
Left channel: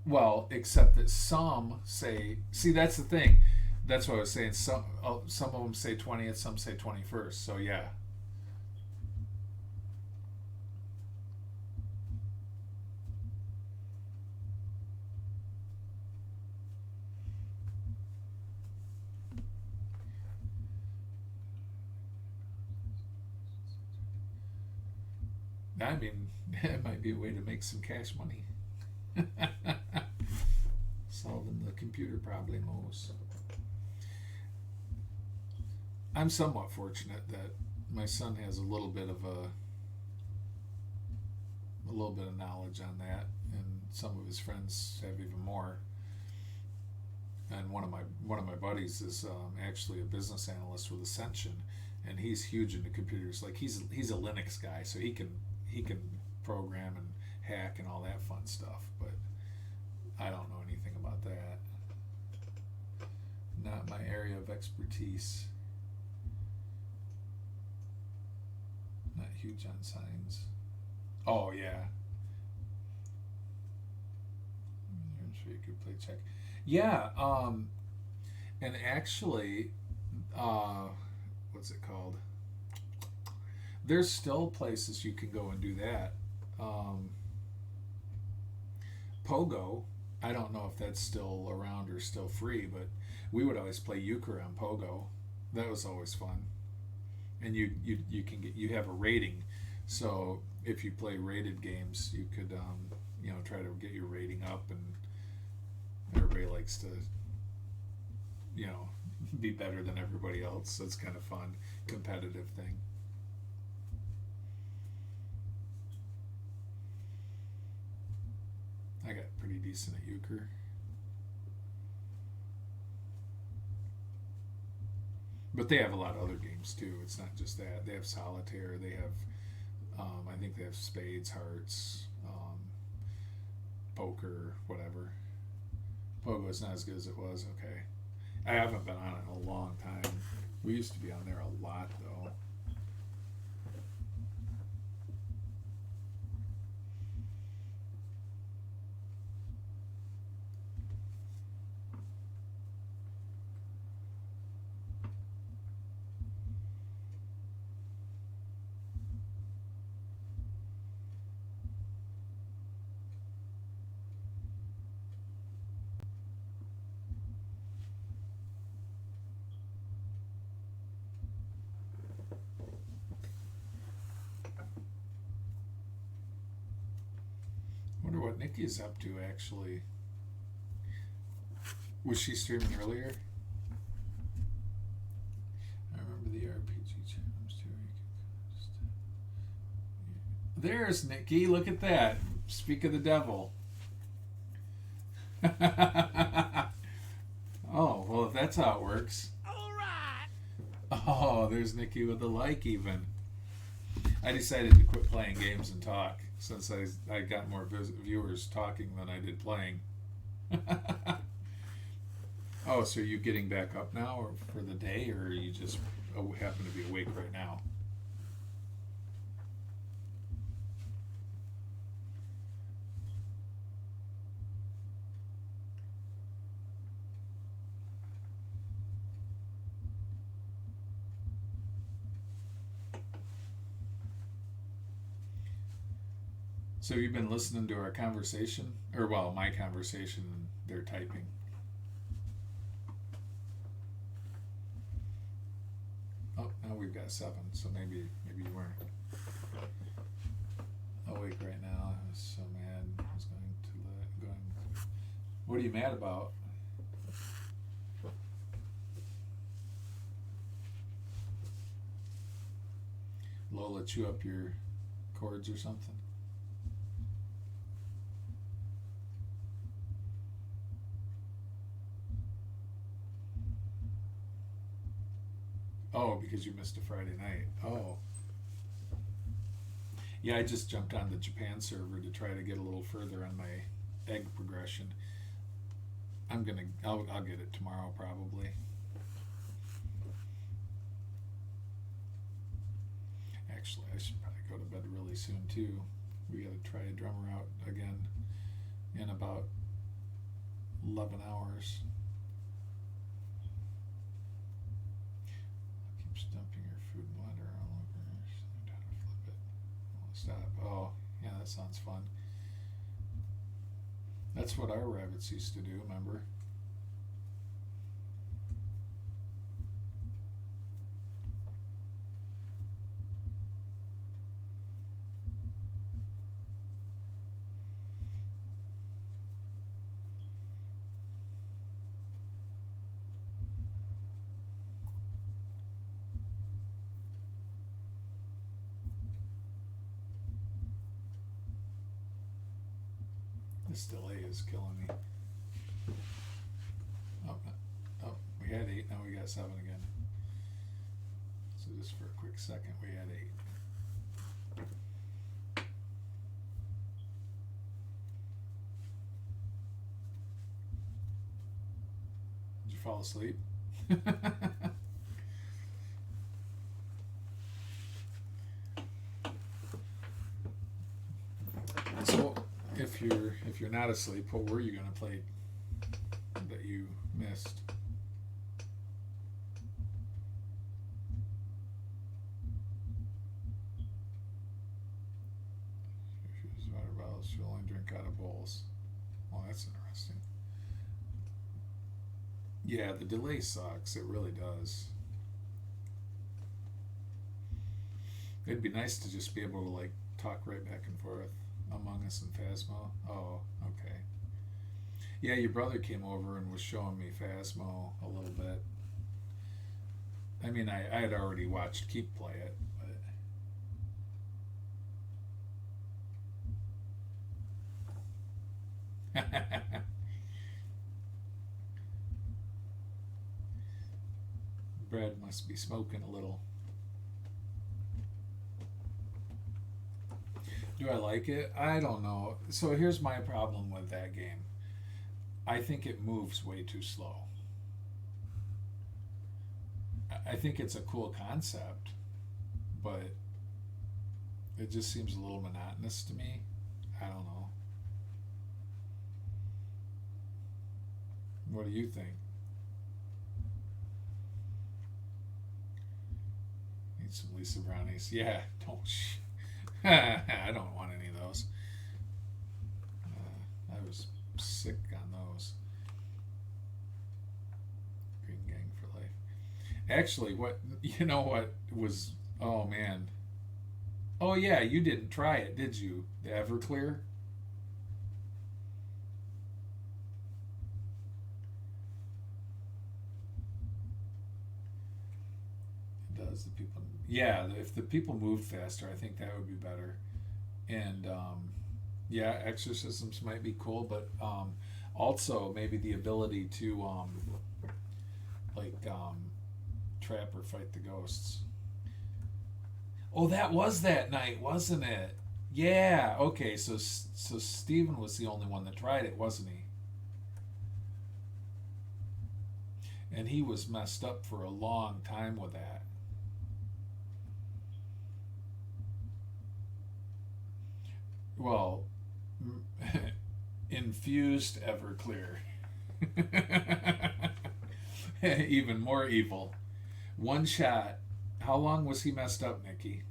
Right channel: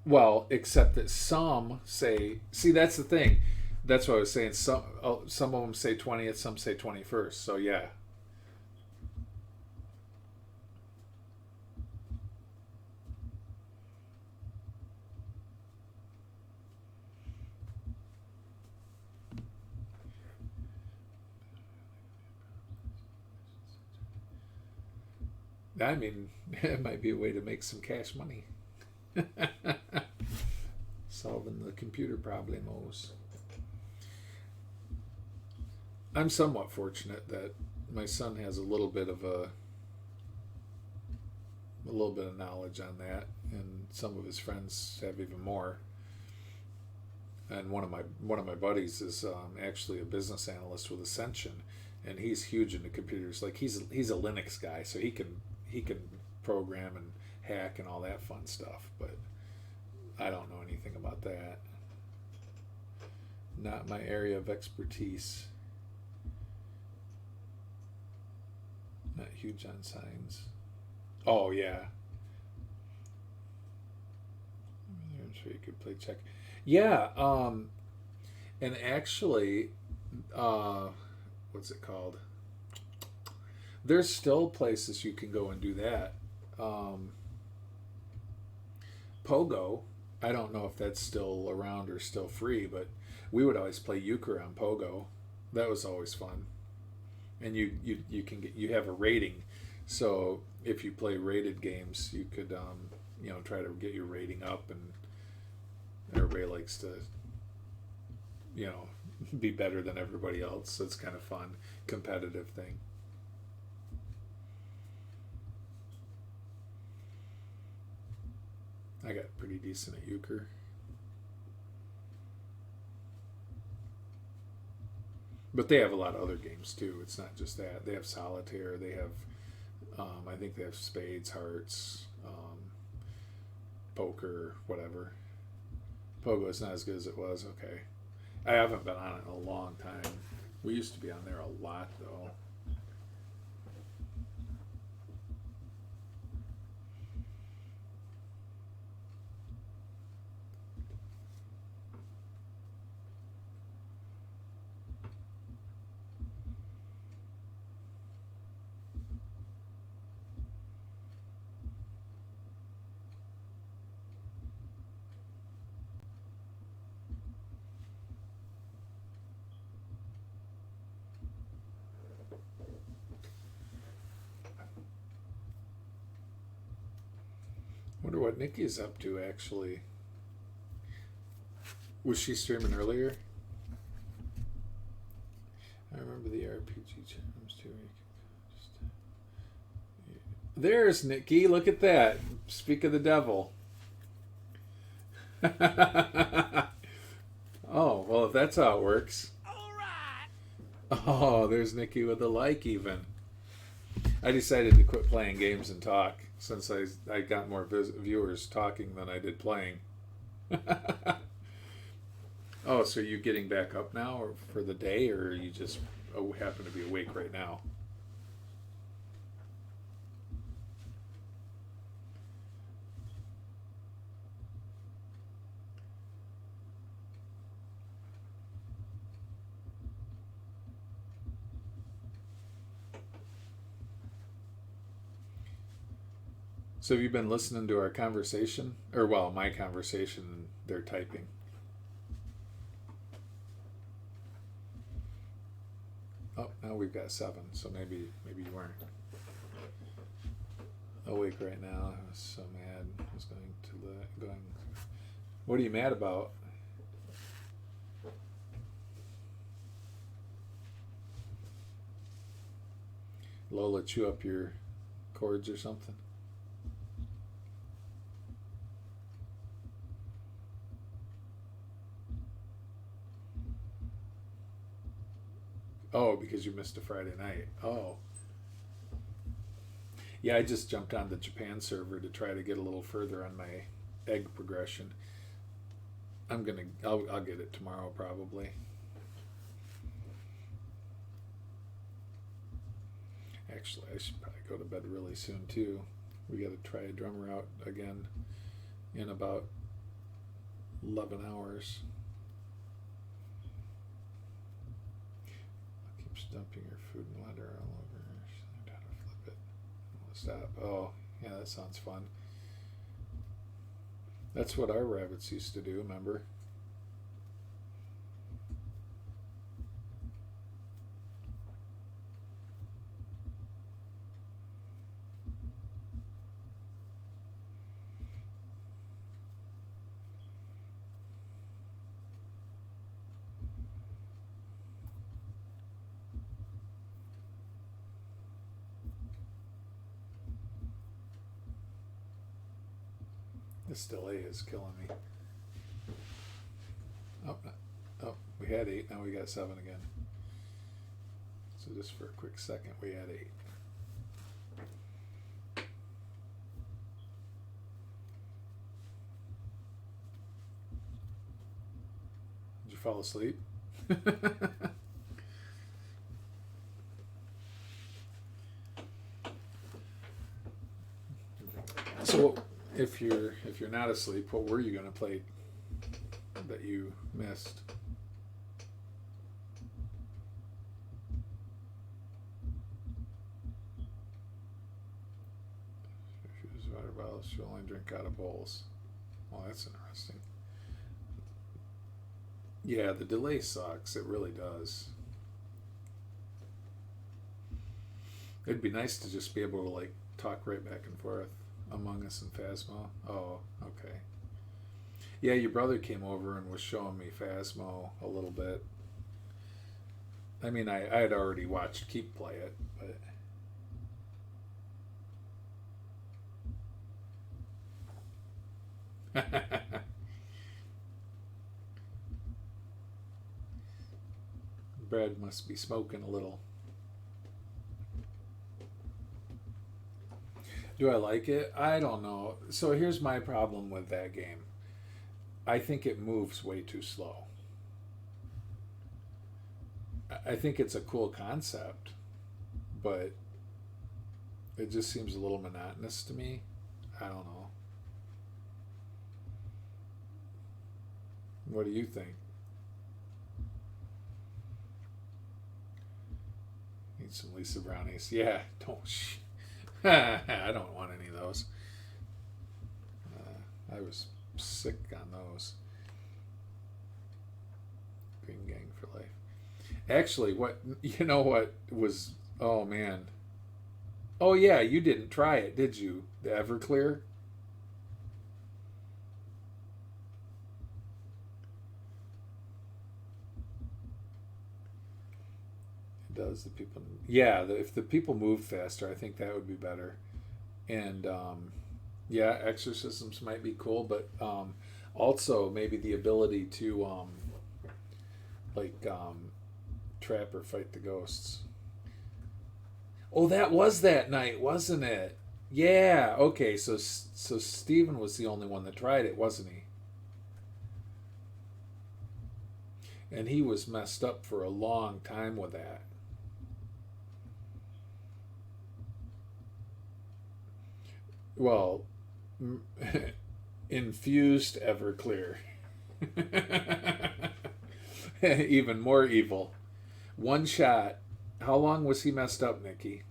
Well, except that some say, see, that's the thing. That's what I was saying. Some of them say 20th, some say 21st. So yeah. I mean, it might be a way to make some cash money. Solving the computer problemos. I'm somewhat fortunate that my son has a little bit of knowledge on that, and some of his friends have even more. And one of my buddies is actually a business analyst with Ascension, and he's huge into computers. Like he's a Linux guy, so he can program and hack and all that fun stuff. But I don't know anything about that. Not my area of expertise. Not huge on signs. Oh yeah. I'm sure you could play check. Yeah. And actually, what's it called? There's still places you can go and do that. Pogo, I don't know if that's still around or still free, but we would always play euchre on Pogo. That was always fun. And you have a rating, so if you play rated games, you could try to get your rating up, and everybody likes to be better than everybody else. So it's kind of fun, competitive thing. I got pretty decent at euchre. But they have a lot of other games too. It's not just that. They have solitaire. They have, I think they have spades, hearts, poker, whatever. Pogo's not as good as it was. Okay. I haven't been on it in a long time. We used to be on there a lot, though. Wonder what Nikki's up to, actually. Was she streaming earlier? I remember the RPG challenge too. There's Nikki. Look at that. Speak of the devil. Oh, well, if that's how it works. Oh, there's Nikki with a like even. I decided to quit playing games and talk since I got more viewers talking than I did playing. Oh, so are you getting back up now or for the day, or are you just happen to be awake right now? So have you been listening to our conversation? Or, well, my conversation, and they're typing. Oh, now we've got 7, so maybe you weren't awake right now. I was so mad. I was going. What are you mad about? Lola chew up your cords or something? Oh, because you missed a Friday night. Oh. Yeah, I just jumped on the Japan server to try to get a little further on my egg progression. I'll get it tomorrow probably. Actually, I should probably go to bed really soon too. We got to try a drummer out again in about 11 hours. Dumping your food and water all over. How to flip it. Stop. Oh, yeah, that sounds fun. That's what our rabbits used to do, remember? This delay is killing me. Oh, we had 8, now we got 7 again. So just for a quick second, we had 8. Did you fall asleep? So if you're not asleep, what were you going to play that you missed? If you use water bottles, you only drink out of bowls. Well, that's interesting. Yeah, the delay sucks. It really does. It'd be nice to just be able to like talk right back and forth. Among Us and Phasmo. Oh, okay. Yeah, your brother came over and was showing me Phasmo a little bit. I mean, I had already watched Keep play it, but Brad must be smoking a little. Do I like it? I don't know. So here's my problem with that game. I think it moves way too slow. I think it's a cool concept, but it just seems a little monotonous to me. I don't know. What do you think? Need some Lisa brownies. Yeah, don't. I don't want any of those. I was sick on those. Green Gang for life. Actually, what was? Oh man. Oh yeah, you didn't try it, did you? The Everclear. Does the people? Yeah, if the people moved faster, I think that would be better. And yeah, exorcisms might be cool, but also maybe the ability to trap or fight the ghosts. Oh, that was that night, wasn't it? Yeah. Okay. So Steven was the only one that tried it, wasn't he? And he was messed up for a long time with that. Well, infused Everclear. Even more evil. One shot. How long was he messed up, Nikki?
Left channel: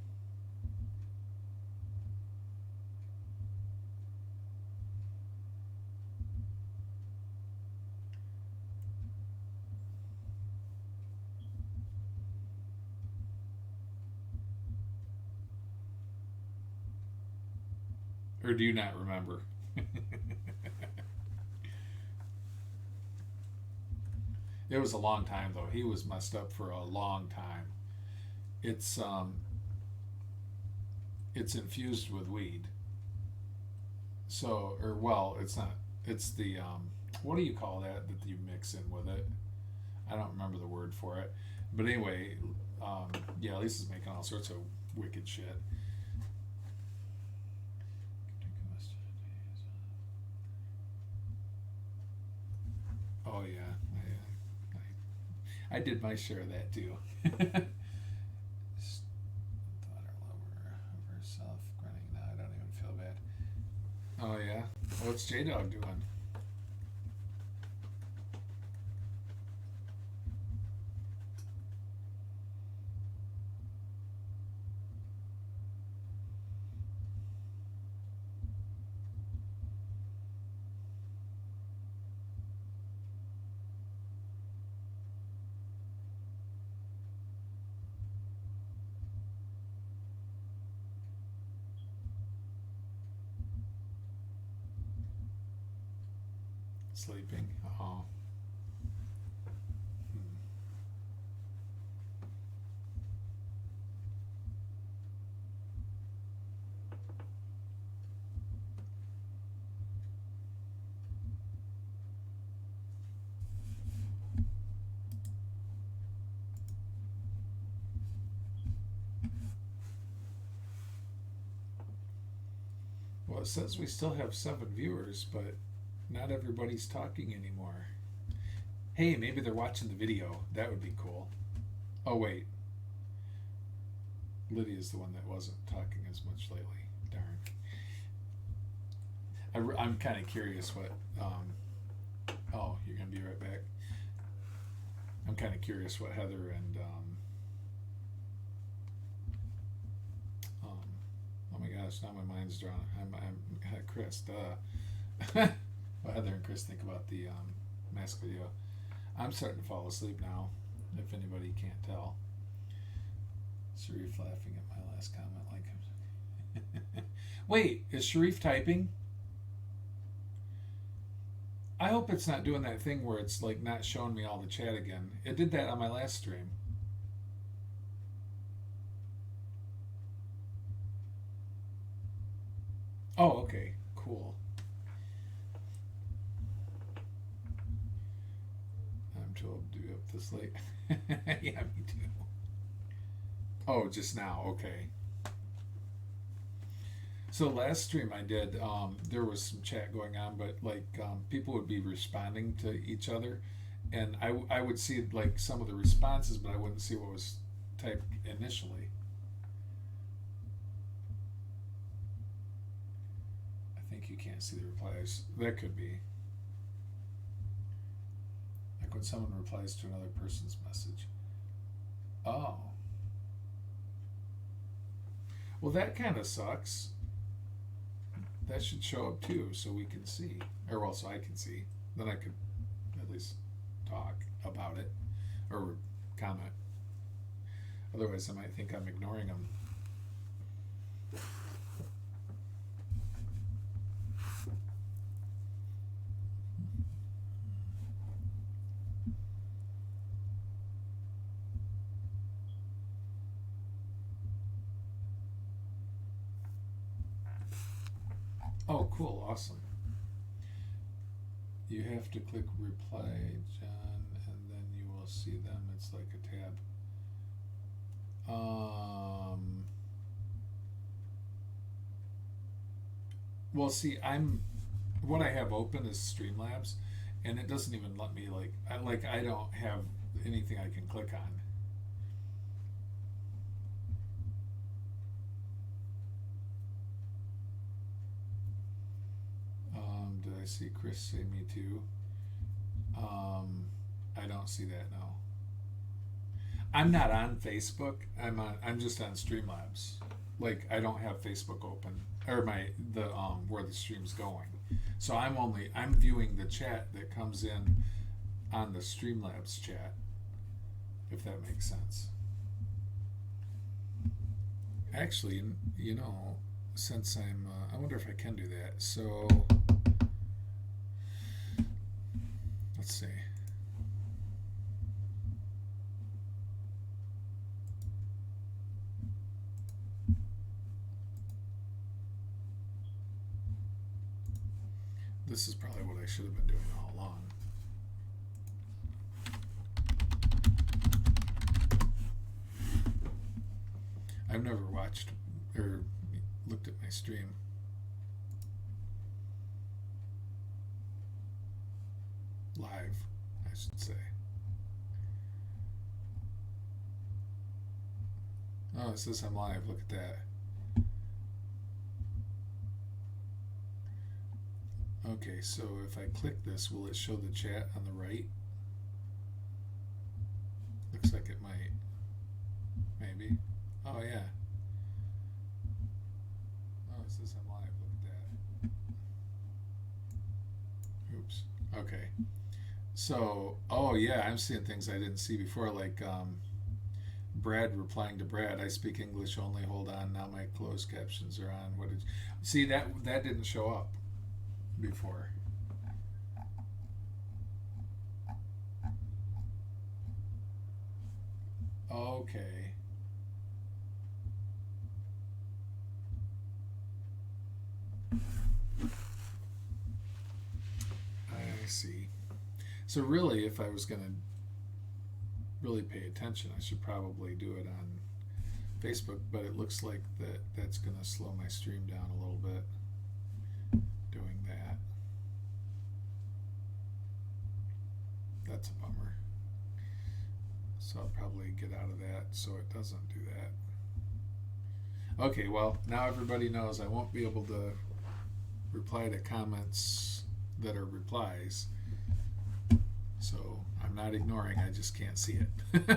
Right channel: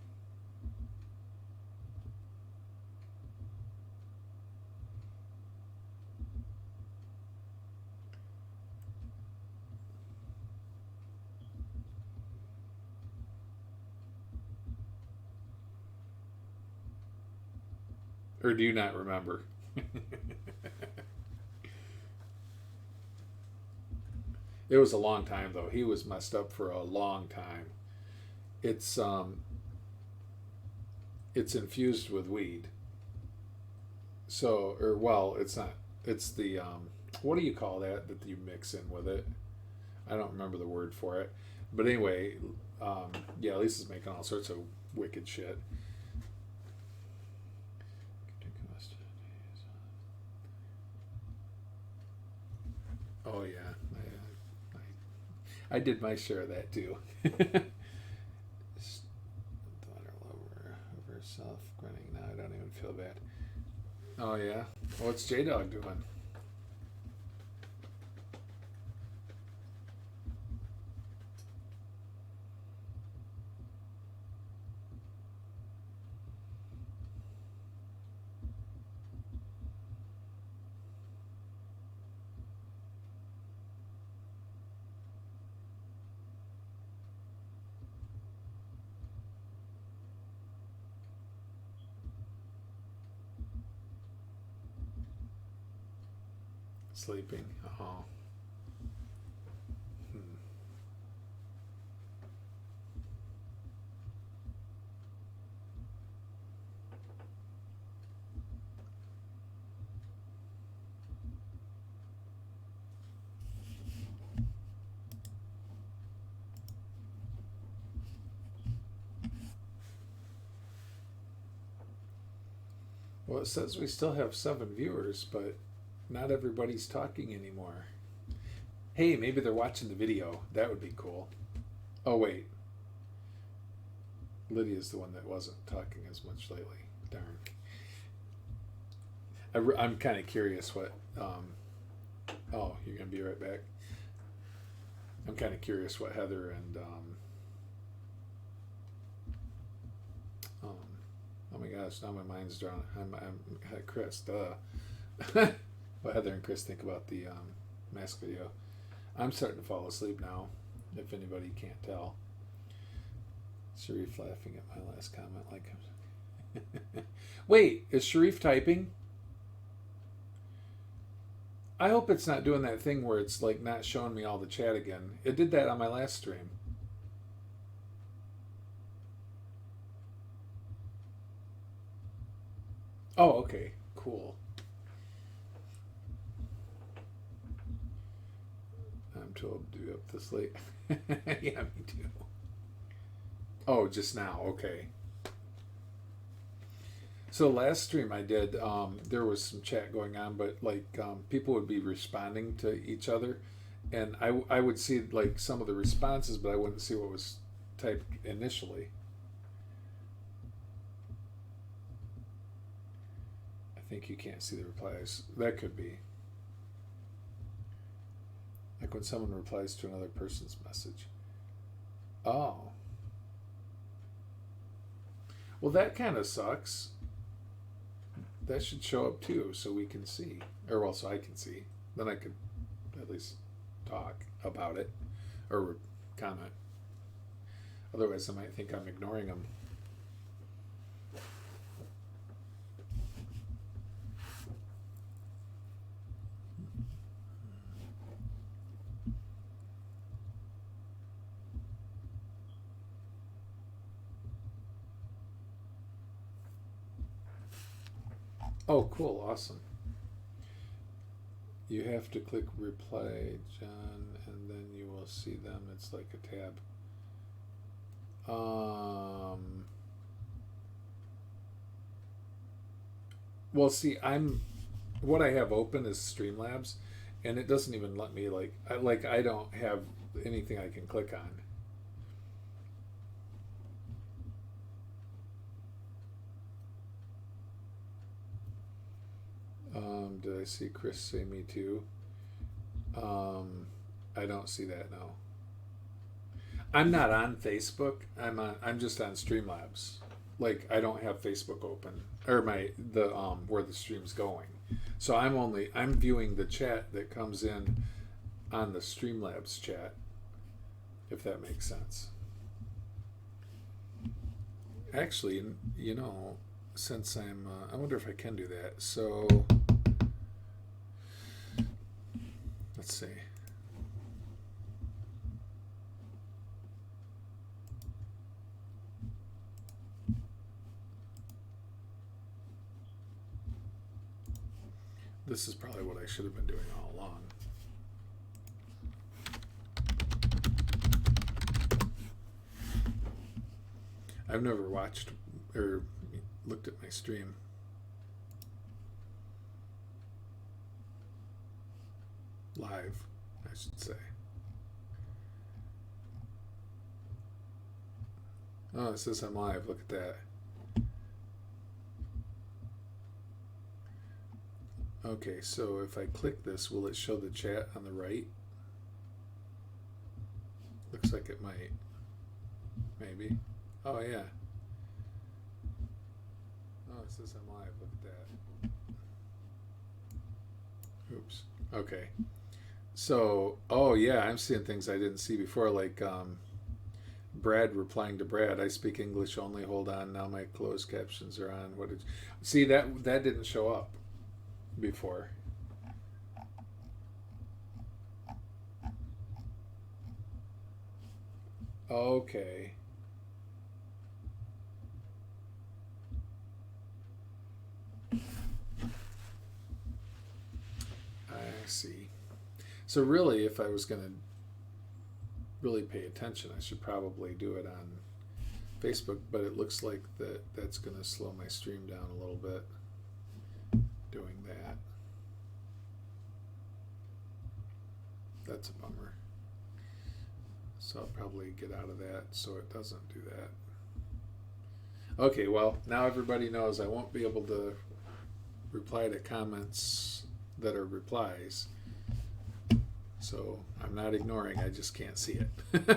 Or do you not remember? It was a long time though. He was messed up for a long time. It's infused with weed. So, or well, it's not. It's the what do you call that you mix in with it? I don't remember the word for it. But anyway, yeah, Lisa's making all sorts of wicked shit. Oh yeah, I did my share of that too. Thought her lover of herself grinning. Now I don't even feel bad. Oh yeah, what's J Dog doing? Sleeping. Oh. Well, it says we still have 7 viewers, but not everybody's talking anymore. Hey, maybe they're watching the video. That would be cool. Oh, wait. Lydia's the one that wasn't talking as much lately. Darn. I'm kind of curious what... oh, you're going to be right back. I'm kind of curious what Heather and... oh my gosh, now my mind's drawn. I'm Chris, duh. What Heather and Chris think about the mask video. I'm starting to fall asleep now, if anybody can't tell. Sharif laughing at my last comment like... Wait, is Sharif typing? I hope it's not doing that thing where it's like not showing me all the chat again. It did that on my last stream. Oh, okay. Cool. I'm too old to be up this late. Yeah, me too. Oh, just now. Okay. So last stream I did, there was some chat going on, but like people would be responding to each other, and I would see like some of the responses, but I wouldn't see what was typed initially. I think you can't see the replies. That could be. Like when someone replies to another person's message. Oh. Well, that kind of sucks. That should show up too, so we can see. Or, well, so I can see. Then I could at least talk about it or comment. Otherwise, I might think I'm ignoring them. Oh, cool. Awesome. You have to click reply, John, and then you will see them. It's like a tab. Well, see, what I have open is Streamlabs, and it doesn't even let me I don't have anything I can click on. Did I see Chris say me too? I don't see that, no. I'm not on Facebook. I'm just on Streamlabs. Like I don't have Facebook open or where the stream's going. So I'm viewing the chat that comes in on the Streamlabs chat, if that makes sense. Actually, since I wonder if I can do that. So let's see. This is probably what I should have been doing all along. I've never watched or looked at my stream. Live, I should say. Oh, it says I'm live. Look at that. Okay, so if I click this, will it show the chat on the right? Looks like it might. Maybe. Oh, yeah. Oh, it says I'm live. Look at that. Oops. Okay. So, oh yeah, I'm seeing things I didn't see before, like Brad replying to Brad, I speak English only, hold on, now my closed captions are on. What did you see? That didn't show up before. Okay. I see. So really, if I was going to really pay attention, I should probably do it on Facebook, but it looks like that's going to slow my stream down a little bit doing that. That's a bummer. So I'll probably get out of that so it doesn't do that. Okay, well, now everybody knows I won't be able to reply to comments that are replies. So I'm not ignoring, I just can't see it. What do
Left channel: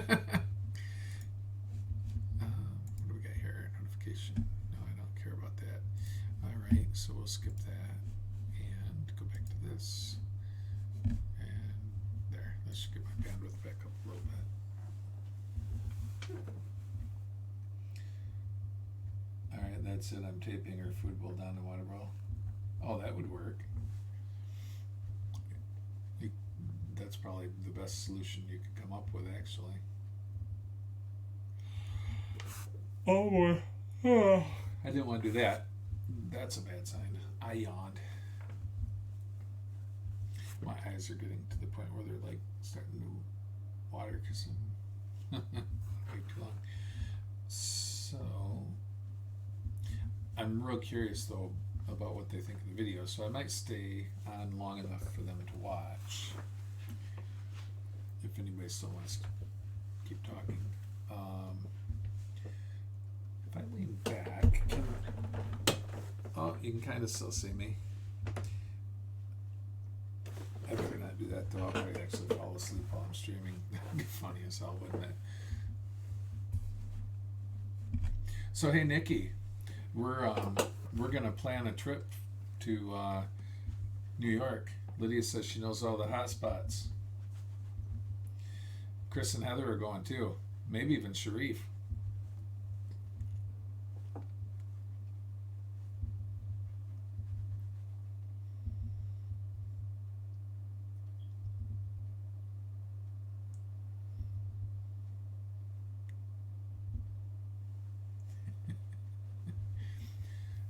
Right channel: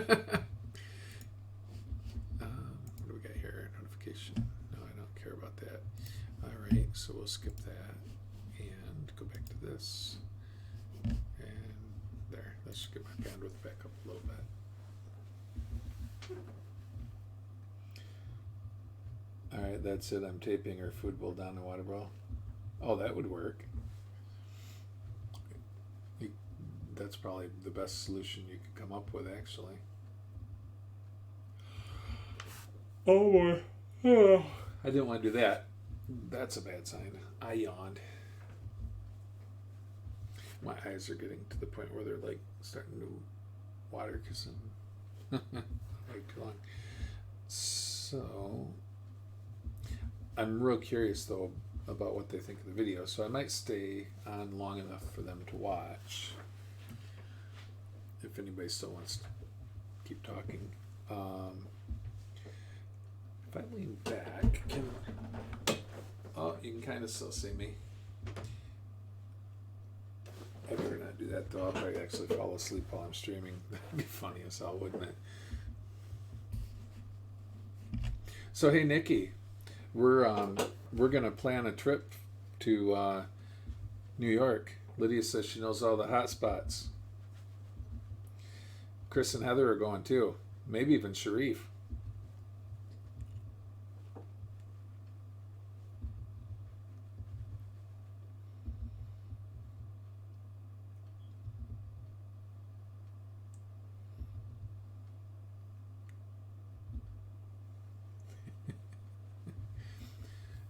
we got here? Notification. No, I don't care about that. All right, so we'll skip that and go back to this. And there, that should get my bandwidth back up a little bit. All right, that's it. I'm taping her food bowl down the water bowl. Oh, that would work. That's probably the best solution you could come up with, actually. Oh boy. Oh. I didn't want to do that. That's a bad sign. I yawned. My eyes are getting to the point where they're like starting to water because I'm way too long. So I'm real curious though about what they think of the video, so I might stay on long enough for them to watch. If anybody still wants to keep talking. If I lean back, you can kind of still see me. I better not do that though. I'll probably actually fall asleep while I'm streaming. That'd be funny as hell, wouldn't it? So hey, Nikki, we're gonna plan a trip to New York. Lydia says she knows all the hot spots. Chris and Heather are going too. Maybe even Sharif.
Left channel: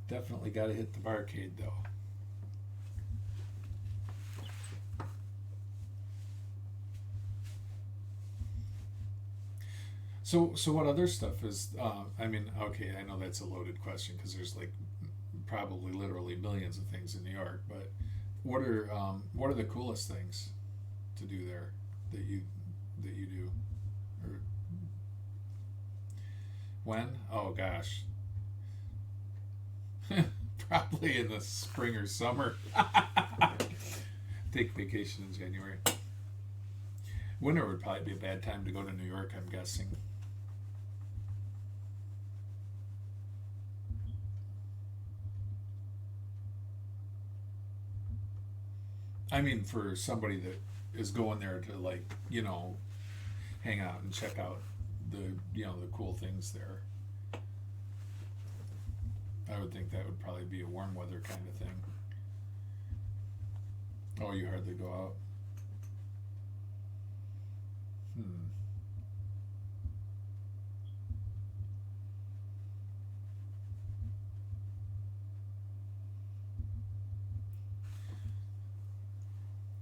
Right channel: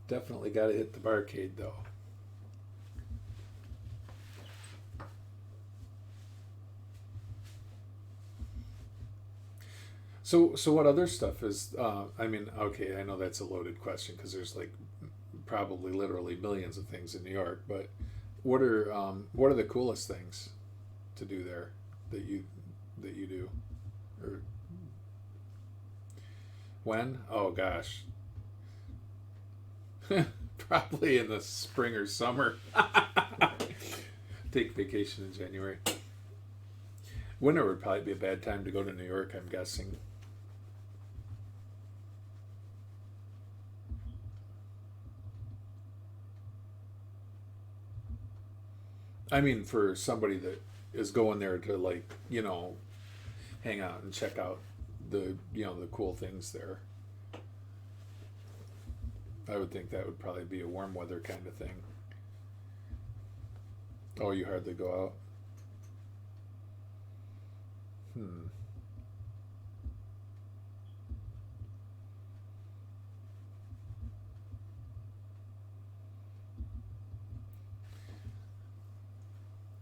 Definitely got to hit the barcade though. So what other stuff is? I mean, okay, I know that's a loaded question because there's like probably literally millions of things in New York. But what are the coolest things to do there that you do? Or when? Oh gosh. Probably in the spring or summer. Take vacation in January. Winter would probably be a bad time to go to New York, I'm guessing. I mean, for somebody that is going there to, like, you know, hang out and check out the, you know, the cool things there. I would think that would probably be a warm weather kind of thing. Oh, you hardly go out?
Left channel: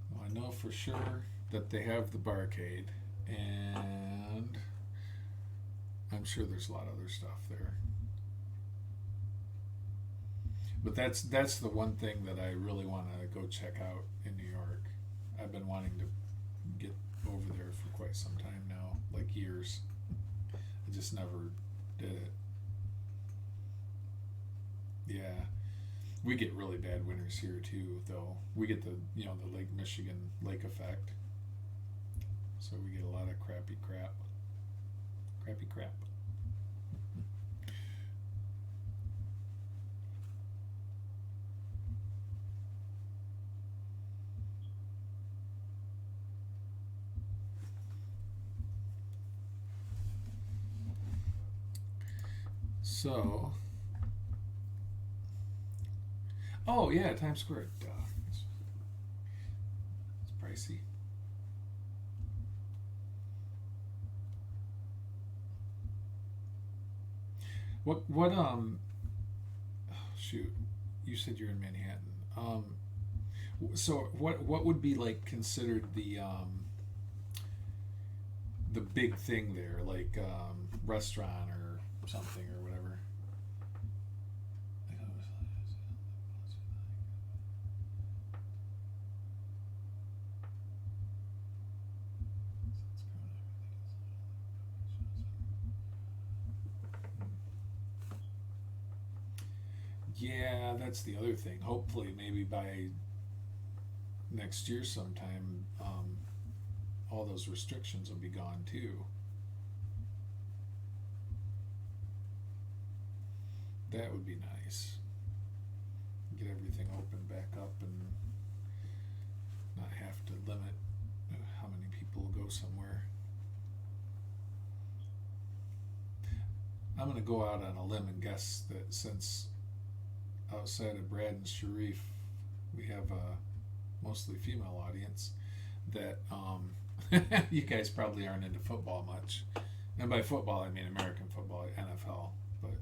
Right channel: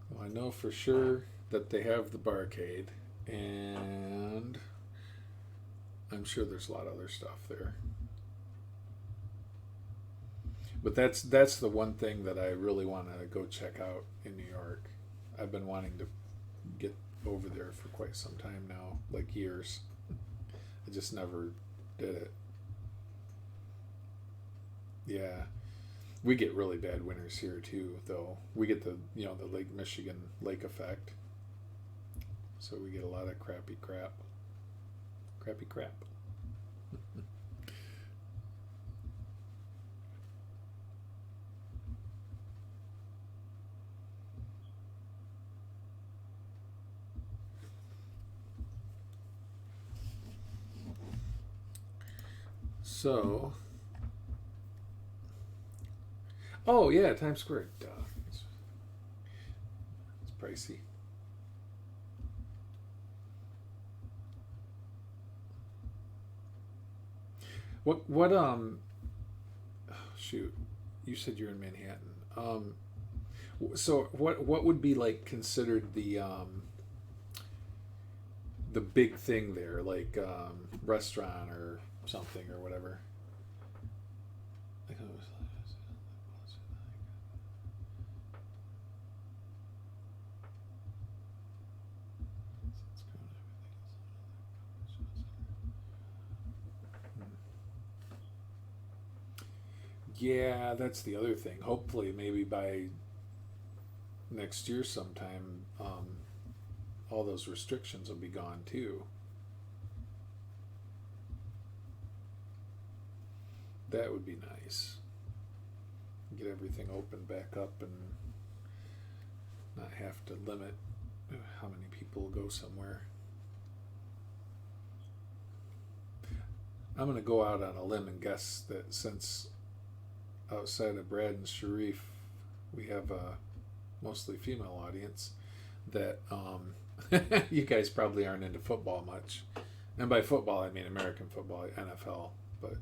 Well, I know for sure that they have the barcade, and I'm sure there's a lot of other stuff there. But that's the one thing that I really want to go check out in New York. I've been wanting to get over there for quite some time now, like years. I just never did it. Yeah. We get really bad winters here too, though. We get the Lake Michigan lake effect. So we get a lot of crappy crap. Crappy crap. So, oh yeah, Times Square. Duh. It's pricey. What shoot, you said you're in Manhattan. So what would be like considered the big thing there, like restaurant or something or whatever? Yeah, that's the other thing. Hopefully, maybe by next year sometime, all those restrictions will be gone too. That would be nice. Get everything open back up and not have to limit how many people go somewhere. I'm going to go out on a limb and guess that since outside of Brad and Sharif, we have a mostly female audience, that you guys probably aren't into football much. And by football, I mean American football, NFL. But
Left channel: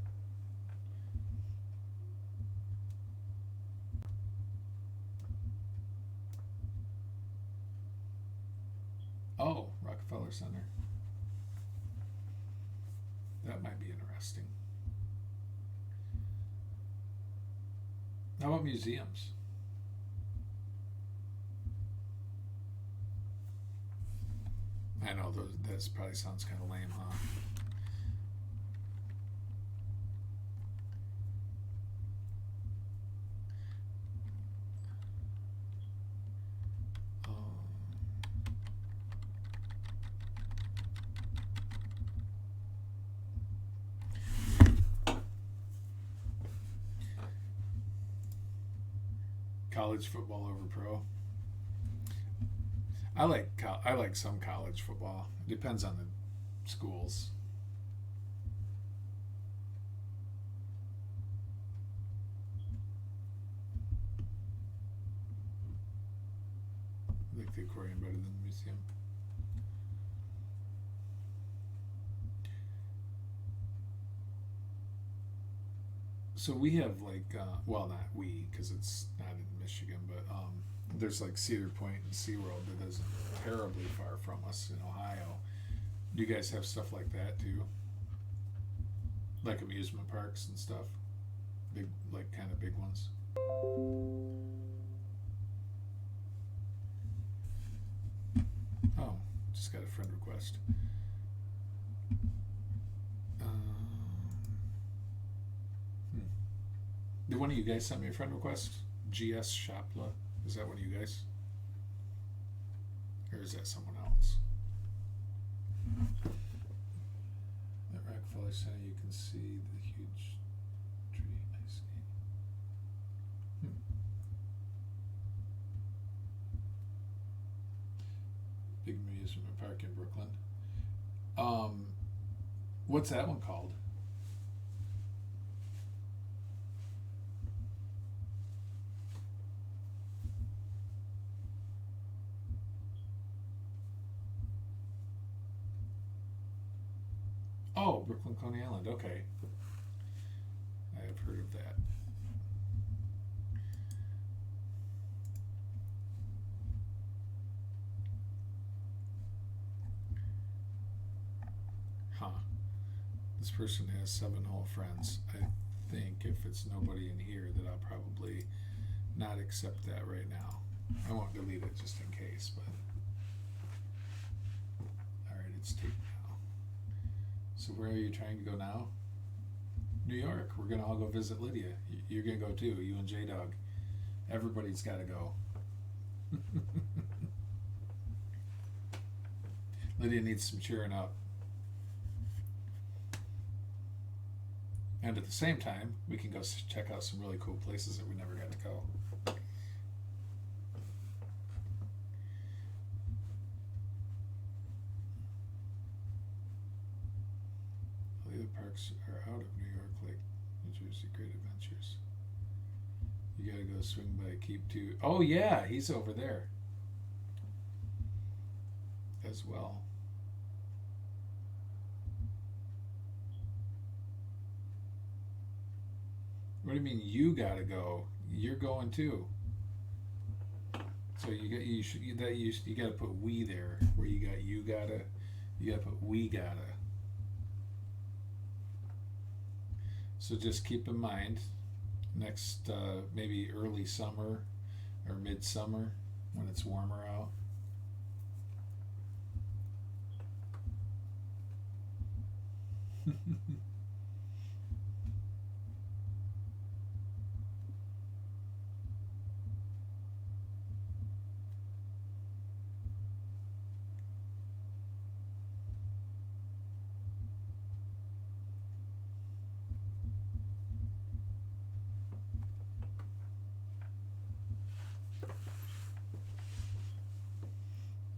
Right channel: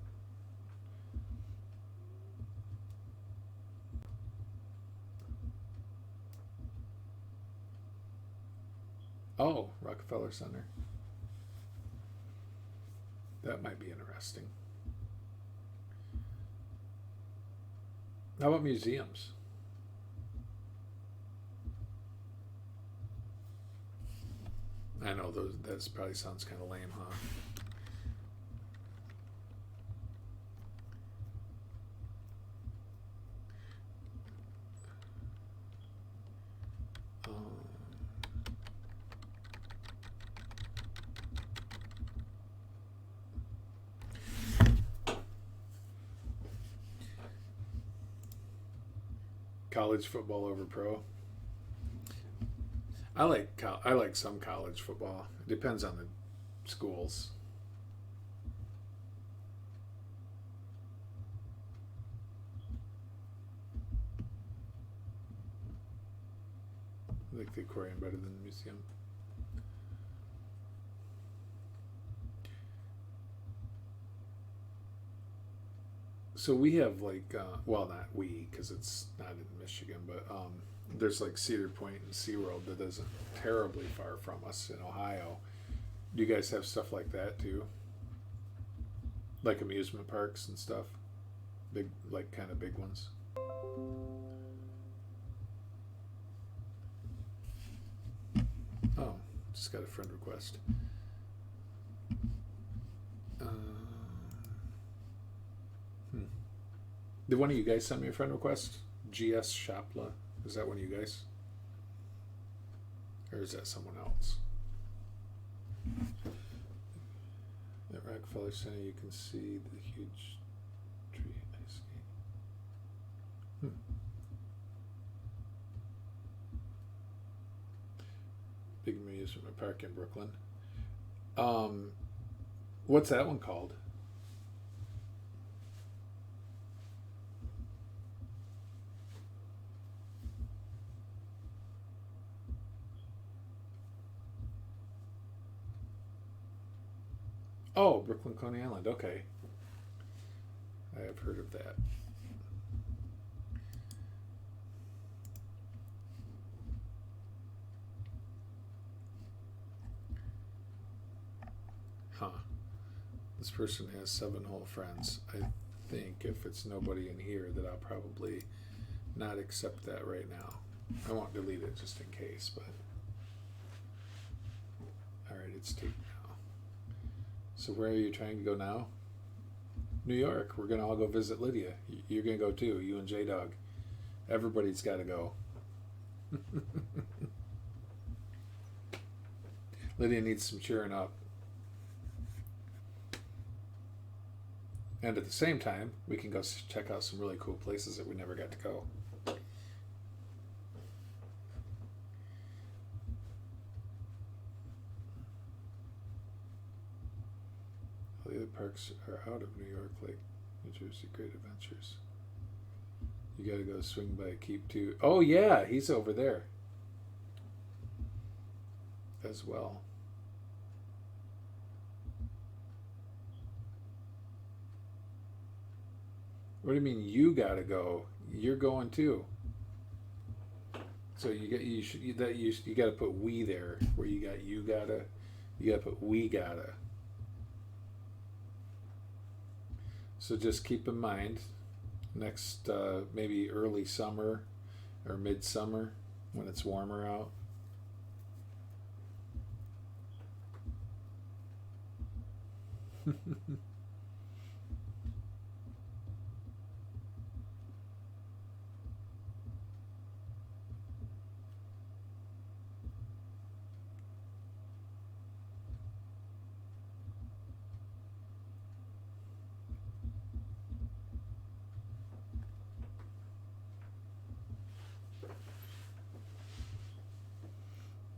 oh, Rockefeller Center. That might be interesting. How about museums? I know that probably sounds kind of lame, huh? College football over pro. I like some college football. It depends on the schools. I like the aquarium better than the museum. So we have like, well, not we, because it's not in Michigan, but there's like Cedar Point and SeaWorld that isn't terribly far from us in Ohio. Do you guys have stuff like that too? Like amusement parks and stuff? Big, like kind of big ones? Oh, just got a friend request. Did one of you guys send me a friend request? GS Shopla? Is that one of you guys? Or is that someone else? At Rockefeller Center, you can see the huge tree ice skate. Big amusement park in Brooklyn. What's that one called? Oh, Brooklyn Coney Island. Okay. I have heard of that. Huh. This person has 7 whole friends. I think if it's nobody in here that I'll probably not accept that right now. I won't delete it just in case, but alright, it's taken now. So where are you trying to go now? New York. We're gonna all go visit Lydia. You're gonna go too, you and J-Dog. Everybody's gotta go. Lydia needs some cheering up. And at the same time, we can go check out some really cool places that we never got to go. All the other parks are out of New York, like New Jersey Great Adventures. You gotta go swing by Keep too. Oh yeah, he's over there as well. What do you mean you gotta go? You're going too. So you gotta put we there where you gotta put we gotta. So just keep in mind next maybe early summer or midsummer when it's warmer out.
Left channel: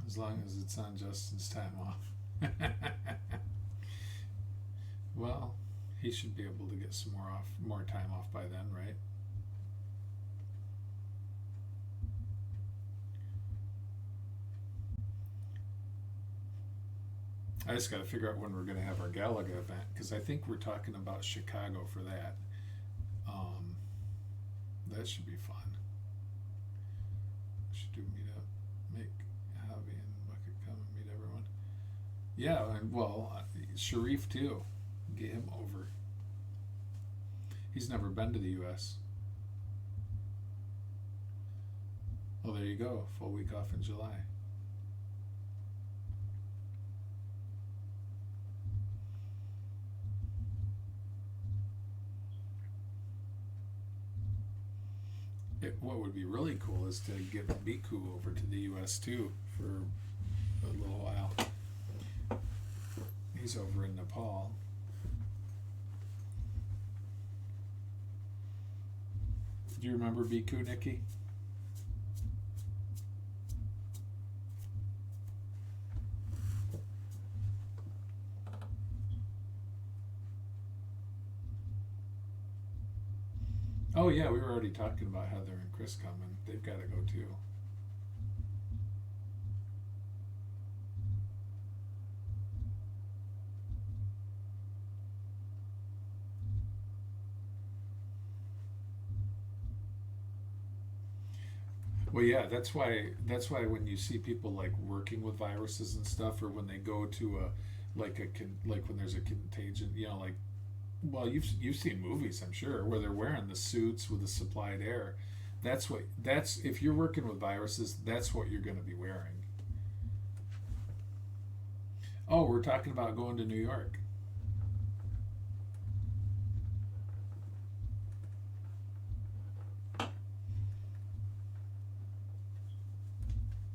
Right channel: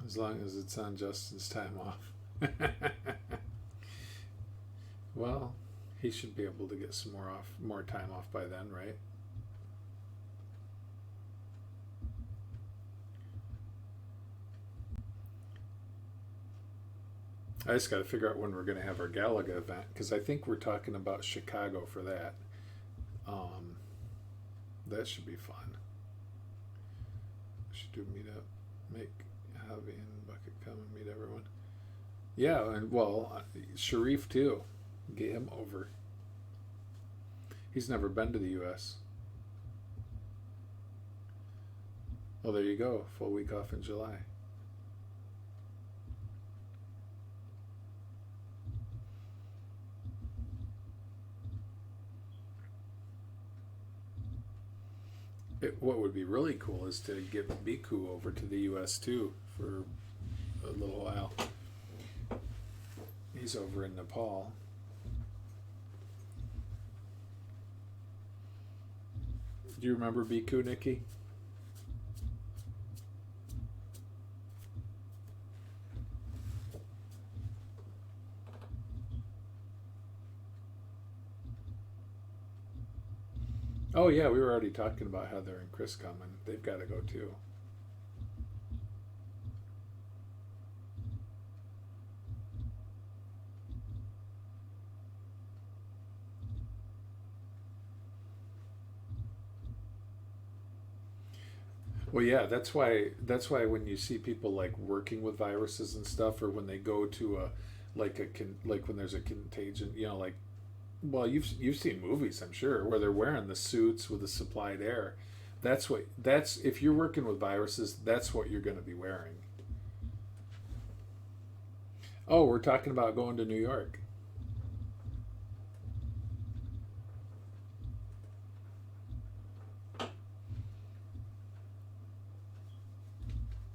As long as it's on Justin's time off. Well, he should be able to get some more time off by then, right? I just got to figure out when we're going to have our Galaga event, because I think we're talking about Chicago for that. That should be fun. We should do a meetup. Make Javi and Bucket come and meet everyone. Yeah, and well, Sharif too. Get him over. He's never been to the U.S. Well, there you go. Full week off in July. What would be really cool is to get Biku over to the U.S. too for a little while. He's over in Nepal. Do you remember Biku, Nikki? Oh yeah, we were already talking about Heather and Chris coming. They've got to go too. Well, yeah, that's why when you see people like working with viruses and stuff, or when they go to like when there's a contagion, like, well, you've seen movies, I'm sure, where they're wearing the suits with the supplied air. That's if you're working with viruses, that's what you're going to be wearing. Oh, we're talking about going to New York.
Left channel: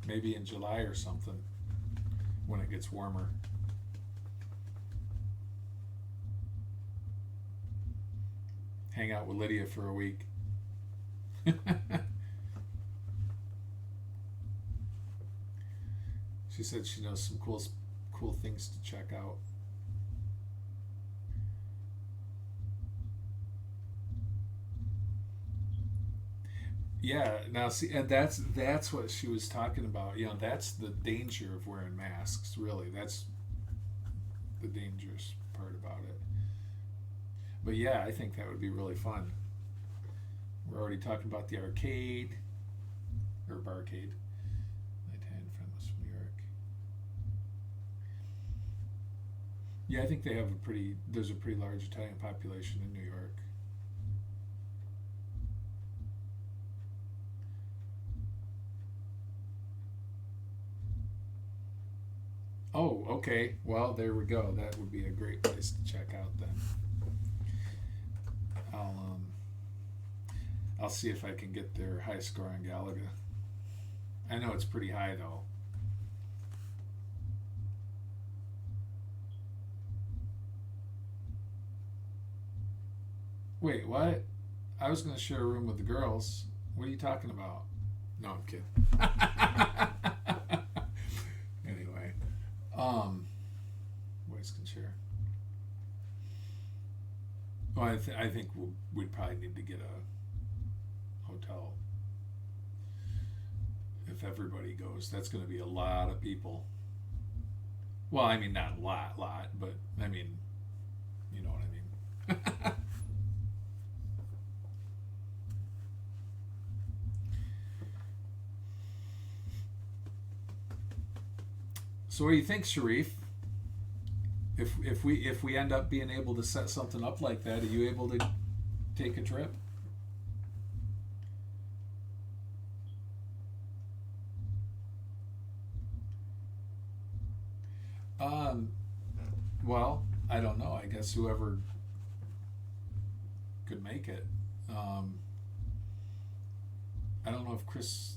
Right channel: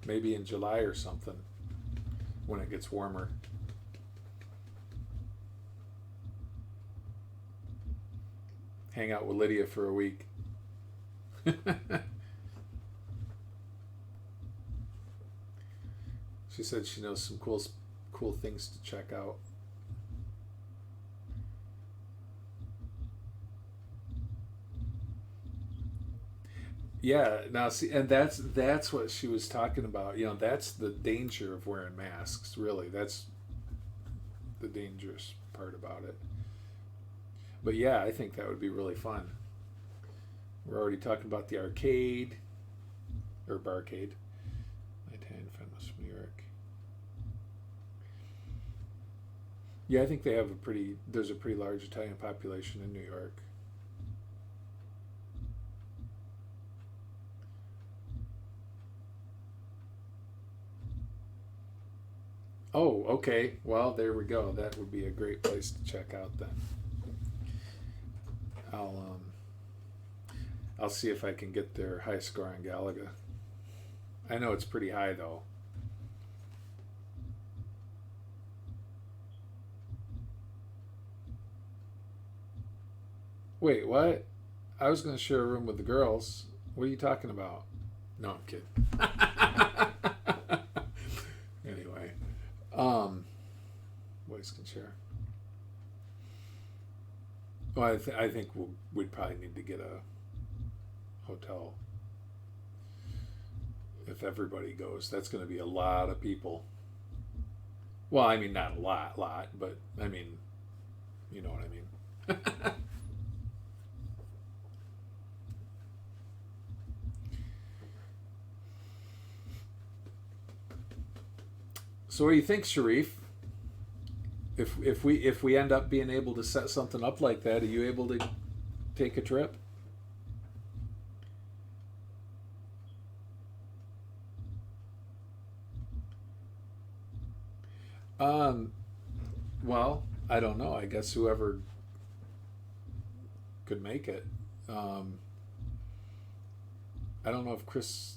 Maybe in July or something, when it gets warmer. Hang out with Lydia for a week. She said she knows some cool things to check out. Yeah, now see, and that's what she was talking about. That's the danger of wearing masks. Really, that's the dangerous part about it. But yeah, I think that would be really fun. We're already talking about the arcade, or barcade. My Italian friend was from New York. Yeah, I think there's a pretty large Italian population in New York. Oh, okay. Well, there we go. That would be a great place to check out then. I'll see if I can get their high score on Galaga. I know it's pretty high though. Wait, what? I was going to share a room with the girls. What are you talking about? No, I'm kidding. Anyway, boys can share. Well, I think we'd probably need to get a hotel if everybody goes. That's going to be a lot of people. Well, I mean, not a lot, but I mean, you know what I mean. So what do you think, Sharif? If we end up being able to set something up like that, are you able to take a trip? Well, I don't know. I guess whoever could make it. I don't know if Chris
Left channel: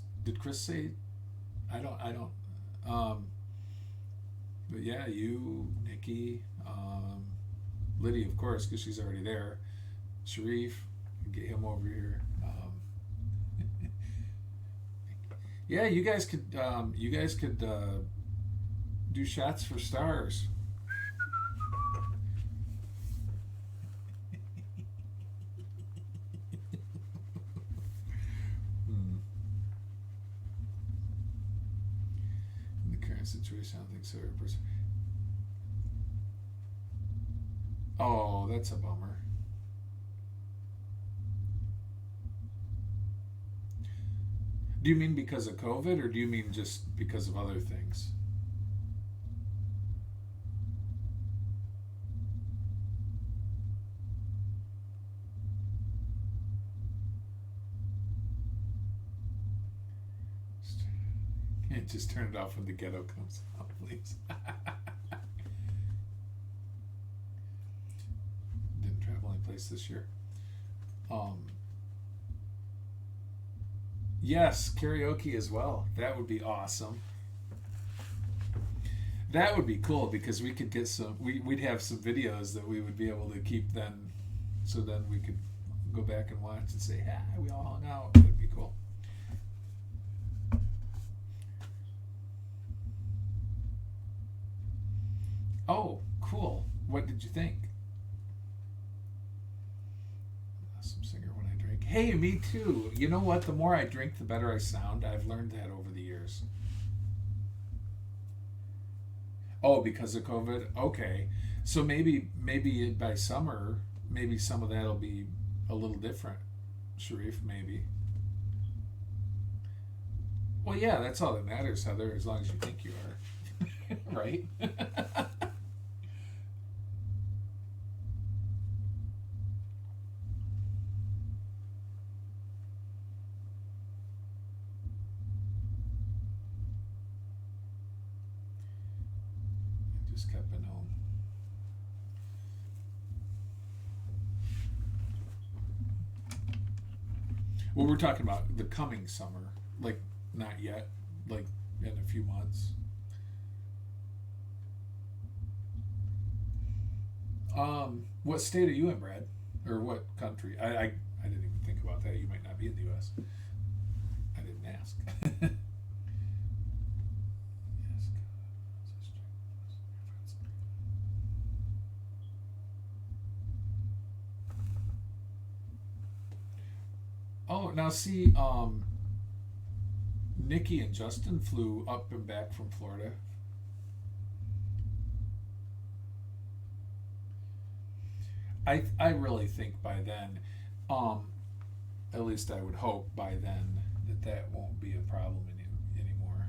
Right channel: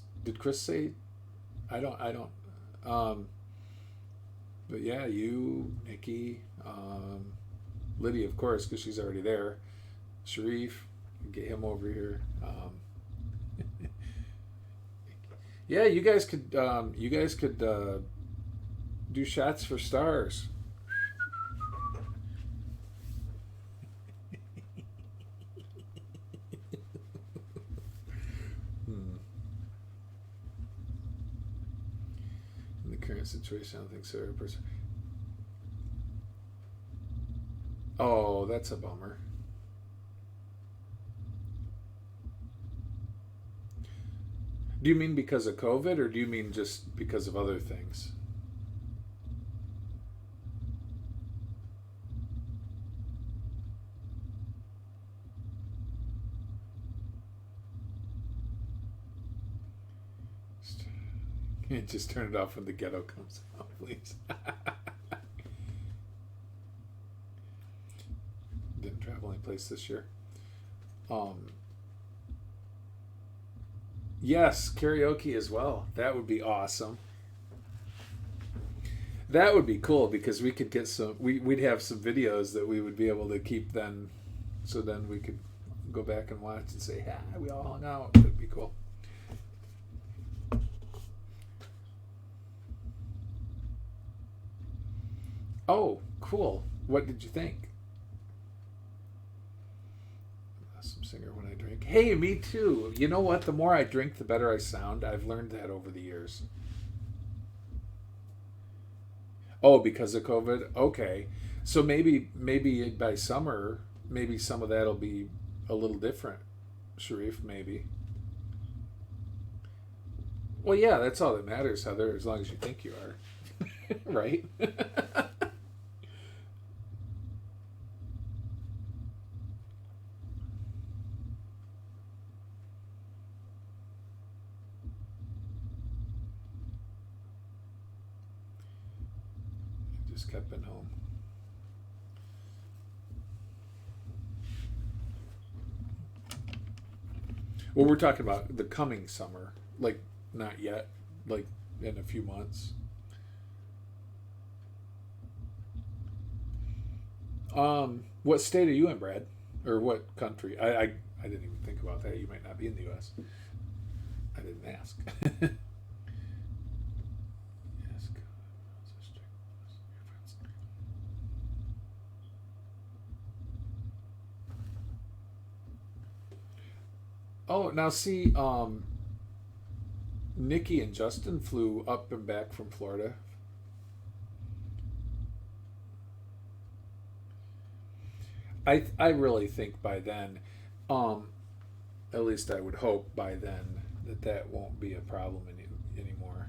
say? I don't. But yeah, you, Nikki, Lydia, of course, because she's already there. Sharif, get him over here. Yeah, you guys could do shots for stars. In the current situation, I don't think so. Oh, that's a bummer. Do you mean because of COVID, or do you mean just because of other things? Just turn it off when the ghetto comes out, please. Didn't travel any place this year. Yes, karaoke as well. That would be awesome. That would be cool because we could get some. We'd have some videos that we would be able to keep then, so then we could go back and watch and say, "Ah, we all hung out." That'd be cool. Oh, cool. What did you think? Awesome singer when I drink. Hey, me too. You know what? The more I drink, the better I sound. I've learned that over the years. Oh, because of COVID? Okay. So maybe by summer, maybe some of that'll be a little different. Sharif, maybe. Well, yeah, that's all that matters, Heather, as long as you think you are. Right? Just kept been home. Well, we're talking about the coming summer, like not yet, like in a few months. What state are you in, Brad? Or what country? I didn't even think about that. You might not be in the U.S. I didn't ask. Oh, now see, Nikki and Justin flew up and back from Florida. I really think by then, at least I would hope by then that won't be a problem anymore.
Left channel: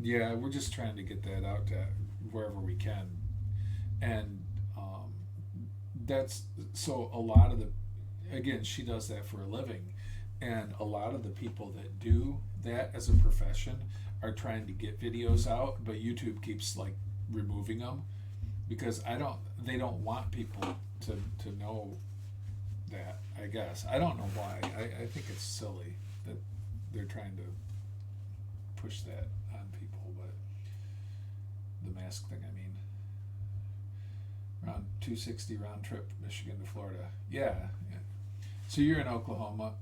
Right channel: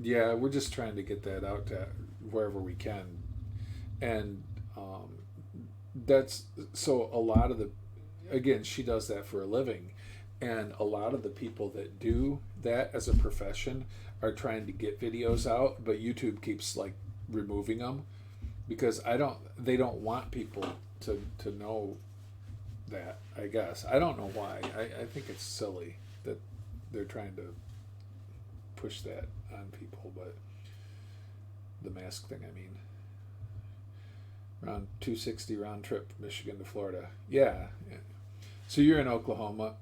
Yeah, we're just trying to get that out to wherever we can, and that's so a lot of the, again, she does that for a living, and a lot of the people that do that as a profession are trying to get videos out, but YouTube keeps like removing them because they don't want people to know that, I guess. I don't know why. I think it's silly that they're trying to push that on people, but the mask thing, I mean. Around 260 round trip, Michigan to Florida. Yeah. So you're in Oklahoma.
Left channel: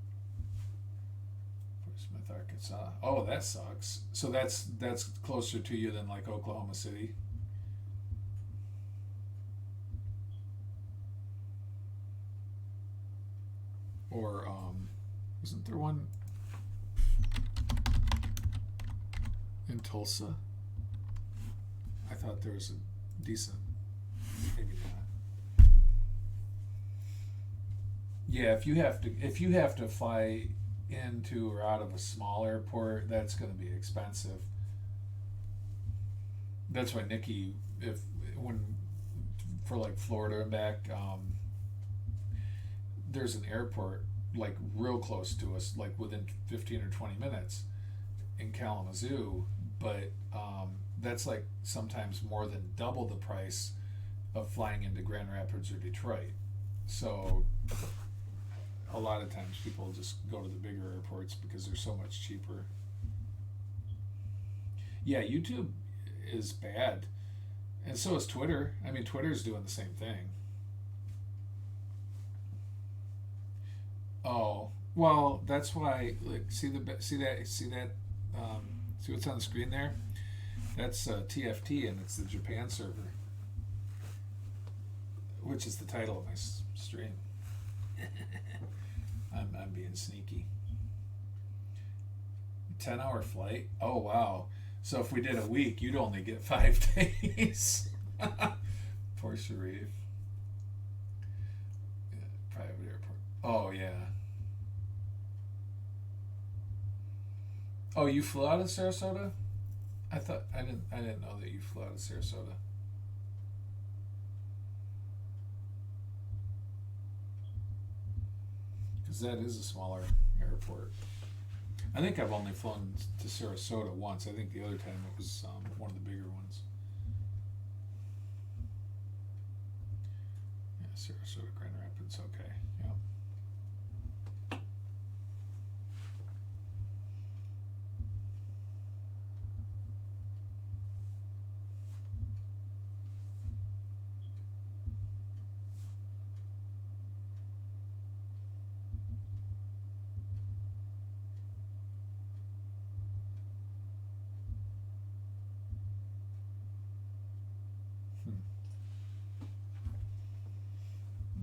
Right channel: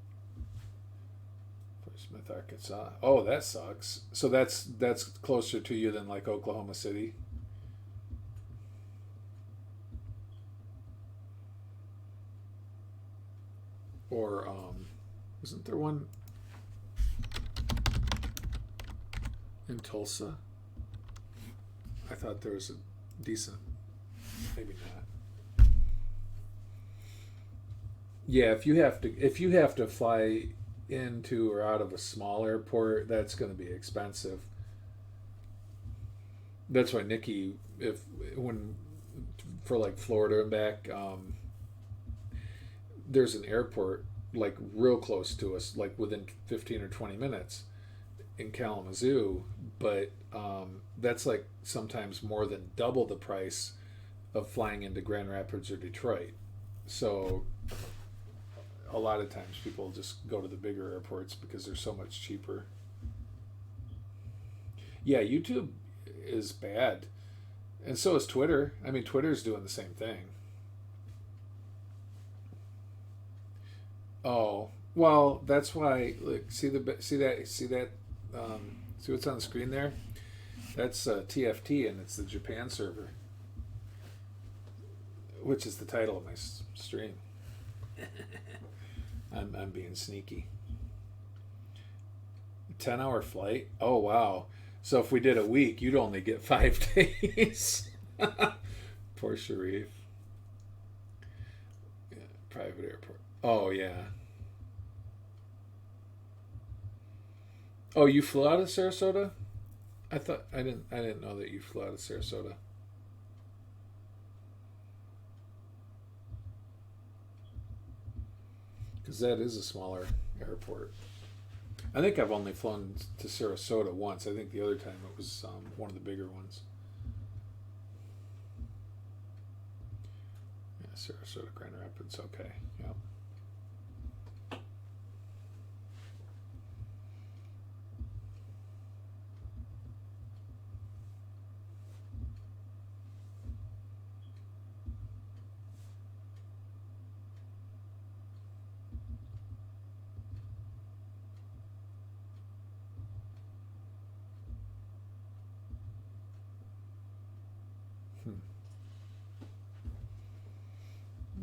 Fort Smith, Arkansas. Oh, that sucks. So that's closer to you than like Oklahoma City. Or isn't there one in Tulsa? I thought there was a decent. Maybe not. Yeah, if you have to fly into or out of a small airport, that's going to be expensive. That's why Nikki, when for like Florida and back, there's an airport like real close to us, like within 15 or 20 minutes in Kalamazoo, but that's like sometimes more than double the price of flying into Grand Rapids or Detroit. So a lot of times people just go to the bigger airports because they're so much cheaper. Yeah, YouTube is bad. And so is Twitter. I mean, Twitter's doing the same thing. Oh, well, that's why, look, see what's on the screen there? That's TFT, and it's the Japan server, which is the title of my stream. I'm being sneaky. 10-hour flight? Oh, wow. So if we did a week, you'd only get 5 days. Poor Sharif. Yeah, private airport. Oh, yeah. Oh, you flew out of Sarasota? I didn't know that you flew out of Sarasota. because that is a smaller airport. I think I've only flown to Sarasota once. I think the other time it was one of the bigger ones. Yeah, Sarasota, Grand Rapids, okay. Yeah.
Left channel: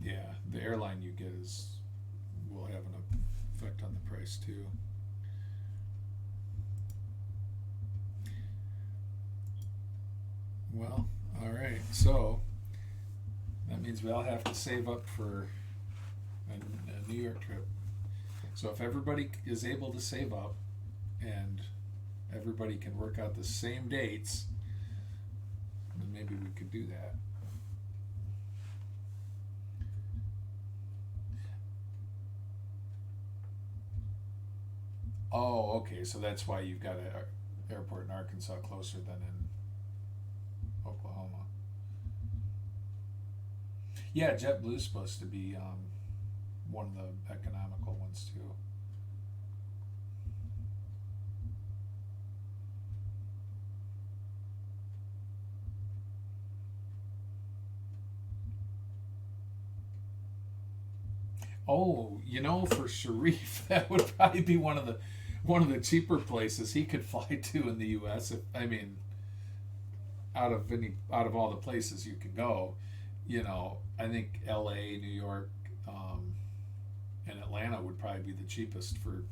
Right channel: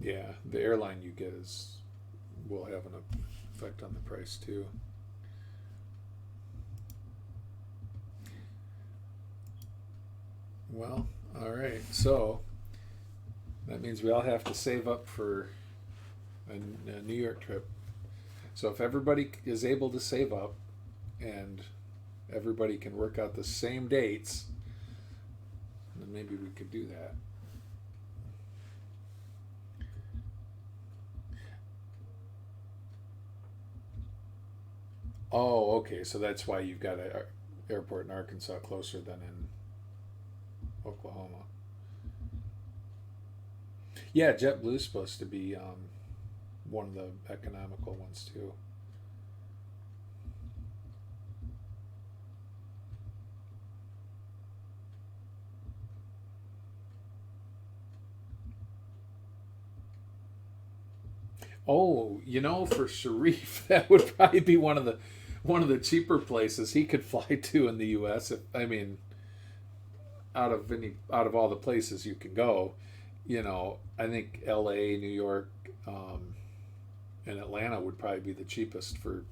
Yeah, the airline you get will have an effect on the price too. Well, all right. So that means we all have to save up for a New York trip. So if everybody is able to save up and everybody can work out the same dates, then maybe we could do that. Oh, okay. So that's why you've got an airport in Arkansas closer than in Oklahoma. Yeah, JetBlue's supposed to be one of the economical ones too. Oh, for Sharif, that would probably be one of the cheaper places he could fly to in the U.S. Out of all the places you can go, I think L.A., New York, and Atlanta would probably be the cheapest for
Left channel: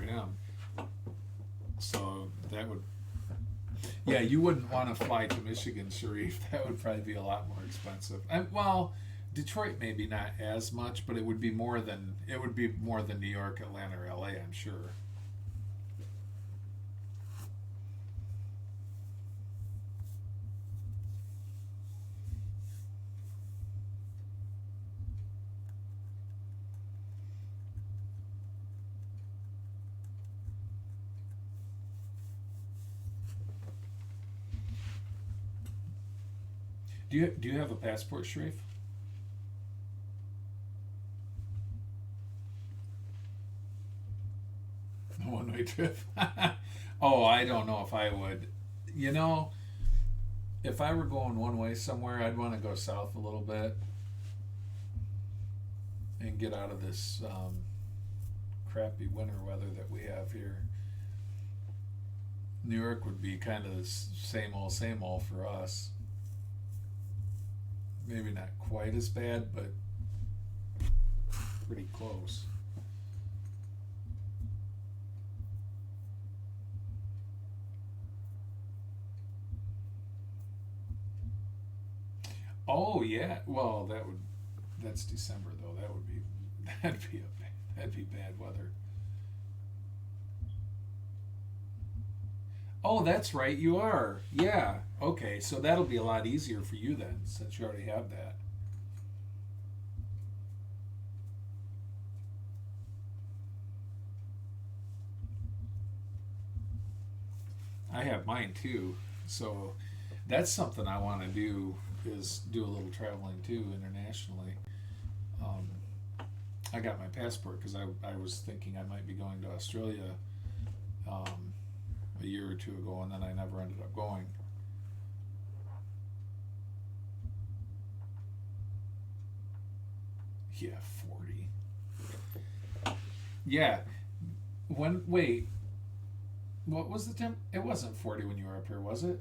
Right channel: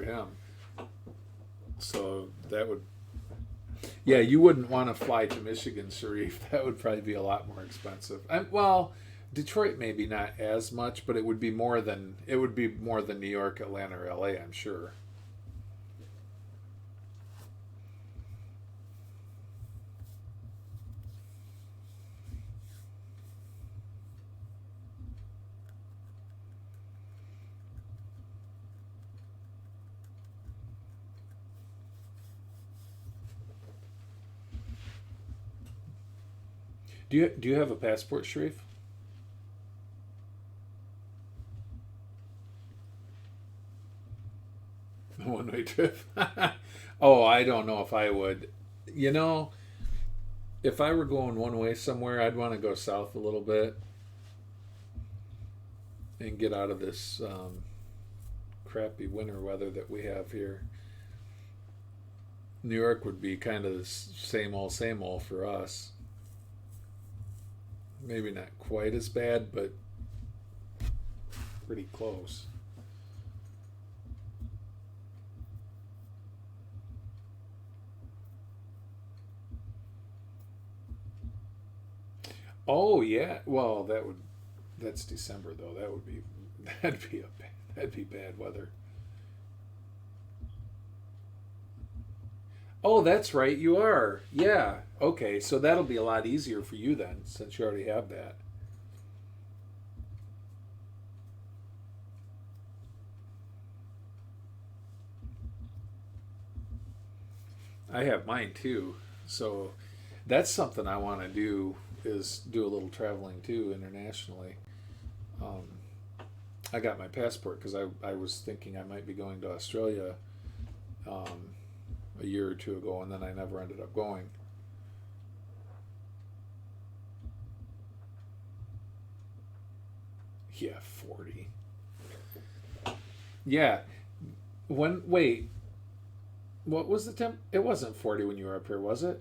him. So that would, yeah, you wouldn't want to fly to Michigan, Sharif. That would probably be a lot more expensive. Well, Detroit maybe not as much, but it would be more than New York, Atlanta, or LA, I'm sure. Do you have a passport, Sharif? A one-way trip. Oh, I don't know if I would. If I were going one way somewhere, I'd want to go south a little bit and get out of this crappy winter weather that we have here. New York would be kind of the same old for us. Maybe not quite as bad, but pretty close. Oh yeah, well that's December though. That'd be bad weather. Oh, that's right, you are. Yeah. Okay, so that'll be a lot easier for you then, since you already have that. I have mine too. So that's something I want to do is do a little traveling too internationally. Um, I got my passport because I was thinking I might be going to Australia a year or two ago, and then I never ended up going. Yeah, 40. Yeah. Wait, what was the temp? It wasn't 40 when you were up here, was it?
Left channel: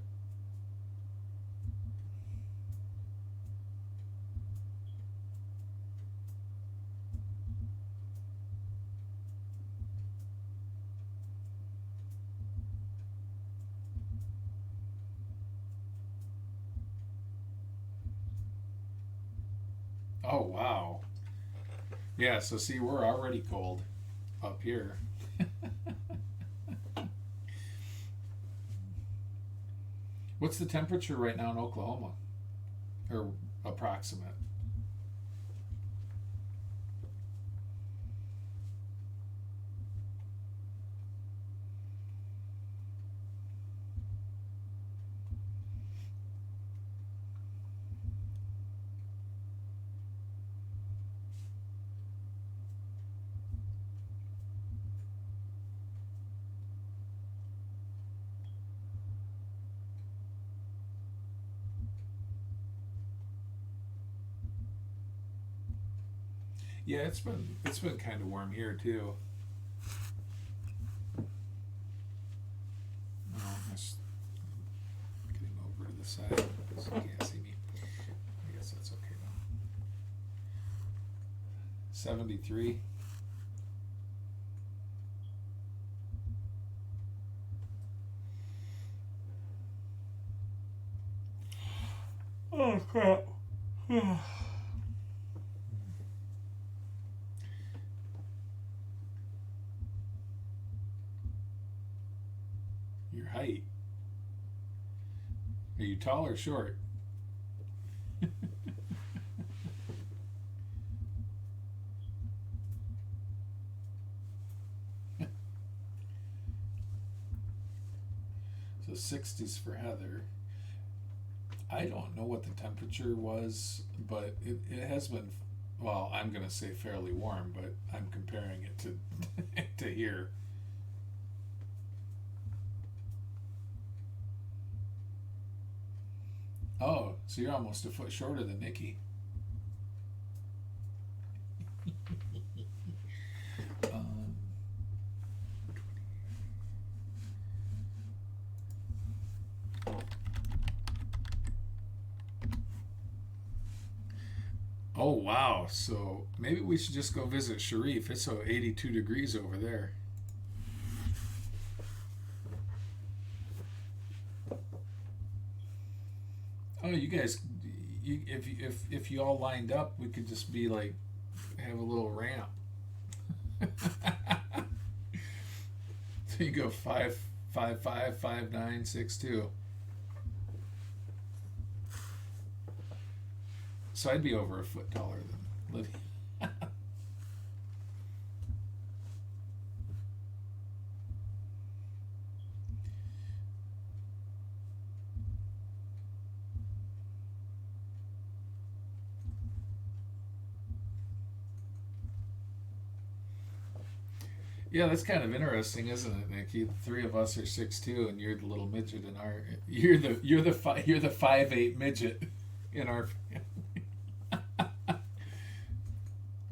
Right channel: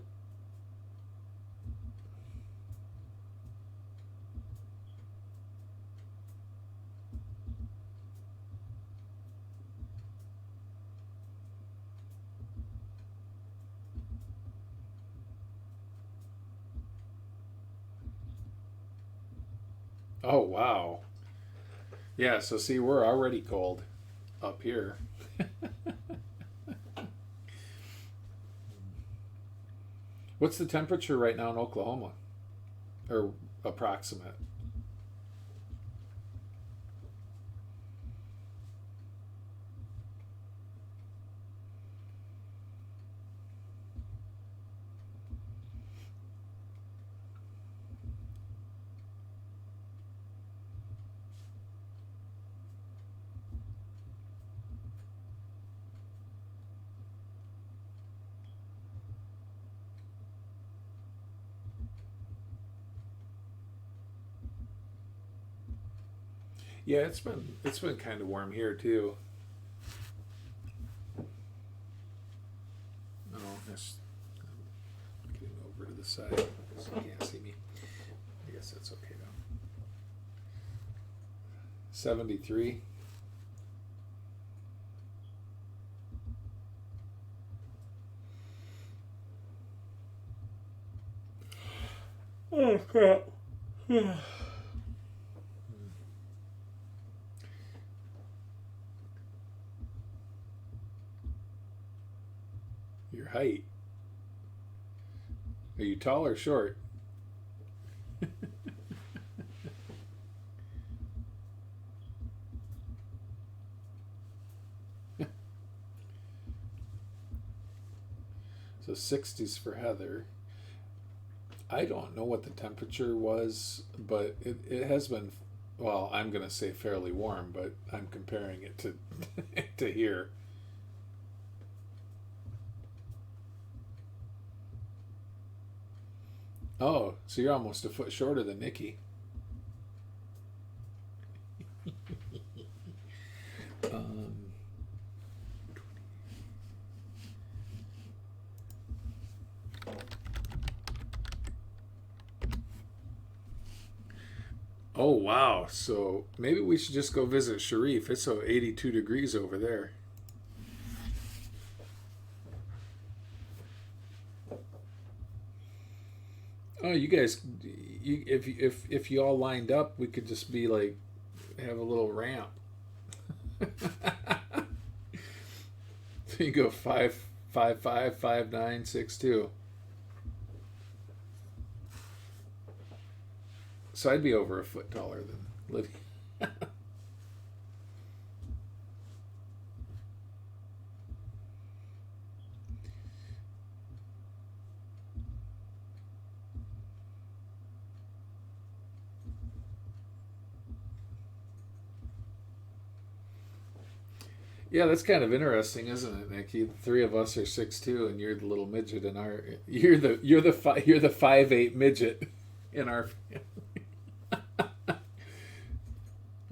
Oh, wow. Yeah, so see, we're already cold up here. What's the temperature right now in Oklahoma? Or approximate? Yeah, it's been kind of warm here too. Oh, that's getting over to the side because you can't see me. I guess that's okay now. 73. Oh crap. Your height. Are you tall or short? So 60s for Heather. I don't know what the temperature was, but it has been, well, I'm going to say fairly warm, but I'm comparing it to to here. Oh, so you're almost a foot shorter than Nikki. um, oh, wow. So maybe we should just go visit Sharif. It's 82 degrees over there. Oh, you guys, if you all lined up, we could just be like have a little ramp. So you go 5'5", 5'9", 6'2". So I'd be over a foot taller than Lydia. Yeah, that's kind of interesting, isn't it, Nikki? The three of us are 6'2", and you're the little midget in our. You're the 5'8" midget in our.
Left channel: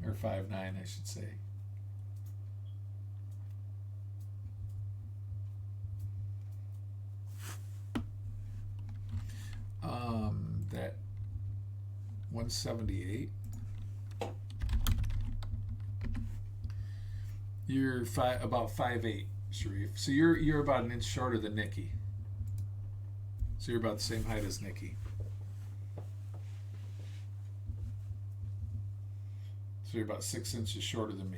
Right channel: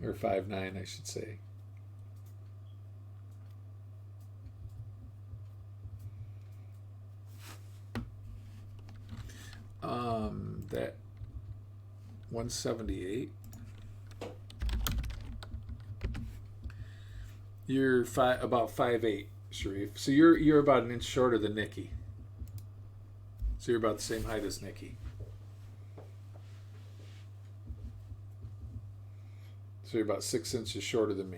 Or 5'9", I should say. That 178. You're about 5'8", Sharif. So you're about an inch shorter than Nikki. So you're about the same height as Nikki. So you're about 6 inches shorter than me.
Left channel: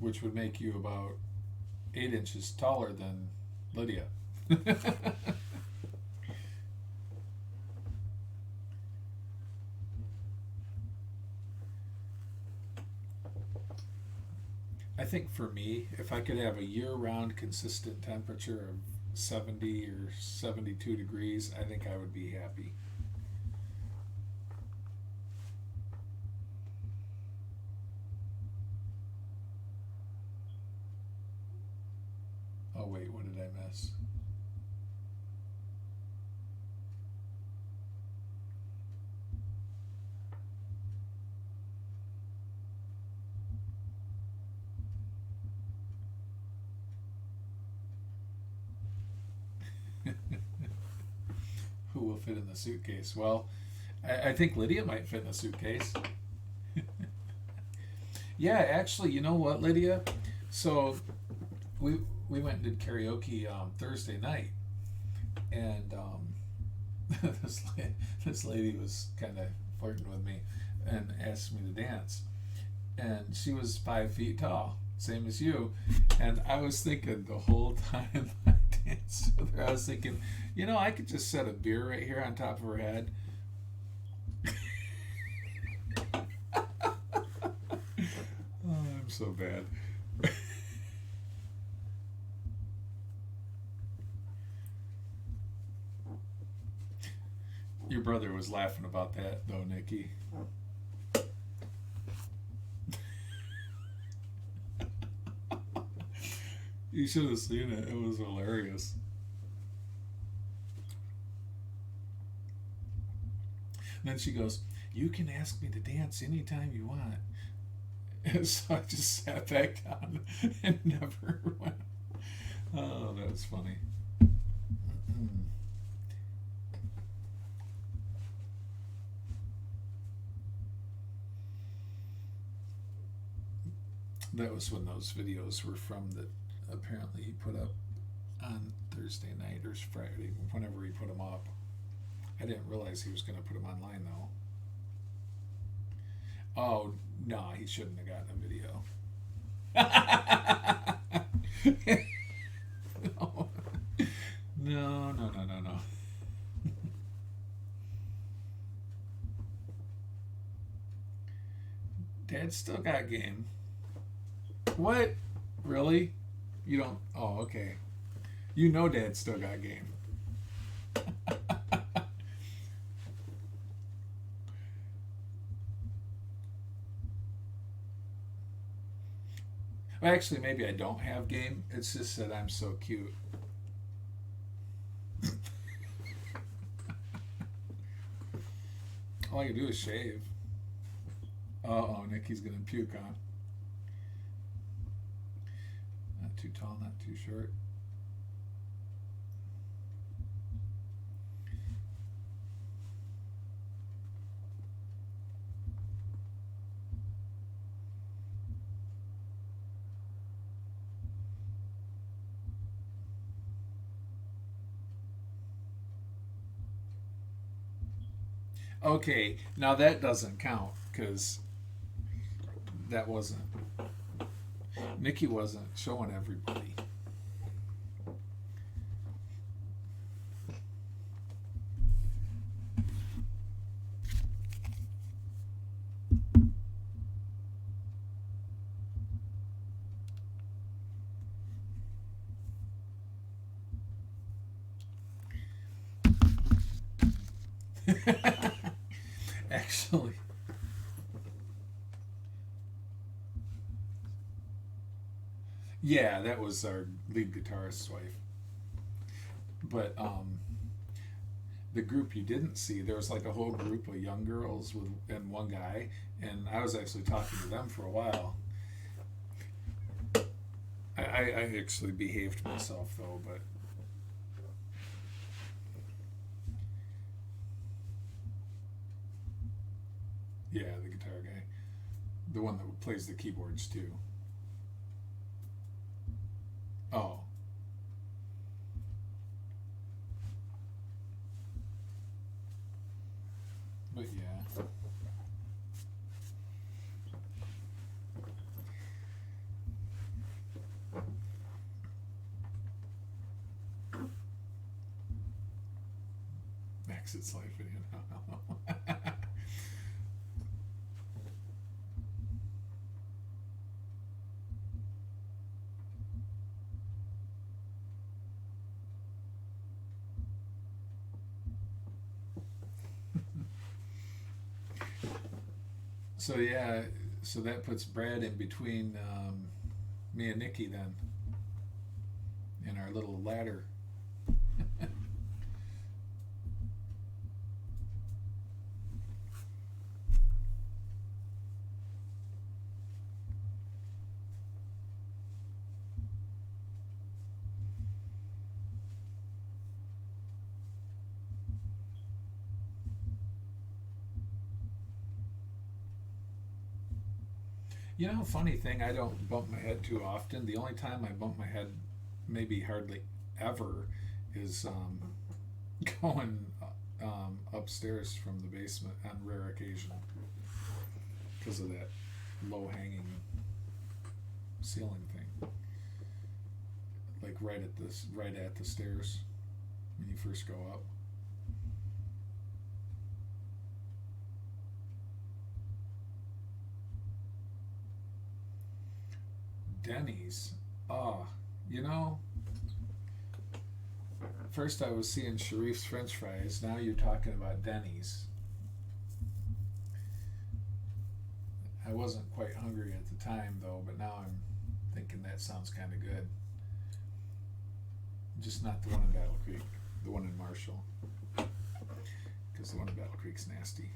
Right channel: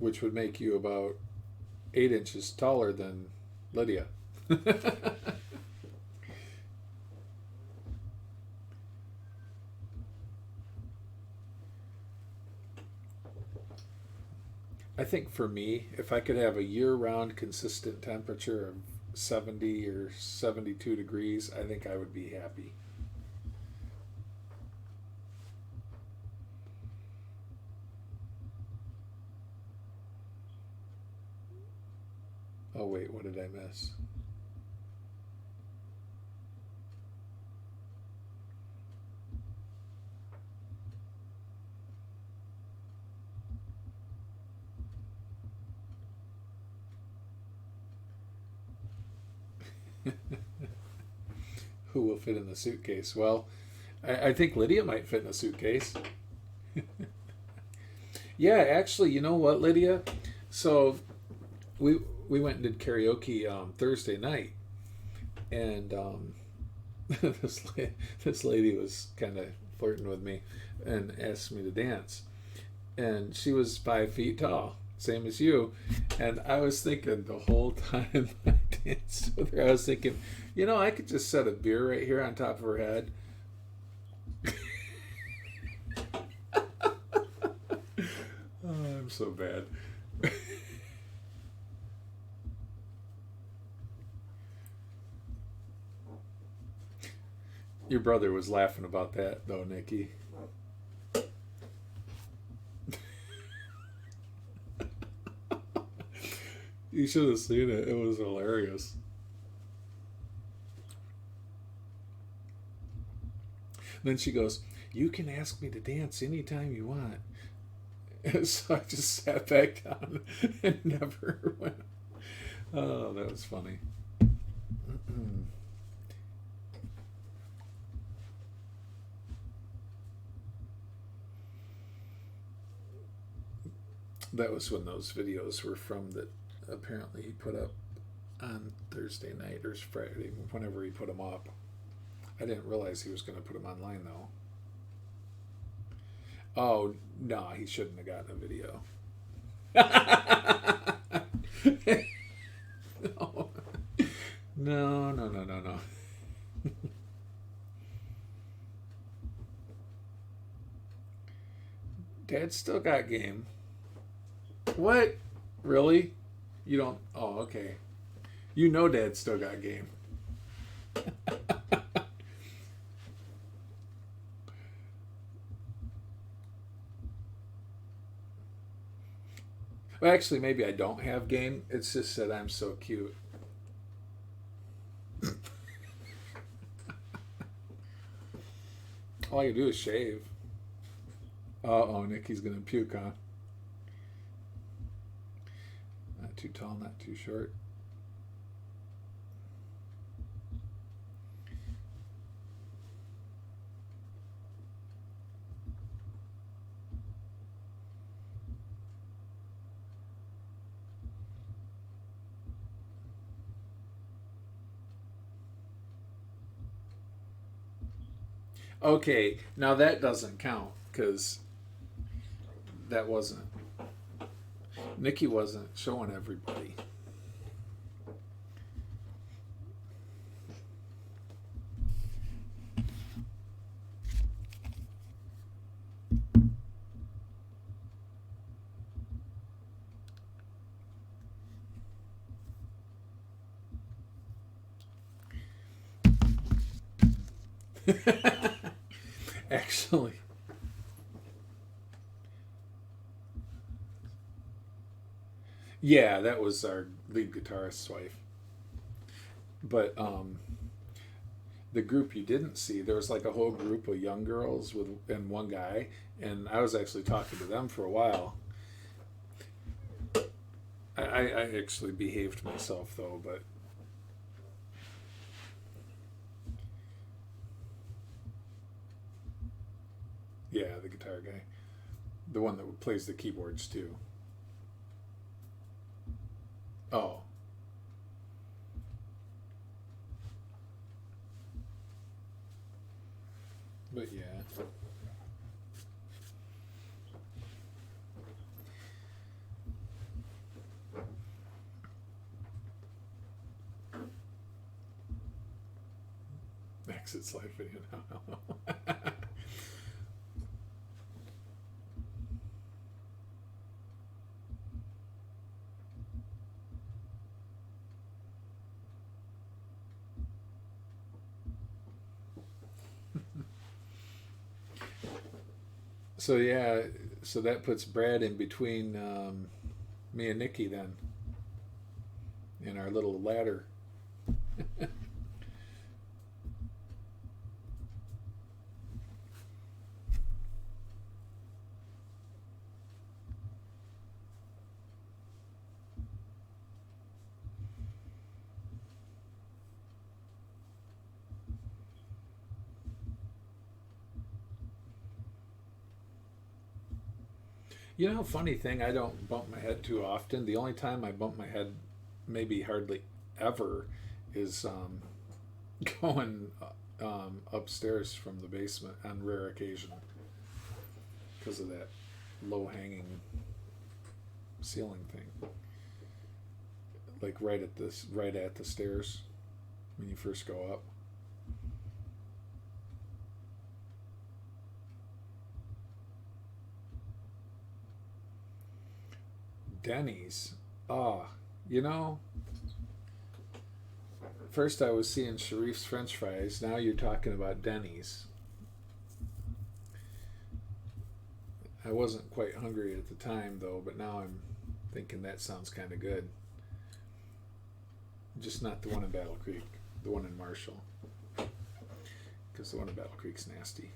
Which would make you about 8 inches taller than Lydia. I think for me, if I could have a year-round consistent temperature of 70 or 72 degrees, I think I would be happy. Oh wait, what did I miss? Who will fit in the suitcase? Well, I think Lydia might fit in a suitcase. Yeah, actually, you know what, Lydia? So we went and did karaoke Thursday night, and this lady was kind of flirting with me and asked me to dance, and she was 5 feet tall, same as you, and I was thinking the whole time I danced with her, I was thinking, you know, I could just set a beer right here on top of her head. Oh, I'm so bad. Your brother was laughing about that, though, Nikki. You should have seen it. It was hilarious. Then she goes, "You can ask me to dance anytime you want." And so I just sat back down and never went. Oh, that was funny. That was when those videos were from that apparently he put up on Thursday night or Friday, whenever he put them up. I didn't realize he was going to put them online, though. Oh, no, he shouldn't have gotten a video. No. No. Dad still got game. What? Really? You don't? Oh, okay. You know Dad still got game. Well, actually, maybe I don't have game. It's just that I'm so cute. All I can do is shave. Uh-oh, Nikki's going to puke, huh? Not too tall, not too short. Okay, now that doesn't count because that wasn't. Nikki wasn't showing everybody. Actually. Yeah, that was our lead guitarist's wife. But the group you didn't see, there was like a whole group of young girls and one guy, and I was actually talking to them for a while. I actually behaved myself though, but yeah, the guitar guy, the one that plays the keyboards too. Oh. But yeah. Exit's life video now. So yeah, so that puts Brad in between me and Nikki then, in our little ladder. You know, funny thing, I don't bump my head too often. The only time I bump my head, maybe hardly ever, is going upstairs from the basement on rare occasion because of that low-hanging ceiling thing, like right at the stairs when you first go up. Denny's. You know, first I was seeing Sharif's French fries. Now you're talking about Denny's. I wasn't quite hungry at the time, though, but now I'm thinking that sounds kind of good. Just not the one in Battle Creek. The one in Marshall. Because the one in Battle Creek's nasty.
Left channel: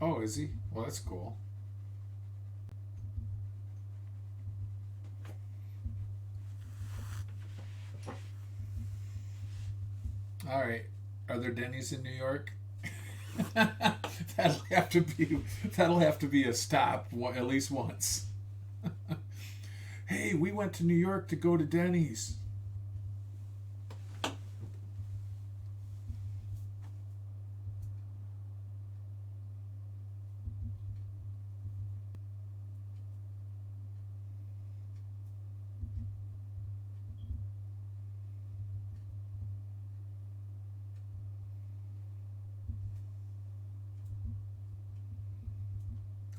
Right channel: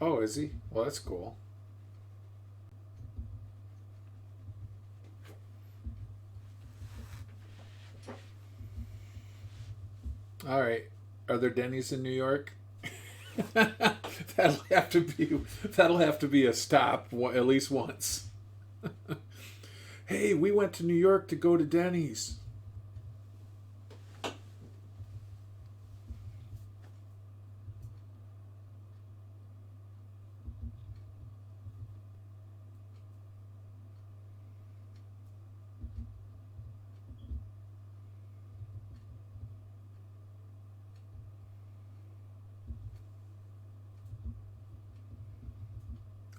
Oh, is he? Well, that's cool. All right. Are there Denny's in New York? that'll have to be a stop at least once. Hey, we went to New York to go to Denny's.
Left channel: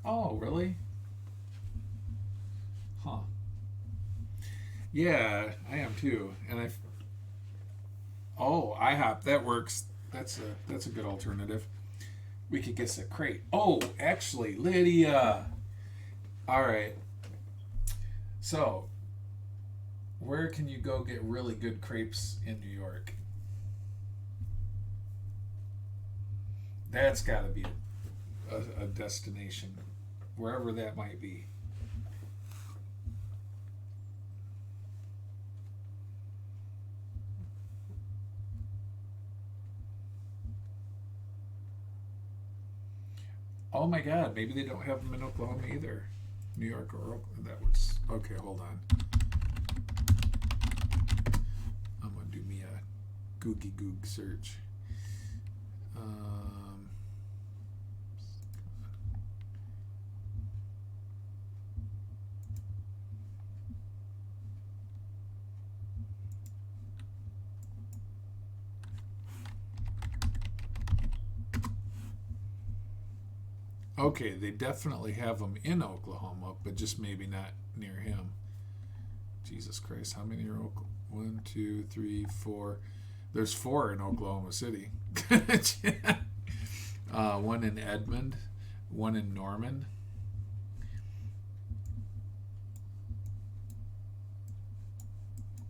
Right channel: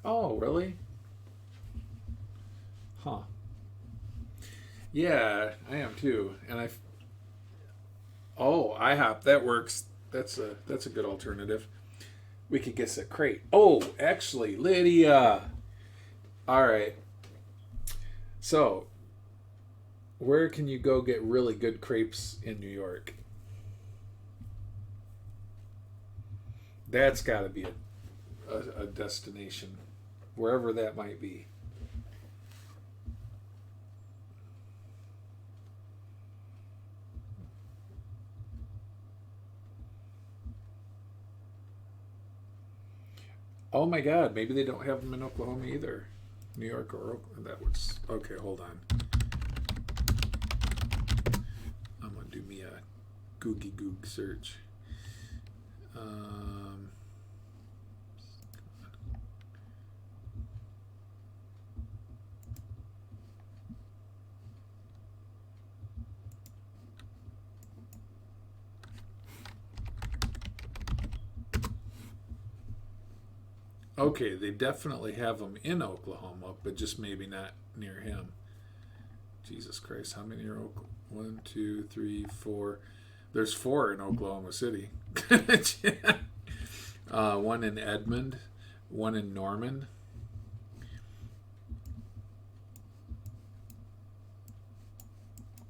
Oh, really? Huh. Yeah, I am too. And IHOP, that works. That's a good alternative. We could get a crate. Oh, actually, Lydia. All right. So, where can you go get really good crepes in New York? That's got to be a destination, wherever that might be. Oh my God, maybe they don't have them in Oklahoma either. New York or Oklahoma. That was okay. Hold on. I'm gonna do me a googie goog search. Okay, they definitely have them in Oklahoma, but just maybe not near him. Jesus Christ, how many are Oklahoma? 1, 2, 3, 4. There's 4 in Oklahoma City. One in Edmond, one in Norman.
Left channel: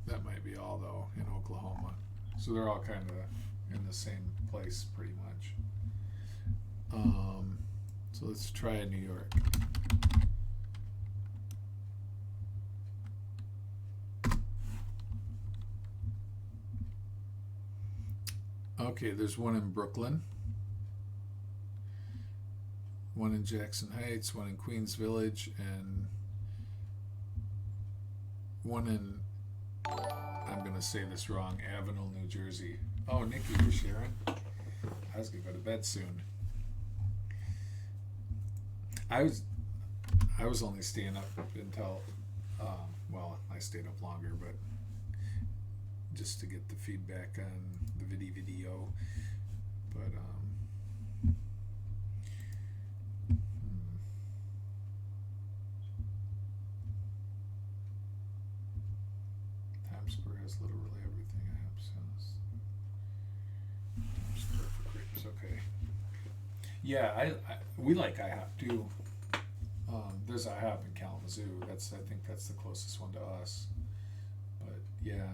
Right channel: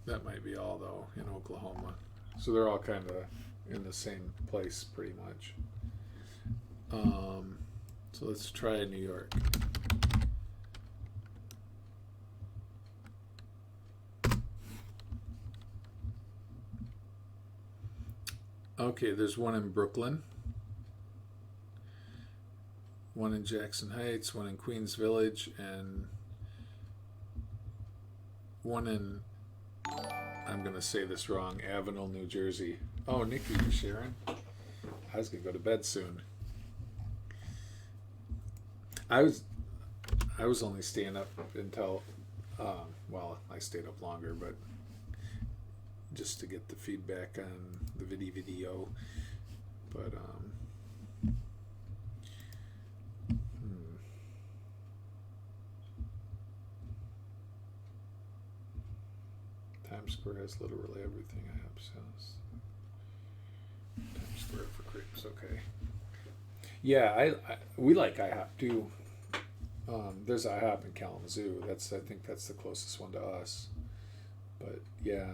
That might be all, though, in Oklahoma. So they're all kind of in the same place, pretty much. So let's try New York. Okay, there's one in Brooklyn, one in Jackson Heights, one in Queens Village, and one in, I'm going to say this wrong, Avenel, New Jersey. Oh, Nikki, you're sharing? I was going to go to bed soon. I was only staying up until, well, I stayed up longer, but just to get the feedback on the video. But, Times Square has literally everything I have. So Times Square for crepes, okay. Yeah, we like IHOP too. There's IHOP in Kalamazoo. I think that's the closest one to us. But yeah,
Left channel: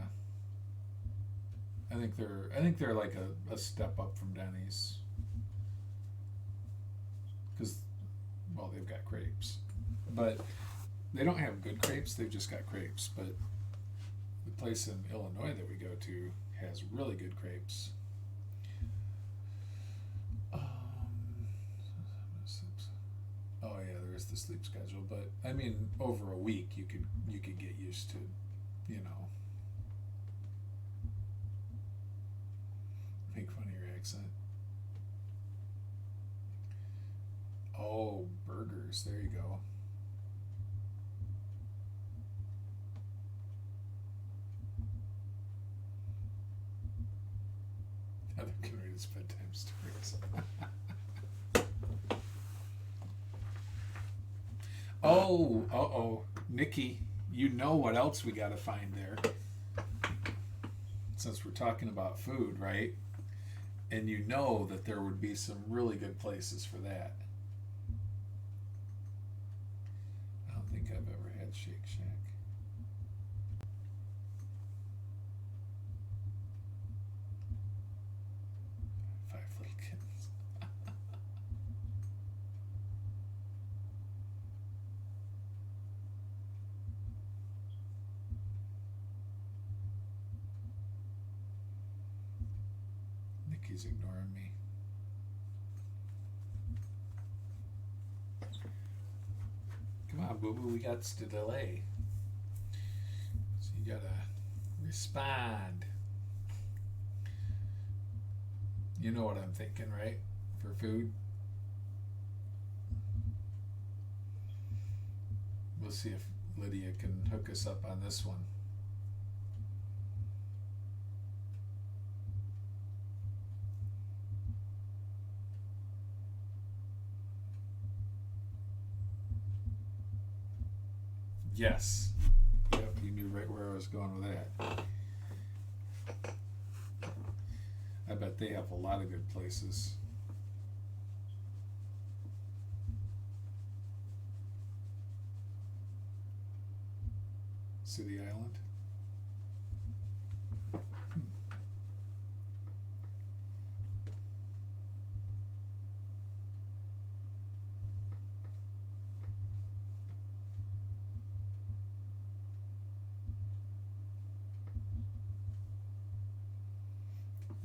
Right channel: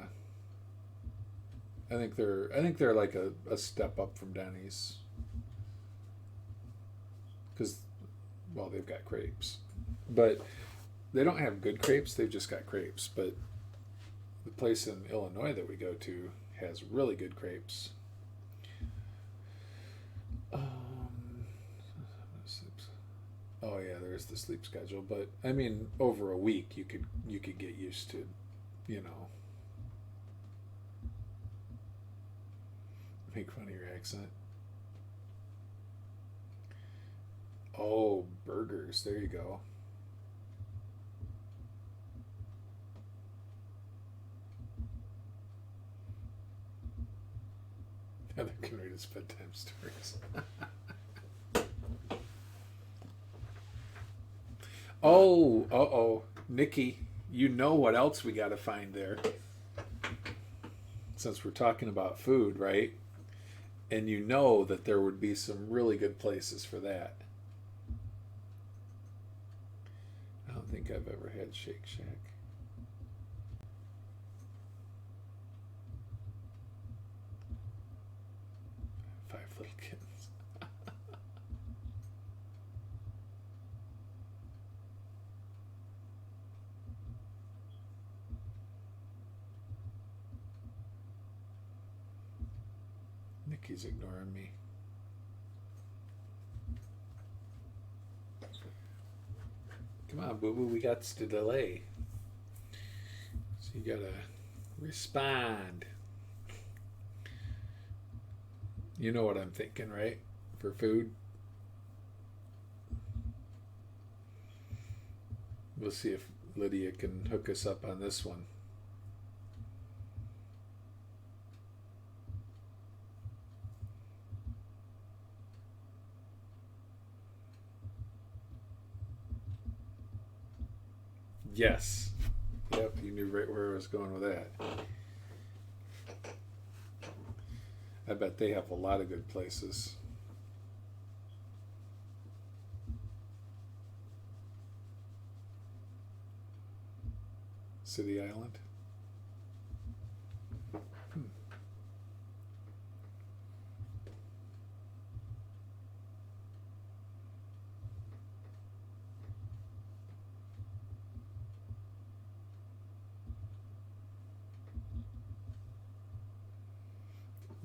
I think they're like a step up from Denny's. Because, well, they've got crepes, but they don't have good crepes. They've just got crepes. But the place in Illinois that we go to has really good crepes. Oh yeah, there's the sleep schedule, but I mean, over a week you could get used to, make fun of your accent. Oh, burgers. There you go. Heather can read his bedtime stories. Oh, uh-oh. Nikki, you know what else we got to find there. Since we're talking about food, right? And you know that there would be some really good places for that. I don't think I've ever had Shake Shack. Five Little Kittens. Nikki's ignoring me. Come on, boo boo, we got to delay. So you gotta respond. You know what I'm thinking, right? For food. We'll see if Lydia can hook us up on this one. Yes. Yep, you knew right where I was going with that. I bet they have a lot of good places. City Island.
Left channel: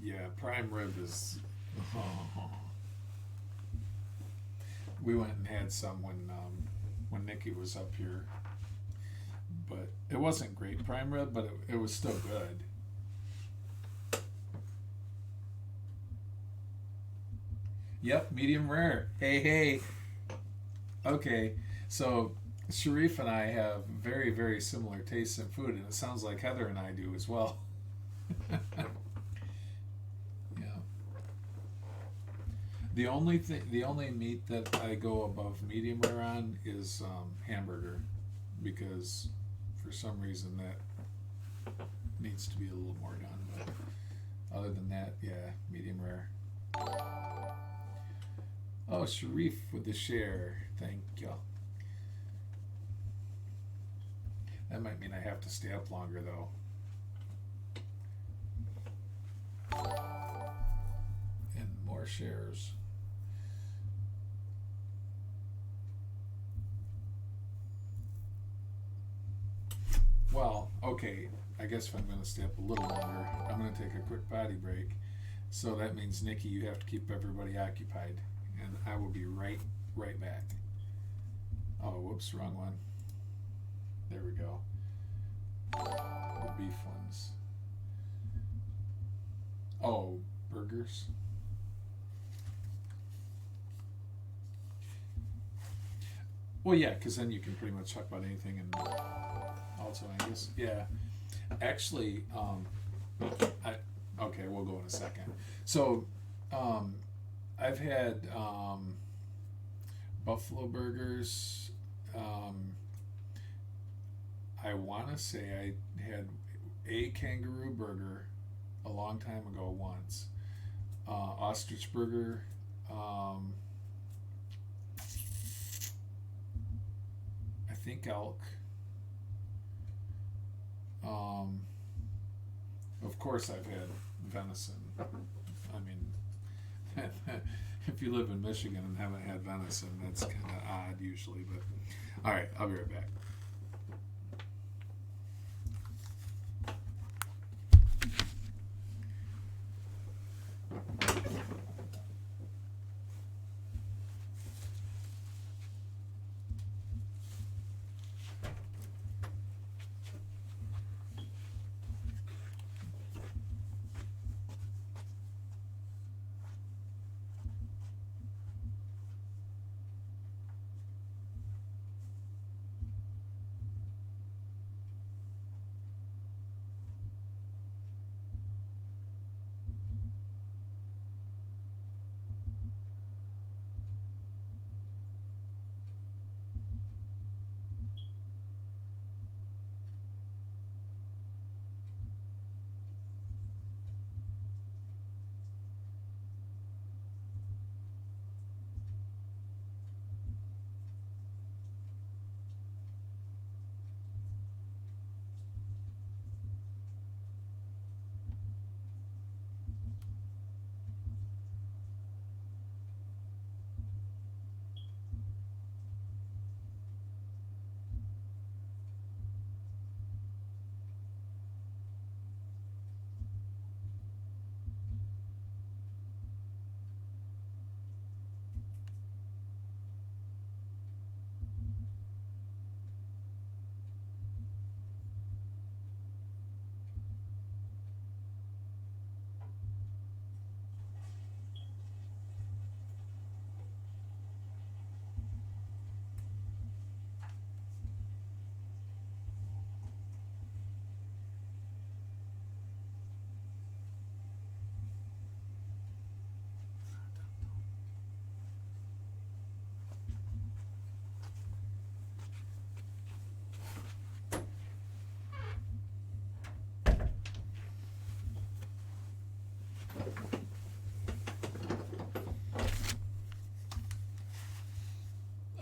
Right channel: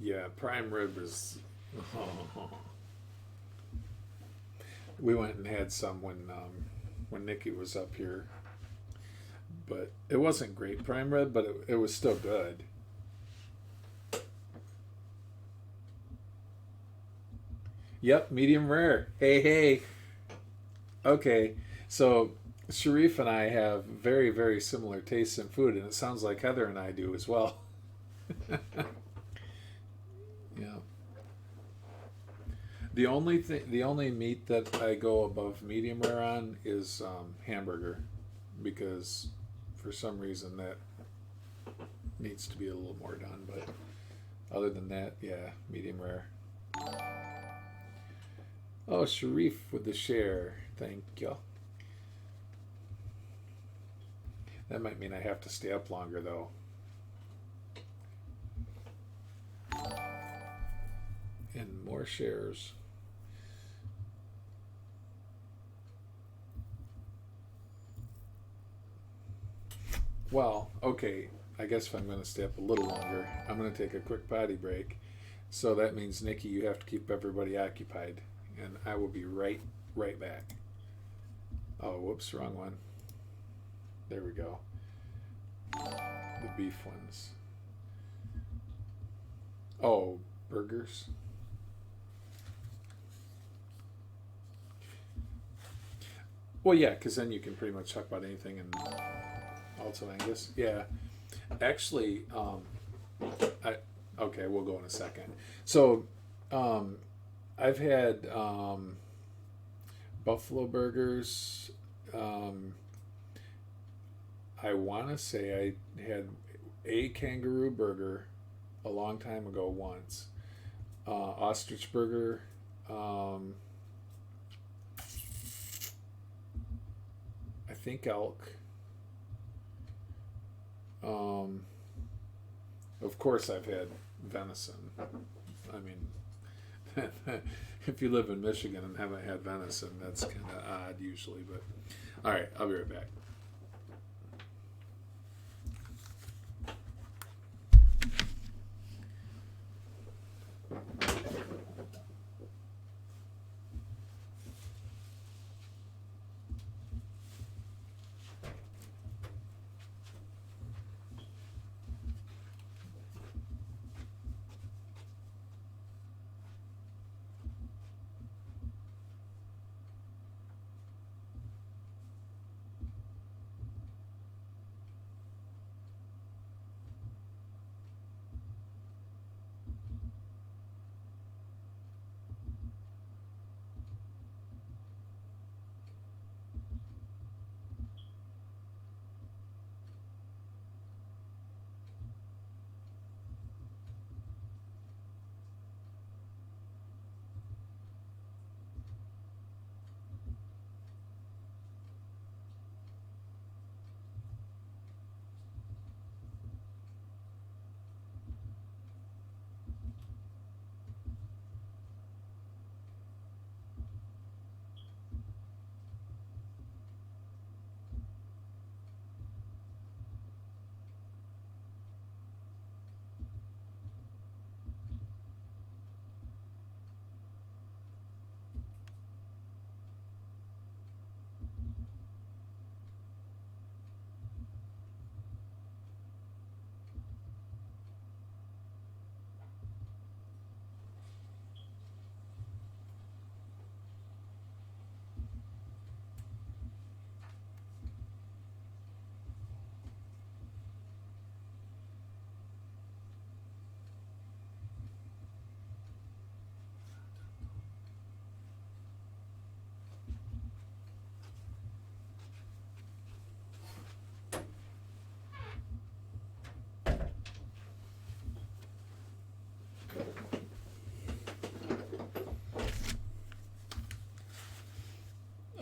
Yeah, prime rib is. We went and had some when Nikki was up here, but it wasn't great prime rib, but it was still good. Yep, medium rare. Hey, hey. Okay, so Sharif and I have very, very similar tastes in food, and it sounds like Heather and I do as well. Yeah. The only meat that I go above medium rare on is hamburger, because for some reason that needs to be a little more done. But other than that, yeah, medium rare. Oh, Sharif with the share. Thank you. That might mean I have to stay up longer, though. And more shares. Well, okay. I guess if I'm going to stay up a little longer, I'm going to take a quick potty break. So that means, Nikki, you have to keep everybody occupied. And I will be right back. Oh, whoops, wrong one. There we go. The beef ones. Oh, burgers. Well, yeah, because then you can pretty much talk about anything, and also Angus. Yeah, actually, okay, we'll go in a second. So, I've had buffalo burgers. I want to say I had a kangaroo burger a long time ago once. Ostrich burger. I think elk. Of course, I've had venison. I mean, if you live in Michigan and haven't had venison, that's kind of odd usually. But all right, I'll be right back.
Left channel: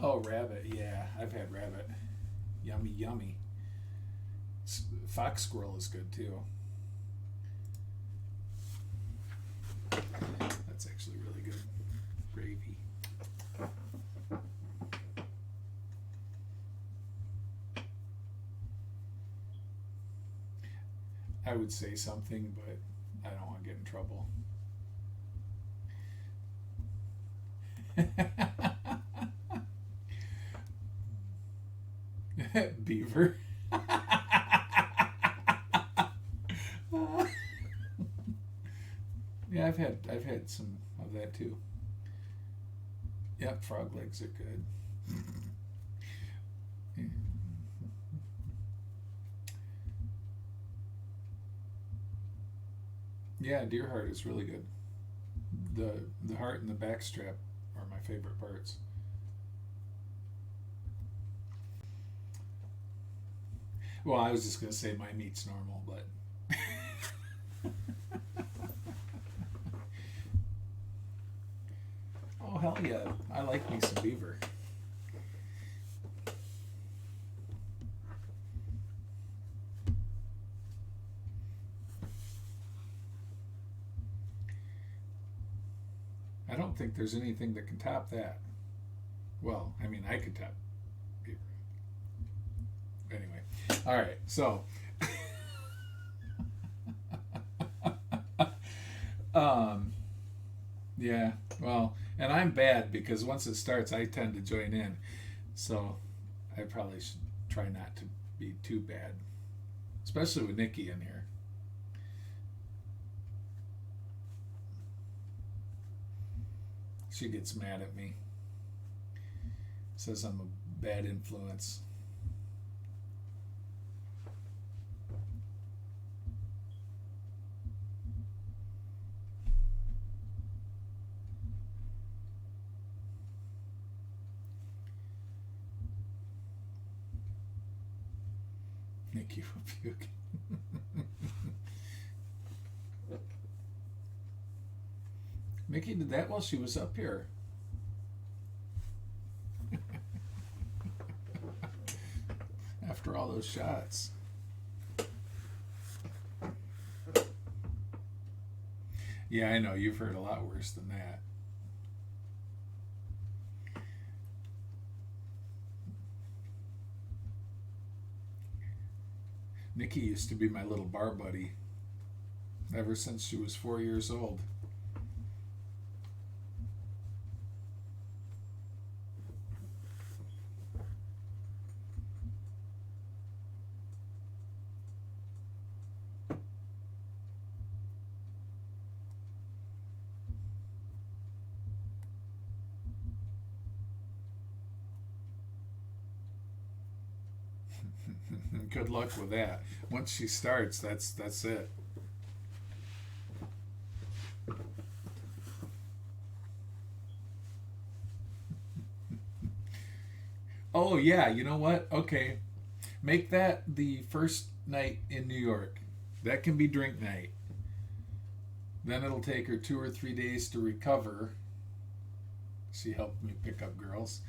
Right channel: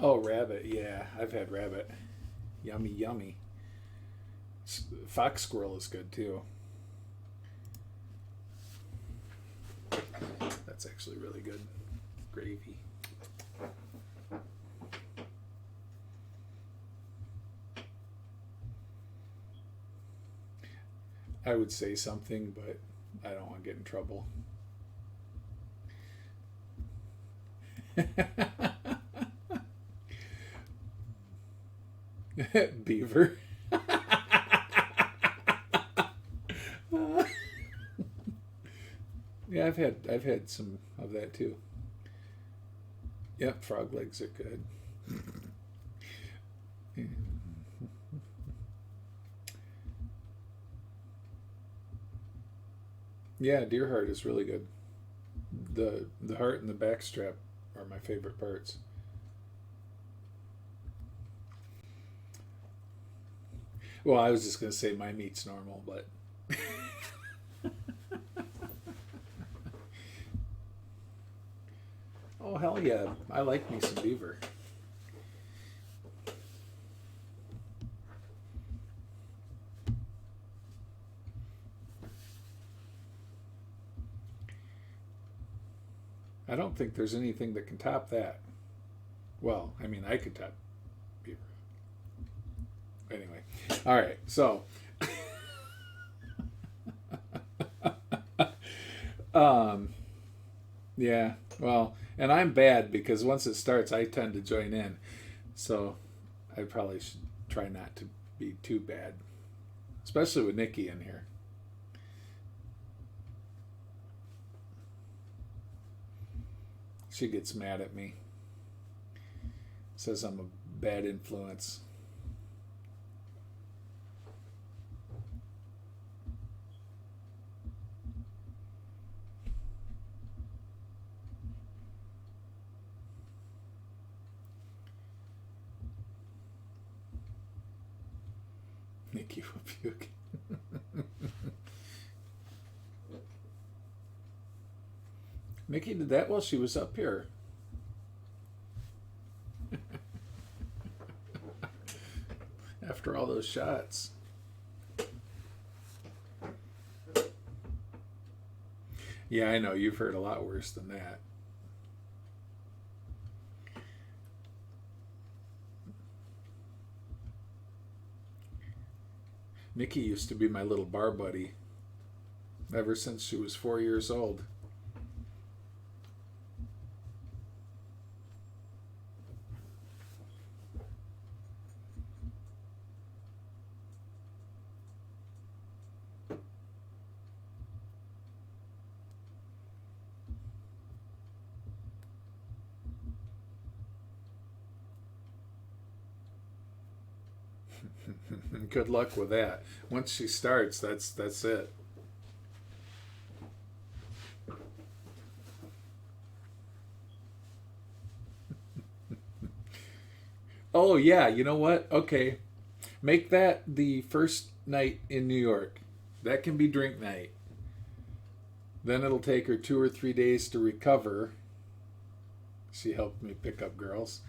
Oh, rabbit. Yeah, I've had rabbit. Yummy, yummy. Fox squirrel is good too. That's actually really good. Gravy. I would say something, but I don't want to get in trouble. Beaver. Yeah, I've had some of that too. Yep, frog legs are good. Yeah, deer heart is really good. The heart and the back strap are my favorite parts. Well, I was just gonna say my meat's normal, but oh hell yeah, I like me some beaver. I don't think there's anything that can top that. Well, I mean, I could top beaver. Anyway, all right, so yeah, well, and I'm bad because once it starts, I tend to join in. So I probably should try not to be too bad, especially with Nikki in here. She gets mad at me. Says I'm a bad influence. Nikki will puke. Nikki did that while she was up here. After all those shots. Yeah, I know. You've heard a lot worse than that. Nikki used to be my little bar buddy ever since she was 4 years old. Good luck with that. Once she starts, that's it. Oh yeah, you know what? Okay. Make that the first night in New York. That can be drink night. Then it'll take her 2 or 3 days to recover. She helped me pick up girls.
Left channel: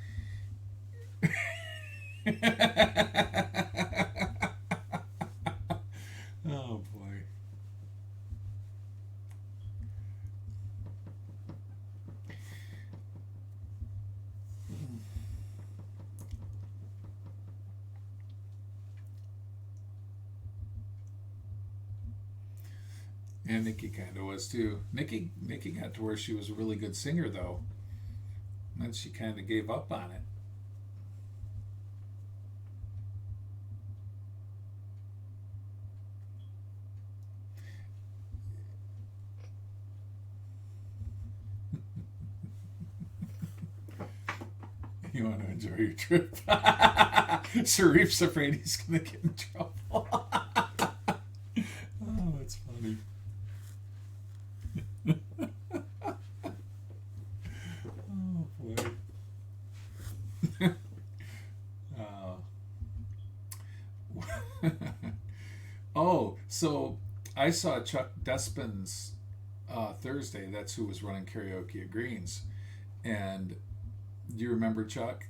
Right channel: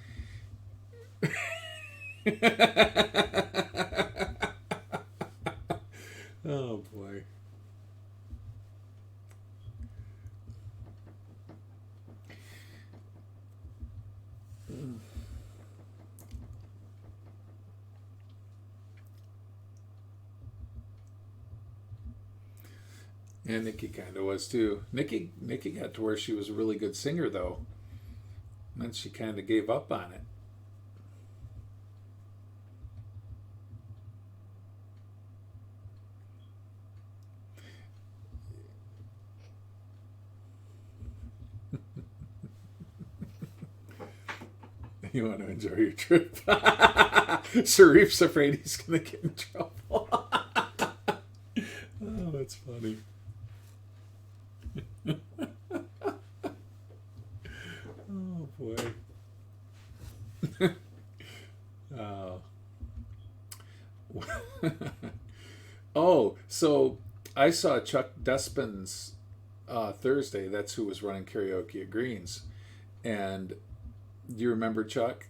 Oh boy. And Nikki kind of was too. Nikki got to where she was a really good singer though. And then she kind of gave up on it. You want to enjoy your trip? Sharif's afraid he's going to get in trouble. Oh, that's funny. Oh, boy. Oh, so I saw Chuck Despin's Thursday. That's who was running karaoke at Greens. And do you remember Chuck?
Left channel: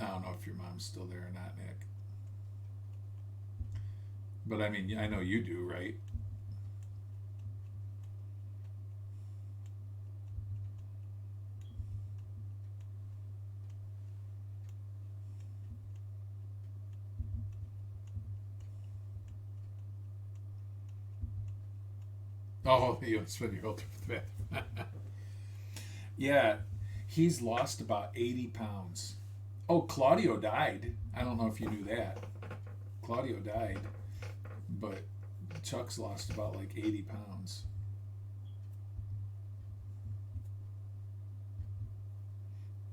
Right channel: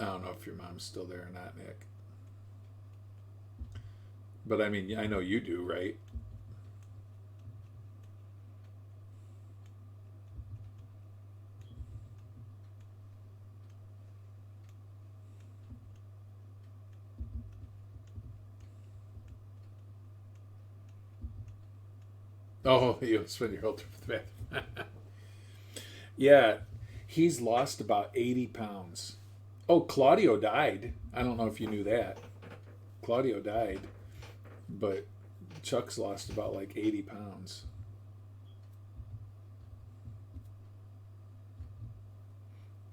I don't know if your mom's still there or not, Nick. But I mean, I know you do, right? Oh, you spend your whole trip with the bathroom. Yeah, he's lost about 80 pounds. Oh, Claudio died. I don't know if you knew that. Claudio died, but Chuck's lost about like 80 pounds.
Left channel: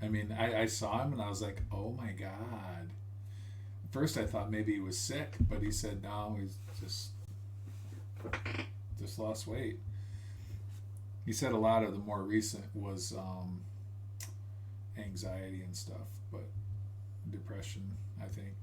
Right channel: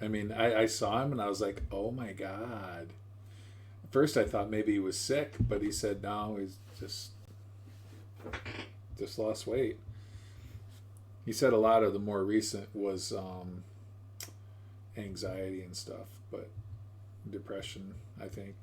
I mean, I saw him and I was like, oh my God. At first I thought maybe he was sick, but he said no, he's just lost weight. He said a lot of the more recent was anxiety and stuff, but depression, I think.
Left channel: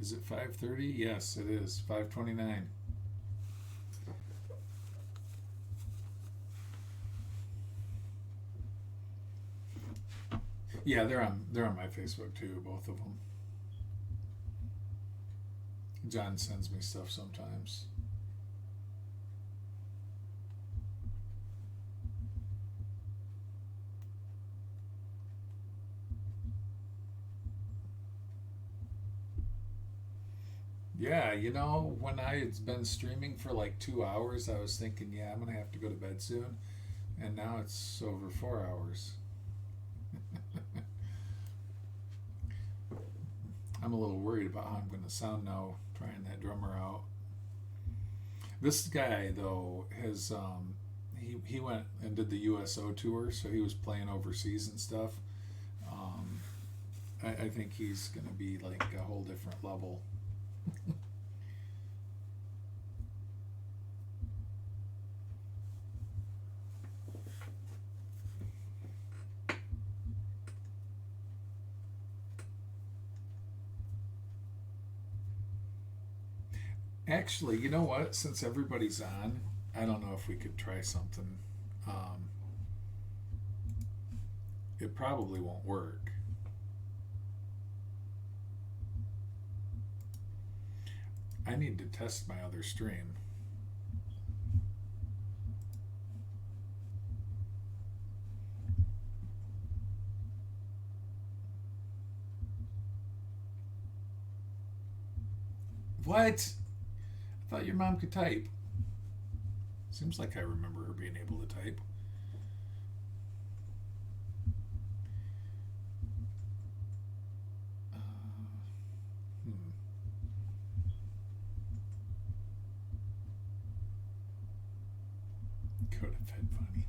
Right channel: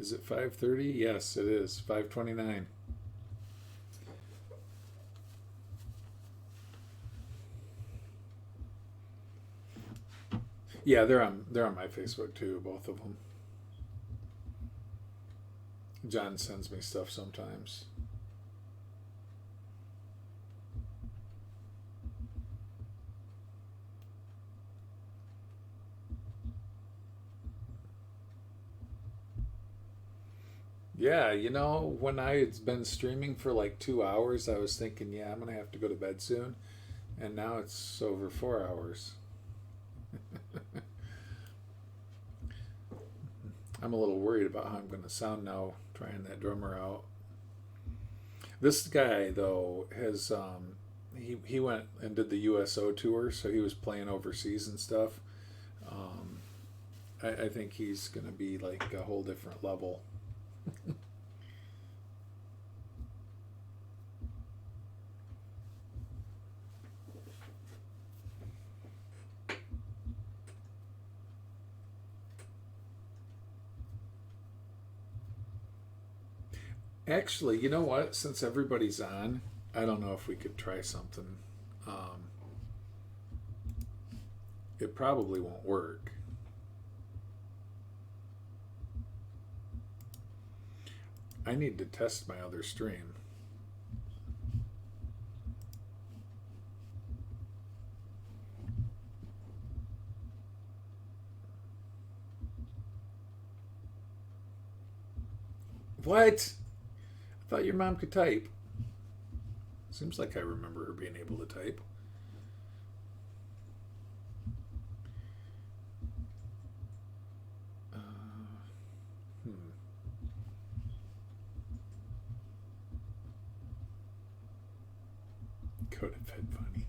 Is it 5:30? Yes, it is. 5:29. Yeah, they're on my Facebook too, both of them. John sends me stuff sometimes. Yeah, when I had been streaming for like 2 hours, I was thinking, yeah, I'm gonna have to go to bed soon, and now it's over 4 hours. I'm a little worried about how I'm going to sound now trying that drummer out. This guy though has he went and did the USO tour, so he was playing overseas and stuff. I think he's going to be like a whole different level. Actually, you know what? Since everybody's on, I don't know if we could try something. It probably won't work. I need to test my other stream. What? I thought your mom could type. Seems like I remember her being able to type. Go to bed, Bunny.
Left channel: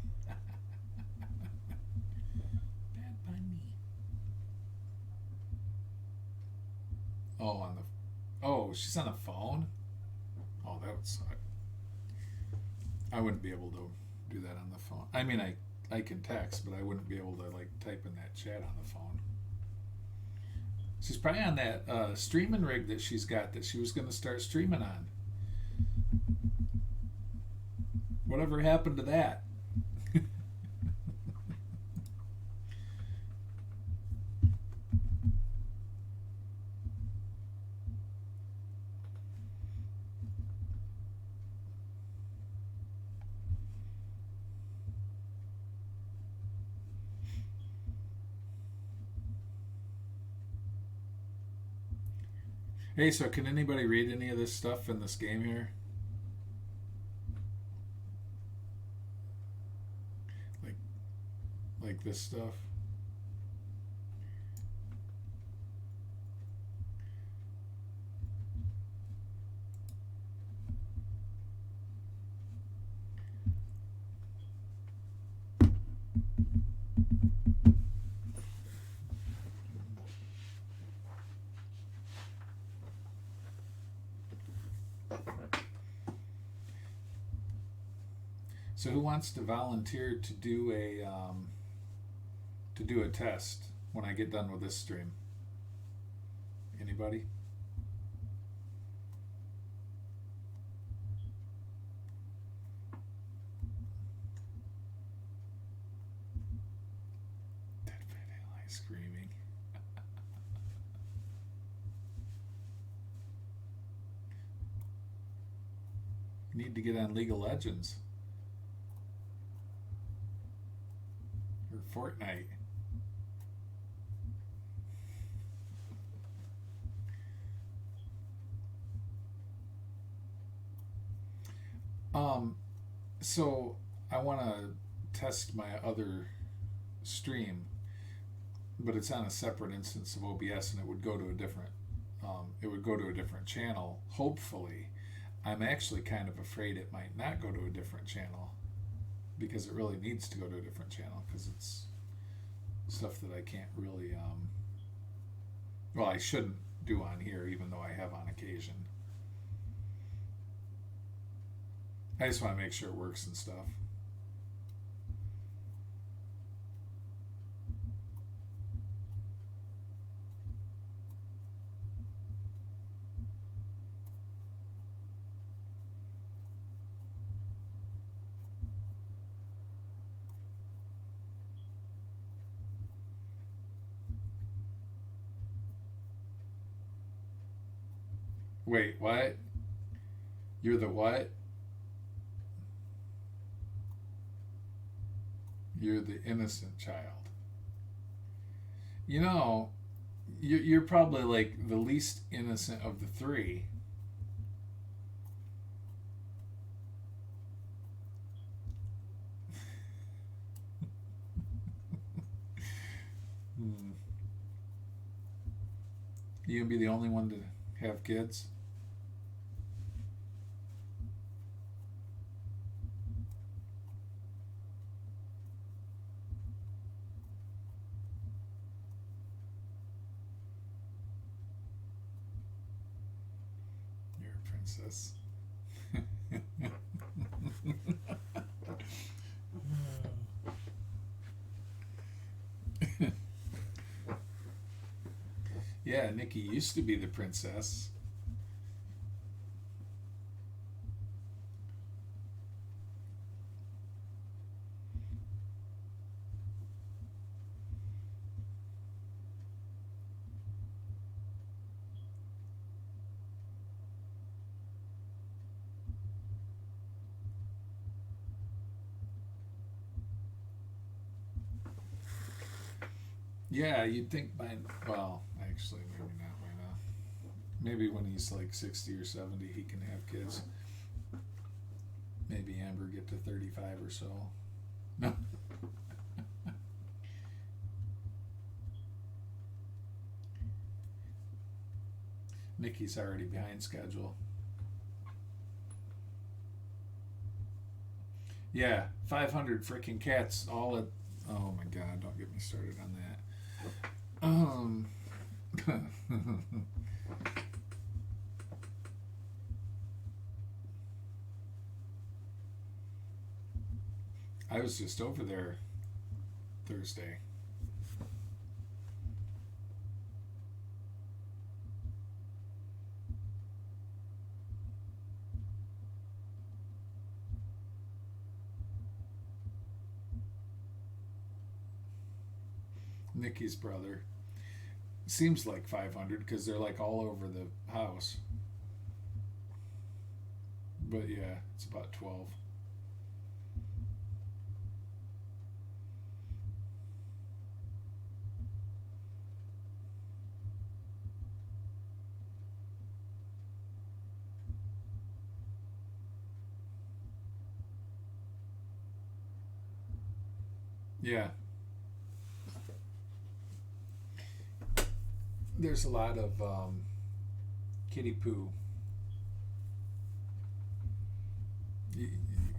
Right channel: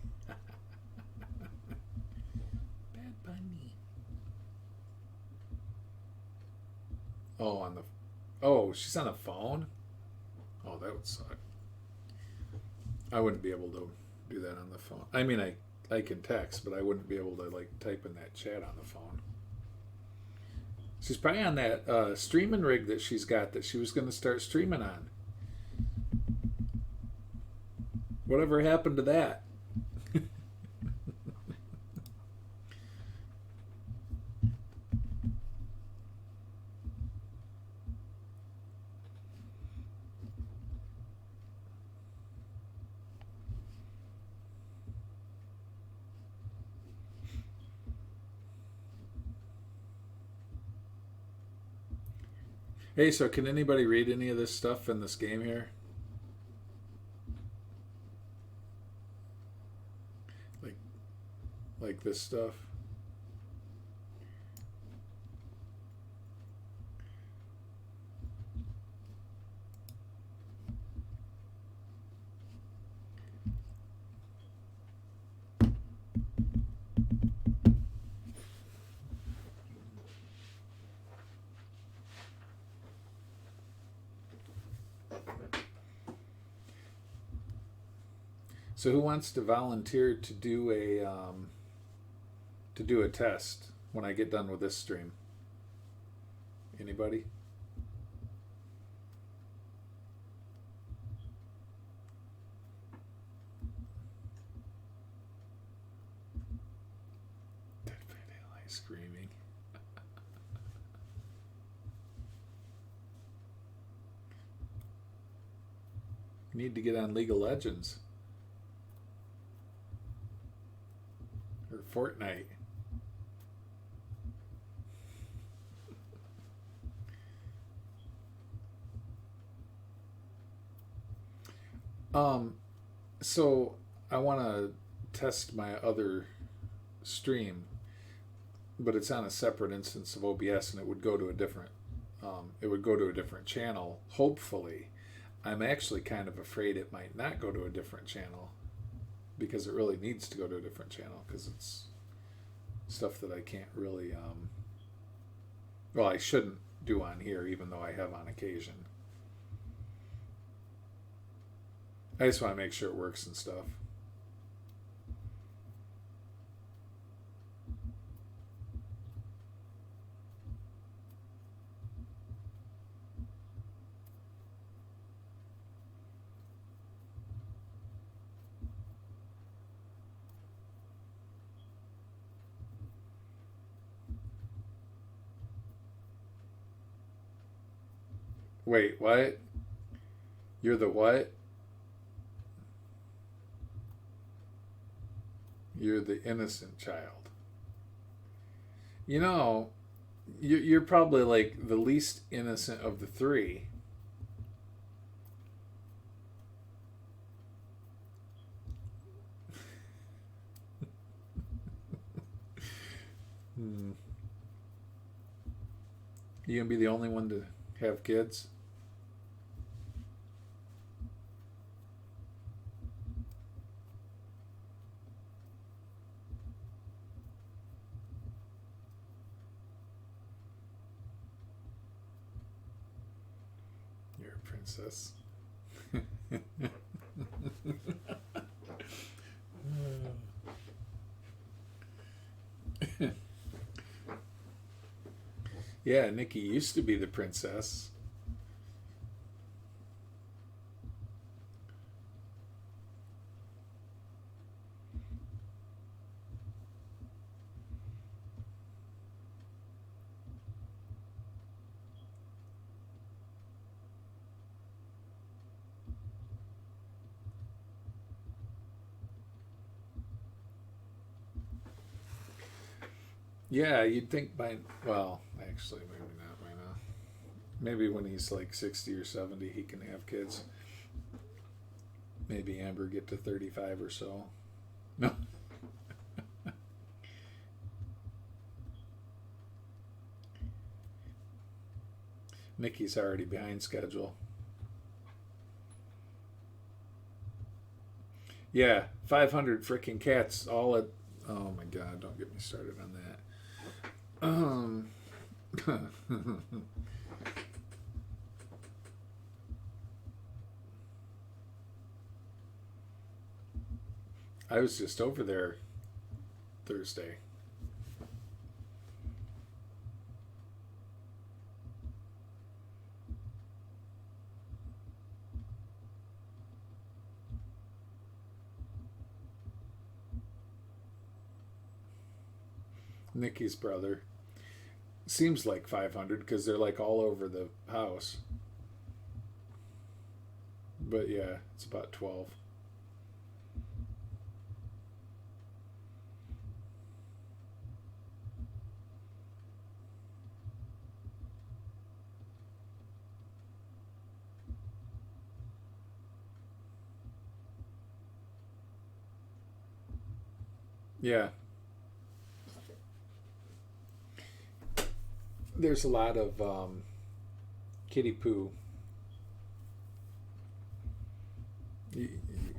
Bad Bunny. Oh, she's on the phone? Oh, that would suck. I wouldn't be able to do that on the phone. I mean, I can text, but I wouldn't be able to like type in that chat on the phone. She's probably on that streaming rig that she's got that she was going to start streaming on. Whatever happened to that? Hey, so can anybody read any of this stuff in this game here? Like this stuff? So who wants to volunteer to do a test? when I get done with this stream? Anybody? Dead Fat Ally screaming. Need to get on League of Legends or Fortnite. So I want to test my other stream, but it's on a separate instance of OBS, and it would go to a different channel. Hopefully, I'm actually kind of afraid it might not go to a different channel, because it really needs to go to a different channel, because it's stuff that I can't really I shouldn't do on here, even though I have on occasion. I just want to make sure it works and stuff. Wait, what? You're the what? You're the innocent child. You know, you're probably like the least innocent of the three. You gonna be the only one to have kids? You're a princess. Yeah, Nikki used to be the princess. Yeah, you'd think by, well, actually, maybe not by now. Maybe when he's like 60 or 70, he can have kids. Maybe Amber get to 35 or so. No. Nikki's already behind schedule. Yeah, 500 freaking cats all at, oh my God, don't get me started on that. I was just over there Thursday. Nikki's brother. Seems like 500 because they're like all over the house. But yeah, it's about 12. Yeah. There's a lot of kitty poo.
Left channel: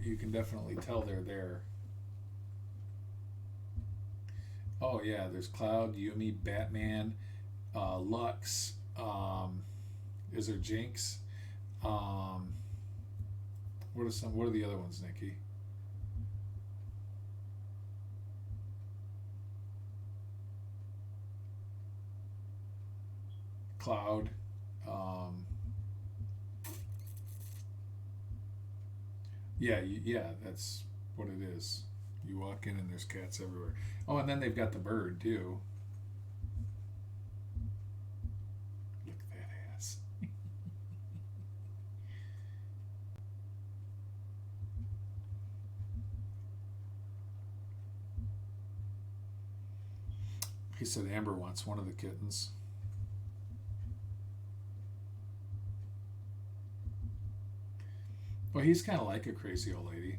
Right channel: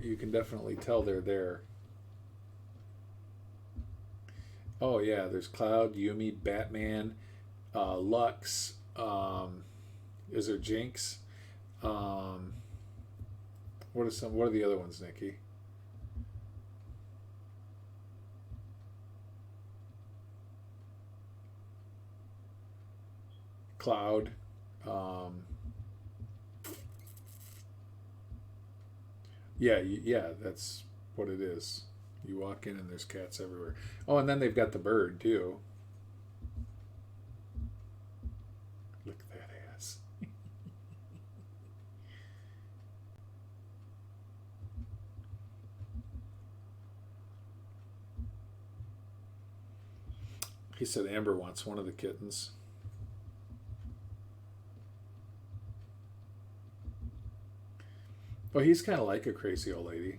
You can definitely tell they're there. Oh yeah, there's Cloud, Yumi, Batman, Lux. Is there Jinx? What are the other ones, Nikki? cloud. Yeah, that's what it is. You walk in and there's cats everywhere. Oh, and then they've got the bird too. Look at that ass. He said Amber wants one of the kittens. Well, he's kind of like a crazy old lady.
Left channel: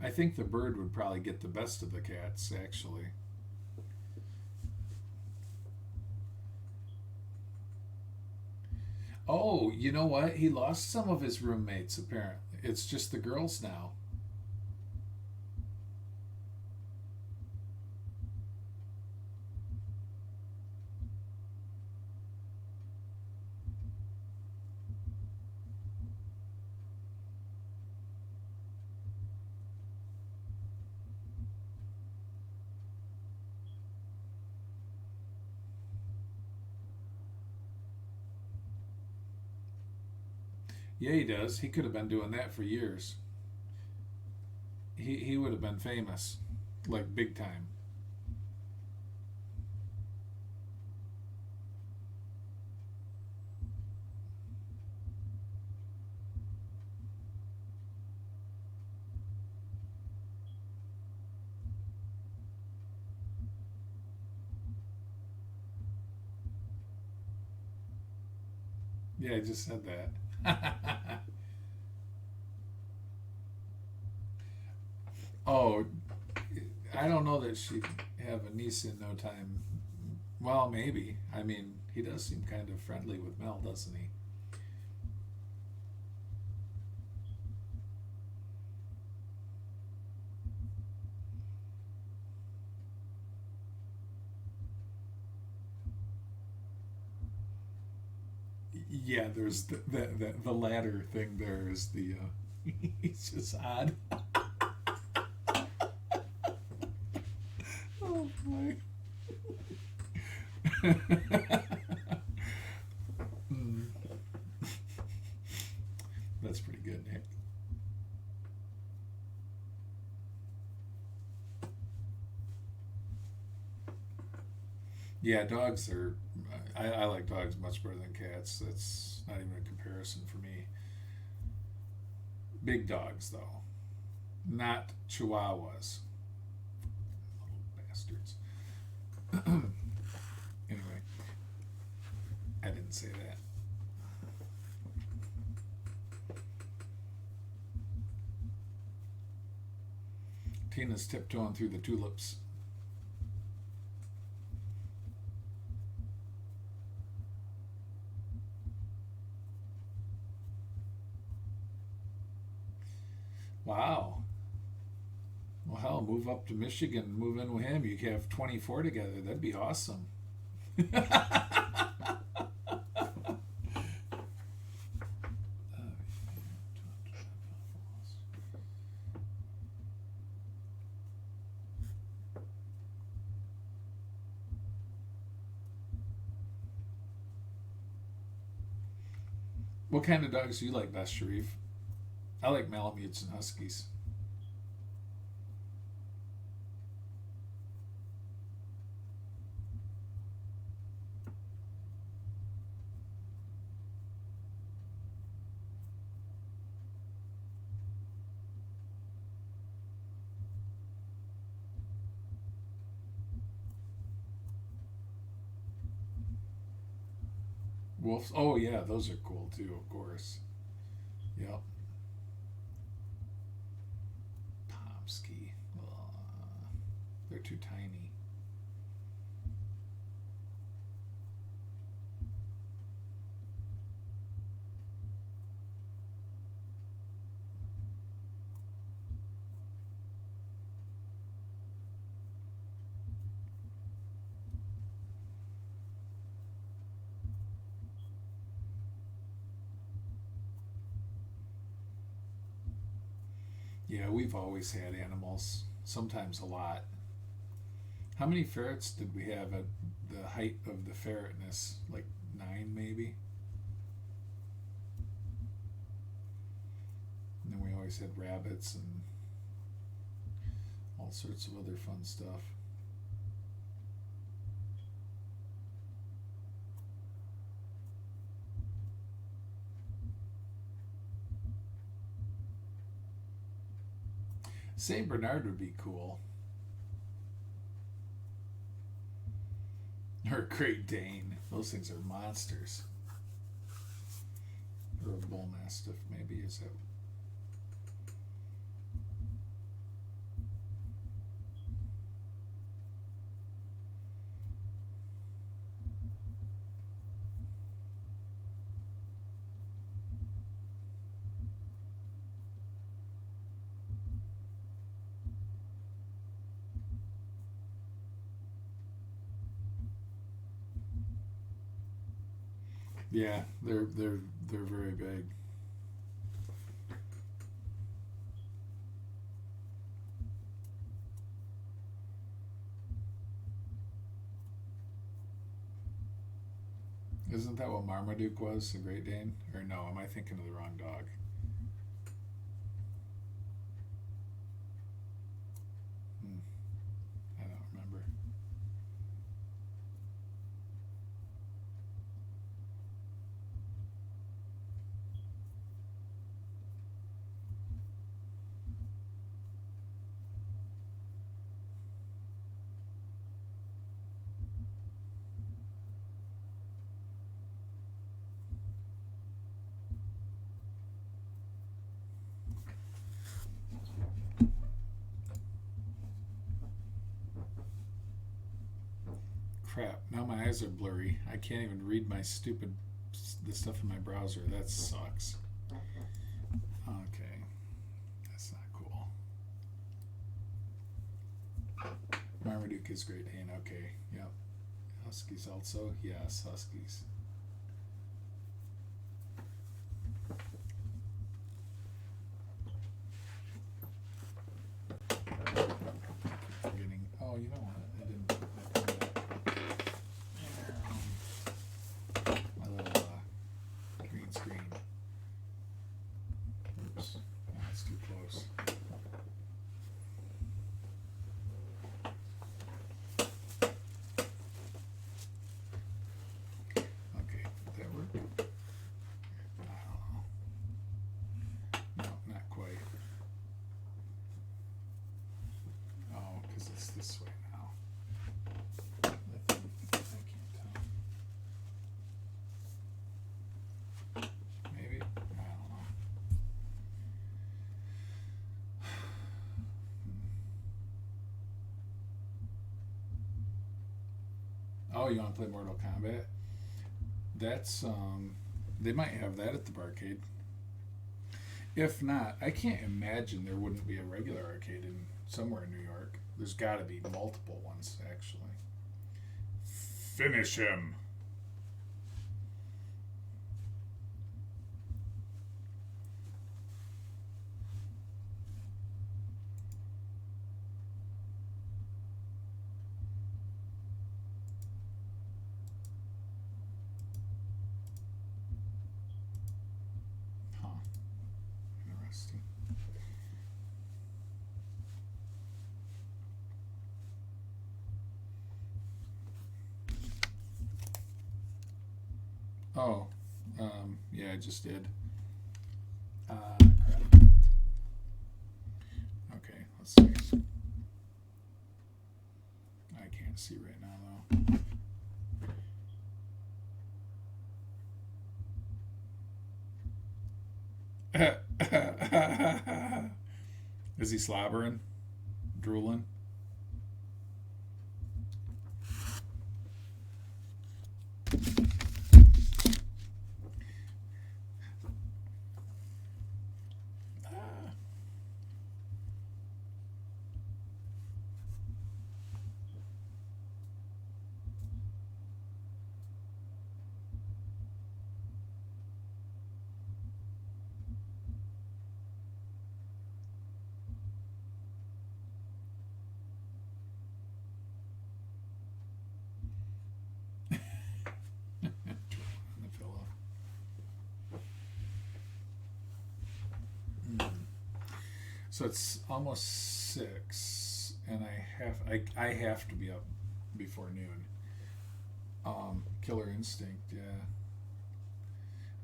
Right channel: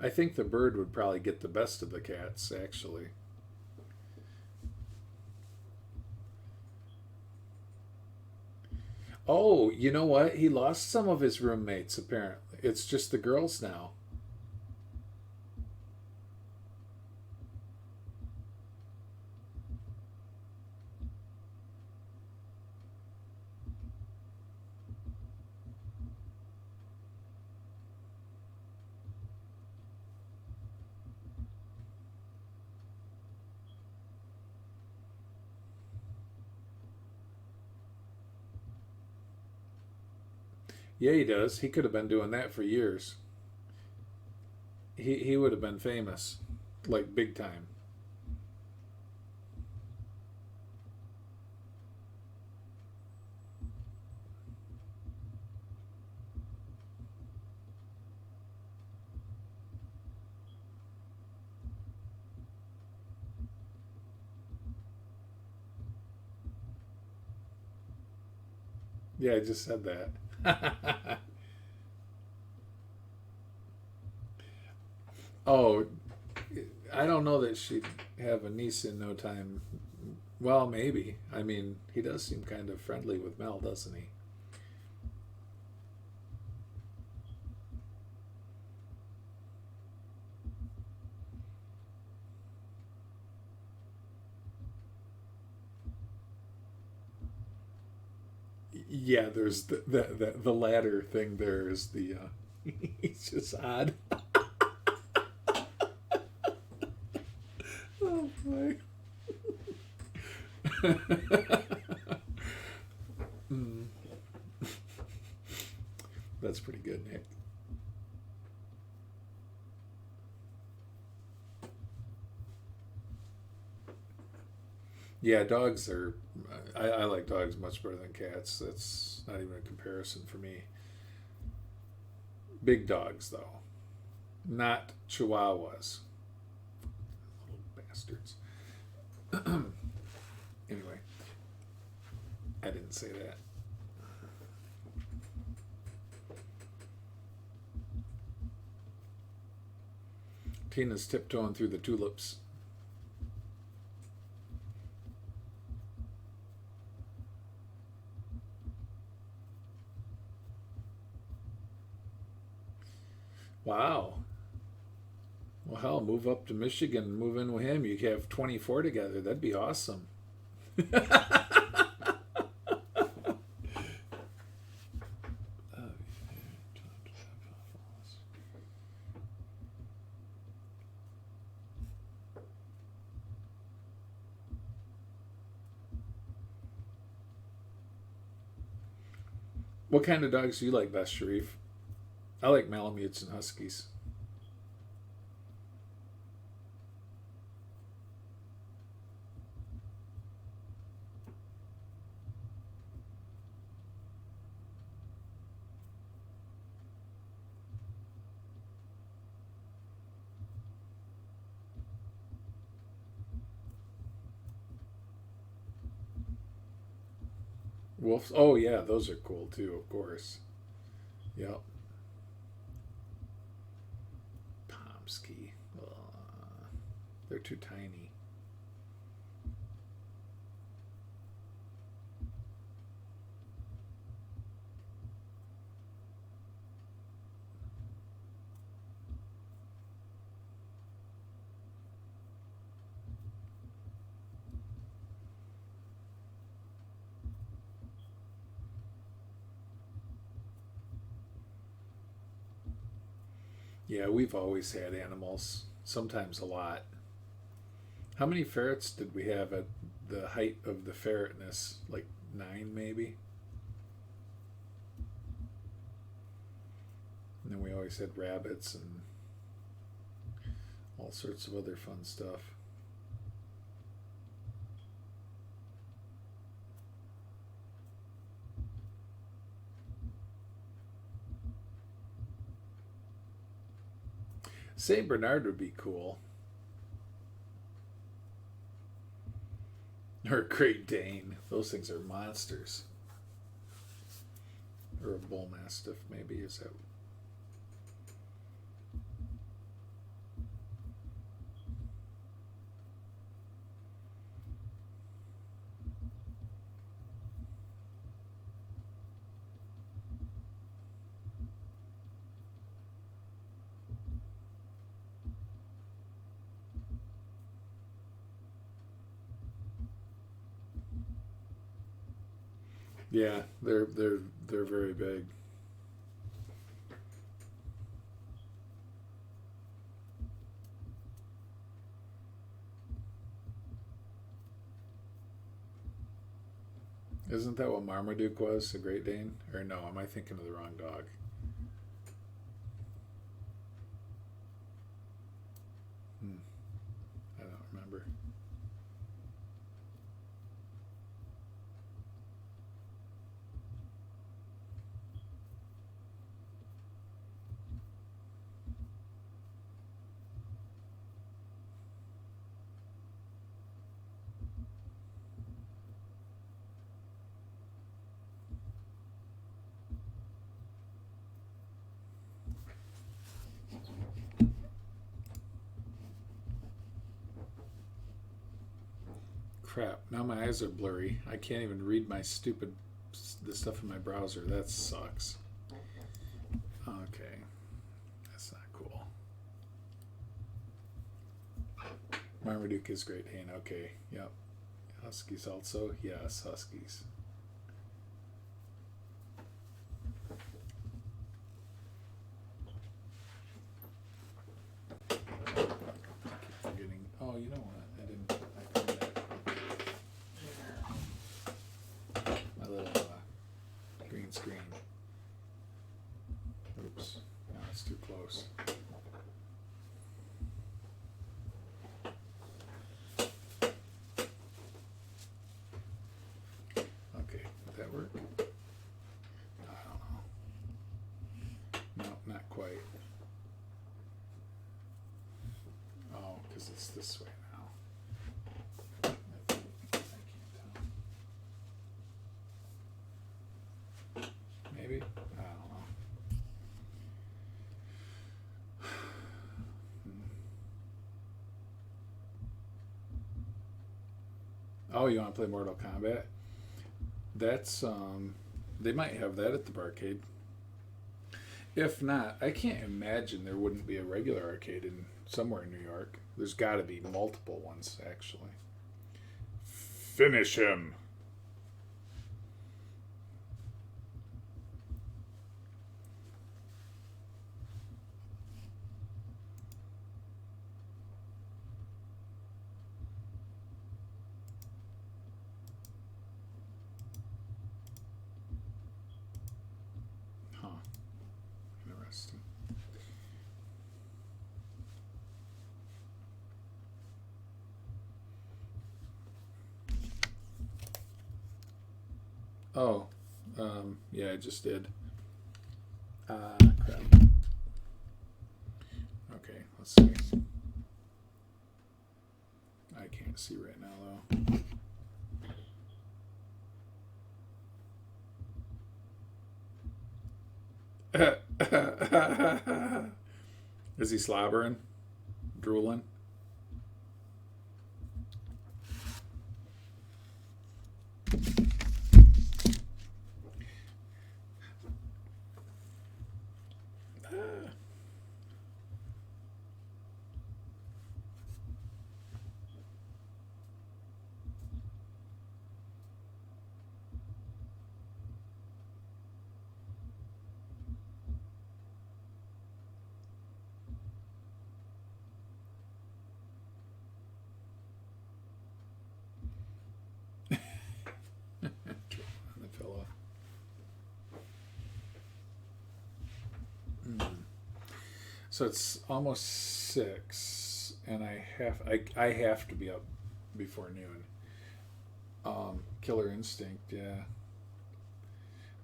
I think the bird would probably get the best of the cats, actually. Oh, you know what? He lost some of his roommates, apparently. It's just the girls now. Yeah, he does. He could have been doing that for years. He would have been famous, like big time. Yeah, I just said that. Oh, I don't know that she'd have a niece in no time. Well, maybe. I mean, he does seem kind of friendly with Mel, doesn't he? Yeah, there's the latter thing. There is the he's just odd. Oh boy. Mm. That's pretty good, Nick. Yeah, dogs are. I like dogs much better than cats. That's not even a comparison for me. Big dogs, though, not Chihuahuas. Little bastards. Anyway, I didn't say that. Tina's tiptoeing through the tulips. Wow. Well, hell, move up to Michigan, move in with him. You could have 24 together. That'd be awesome. What kind of dogs do you like best, Sharif? I like Malamutes and Huskies. Wolves. Oh, yeah, those are cool too, of course. Yep. Pomsky. They're too tiny. Yeah, we've always had animals, sometimes a lot. How many ferrets did we have at the height of the ferretness? Like 9, maybe? And then we always had rabbits and all sorts of other fun stuff. Saint Bernard would be cool. Or a Great Dane. Those things are monsters. Or a bull mastiff, maybe. Is that? Yeah, they're very big. Isn't that what Marmaduke was, the Great Dane? Or no, am I thinking of the wrong dog? I don't remember. Crap, now my eyes are blurry. I can't even read my the stuff in my browser. That sucks. Okay, that's not cool. Marmaduke is Great Dane. Okay, yep. Huskies also? Yes, Huskies. Forgetting. Oh, you know what? I didn't put my little green screen. Oops. No, it's too close. Okay, did that work? I don't know. No, not quite. Oh, because it's this way now. I can't tell. Maybe? I don't know. Oh, you want to play Mortal Kombat? That's, they might have that at the barcade. If not, I can't imagine there wouldn't be a regular arcade in somewhere in New York. There's got to be multiple ones, actually. Finish him. Huh. Interesting. Oh, yeah, I just did. Crap. Okay, let's see. I can't see right now, though. Is he slobbering? Drooling? So it's almost 6, and I have to be up before noon. Killer Instinct, yeah,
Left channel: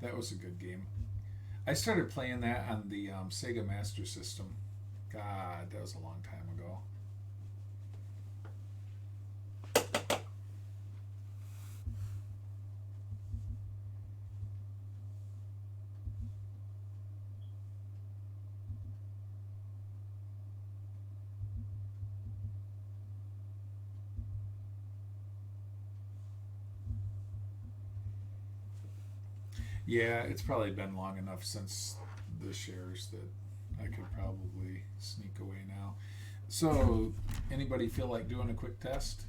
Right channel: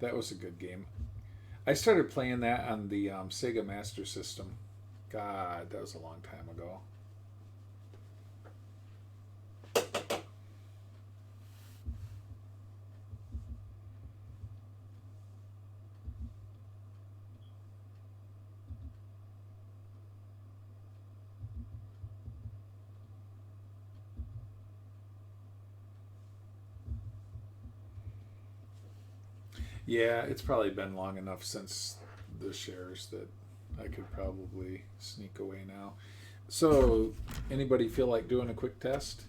that was a good game. I started playing that on the Sega Master System. God, that was a long time ago. Yeah, it's probably been long enough since the shares that I could probably sneak away now. So, anybody feel like doing a quick test?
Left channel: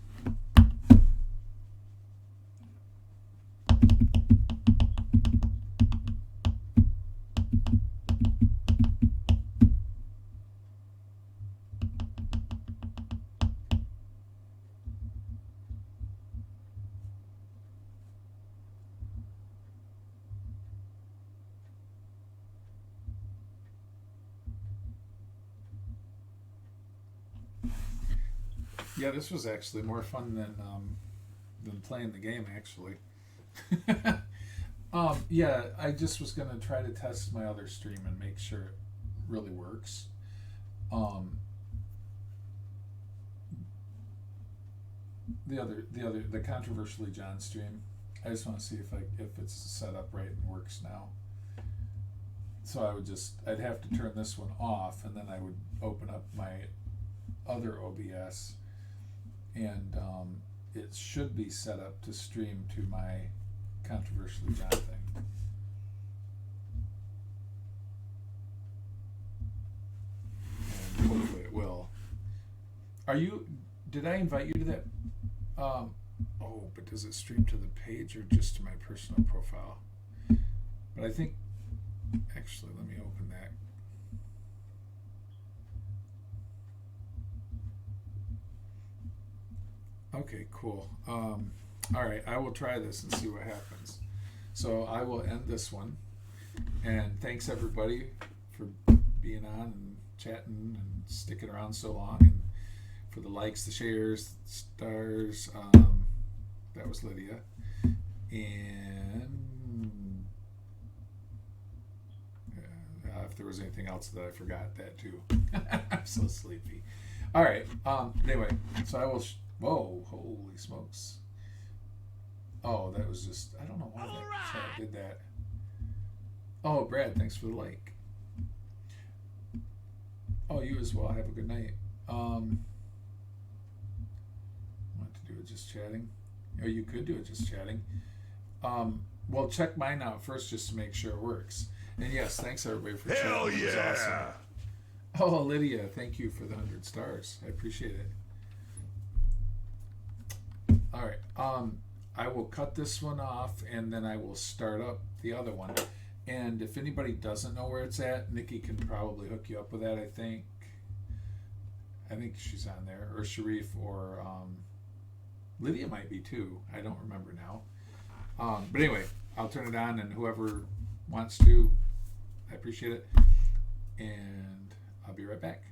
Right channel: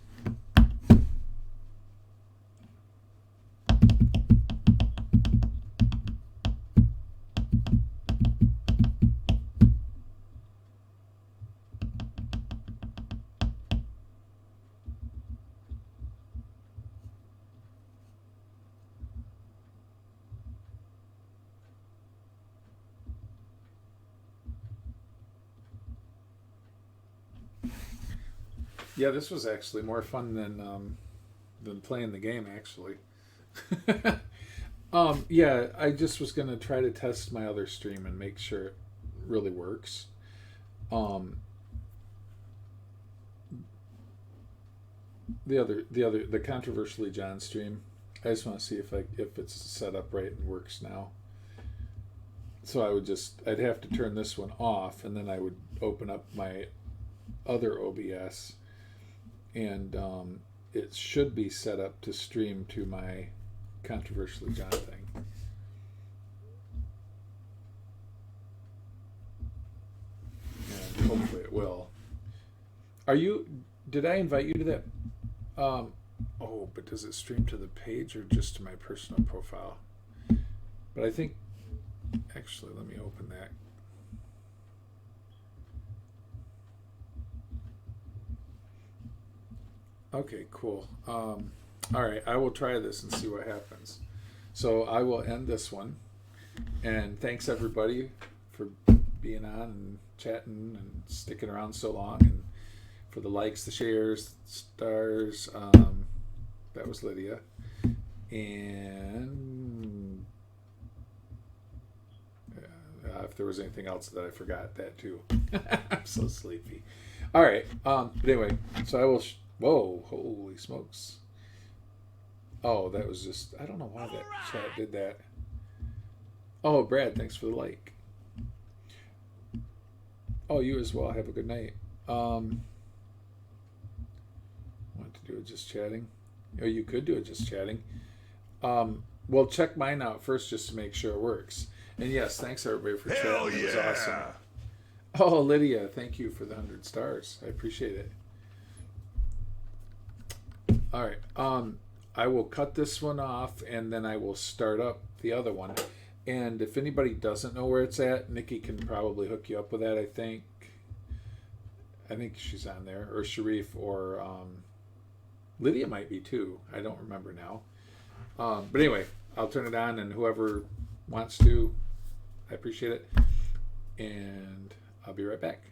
Yeah, this was actually more fun than playing the game. Actually, yeah, I just was gonna try to test my other stream and make sure it really works. Um, the controversially John stream. I just want to see if it's set up right and works now. So I'd have to turn this one off, and then I would open up my other OBS, and it should be set up to stream to my controversially John thing. And hopefully it will. Did I invite you to that? But does it stream to the page or just to my personal profile? But I think, actually, let me open that. Okay, cool. All right, I will try this and see what happens. So I will end this one. And thanks everybody for being on and chatting and sticking around so long, and for the likes, the shares, stars. That was Lydia. And if there was anything else that I forgot, that too. I'm so sleepy. All right. But anyway, so I will. Whoa! Holy smokes! Oh, that was just. I don't know why that chat did that. Oh, Brad, thanks for the like. Oh, you as well. Have a good night. Want to do it just chatting? Oh, you could do it just chatting. Well, check mine out first just to make sure it works. And yes, thanks everybody for chatting. Hell It was yeah! awesome. Oh, Lydia, thank you for the 100 stars. I appreciate it. All right. I will cut this one off, and then I will start up the other one. And if anybody doesn't know where it's at, Nikki can probably hook you up with that. I think she's on there, or Sharif, or Lydia might be too. I don't remember now. But anyway, I'll turn it on, and whoever wants to, I appreciate it. And I'll be right back.